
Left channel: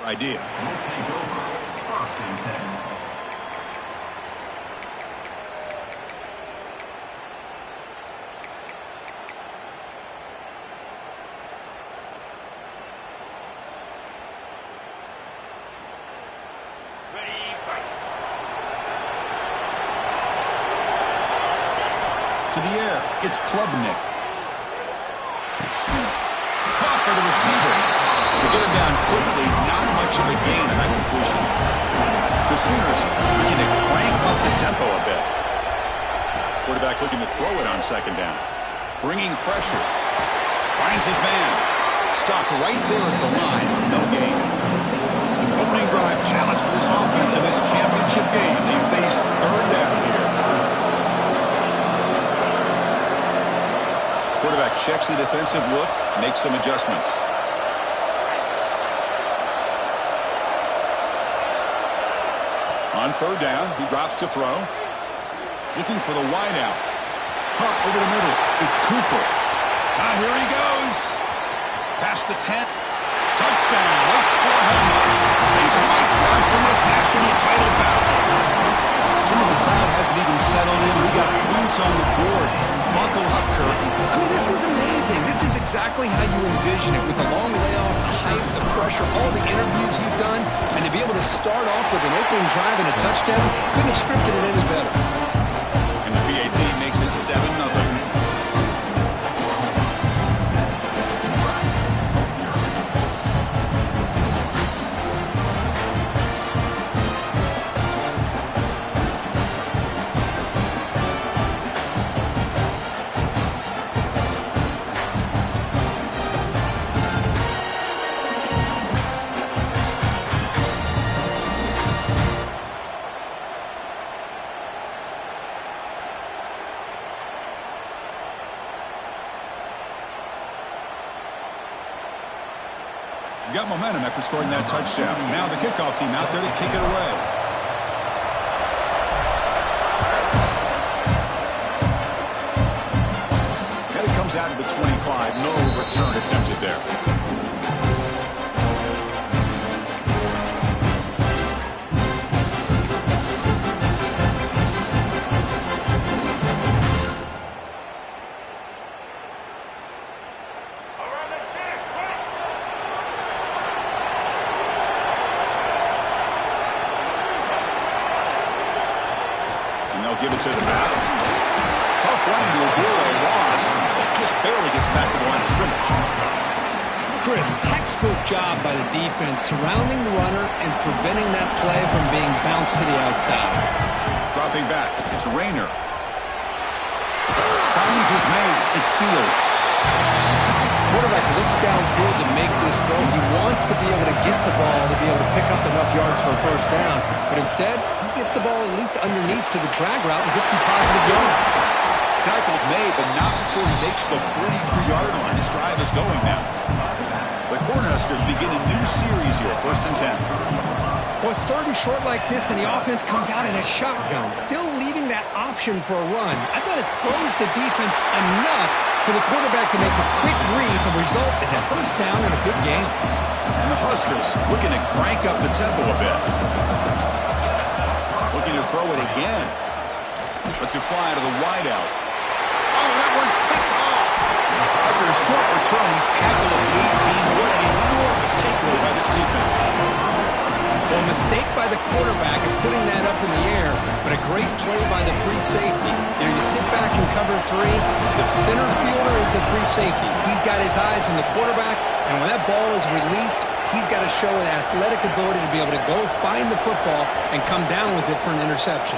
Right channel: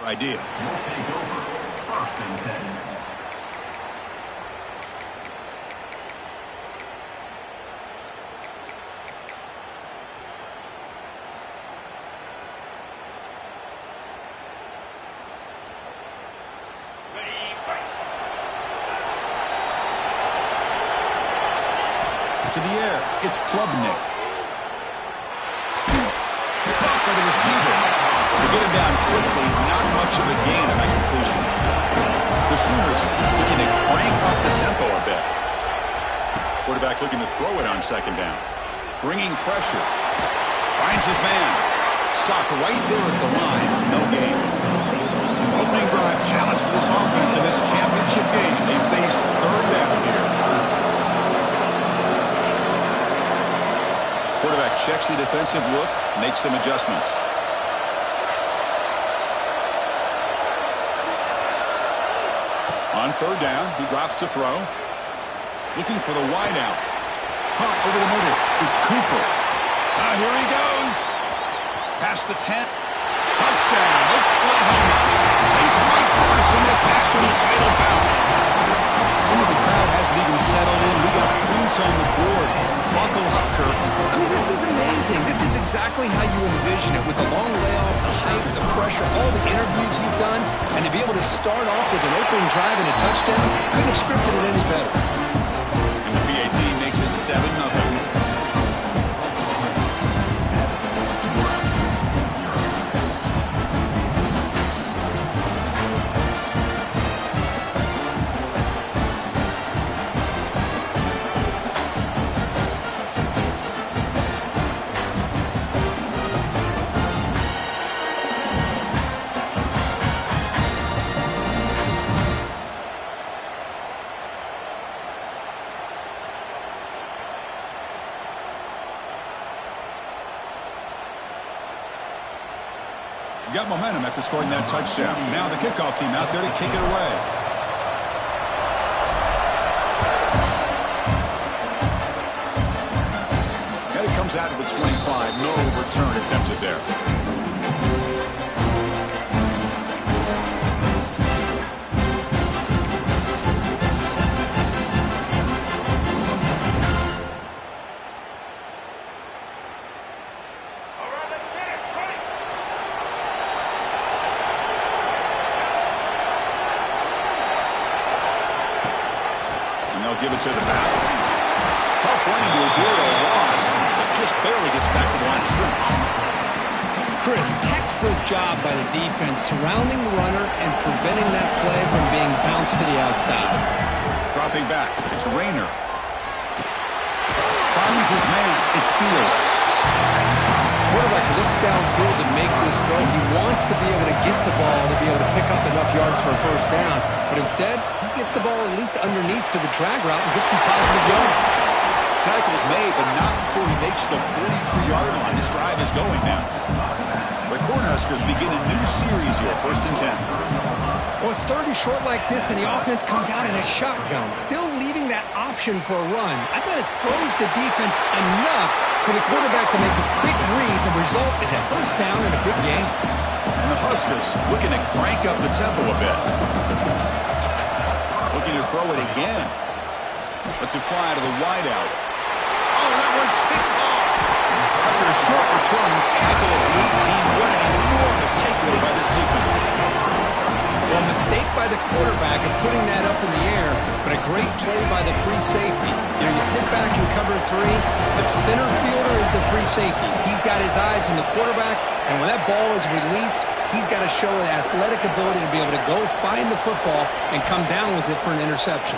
idea. We'll take over. First and 10. Ready, fight. To the air, it's Klubnik. Caught by the receiver. To get him down quickly, not much of a gain on that completion. The Sooners looking to crank up the tempo a bit. Quarterback looking to throw it on second down. Bringing pressure. Finds his man. Stopped right there at the line. No gain. Opening drive challenge for this offense in this championship game. They face third down here. Quarterback checks the defensive look, makes some adjustments. On third down, he drops to throw. Looking for the wideout. Caught over the middle. It's Cooper. Now here he goes. Past the 10. Touchdown, Oklahoma. They strike first in this national title bout. Some of the crowd hasn't even settled in. We got points on the board. Buckle up, Kirk. I mean, this is amazing. This is exactly how you envision it, with the long layoff, the hype, the pressure, all the interviews you've done, and to be able to start off with an opening drive and a touchdown, couldn't have scripted it any better. And the PAT makes it 7-0. Got momentum after scoring that touchdown. Now the kickoff team out there to kick it away. And it comes out of the 25. No return attempted there. Give it to the back. Tough running to avoid a loss. It just barely gets back to the line of scrimmage. Chris, textbook job by the defense surrounding the runner and preventing that play from being bounced to the outside. Dropping back. It's Rayner. Finds his man. It's Fields. Quarterback looks downfield to make this throw. He wants to be able to get the ball to be able to pick up enough yards for a first down. But instead, he gets the ball at least underneath to the drag route and gets some positive yards. Tackle's made, but not before he makes the 43-yard line. This drive is going now. The Cornhuskers begin a new series here, 1st and 10. Well, it's third and short like this, and the offense comes out in a shotgun, still leaving that option for a run. I thought it throws the defense enough for the quarterback to make a quick read. The result is a first down and a good game. And the Huskers looking to crank up the tempo a bit. Looking to throw it again. Lets it fly to the wideout. Oh, that one's picked off. After a short return, he's tackled at the 18. What an enormous takeaway by this defense. Well, a mistake by the quarterback of putting that up in the air, but a great play by the free safety. You know, you sit back and cover 3. The center fielder is the free safety. He's got his eyes on the quarterback, and when that ball is released, he's got to show an athletic ability to be able to go find the football and come down with it for an interception.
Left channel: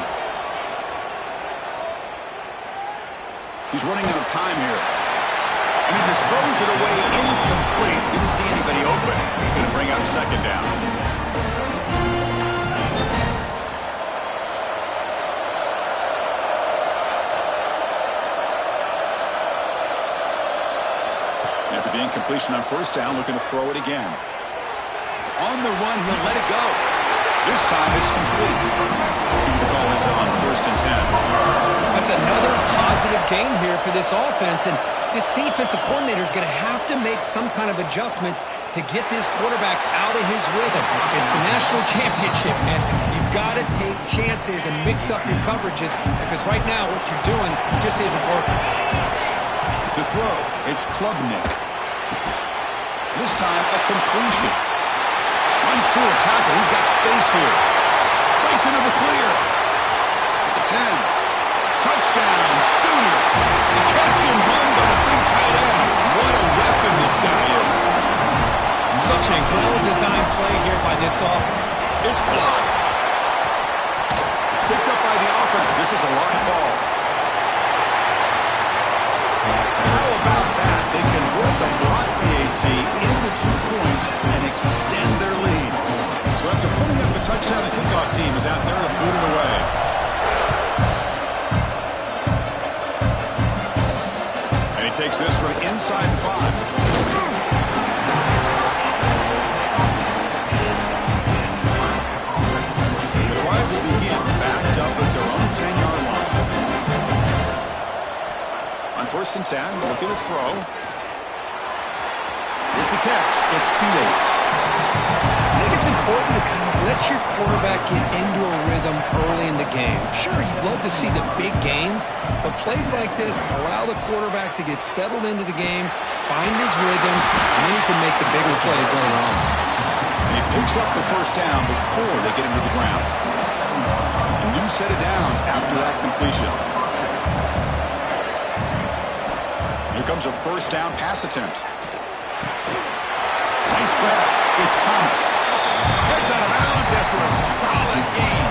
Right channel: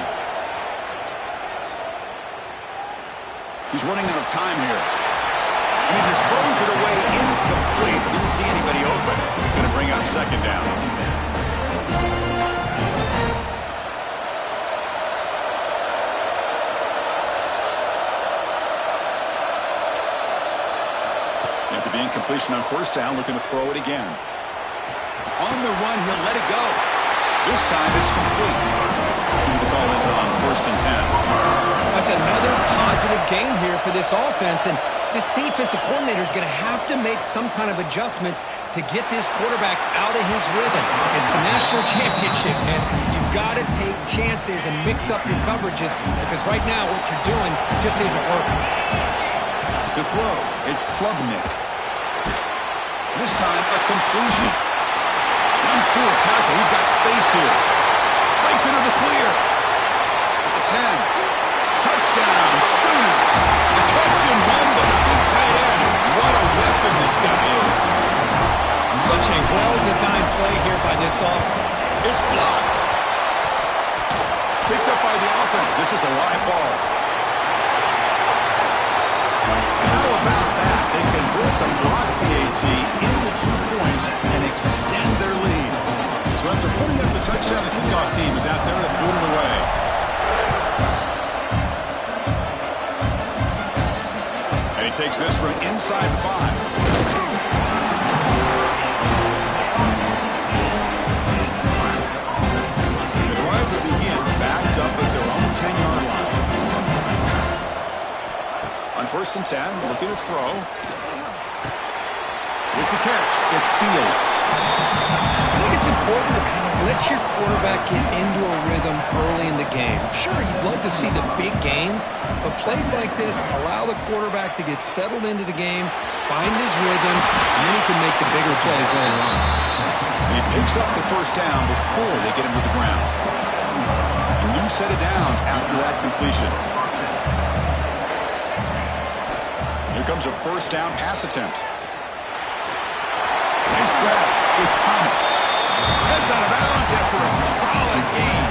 He's running out of time here. And he disposed it away incomplete. Didn't see anybody open. He's going to bring up second down. After the incompletion on first down, looking to throw it again. On the run, he'll let it go. This time it's complete. See what the call is on 1st and 10. That's another positive game here for this offense, and this defensive coordinator is going to have to make some kind of adjustments to get this quarterback out of his rhythm. It's the national championship, man. You've got to take chances and mix up your coverages, because right now what you're doing just isn't working. To throw, it's Klubnik. This time a completion. Runs through a tackle. He's got space here. Breaks into the clear. At the 10. Touchdown, Sooners. The catch and run by the big tight end. What a weapon this guy is. Such a well-designed play here by this offense. It's blocked. Picked up by the offense. This is a live ball. How about that? They convert the block PAT into 2 points and extend their lead. So after putting up the touchdown, the kickoff team is out there to boot it away. And he takes this from inside the 5. The drive will begin backed up at their own 10-yard line. On 1st and 10, looking to throw. With the catch, it's Fields. I think it's important to kind of let your quarterback get into a rhythm early in the game. Sure, you'd love to see the big gains, but plays like this allow the quarterback to get settled into the game, find his rhythm, and then he can make the bigger plays later on. And he picks up the first down before they get him to the ground. A new set of downs after that completion. Here comes a first down pass attempt. Nice grab. It's Thomas. Heads out of bounds after a solid gain.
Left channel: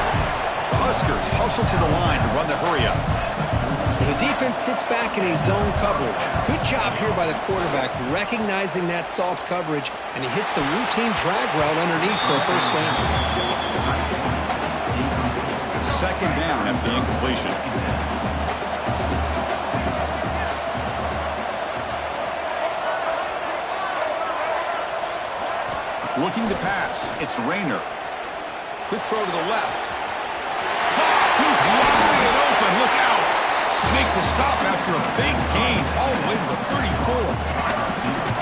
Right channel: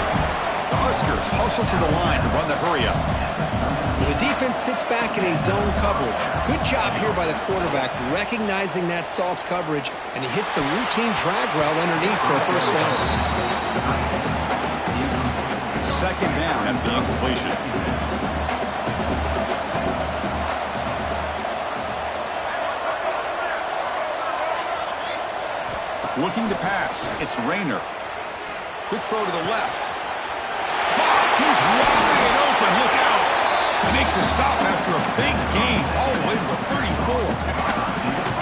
The Huskers hustle to the line to run the hurry-up. The defense sits back in a zone coverage. Good job here by the quarterback recognizing that soft coverage, and he hits the routine drag route underneath for a first down. Second down after the incompletion. Looking to pass. It's Rayner. Quick throw to the left. Caught. He's wide open. Look out. They make the stop after a big gain all the way to the 34.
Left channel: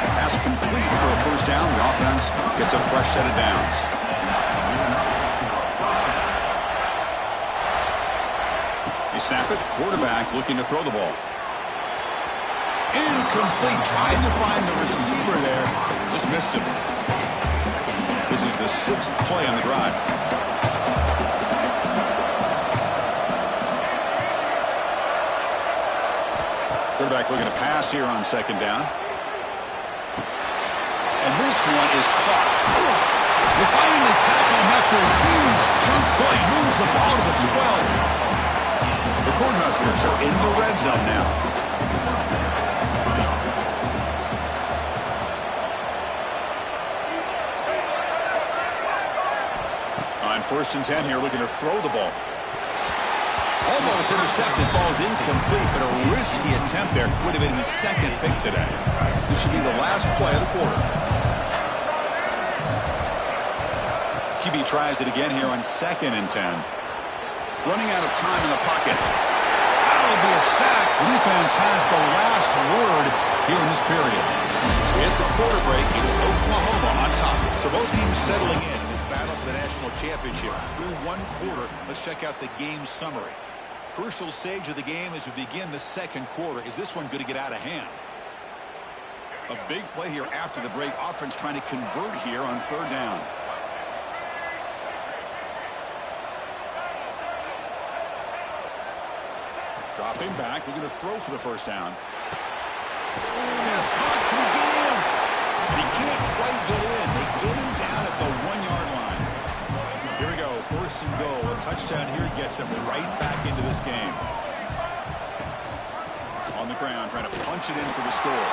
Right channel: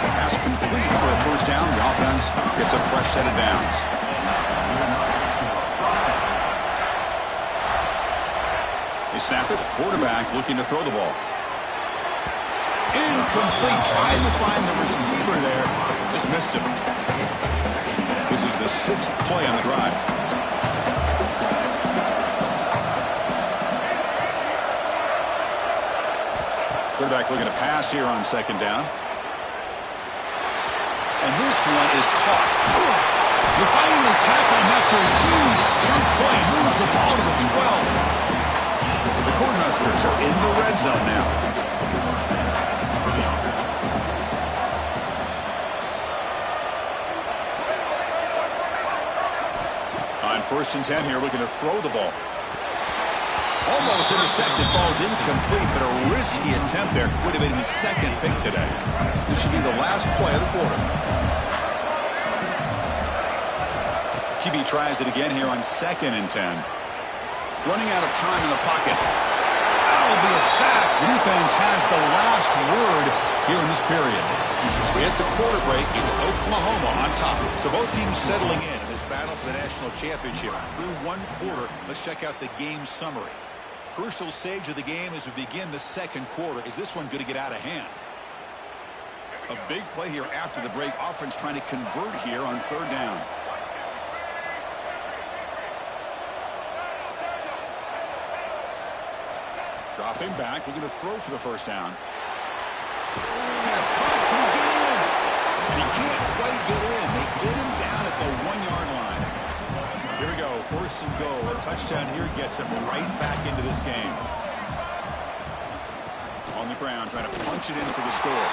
Pass complete for a first down. The offense gets a fresh set of downs. They snap it. Quarterback looking to throw the ball. Incomplete. Tried to find the receiver there. Just missed him. This is the 6th play on the drive. Quarterback looking to pass here on second down. And this one is caught. They finally tackle him after a huge chunk play. Moves the ball to the 12. The Cornhuskers are in the red zone now. On 1st and 10 here, looking to throw the ball. Almost intercepted, falls incomplete, but a risky attempt there. Would have been his 2nd pick today. This should be the last play of the quarter. QB tries it again here on 2nd and 10. Running out of time in the pocket. That'll be a sack. The defense has the last word here in this period. As we hit the quarter break, it's Oklahoma on top. So both teams settling in this battle for the national championship. Through 1 quarter, let's check out the game summary. Crucial stage of the game as we begin the 2nd quarter. Is this one going to get out of hand? A big play here after the break. Offense trying to convert here on 3rd down. Dropping back, looking to throw for the first down. Pass caught, can he get in? And he can't quite get in. They get him down at the 1-yard line. Here we go, first and goal. A touchdown here gets him right back into this game. On the ground, trying to punch it in for the score.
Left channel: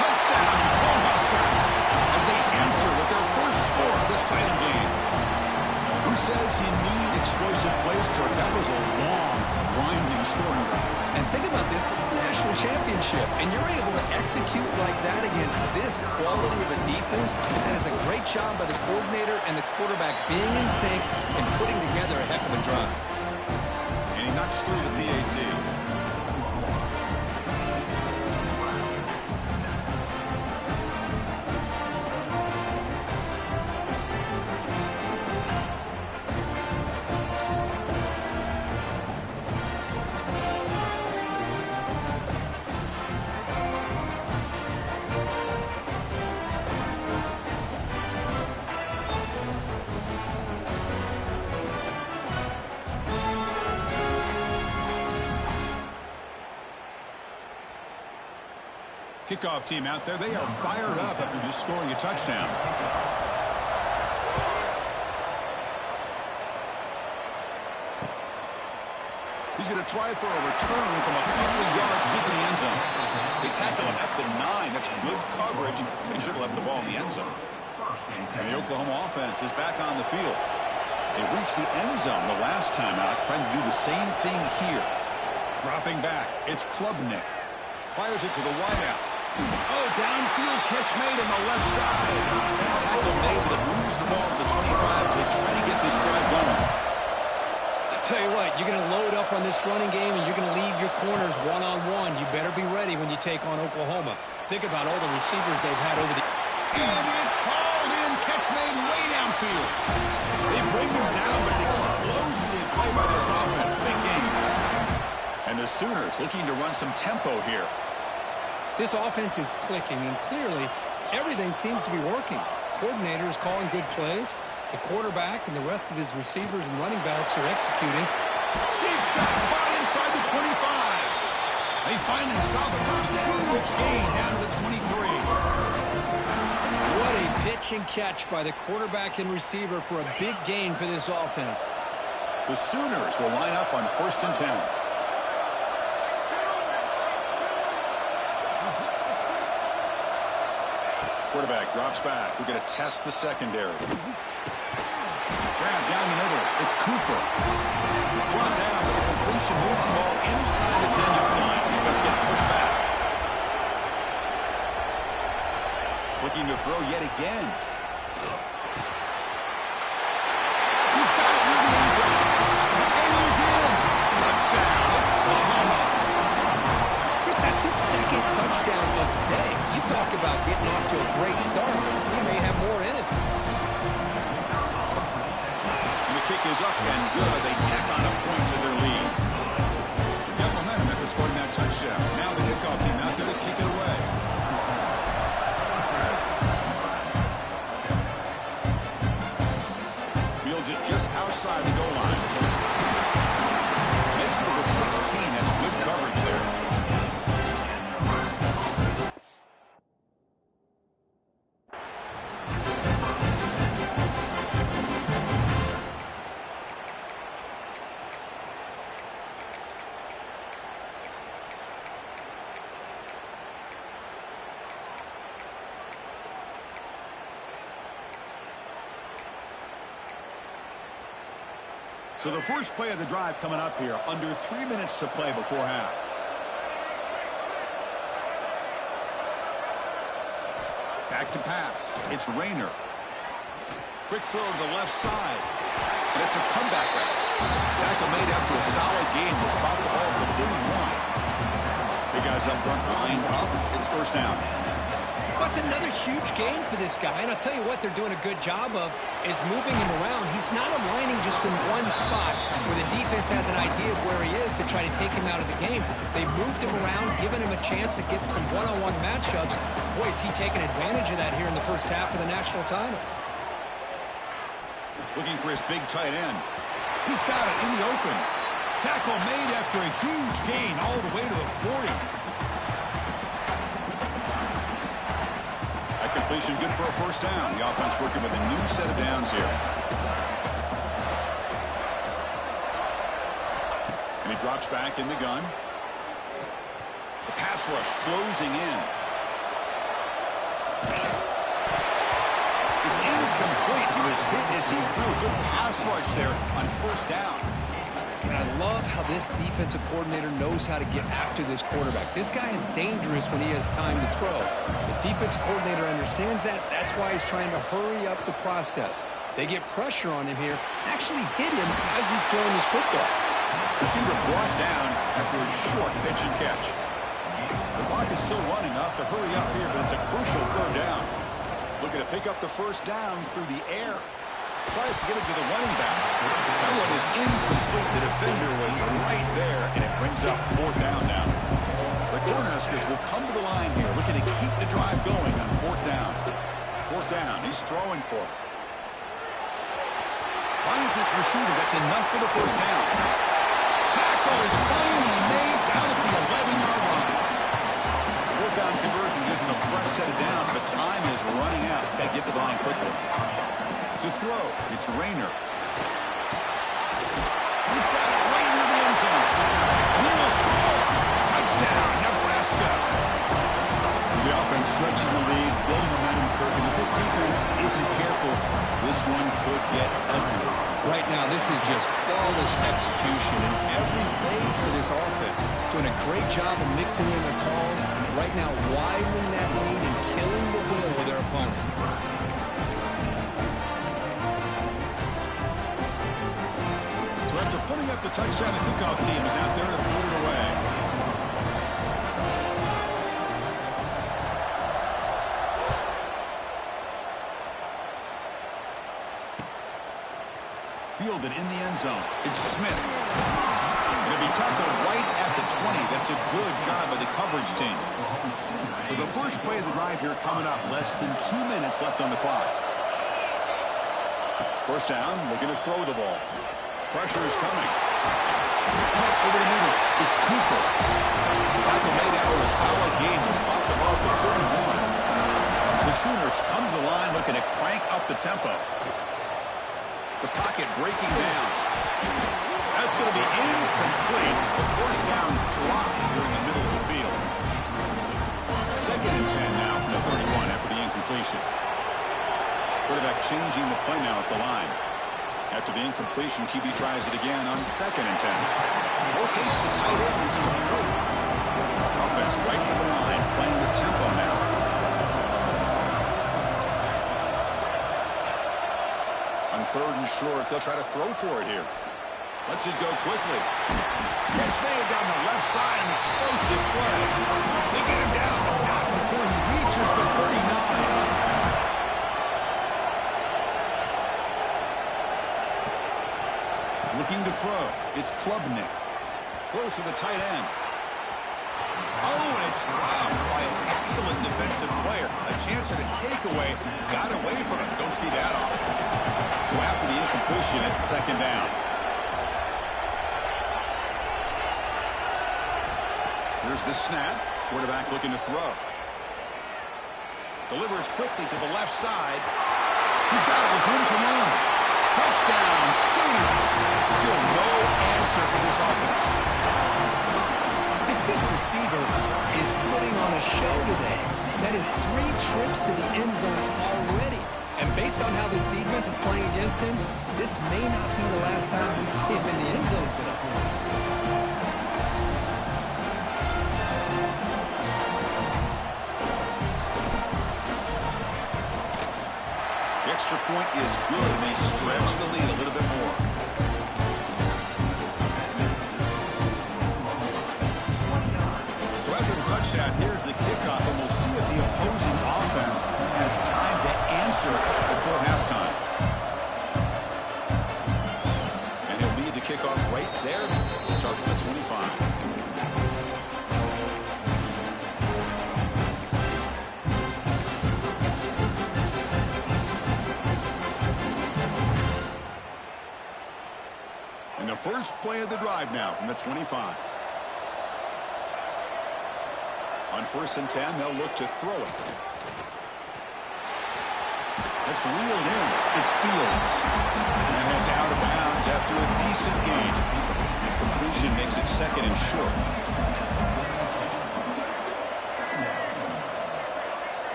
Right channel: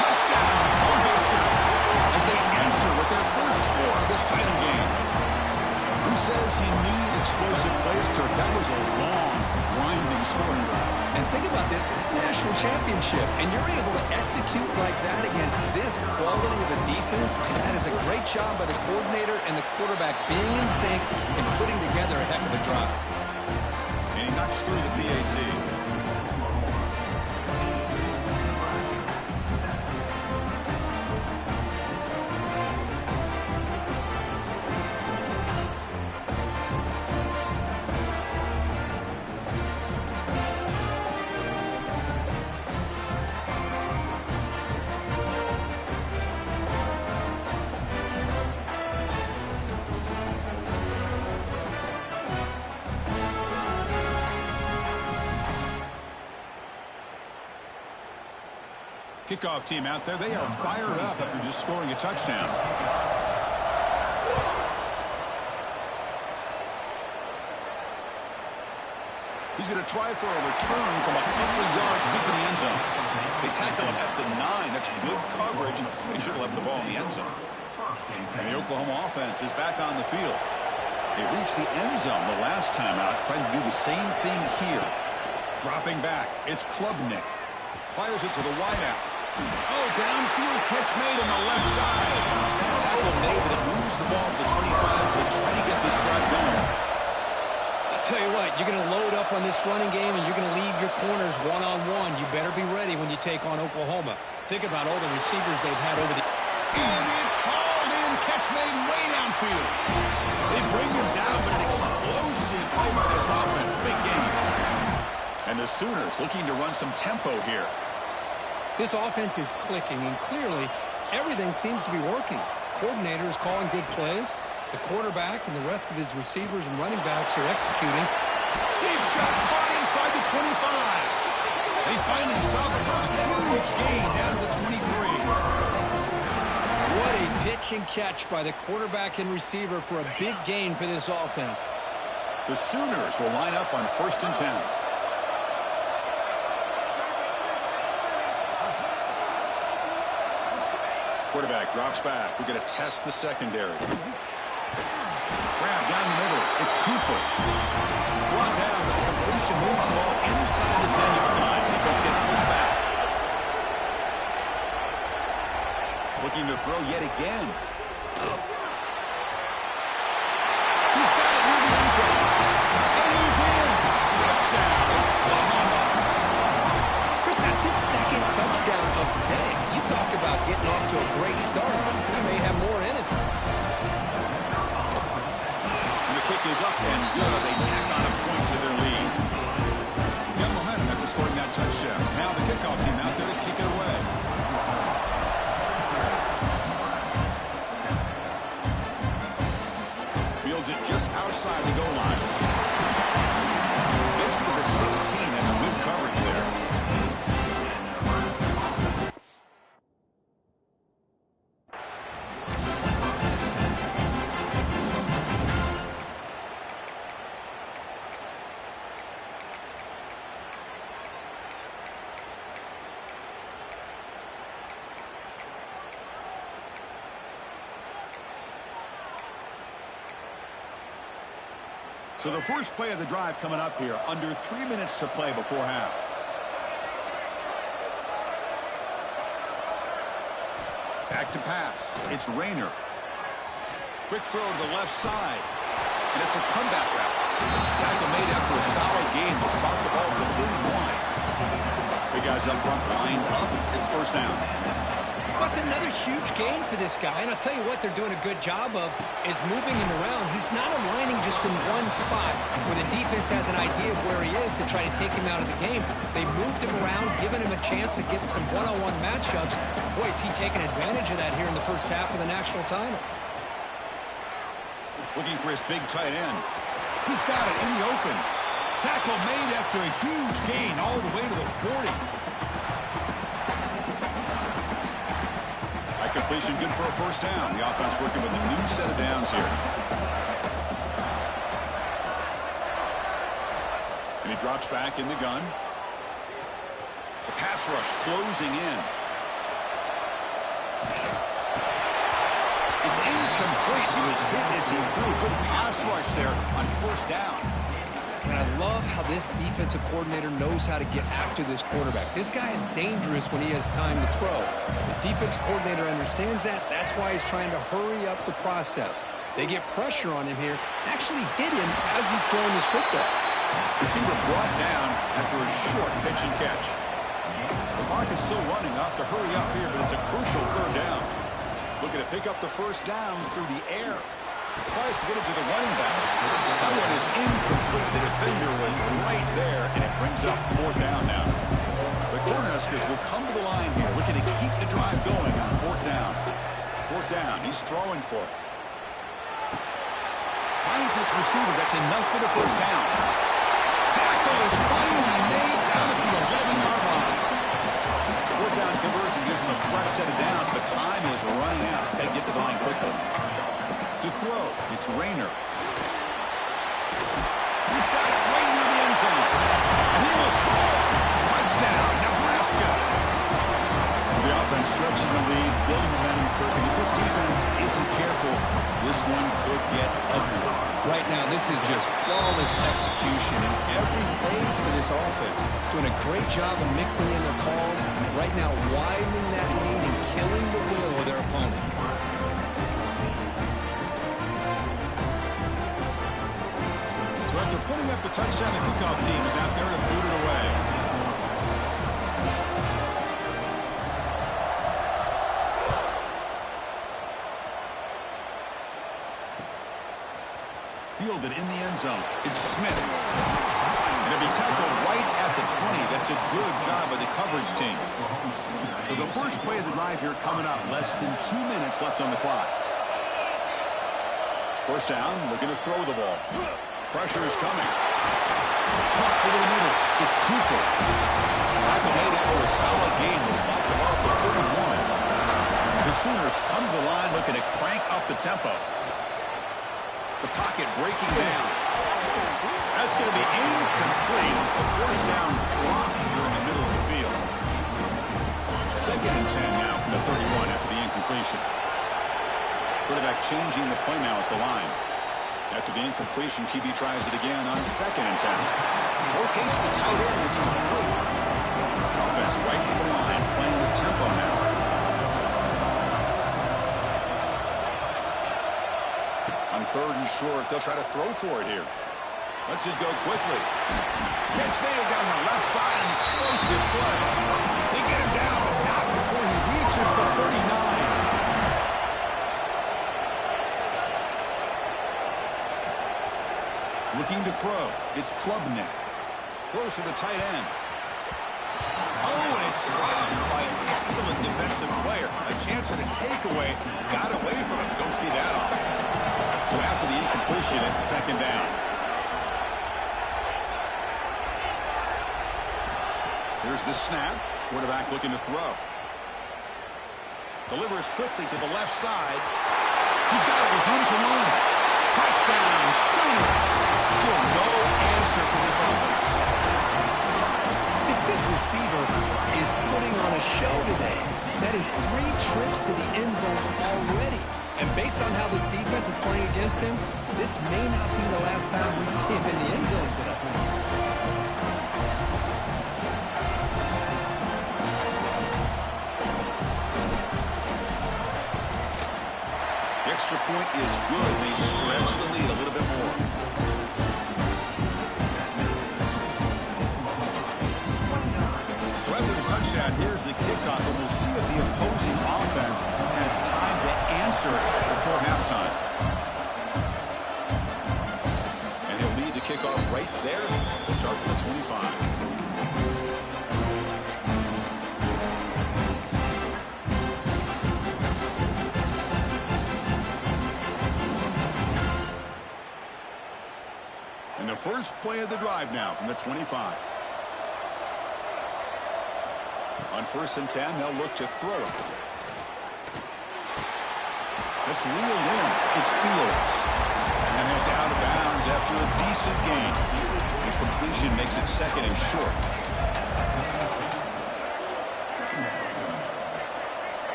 Touchdown, Cornhuskers, as they answer with their first score of this title game. Who says you need explosive plays, Kirk? That was a long, grinding scoring drive. And think about this. This is the national championship, and you're able to execute like that against this quality of a defense. That is a great job by the coordinator and the quarterback being in sync and putting together a heck of a drive. And he knocks through the PAT. Kickoff team out there. They are fired up after just scoring a touchdown. He's going to try for a return from a couple of yards deep in the end zone. They tackle him at the 9. That's good coverage, but he should have left the ball in the end zone. And the Oklahoma offense is back on the field. They reached the end zone the last time out, trying to do the same thing here. Dropping back, it's Klubnik. Fires it to the wideout. Oh, downfield catch made on the left side. Tackle made, but it moves the ball to the 25 as they try to get this drive going. I'll tell you what, you're going to load up on this running game, and you're going to leave your corners one-on-one. You better be ready when you take on Oklahoma. Think about all the receivers they've had over the... And it's hauled in, catch made way downfield. They bring him down, but an explosive play by this offense. Big game. And the Sooners looking to run some tempo here. This offense is clicking, and clearly everything seems to be working. The coordinator is calling good plays. The quarterback and the rest of his receivers and running backs are executing. Deep shot caught inside the 25. They finally stop him. It's a huge gain down to the 23. What a pitch and catch by the quarterback and receiver for a big gain for this offense. The Sooners will line up on 1st and 10. Quarterback drops back. We're going to test the secondary. Grab down the middle. It's Cooper. Brought down, but the completion moves the ball inside the 10-yard line. Defense getting pushed back. Looking to throw yet again. He's got it near the end zone. And he's in. Touchdown, Oklahoma. Chris, that's his second touchdown of the day. You talk about getting off to a great start. He may have more in it. And the kick is up and good. They tack on a point to their lead. Got momentum after scoring that touchdown. Now the kickoff team out there to kick it away. Fields it just outside the goal line. Makes it to the 16. That's good coverage there. So the first play of the drive coming up here, under 3 minutes to play before half. Back to pass. It's Rayner. Quick throw to the left side. And it's a comeback route. Tackle made after a solid game to spot the ball for 31. Big guys up front lined up. It's first down. That's another huge gain for this guy, and I'll tell you what they're doing a good job of is moving him around. He's not aligning just in one spot where the defense has an idea of where he is to try to take him out of the game. They moved him around, giving him a chance to get some one-on-one matchups. Boy, is he taking advantage of that here in the first half of the national title. Looking for his big tight end. He's got it in the open. Tackle made after a huge gain all the way to the 40. That completion good for a first down. The offense working with a new set of downs here. And he drops back in the gun. The pass rush closing in. It's incomplete. He was hit as he threw a good pass rush there on first down. And I love how this defensive coordinator knows how to get after this quarterback. This guy is dangerous when he has time to throw. The defensive coordinator understands that. That's why he's trying to hurry up the process. They get pressure on him here, actually hit him as he's throwing his football. Receiver brought down after a short pitch and catch. The clock is still running. Off to hurry up here, but it's a crucial third down. Looking to pick up the first down through the air. Tries to get it to the running back. That one is incomplete. The defender was right there, and it brings up fourth down now. The Cornhuskers will come to the line here, looking to keep the drive going on fourth down. Fourth down. He's throwing for it. Finds his receiver. That's enough for the first down. Tackle is finally made down at the 11-yard line. Fourth down conversion gives him a fresh set of downs, but time is running out. Got to get to the line quickly. To throw, it's Rayner. He's got it right near the end zone. And he will score. Touchdown, Nebraska. The offense stretching the lead, building momentum, Kirk. And if this defense isn't careful, this one could get ugly. Right now, this is just flawless execution in every phase for this offense. Doing a great job of mixing in their calls. Right now, widening that lead and killing the will of their opponent. So after putting up the touchdown, the kickoff team is out there to boot it away. Fielded in the end zone. It's Smith. And it'll be tackled right at the 20. That's a good job by the coverage team. So the first play of the drive here coming up. Less than 2 minutes left on the clock. First down, looking to throw the ball. Pressure is coming. Caught over the middle. It's Cooper. Tackle made after a solid gain. They'll spot the ball for 31. The Sooners come to the line looking to crank up the tempo. The pocket breaking down. That's going to be incomplete. A first down drop here in the middle of the field. Second and 10 now from the 31 after the incompletion. Quarterback changing the play now at the line. After the incompletion, QB tries it again on second and 10. Locates the tight end. It's complete. Offense right to the line, playing the tempo now. On third and short, they'll try to throw for it here. Lets it go quickly. Catch made down the left side, an explosive play. They get him down, but not before he reaches the 39. Looking to throw. It's Klubnik. Throws to the tight end. Oh, and it's dropped by an excellent defensive player. A chance at a takeaway. Got away from him. Don't see that often. So after the incompletion, it's second down. Here's the snap. Quarterback looking to throw. Delivers quickly to the left side. He's got it with room to run. Touchdown, Sooners. Still no answer for this offense. I think this receiver is putting on a show today. That is 3 trips to the end zone already. And based on how this defense is playing against him, this may not be the last time we see him in the end zone today. The extra point is good, and they stretch the lead a little bit more. So after the touchdown, here's the kickoff, and we'll see if the opposing offense has time to answer before halftime. And he'll lead the kickoff right there. We'll start at the 25. first play of the drive now from the 25. On 1st and 10, they'll look to throw it. That's reeled in. It's Fields. And heads out of bounds after a decent gain. And completion makes it 2nd and short.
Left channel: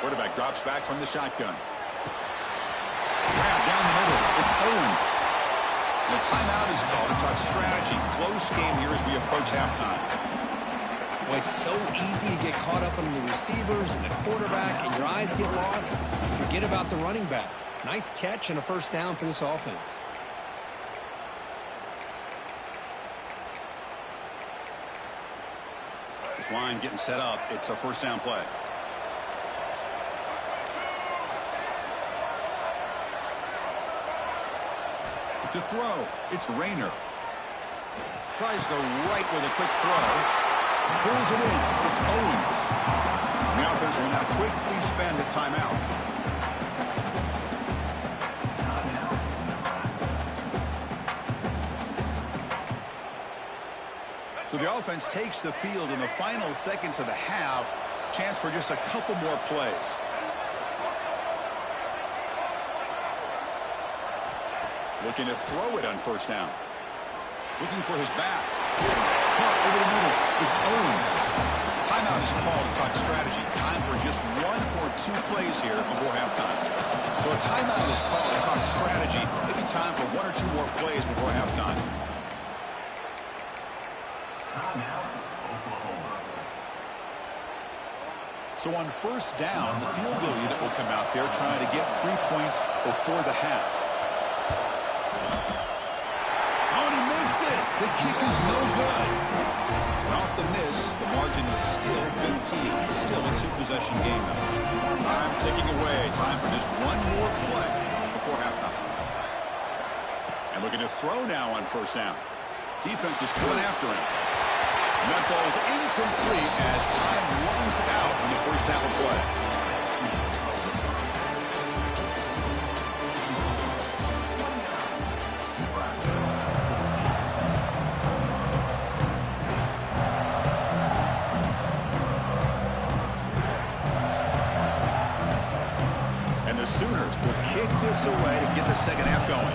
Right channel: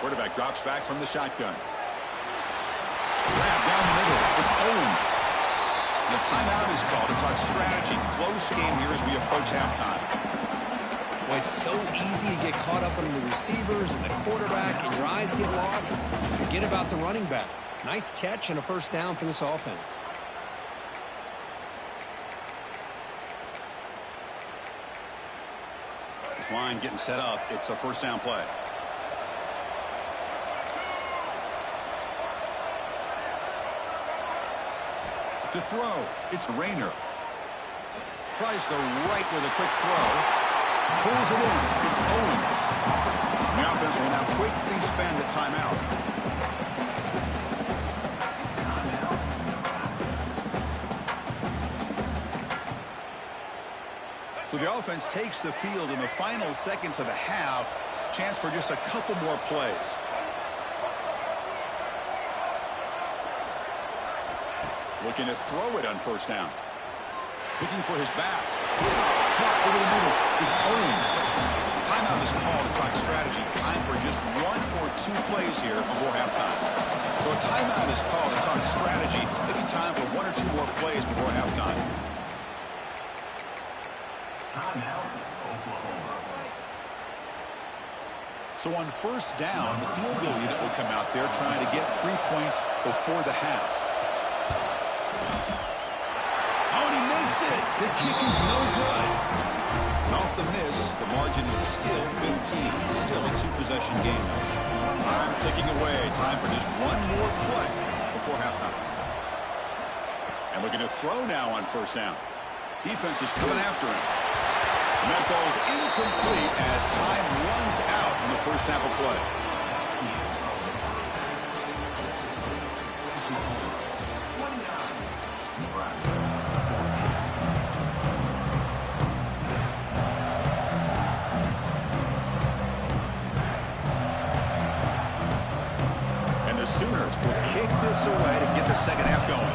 Quarterback drops back from the shotgun. Grab down the middle. It's Owens. And a timeout is called to talk strategy. Close game here as we approach halftime. Well, it's so easy to get caught up on the receivers and the quarterback, and your eyes get lost. You forget about the running back. Nice catch and a first down for this offense. This line getting set up. It's a first down play. To throw, it's Rayner. Tries the right with a quick throw. Pulls it in. It's Owens. And the offense will now quickly spend a timeout. So the offense takes the field in the final seconds of the half. Chance for just a couple more plays. Looking to throw it on first down. Looking for his back. Caught over the middle. It's Owens. Timeout is called to talk strategy. Time for just 1 or 2 plays here before halftime. So a timeout is called to talk strategy. Maybe time for 1 or 2 more plays before halftime. Timeout, Oklahoma. So on first down, the field goal unit will come out there trying to get 3 points before the half. Oh, and he missed it. The kick is no good. And off the miss, the margin is still 15. Still a 2-possession game, though. Time ticking away. Time for just 1 more play before halftime. And looking to throw now on first down. Defense is coming after him. And that falls incomplete as time runs out in the first half of play. And the Sooners will kick this away to get the second half going.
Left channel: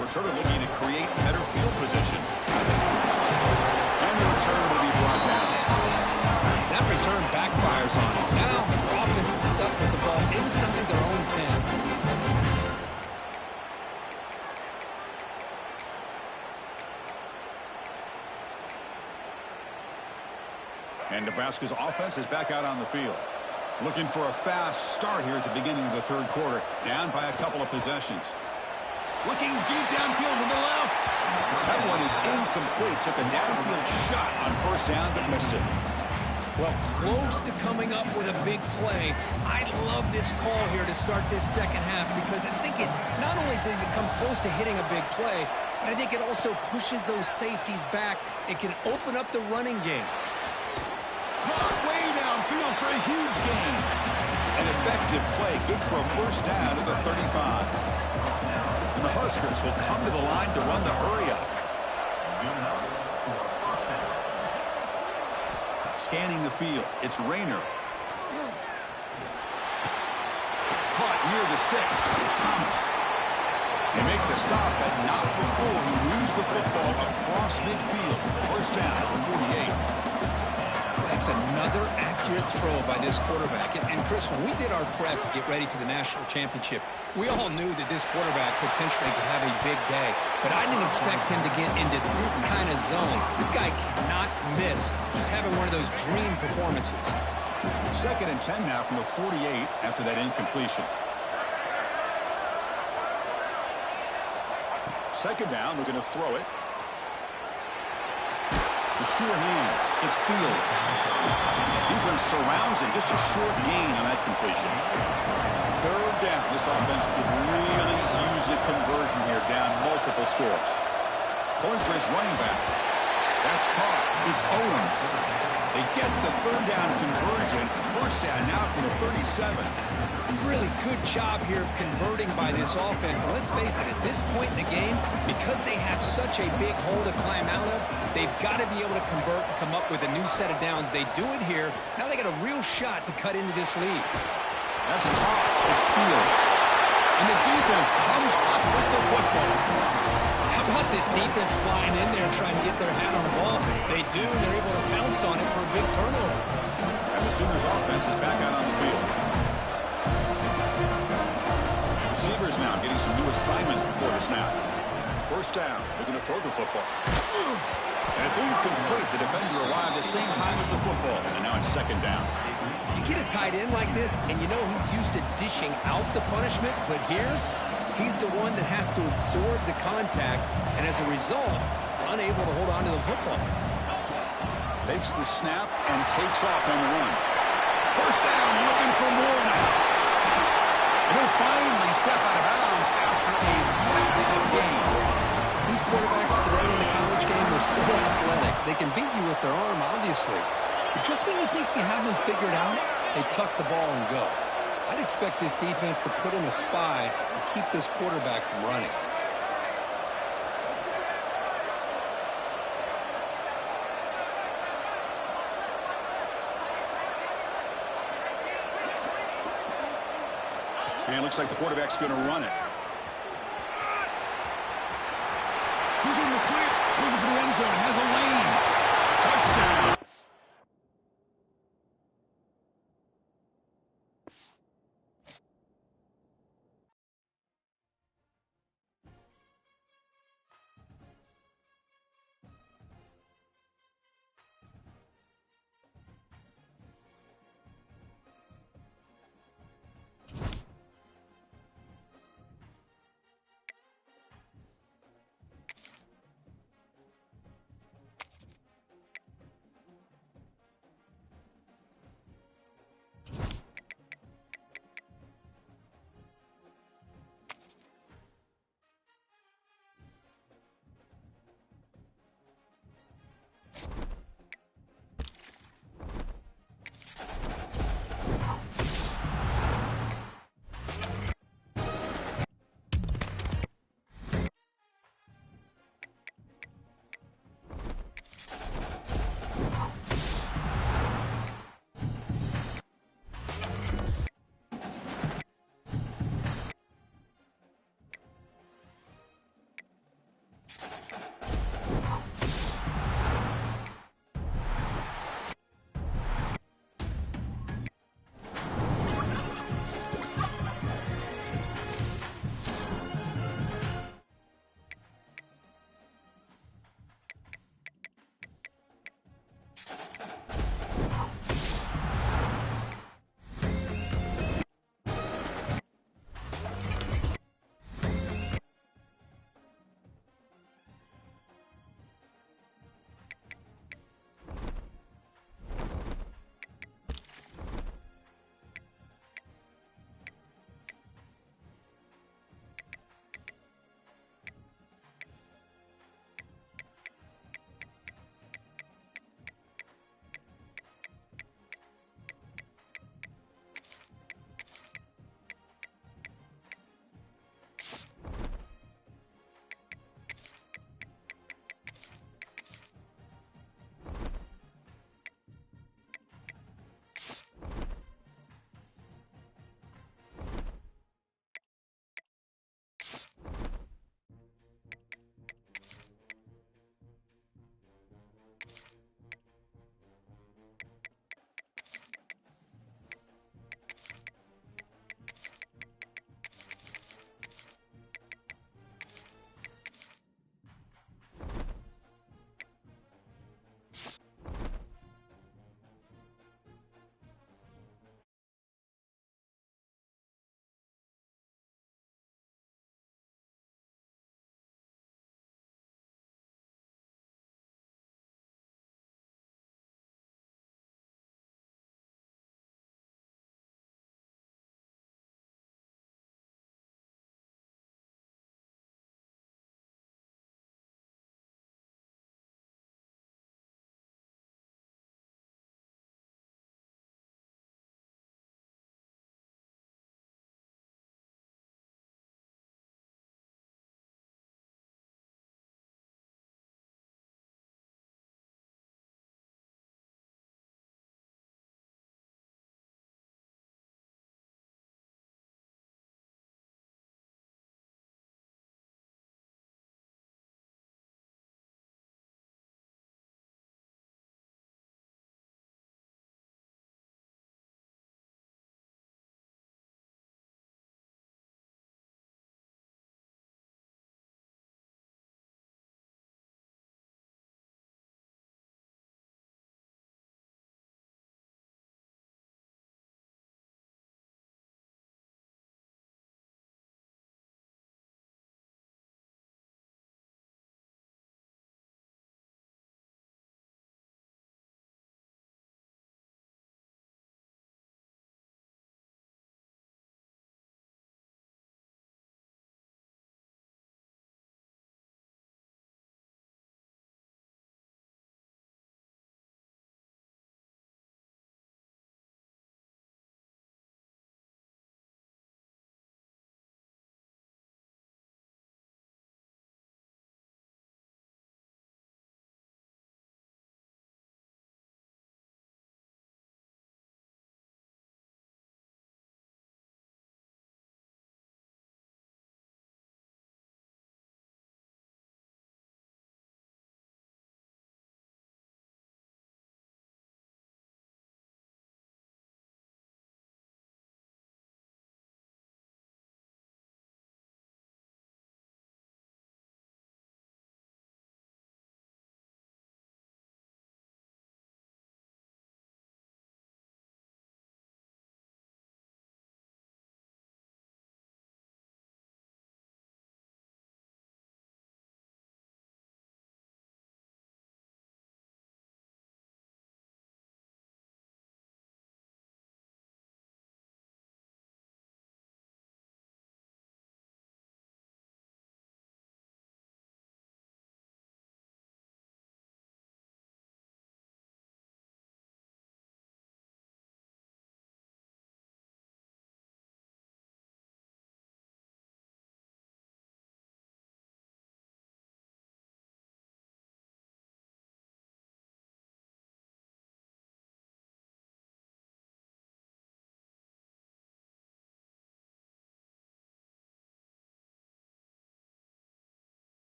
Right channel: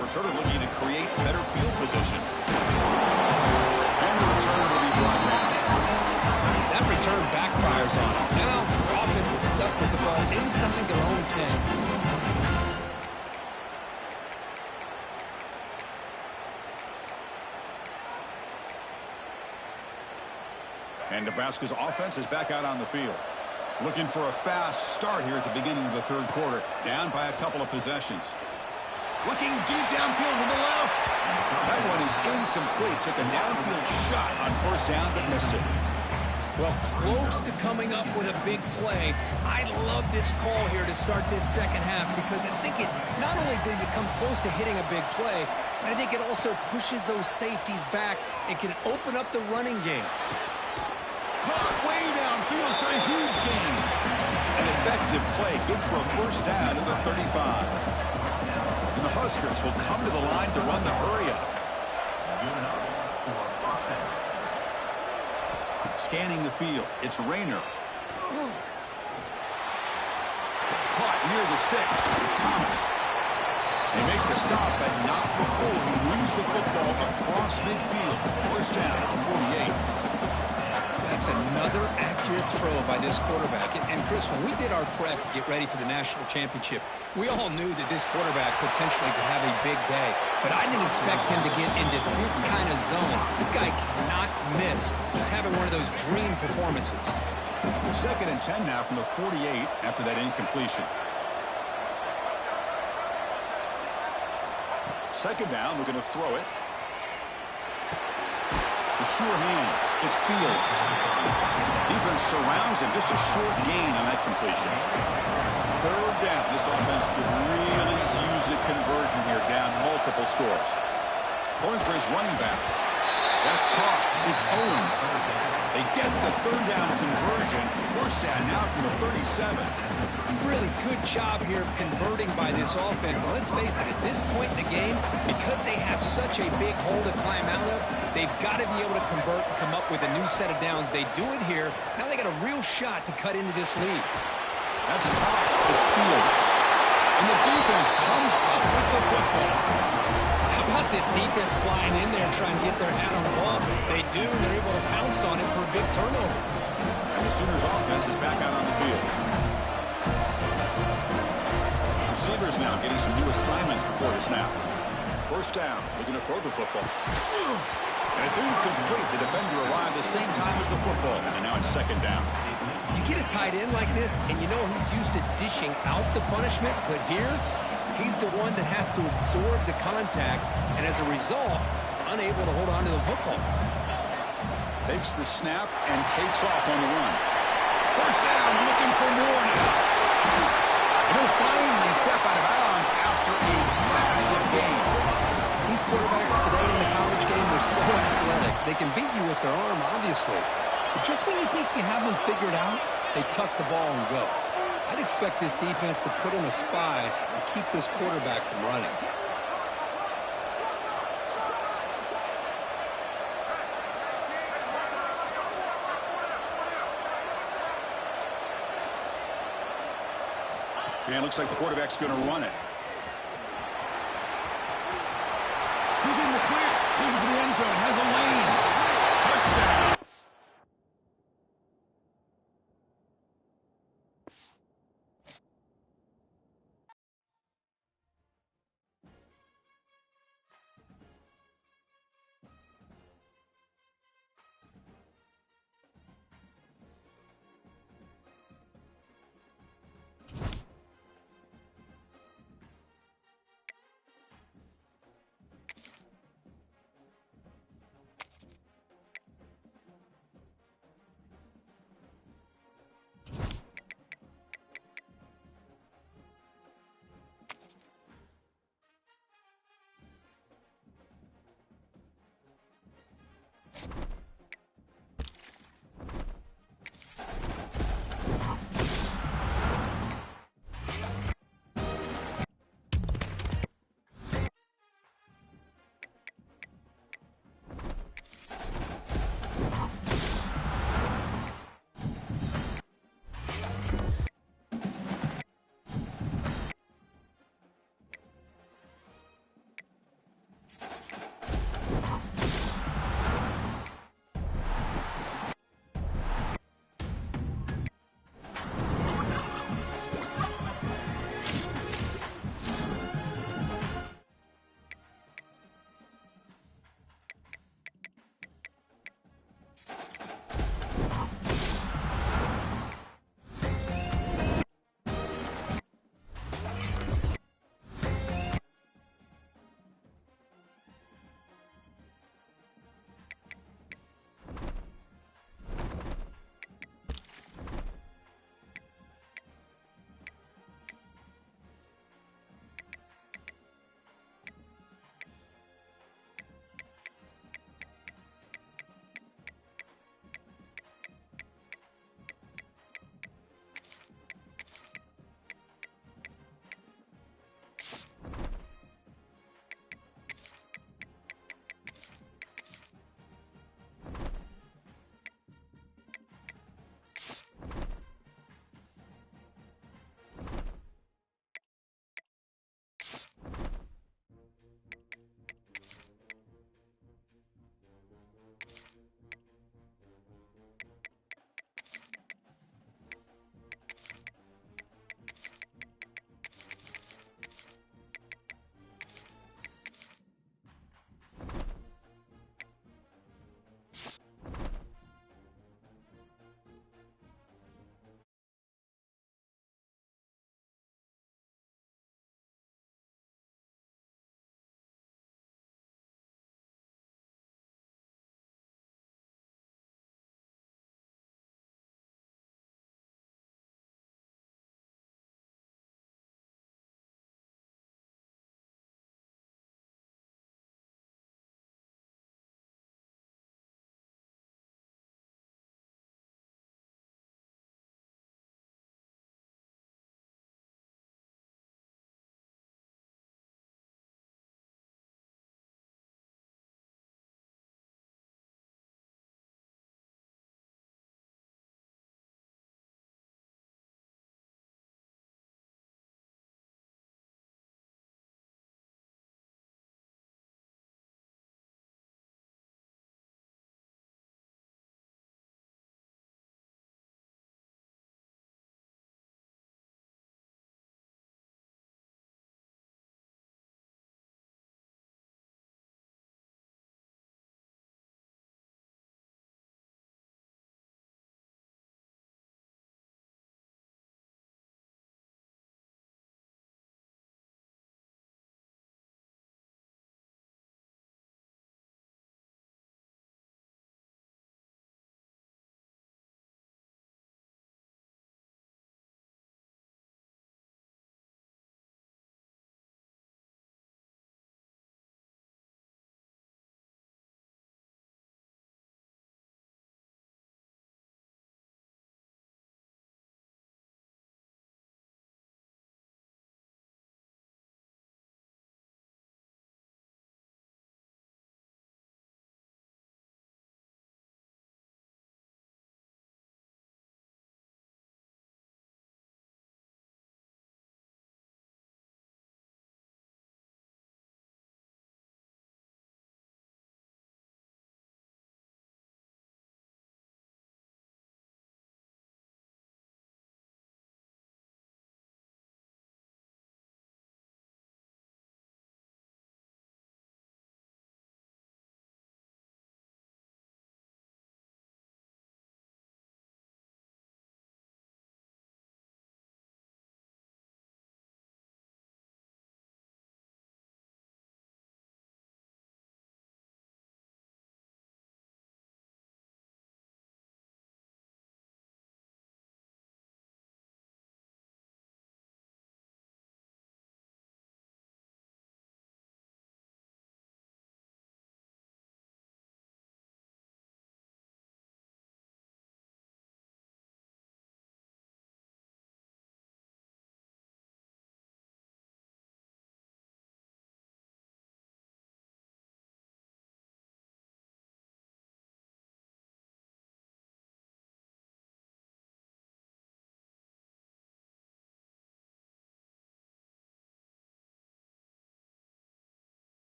Returner looking to create better field position. And the return will be brought down. That return backfires on them. Now, their offense is stuck with the ball inside their own 10. And Nebraska's offense is back out on the field. Looking for a fast start here at the beginning of the third quarter. Down by a couple of possessions. Looking deep downfield to the left. That one is incomplete. Took a downfield shot on first down, but missed it. Well, close to coming up with a big play. I love this call here to start this second half because I think it not only do you come close to hitting a big play, but I think it also pushes those safeties back. It can open up the running game. Caught way downfield for a huge gain. An effective play, good for a first down at the 35. And the Huskers will come to the line to run the hurry-up. Scanning the field, it's Rayner. Caught near the sticks, it's Thomas. They make the stop, but not before he moves the football across midfield. First down at the 48. That's another accurate throw by this quarterback. And Chris, when we did our prep to get ready for the national championship, we all knew that this quarterback potentially could have a big day. But I didn't expect him to get into this kind of zone. This guy cannot miss. Just having one of those dream performances. 2nd and 10 now from the 48 after that incompletion. Second down, looking to throw it. The sure hands. It's Fields. Defense surrounds him. Just a short gain on that completion. Third down. This offense could really use a conversion here, down multiple scores. Throwing for his running back. That's caught. It's Owens. They get the third down conversion. First down now from the 37. Really good job here of converting by this offense. And let's face it, at this point in the game, because they have such a big hole to climb out of, they've got to be able to convert and come up with a new set of downs. They do it here. Now they got a real shot to cut into this lead. That's caught. It's Fields. And the defense comes up with the football. How about this defense flying in there trying to get their hat on the ball? They do, and they're able to pounce on it for a big turnover. And the Sooners offense is back out on the field. Receivers now getting some new assignments before the snap. First down, looking to throw the football. And it's incomplete. The defender arrived the same time as the football. And now it's second down. You get a tight end like this, and you know he's used to dishing out the punishment, but here, he's the one that has to absorb the contact, and as a result, he's unable to hold on to the football. Takes the snap and takes off on the run. First down, looking for more now. And he'll finally step out of bounds after a massive gain. These quarterbacks today in the college game are so athletic. They can beat you with their arm, obviously. But just when you think you have them figured out, they tuck the ball and go. I'd expect this defense to put in a spy and keep this quarterback from running. And it looks like the quarterback's going to run it. He's in the clear, looking for the end zone, has a lane. Touchdown.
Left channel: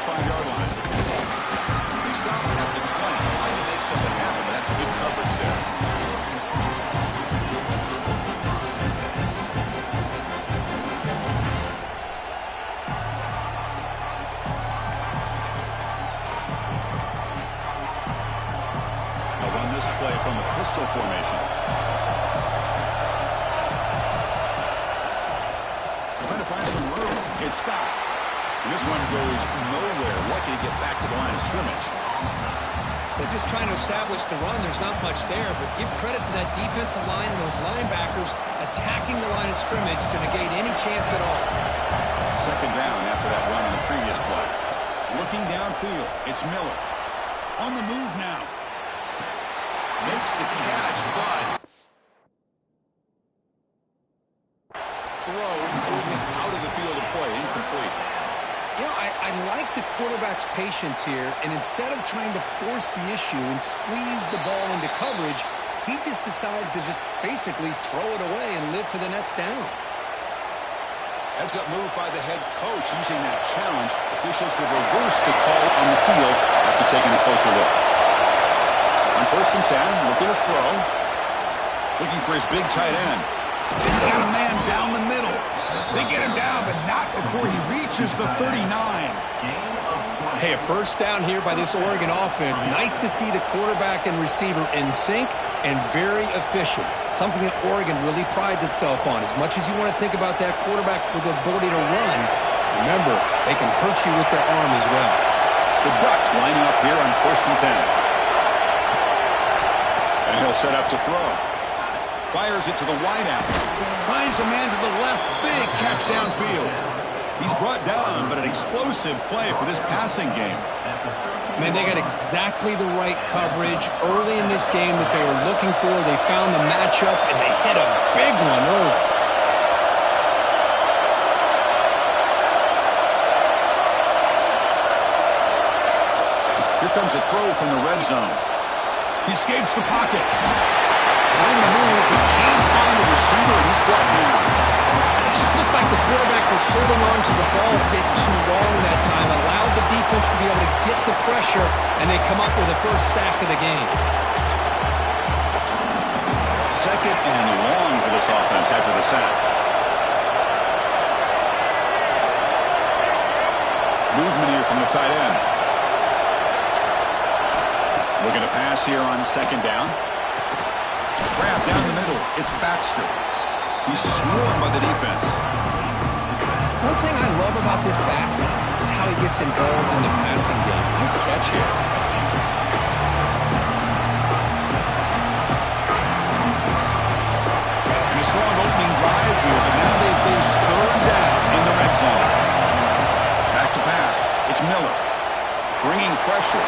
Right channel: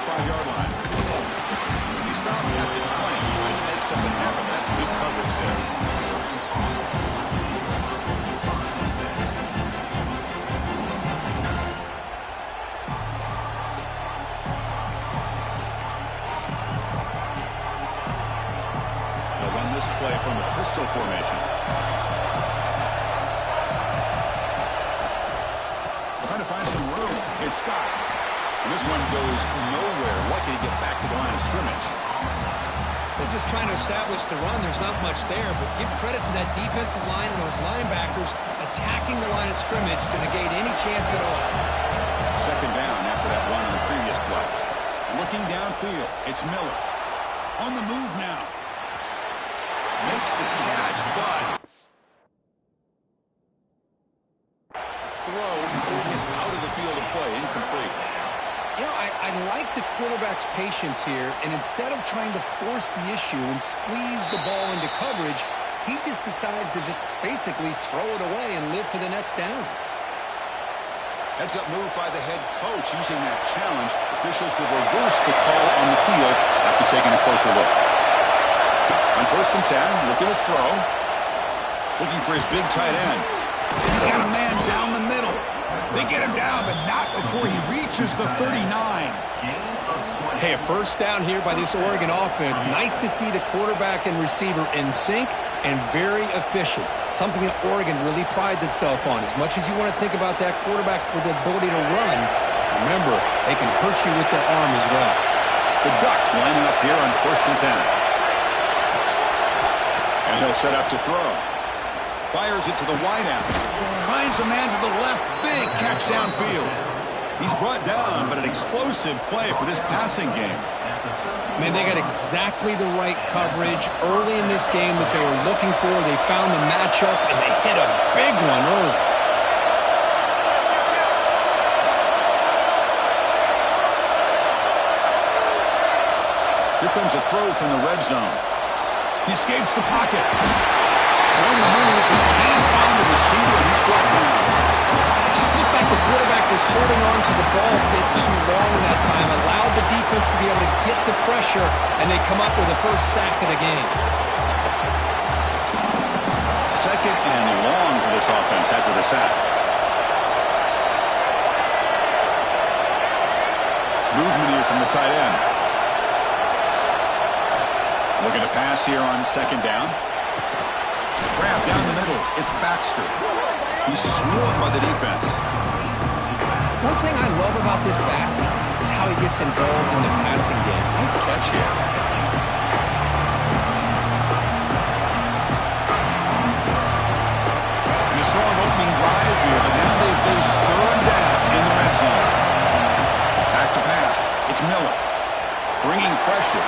the 5-yard line. And he stopped at the 20, trying to make something happen, but that's good coverage there. Play from the pistol formation. Trying to find some room. It's Scott. And this one goes nowhere. Lucky to get back to the line of scrimmage. They're just trying to establish the run. There's not much there, but give credit to that defensive line and those linebackers attacking the line of scrimmage to negate any chance at all. Second down after that run on the previous play. Looking downfield, it's Miller. On the move now. Makes the catch, but throw pulled him out of the field of play, incomplete. You know, I like the quarterback's patience here, and instead of trying to force the issue and squeeze the ball into coverage, he just decides to just basically throw it away and live for the next down. Heads up move by the head coach using that challenge. Officials will reverse the call on the field after taking a closer look. On 1st and 10, looking to throw. Looking for his big tight end. He's got a man down the middle. They get him down, but not before he reaches the 39. Hey, a first down here by this Oregon offense. Nice to see the quarterback and receiver in sync and very efficient. Something that Oregon really prides itself on. As much as you want to think about that quarterback with the ability to run, remember, they can hurt you with their arm as well. The Ducks lining up here on 1st and 10. And he'll set up to throw. Fires it to the wideout. Finds a man to the left. Big catch downfield. He's brought down, but an explosive play for this passing game. Man, they got exactly the right coverage early in this game that they were looking for. They found the matchup, and they hit a big one early. Here comes a throw from the red zone. He escapes the pocket. On the move, he can't find the receiver, and he's brought down. It just looked like the quarterback was holding on to the ball a bit too long that time, allowed the defense to be able to get the pressure, and they come up with the first sack of the game. Second and long for this offense after the sack. Movement here from the tight end. Looking to pass here on 2nd down. Grab down the middle. It's Baxter. He's swarmed by the defense. One thing I love about this back is how he gets involved in the passing game. Nice catch here. And a strong opening drive here, but now they face 3rd down in the red zone. Back to pass. It's Miller. Bringing pressure.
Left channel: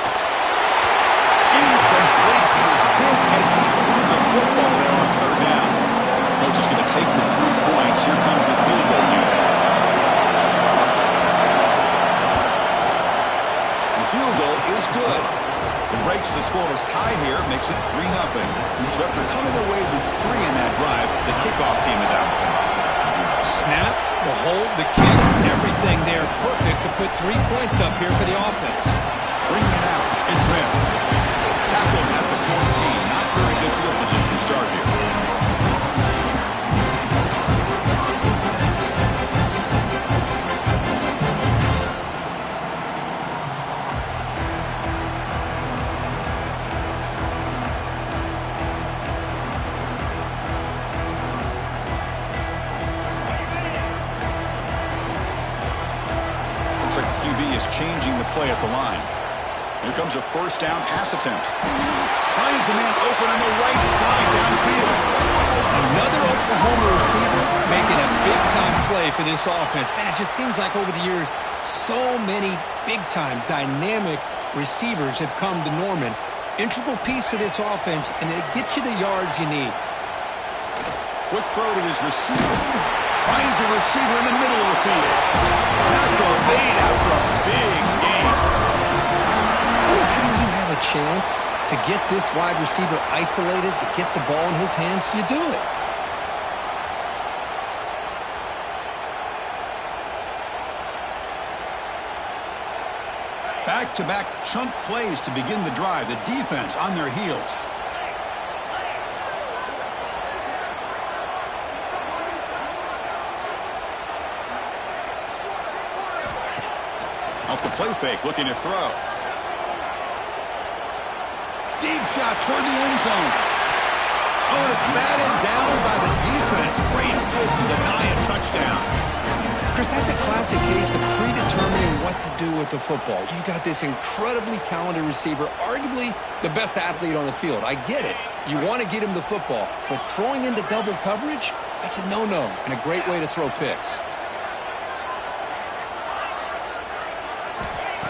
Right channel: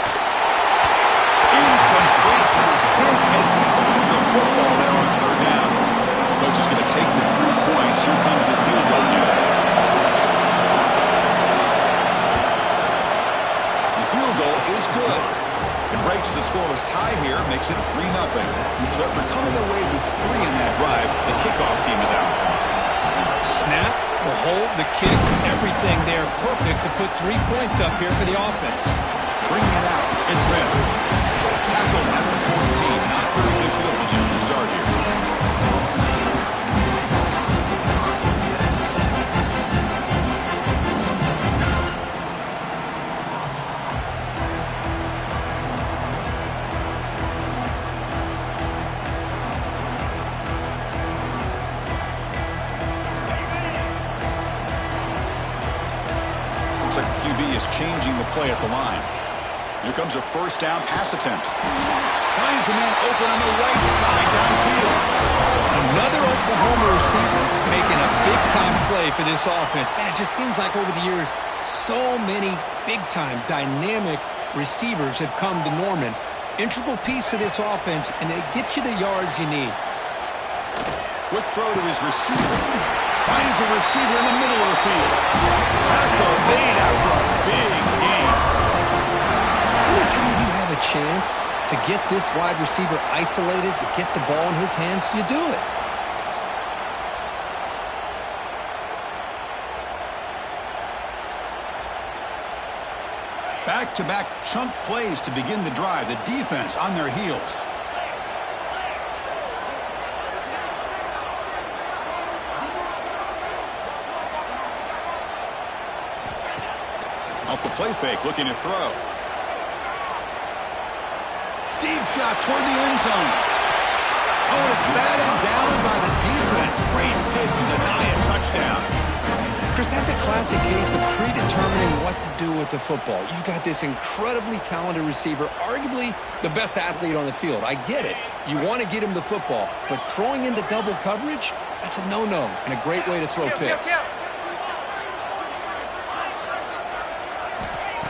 Incomplete. He was hit as he threw the football there on 3rd down. Coach is going to take the 3 points. Here comes the field goal unit. The field goal is good. It breaks the scoreless tie here, makes it 3-0. So after coming away with 3 in that drive, the kickoff team is out. Snap, the hold, the kick, everything there perfect to put 3 points up here for the offense. Bringing it out, it's Smith. Tackled at the 14. Not very good field position to start here. Looks like the QB is changing the play at the line. Here comes a 1st down pass attempt. Finds a man open on the right side downfield. Another Oklahoma receiver making a big-time play for this offense. Man, it just seems like over the years, so many big-time, dynamic receivers have come to Norman. Integral piece of this offense, and they get you the yards you need. Quick throw to his receiver. Finds a receiver in the middle of the field. Tackle made after a big game. Anytime you have a chance to get this wide receiver isolated, to get the ball in his hands, you do it. back-to-back chunk plays to begin the drive. The defense on their heels. Off the play fake, looking to throw. Deep shot toward the end zone. Oh, and it's batted down by the defense. Great pitch to deny a touchdown. Chris, that's a classic case of predetermining what to do with the football. You've got this incredibly talented receiver, arguably the best athlete on the field. I get it. You want to get him the football, but throwing into double coverage, that's a no-no and a great way to throw picks.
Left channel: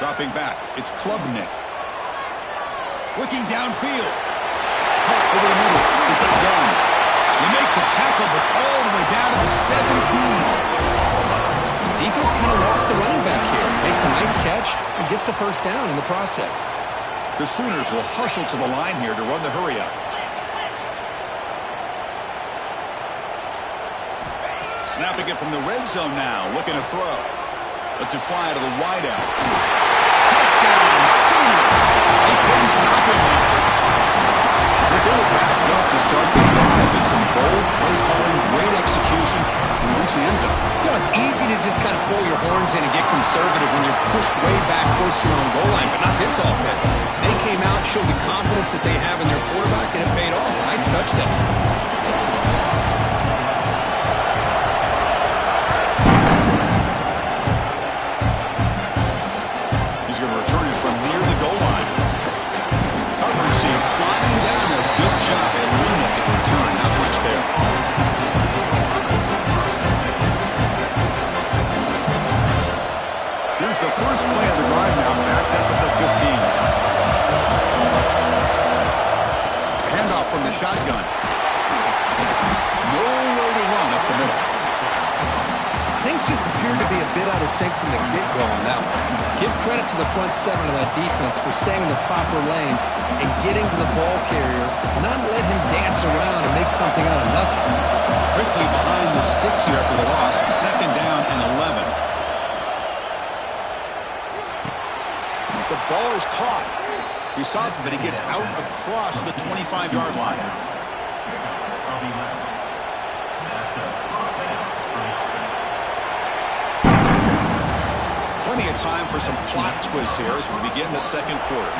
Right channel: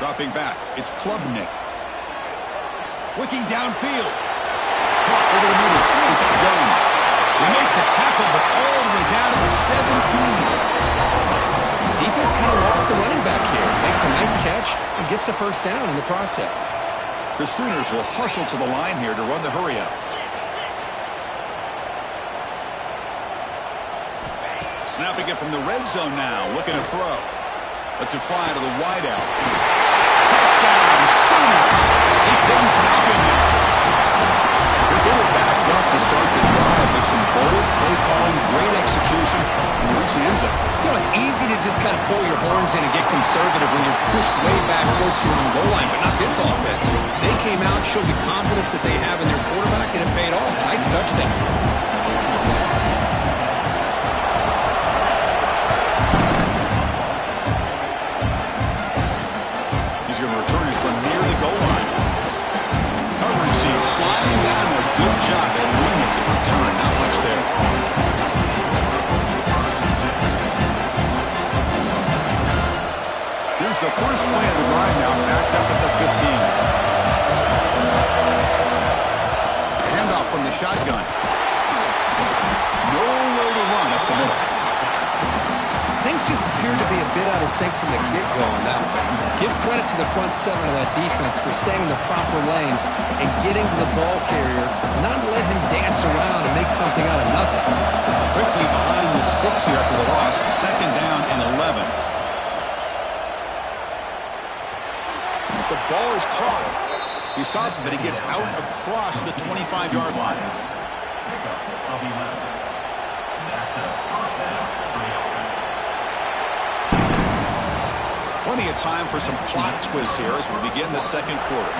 Dropping back, it's Klubnik. Looking downfield. Caught over the middle. It's done. They make the tackle, but all the way down to the 17. Defense kind of lost a running back here. Makes a nice catch and gets the first down in the process. The Sooners will hustle to the line here to run the hurry-up. Snapping it from the red zone now. Looking to throw. Lets it fly to the wideout. Touchdown, Sooners. He couldn't stop him there. They were backed up to start the drive, but some bold play calling, great execution, and they reached the end zone. You know, it's easy to just kind of pull your horns in and get conservative when you're pushed way back close to your own goal line, but not this offense. They came out, showed the confidence that they have in their quarterback, and it paid off. Nice touchdown. He's going to return it from near the goal line. Coverage team flying down there. Good job at limit the return. Not much there. Here's the first play of the drive now, backed up at the 15. Handoff from the shotgun. Nowhere to run up the middle. Things just appeared to be a bit out of sync from the get-go on that one. Give credit to the front seven of that defense for staying in the proper lanes and getting to the ball carrier, not let him dance around and make something out of nothing. Quickly behind the sticks here after the loss. Second down and 11. The ball is caught. He stopped, but he gets out across the 25-yard line. Pickup of 11. That's a first down for the offense. Plenty of time for some plot twists here as we begin the second quarter.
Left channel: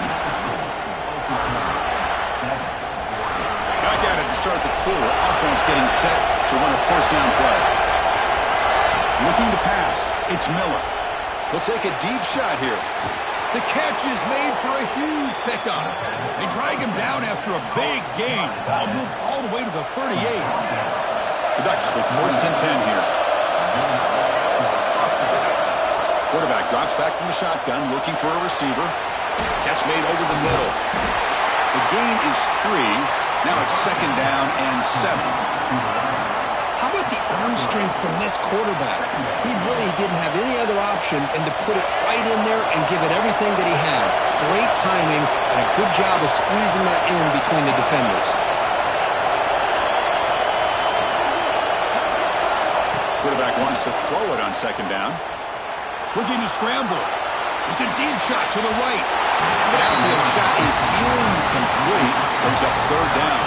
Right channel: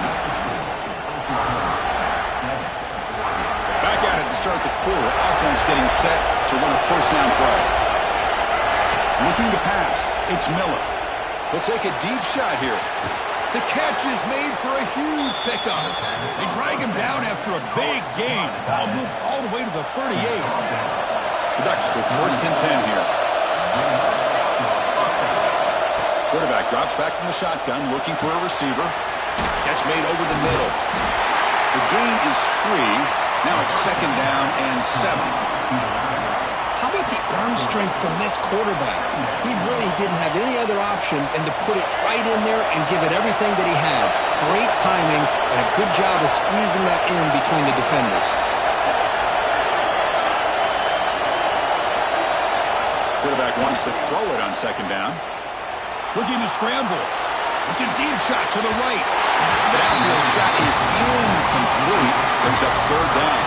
Back at it to start the quarter. Offense getting set to run a first down play. Looking to pass. It's Miller. He'll take a deep shot here. The catch is made for a huge pickup. They drag him down after a big gain. Ball moved all the way to the 38. The Ducks with first and 10 here. Quarterback drops back from the shotgun, looking for a receiver. Catch made over the middle. The gain is 3. Now it's second down and 7. How about the arm strength from this quarterback? He really didn't have any other option than to put it right in there and give it everything that he had. Great timing and a good job of squeezing that in between the defenders. Quarterback wants to throw it on second down. Looking to scramble. It's a deep shot to the right. The outfield shot is incomplete. Brings up third down.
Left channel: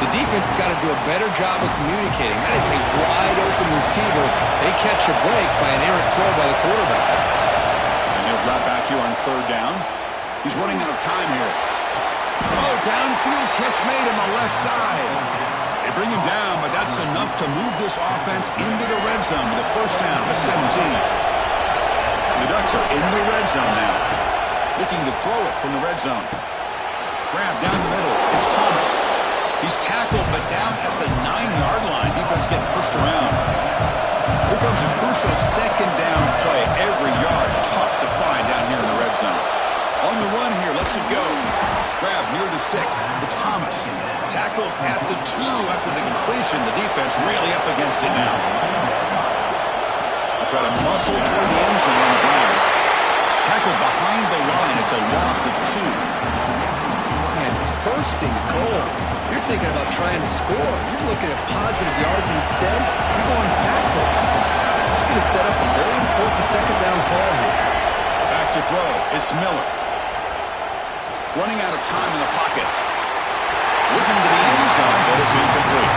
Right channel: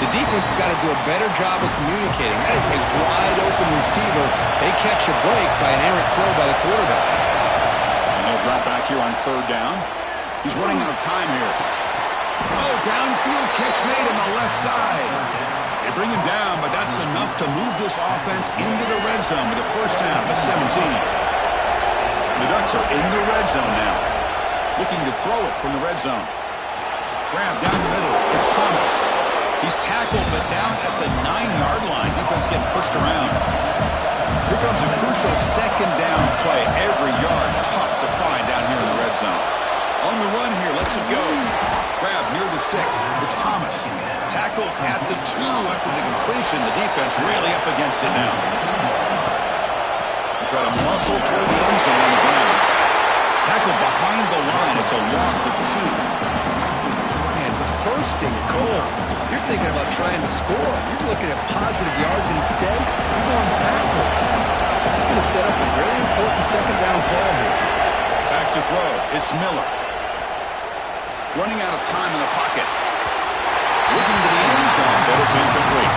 The defense has got to do a better job of communicating. That is a wide-open receiver. They catch a break by an errant throw by the quarterback. And he'll drop back here on third down. He's running out of time here. Oh, downfield catch made on the left side. They bring him down, but that's enough to move this offense into the red zone with a first down to 17. The Ducks are in the red zone now. Looking to throw it from the red zone. Grab down the middle. It's Thomas. He's tackled, but down at the 9-yard line. Defense getting pushed around. Here comes a crucial second down play. Every yard tough to find down here in the red zone. On the run here, lets it go. Grab near the sticks. It's Thomas. Tackled at the 2 after the completion. The defense really up against it now. They try to muscle toward the end zone on the ground. Tackled behind the line. It's a loss of 2. Man, it's first and goal. You're thinking about trying to score. You're looking at positive yards, and instead, you're going backwards. That's going to set up a very important second down call here. back to throw. It's Miller. Running out of time in the pocket. Looking to the end zone, but it's incomplete.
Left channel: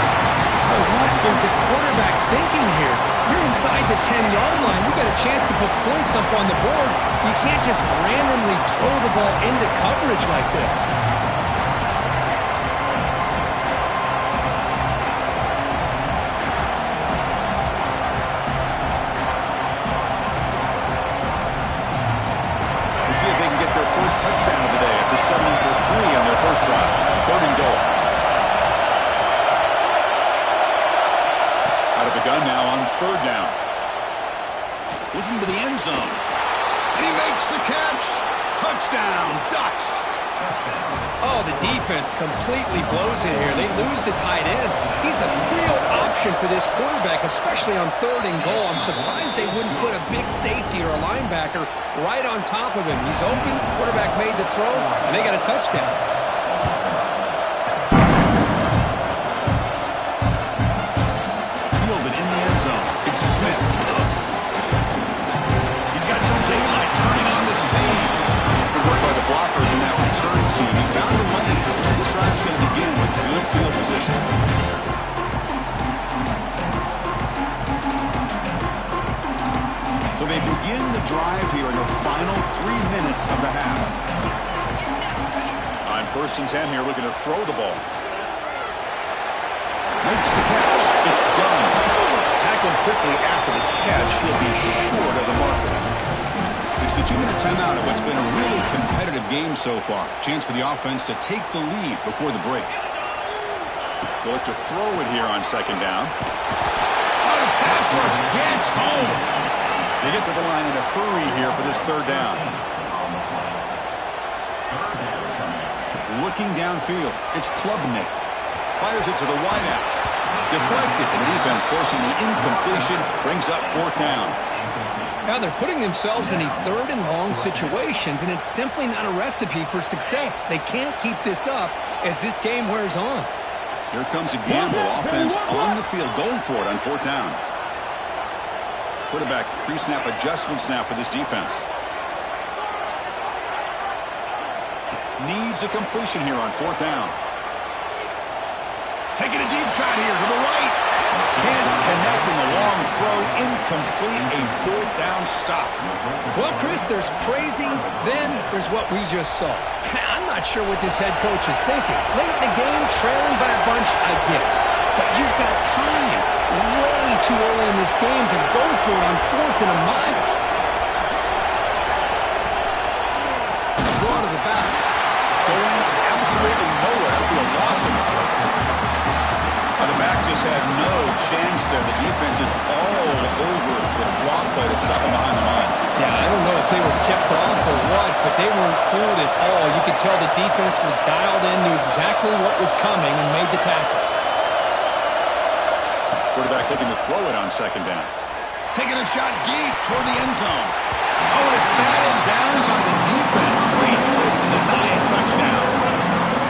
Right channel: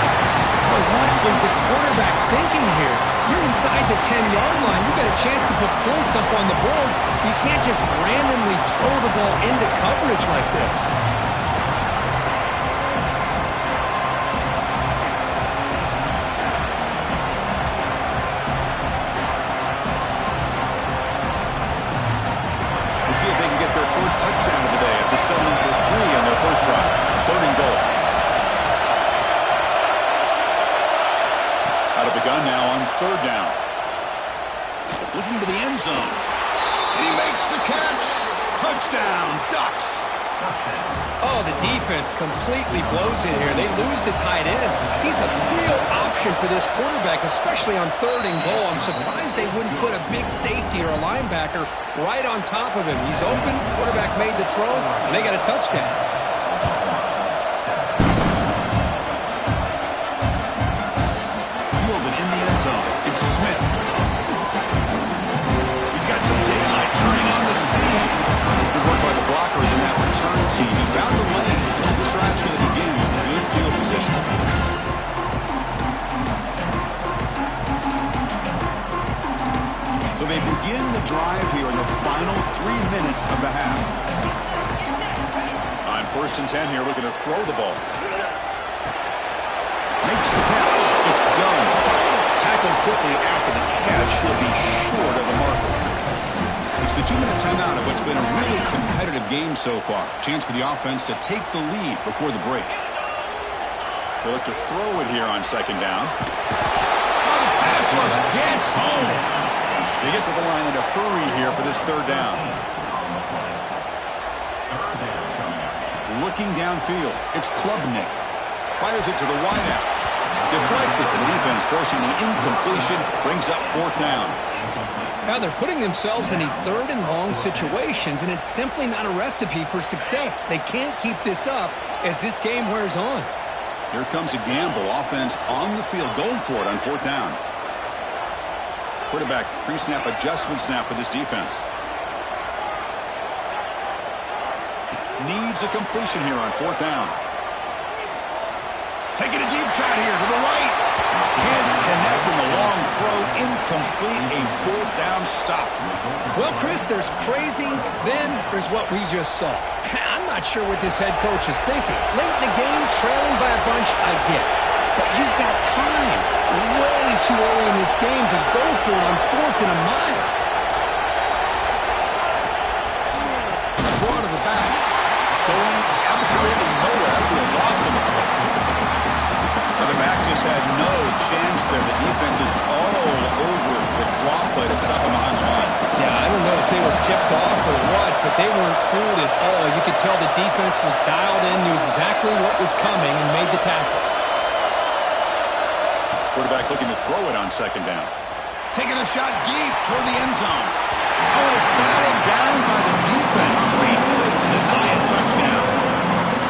Boy, what was the quarterback thinking here? You're inside the 10-yard line. You got a chance to put points up on the board. You can't just randomly throw the ball into coverage like this. We'll see if they can get their first touchdown of the day after settling for 3 on their first drive. 3rd and goal. Out of the gun now on 3rd down. Looking to the end zone. And he makes the catch. Touchdown, Ducks. Oh, the defense completely blows it here. They lose the tight end. He's a real option for this quarterback, especially on 3rd and goal. I'm surprised they wouldn't put a big safety or a linebacker right on top of him. He's open, quarterback made the throw, and they got a touchdown. Fielded in the end zone. It's Smith. He's got some daylight turning on the speed. Good work by the blockers in that return team. He found the lane. So this drive's going to begin with good field position. So they begin the drive here in the final 3 minutes of the half. On 1st and 10 here, looking to throw the ball. Makes the catch. It's done. Tackled quickly after the catch. He'll be short of the marker. It's the 2-minute timeout of what's been a really competitive game so far. Chance for the offense to take the lead before the break. They'll look to throw it here on 2nd down. Oh, the pass rush gets home. They get to the line in a hurry here for this 3rd down. Looking downfield, it's Klubnik. Fires it to the wideout. Deflected, and the defense forcing the incompletion brings up 4th down. Now they're putting themselves in these 3rd and long situations, and it's simply not a recipe for success. They can't keep this up as this game wears on. Here comes a gamble. Offense on the field, going for it on 4th down. Quarterback pre-snap adjustments now for this defense. Needs a completion here on 4th down. Taking a deep shot here to the right. Can't connect in the long throw. Incomplete. A 4th down stop. Well, Chris, there's crazy, then there's what we just saw. I'm not sure what this head coach is thinking. Late in the game, trailing by a bunch, I get it. But you've got time. Way too early in this game to go for it on 4th and a mile. Draw to the back. Going absolutely nowhere. That'll be a loss in the play. Now the back just had no chance there. The defense is all over the draw play to stop him behind the line. Yeah, I don't know if they were tipped off or what, but they weren't fooled at all. You could tell the defense was dialed in, knew exactly what was coming, and made the tackle. Quarterback looking to throw it on 2nd down. Taking a shot deep toward the end zone. Oh, and it's batted down by the defense. Great play to deny a touchdown.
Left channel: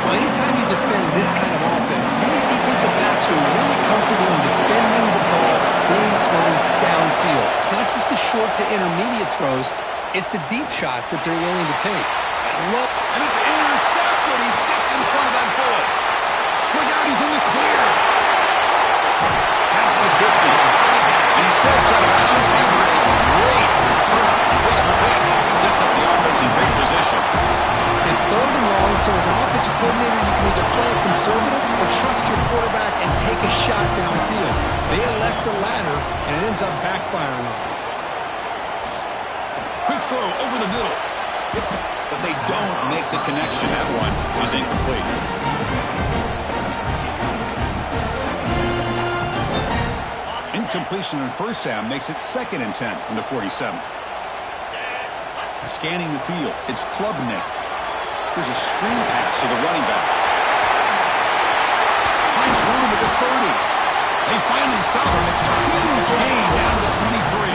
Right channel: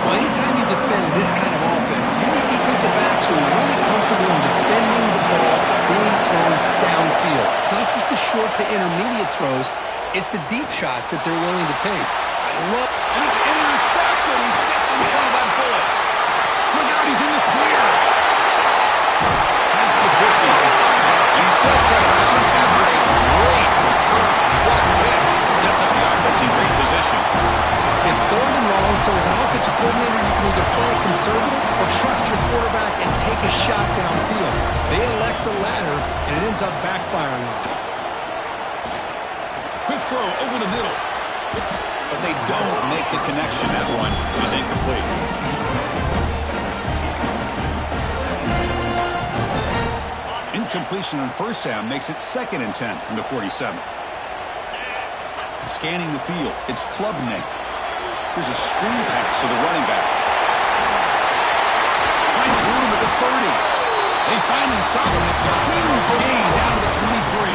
Well, anytime you defend this kind of offense, you need defensive backs who are really comfortable in defending the ball being thrown downfield. It's not just the short to intermediate throws. It's the deep shots that they're willing to take. And it's intercepted. He stepped in front of that bullet. Look out, he's in the clear. Past the 50. And he steps out of bounds after a great return. What a hit. Sets up the offense in great position. It's 3rd and long, so as an offensive coordinator, you can either play it conservative or trust your quarterback and take a shot downfield. They elect the latter, and it ends up backfiring on them. Quick throw over the middle. But they don't make the connection. That one is incomplete. Incompletion on 1st down makes it 2nd and 10 from the 47. Scanning the field, it's Klubnik. Here's a screen pass to the running back. Finds room at the 30. They finally stop him. It's a huge gain down to the 23.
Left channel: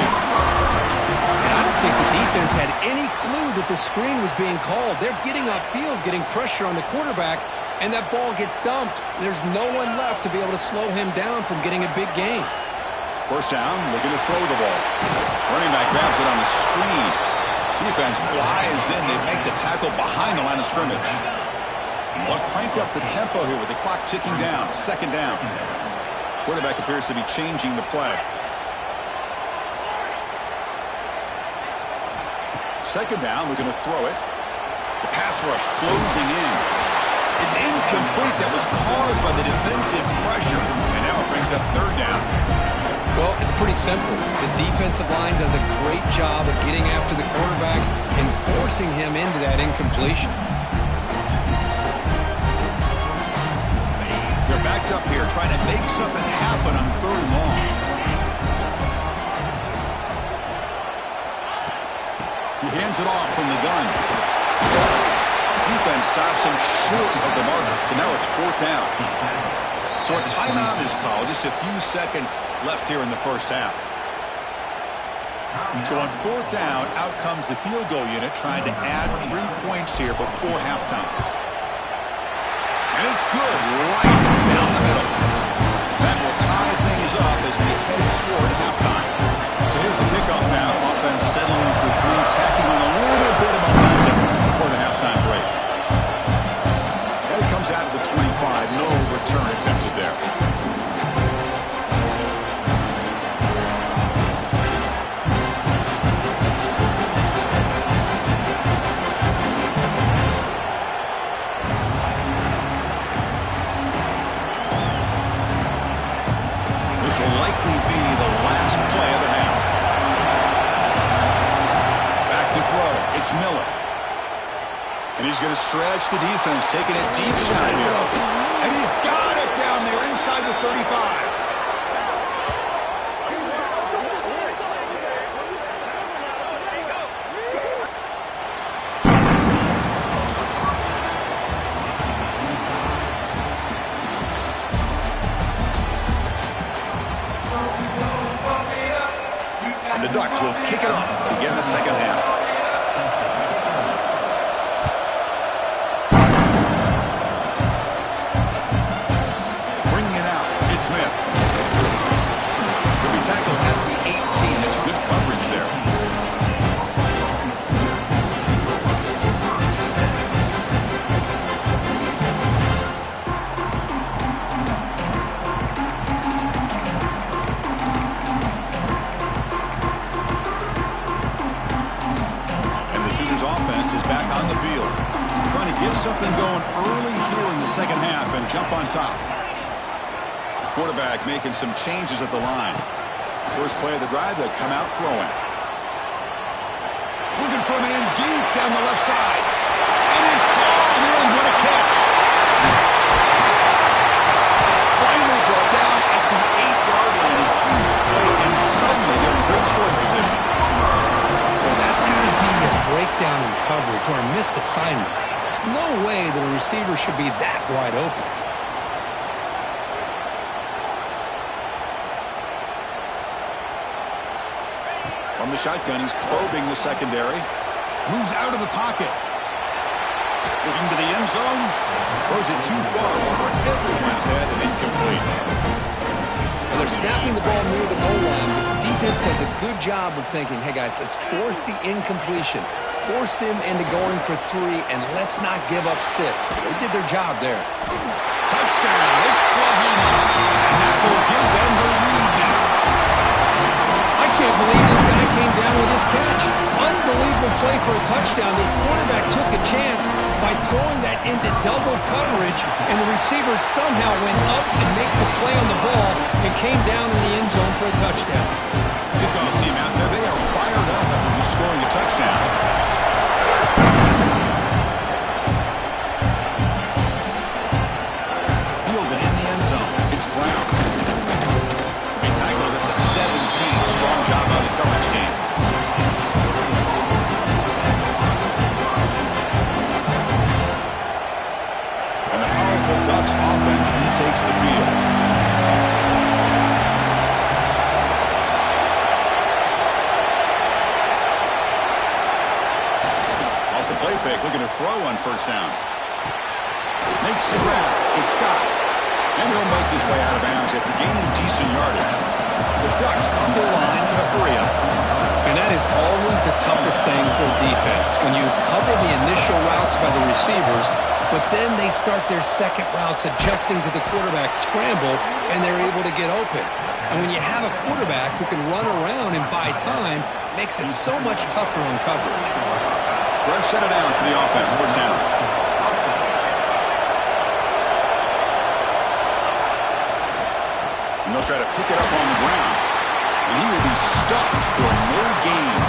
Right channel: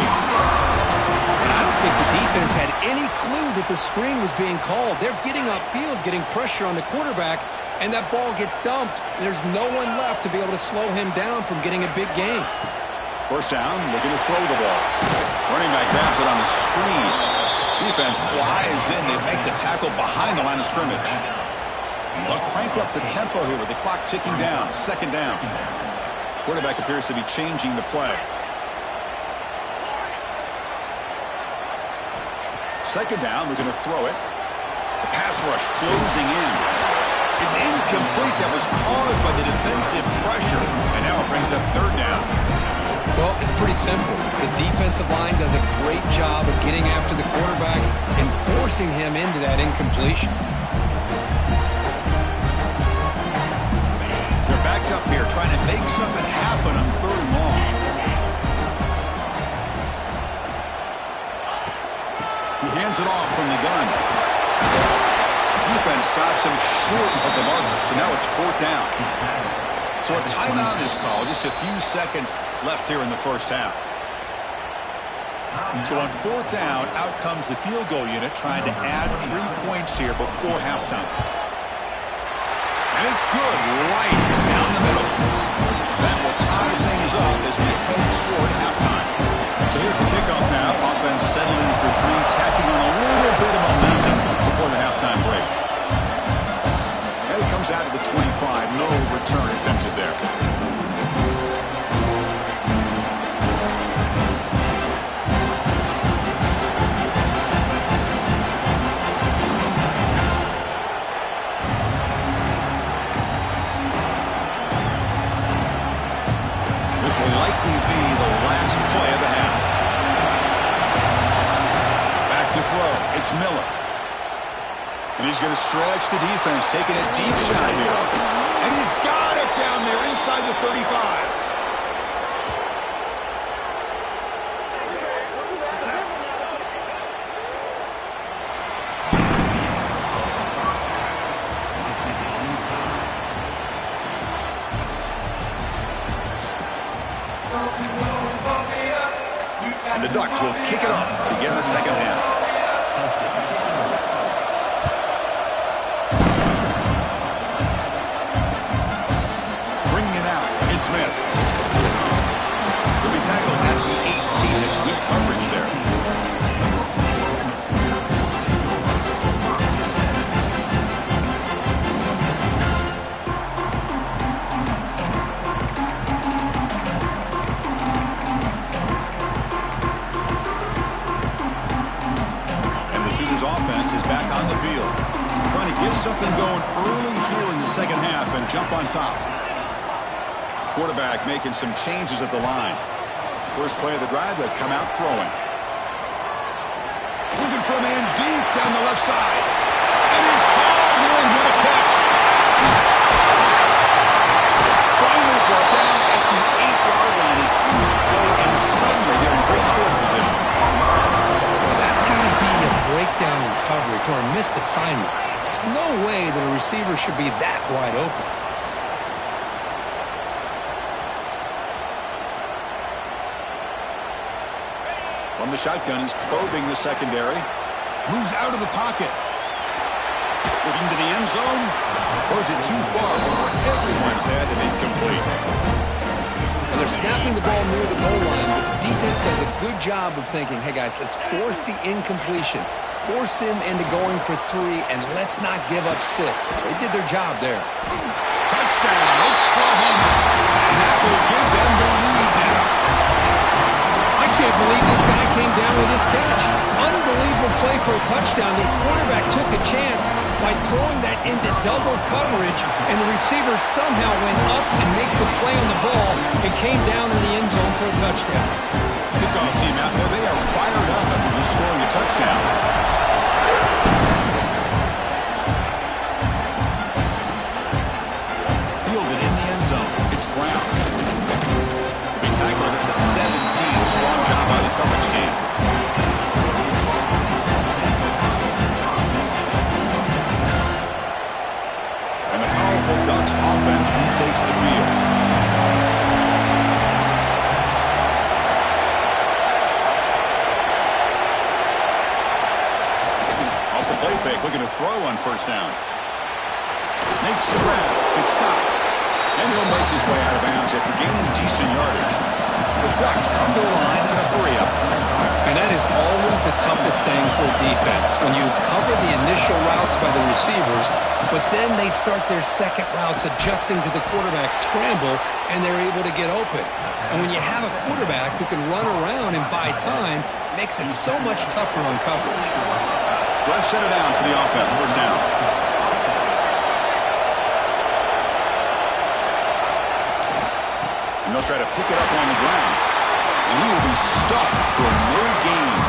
And I don't think the defense had any clue that the screen was being called. They're getting upfield, getting pressure on the quarterback, and that ball gets dumped. There's no one left to be able to slow him down from getting a big gain. 1st down, looking to throw the ball. Running back grabs it on the screen. Defense flies in. They make the tackle behind the line of scrimmage. They'll crank up the tempo here with the clock ticking down. Second down. Quarterback appears to be changing the play. Second down, we're going to throw it. The pass rush closing in. It's incomplete. That was caused by the defensive pressure. And now it brings up third down. Well, it's pretty simple. The defensive line does a great job of getting after the quarterback and forcing him into that incompletion. They're backed up here trying to make something happen on third and long. He hands it off from the gun. Defense stops him short of the marker. So now it's fourth down. So a timeout is called. Just a few seconds left here in the first half. So on fourth down, out comes the field goal unit trying to add 3 points here before halftime. And it's good right down the middle. That will tie things up as we head toward halftime. So here's the kickoff now. Offense settling for three, tacking on a little bit of momentum before the halftime break. And it comes out of the 25. No return attempted there. This will likely be the last play of the half. Back to throw. It's Miller. And he's going to stretch the defense, taking a deep shot here. And he's got it down there inside the 35. And the Ducks will kick it off to begin the second half. Smith. Could be tackled at the 18. That's good coverage there. And the Sooners offense is back on the field. Trying to get something going early here in the second half and jump on top. Quarterback making some changes at the line. First play of the drive, they'll come out throwing. Looking for a man deep down the left side. And it's hauled in. What a catch. Finally brought down at the 8-yard line. A huge play, and suddenly they're in great scoring position. Well, that's got to be a breakdown in coverage or a missed assignment. There's no way that a receiver should be that wide open. From the shotgun, he's probing the secondary. Moves out of the pocket. Looking to the end zone. Throws it too far over everyone's head and incomplete. Well, they're snapping the ball near the goal line, but the defense does a good job of thinking, hey, guys, let's force the incompletion. Force them into going for 3, and let's not give up 6. They did their job there. Touchdown, Oklahoma. And that will give them the lead now. I can't believe this guy came down with this catch. Unbelievable play for a touchdown. The quarterback took a chance by throwing that into double coverage, and the receiver somehow went up and makes a play on the ball and came down in the end zone for a touchdown. Kickoff team out there, they are fired up after just scoring a touchdown. Fielded in the end zone. It's Brown. Tackled at the 17. Strong job by the coverage team. And the powerful Ducks offense retakes the field. Off the play fake, looking to throw on first down. Makes the grab. It's Scott. And he'll make his way out of bounds after gaining decent yardage. The Ducks come to the line in a hurry-up. And that is always the toughest thing for a defense, when you cover the initial routes by the receivers, but then they start their second routes adjusting to the quarterback scramble, and they're able to get open. And when you have a quarterback who can run around and buy time, it makes it so much tougher on coverage. Fresh set of downs for the offense. First down. And they'll try to pick it up on the ground. And he will be stuffed for no gain.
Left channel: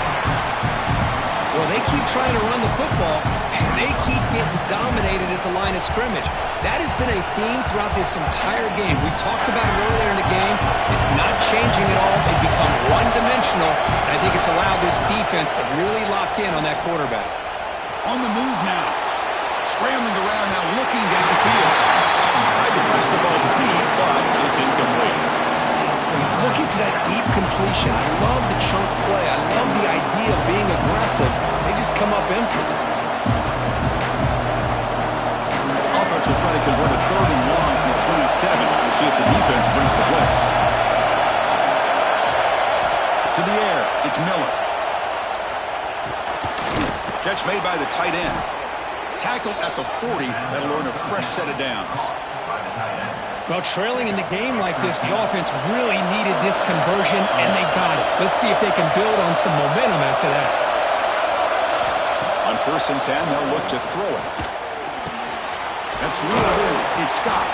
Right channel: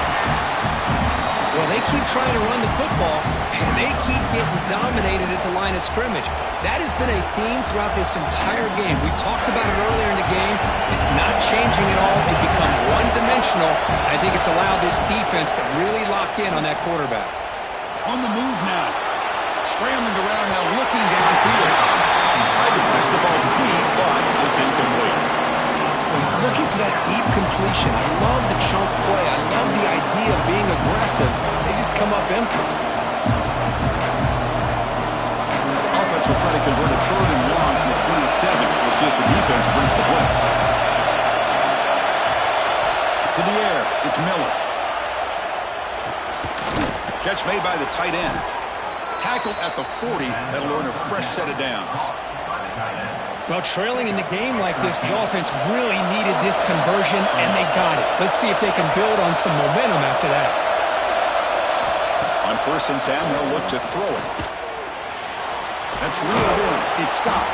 Well, they keep trying to run the football, and they keep getting dominated at the line of scrimmage. That has been a theme throughout this entire game. We've talked about it earlier in the game. It's not changing at all. They've become one-dimensional, and I think it's allowed this defense to really lock in on that quarterback. On the move now. Scrambling around now, looking downfield. Tried to press the ball deep, but it's incomplete. He's looking for that deep completion. I love the chunk play. I love the idea of being aggressive. They just come up empty. Offense will try to convert a 3rd and long from the 27. We'll see if the defense brings the blitz. To the air, it's Miller. Catch made by the tight end. Tackled at the 40. That'll earn a fresh set of downs. Well, trailing in the game like this, the offense really needed this conversion, and they got it. Let's see if they can build on some momentum after that. On 1st and 10, they'll look to throw it. That's reeled in. It's Scott.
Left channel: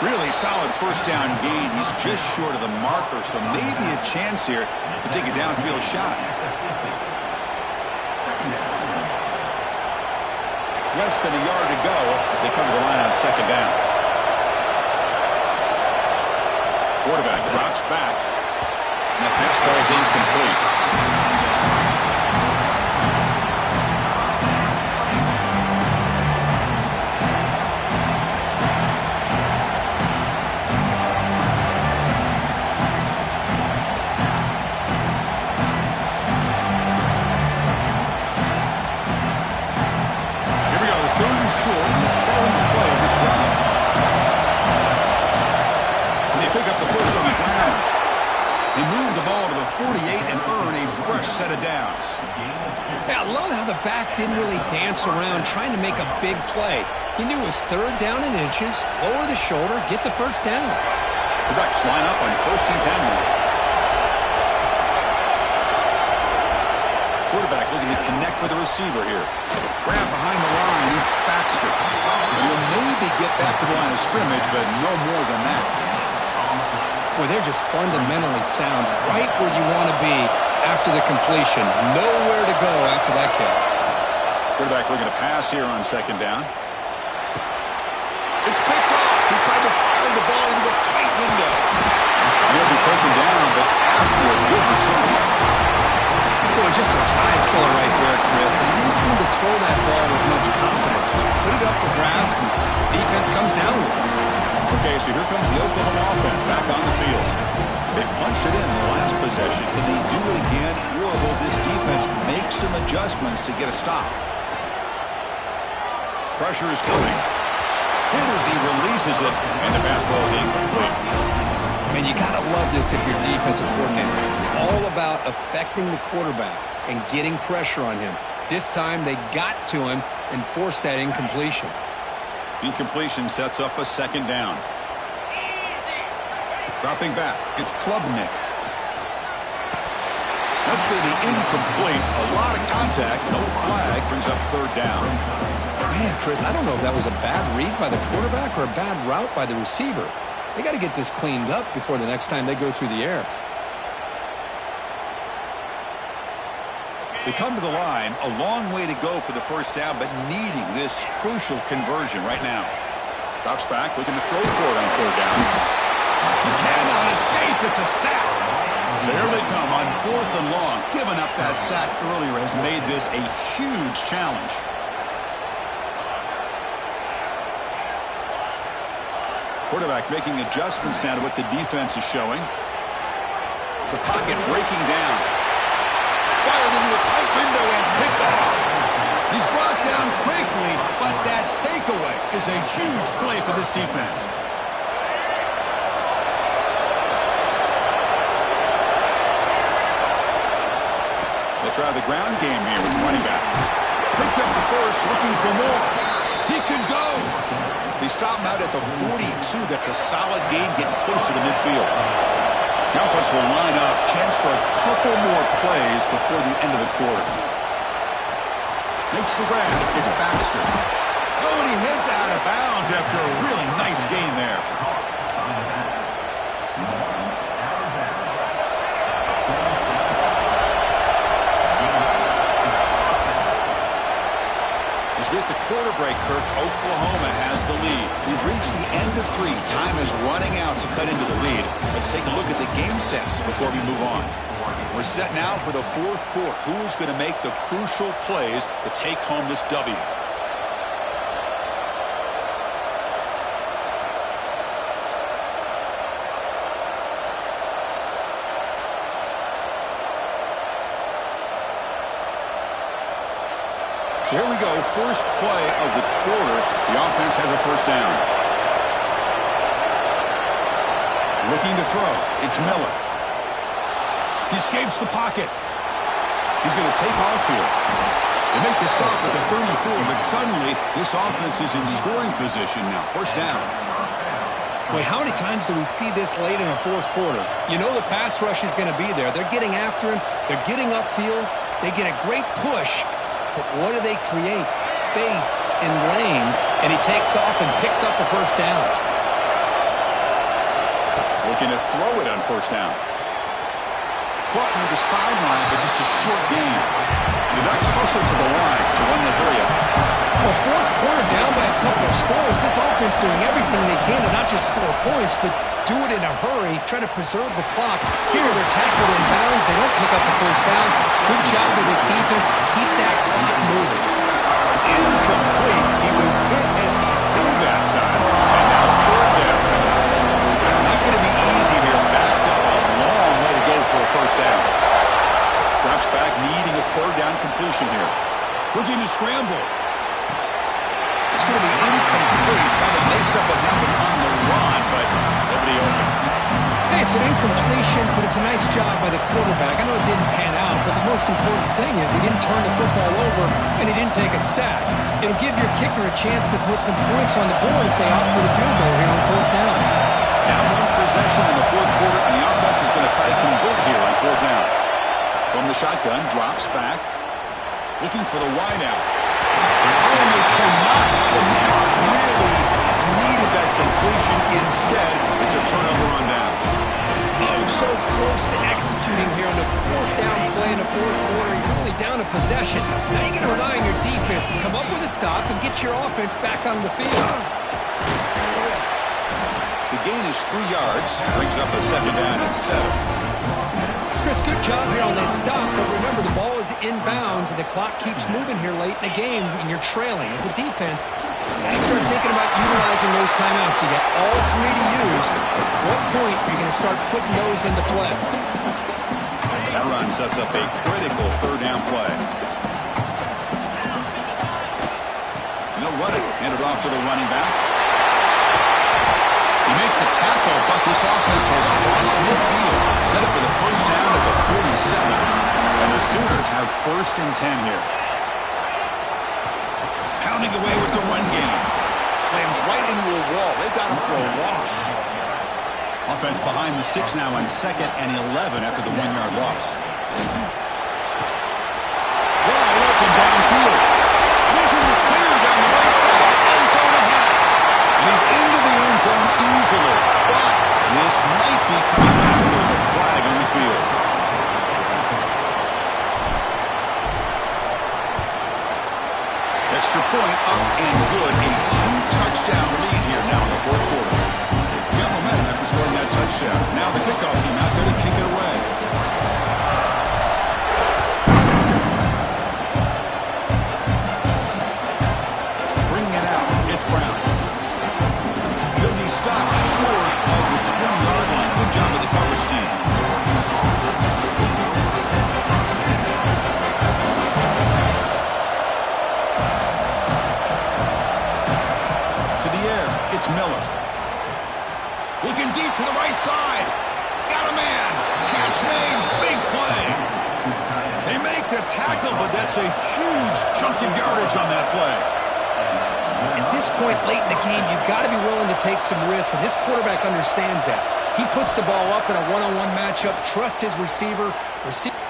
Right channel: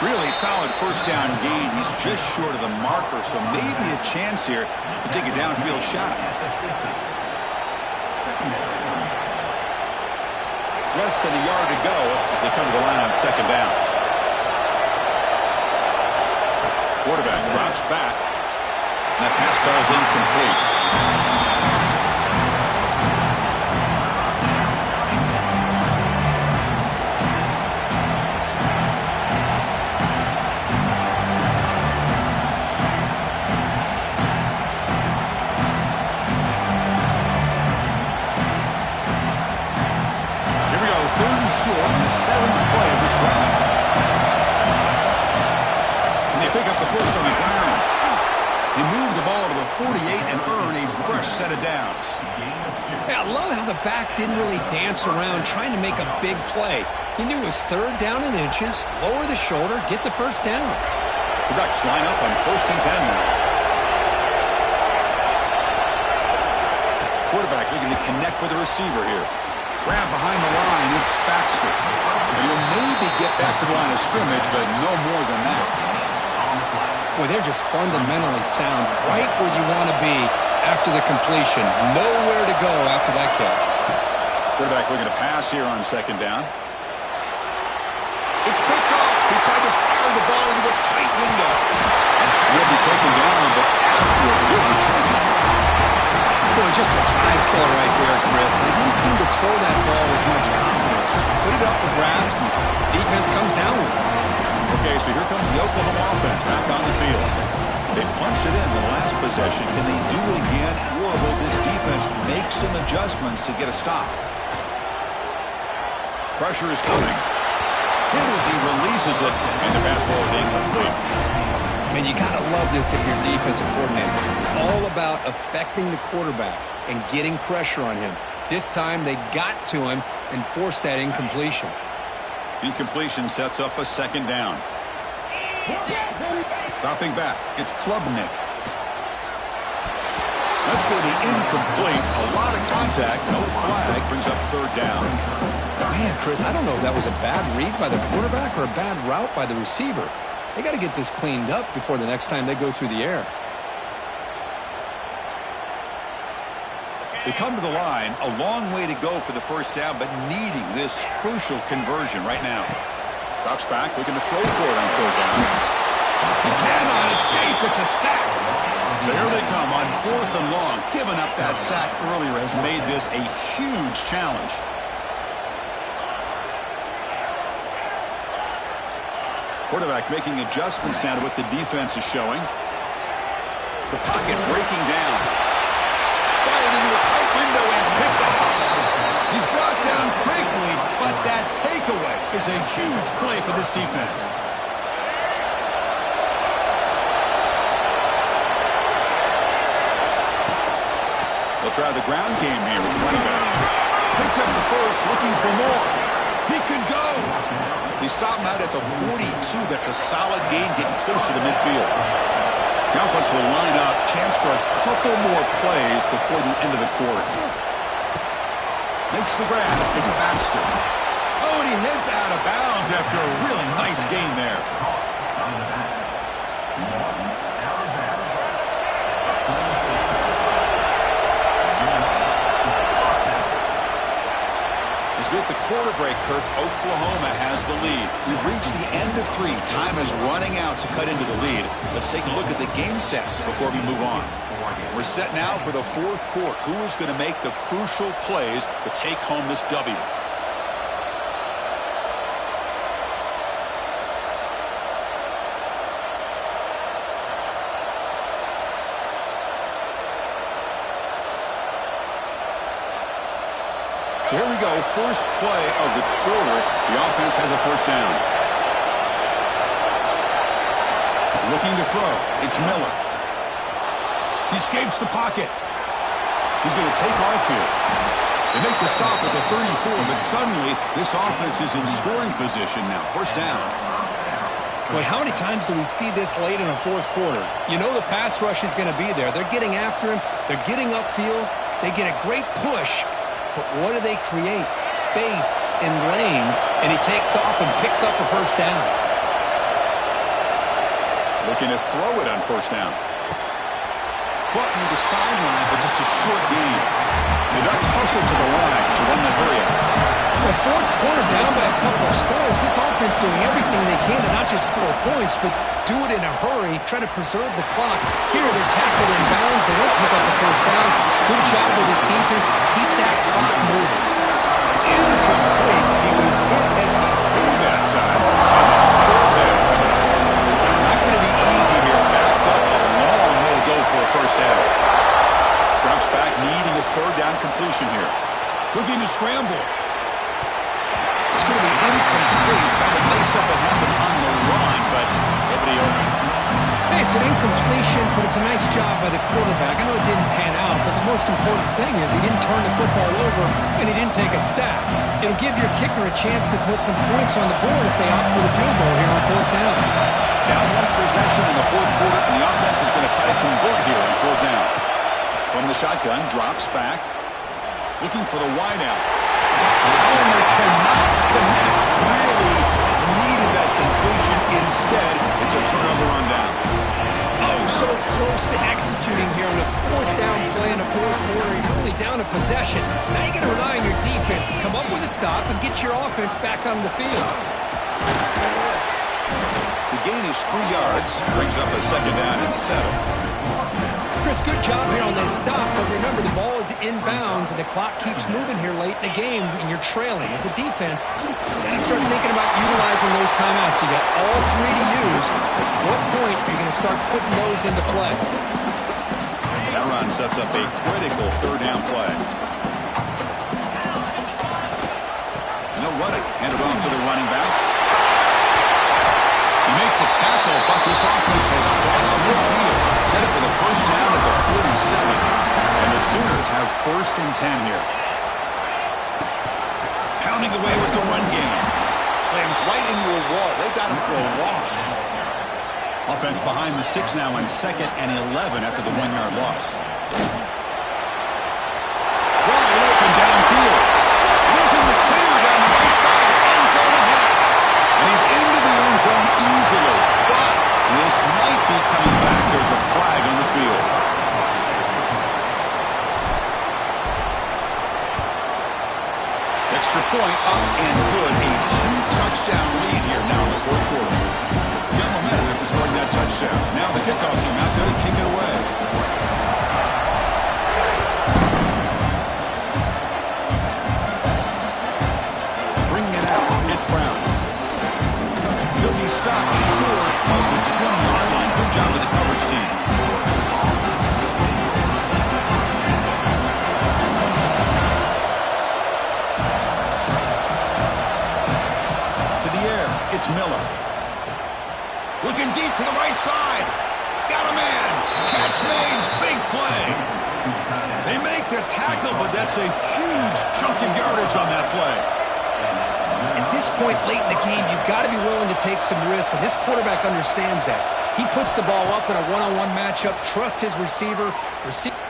Really solid first down gain. He's just short of the marker, so maybe a chance here to take a downfield shot. Less than a yard to go as they come to the line on 2nd down. Quarterback drops back. And that pass falls incomplete. Here we go, 3rd and short on the 7th play of this drive. And they pick up the first on the ground. They move the ball to the 48 and earn a fresh set of downs. Yeah, I love how the back didn't really dance around trying to make a big play. He knew it was 3rd down in inches, lower the shoulder, get the first down. The Ducks line up on 1st and 10 now. Quarterback looking to connect with the receiver here. Grab behind the line, it's Baxter. And he'll maybe get back to the line of scrimmage, but no more than that. Boy, they're just fundamentally sound, right where you want to be after the completion. Nowhere to go after that catch. Quarterback looking to pass here on 2nd down. It's picked off. He tried to fire the ball into a tight window. He'll be taken down, but after a good return. Boy, just a drive killer right there, Chris. And he didn't seem to throw that ball with much confidence. Just put it up for grabs, and the defense comes down with it. Okay, so here comes the Oklahoma offense back on the field. They punched it in the last possession. Can they do it again, or will this defense make some adjustments to get a stop? Pressure is coming. Hit as he releases it, and the pass ball is incomplete. Man, you got to love this if you're defensive coordinator. It's all about affecting the quarterback and getting pressure on him. This time they got to him and forced that incompletion. Incompletion sets up a 2nd down. Dropping back, it's Klubnik. That's going to be incomplete. A lot of contact, no flag, brings up 3rd down. Man, Chris, I don't know if that was a bad read by the quarterback or a bad route by the receiver. They got to get this cleaned up before the next time they go through the air. They come to the line, a long way to go for the first down, but needing this crucial conversion right now. Drops back, looking to throw for it on 3rd down. He cannot escape. It's a sack. So here they come on 4th and long. Giving up that sack earlier has made this a huge challenge. Quarterback making adjustments now to what the defense is showing. The pocket breaking down. Fired into a tight window and picked off. He's brought down quickly, but that takeaway is a huge play for this defense. They'll try the ground game here with the running back. Picks up the first, looking for more. He could go. They stop him out at the 42. That's a solid gain, getting close to the midfield. The offense will line up. Chance for a couple more plays before the end of the quarter. Makes the grab. It's Baxter. Oh, and he heads out of bounds after a really nice gain there. As we hit the quarter break, Kirk, Oklahoma has the lead. We've reached the end of 3. Time is running out to cut into the lead. Let's take a look at the game sets before we move on. We're set now for the fourth quarter. Who is going to make the crucial plays to take home this W? So here we go, first play of the quarter. The offense has a first down. Looking to throw. It's Miller. He escapes the pocket. He's going to take off here. They make the stop at the 34, but suddenly this offense is in scoring position now. First down. Boy, how many times do we see this late in a fourth quarter? You know the pass rush is going to be there. They're getting after him. They're getting upfield. They get a great push. But what do they create? Space in lanes, and he takes off and picks up a first down. Looking to throw it on first down. Caught near the sideline, but just a short gain. And the Ducks hustle to the line to run the hurry up. Well, fourth quarter down by a couple of scores. This offense doing everything they can to not just score points, but do it in a hurry, try to preserve the clock. Here, they're tackled in bounds. They don't pick up the first down. Good job with this defense to keep that clock moving. It's incomplete. He was hit as he threw that time. And now third down. Not going to be easy here. Backed up a long way to go for a first down. Drops back, needing a third down completion here. Looking to scramble. It's going to be incomplete. Trying to make something happen on the run, but nobody open. Hey, it's an incompletion, but it's a nice job by the quarterback. I know it didn't pan out, but the most important thing is he didn't turn the football over and he didn't take a sack. It'll give your kicker a chance to put some points on the board if they opt for the field goal here on fourth down. Down one possession in the fourth quarter, and the offense is going to try to convert here on fourth down. From the shotgun, drops back, looking for the wideout. Oh, and they cannot connect. Really needed that completion. Instead, it's a turnover on downs. Oh, so close to executing here on the fourth down play in the fourth quarter. You're only down a possession. Now you're going to rely on your defense to come up with a stop and get your offense back on the field. The gain is 3 yards. Brings up a second down and 7. Chris, good job here on that stop, but remember the ball is inbounds and the clock keeps moving here late in the game and you're trailing. As a defense, you got to start thinking about utilizing those timeouts. You got all 3 to use. At what point are you going to start putting those into play? That run sets up a critical third down play. And they'll run it. Hand it off to the running back. You make the tackle, but this offense has crossed midfield. Set up for the first down at the 47. And the Sooners have first and 10 here. Pounding away with the run game. Slams right into a wall. They've got him for a loss. Offense behind the 6 now on 2nd and 11 after the 1-yard loss. Wide open downfield. And he's in the clear down the right side. End zone ahead. And he's into the end zone easily. But this might be coming back. There's a flag on the field. Extra point up and good. A 2-touchdown lead here now in the fourth quarter. Got momentum after scoring that touchdown. Now the kickoff team out there to kick it away. Bringing it out. It's Brown. He'll be stopped short of the 20-yard line. Good job with the coverage team. To the air, it's Miller. Looking deep to the right side. Got a man. Catch made. Big play. They make the tackle, but that's a huge chunk of yardage on that play. At this point late in the game, you've got to be willing to take some risks, and this quarterback understands that. He puts the ball up in a one-on-one matchup, trusts his receiver.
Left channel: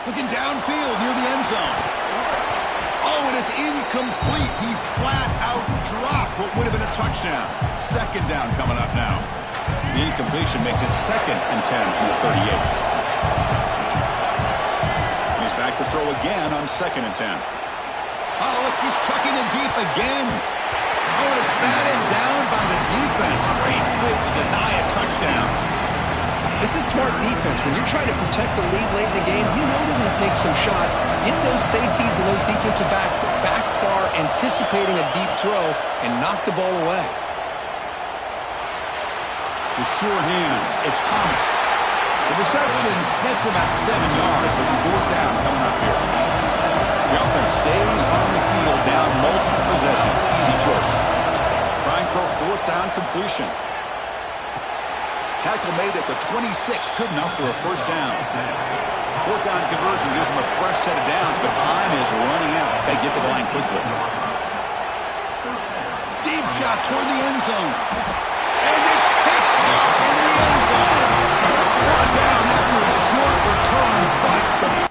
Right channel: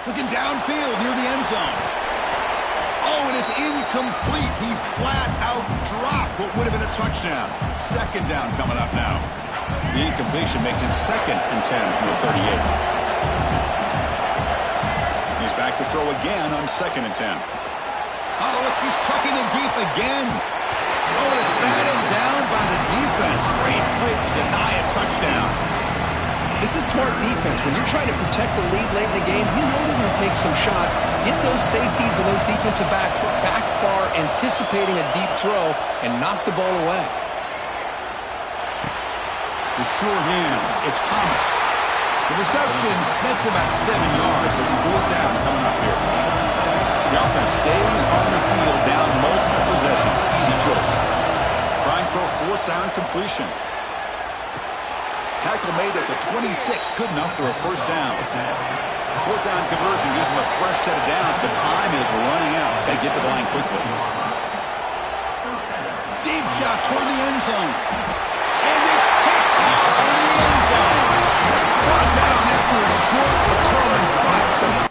Looking downfield near the end zone. Oh, and it's incomplete. He flat out dropped what would have been a touchdown. Second down coming up now. The incompletion makes it 2nd and 10 from the 38. He's back to throw again on 2nd and 10. Oh, look, he's trucking it deep again. Oh, and it's batted down by the defense. Great play to deny a touchdown. This is smart defense. When you're trying to protect the lead late in the game, you know they're going to take some shots, get those safeties and those defensive backs back far, anticipating a deep throw, and knock the ball away. The sure hands. It's Thomas. The reception makes about 7 yards, but 4th down coming up here. The offense stays on the field down multiple possessions. Easy choice. Trying for a 4th down completion. Tackle made at the 26. Good enough for a 1st down. 4th down conversion gives them a fresh set of downs, but time is running out. They get to the line quickly. Deep shot toward the end zone. And it's picked off in the end zone. Brought down after a short return, but the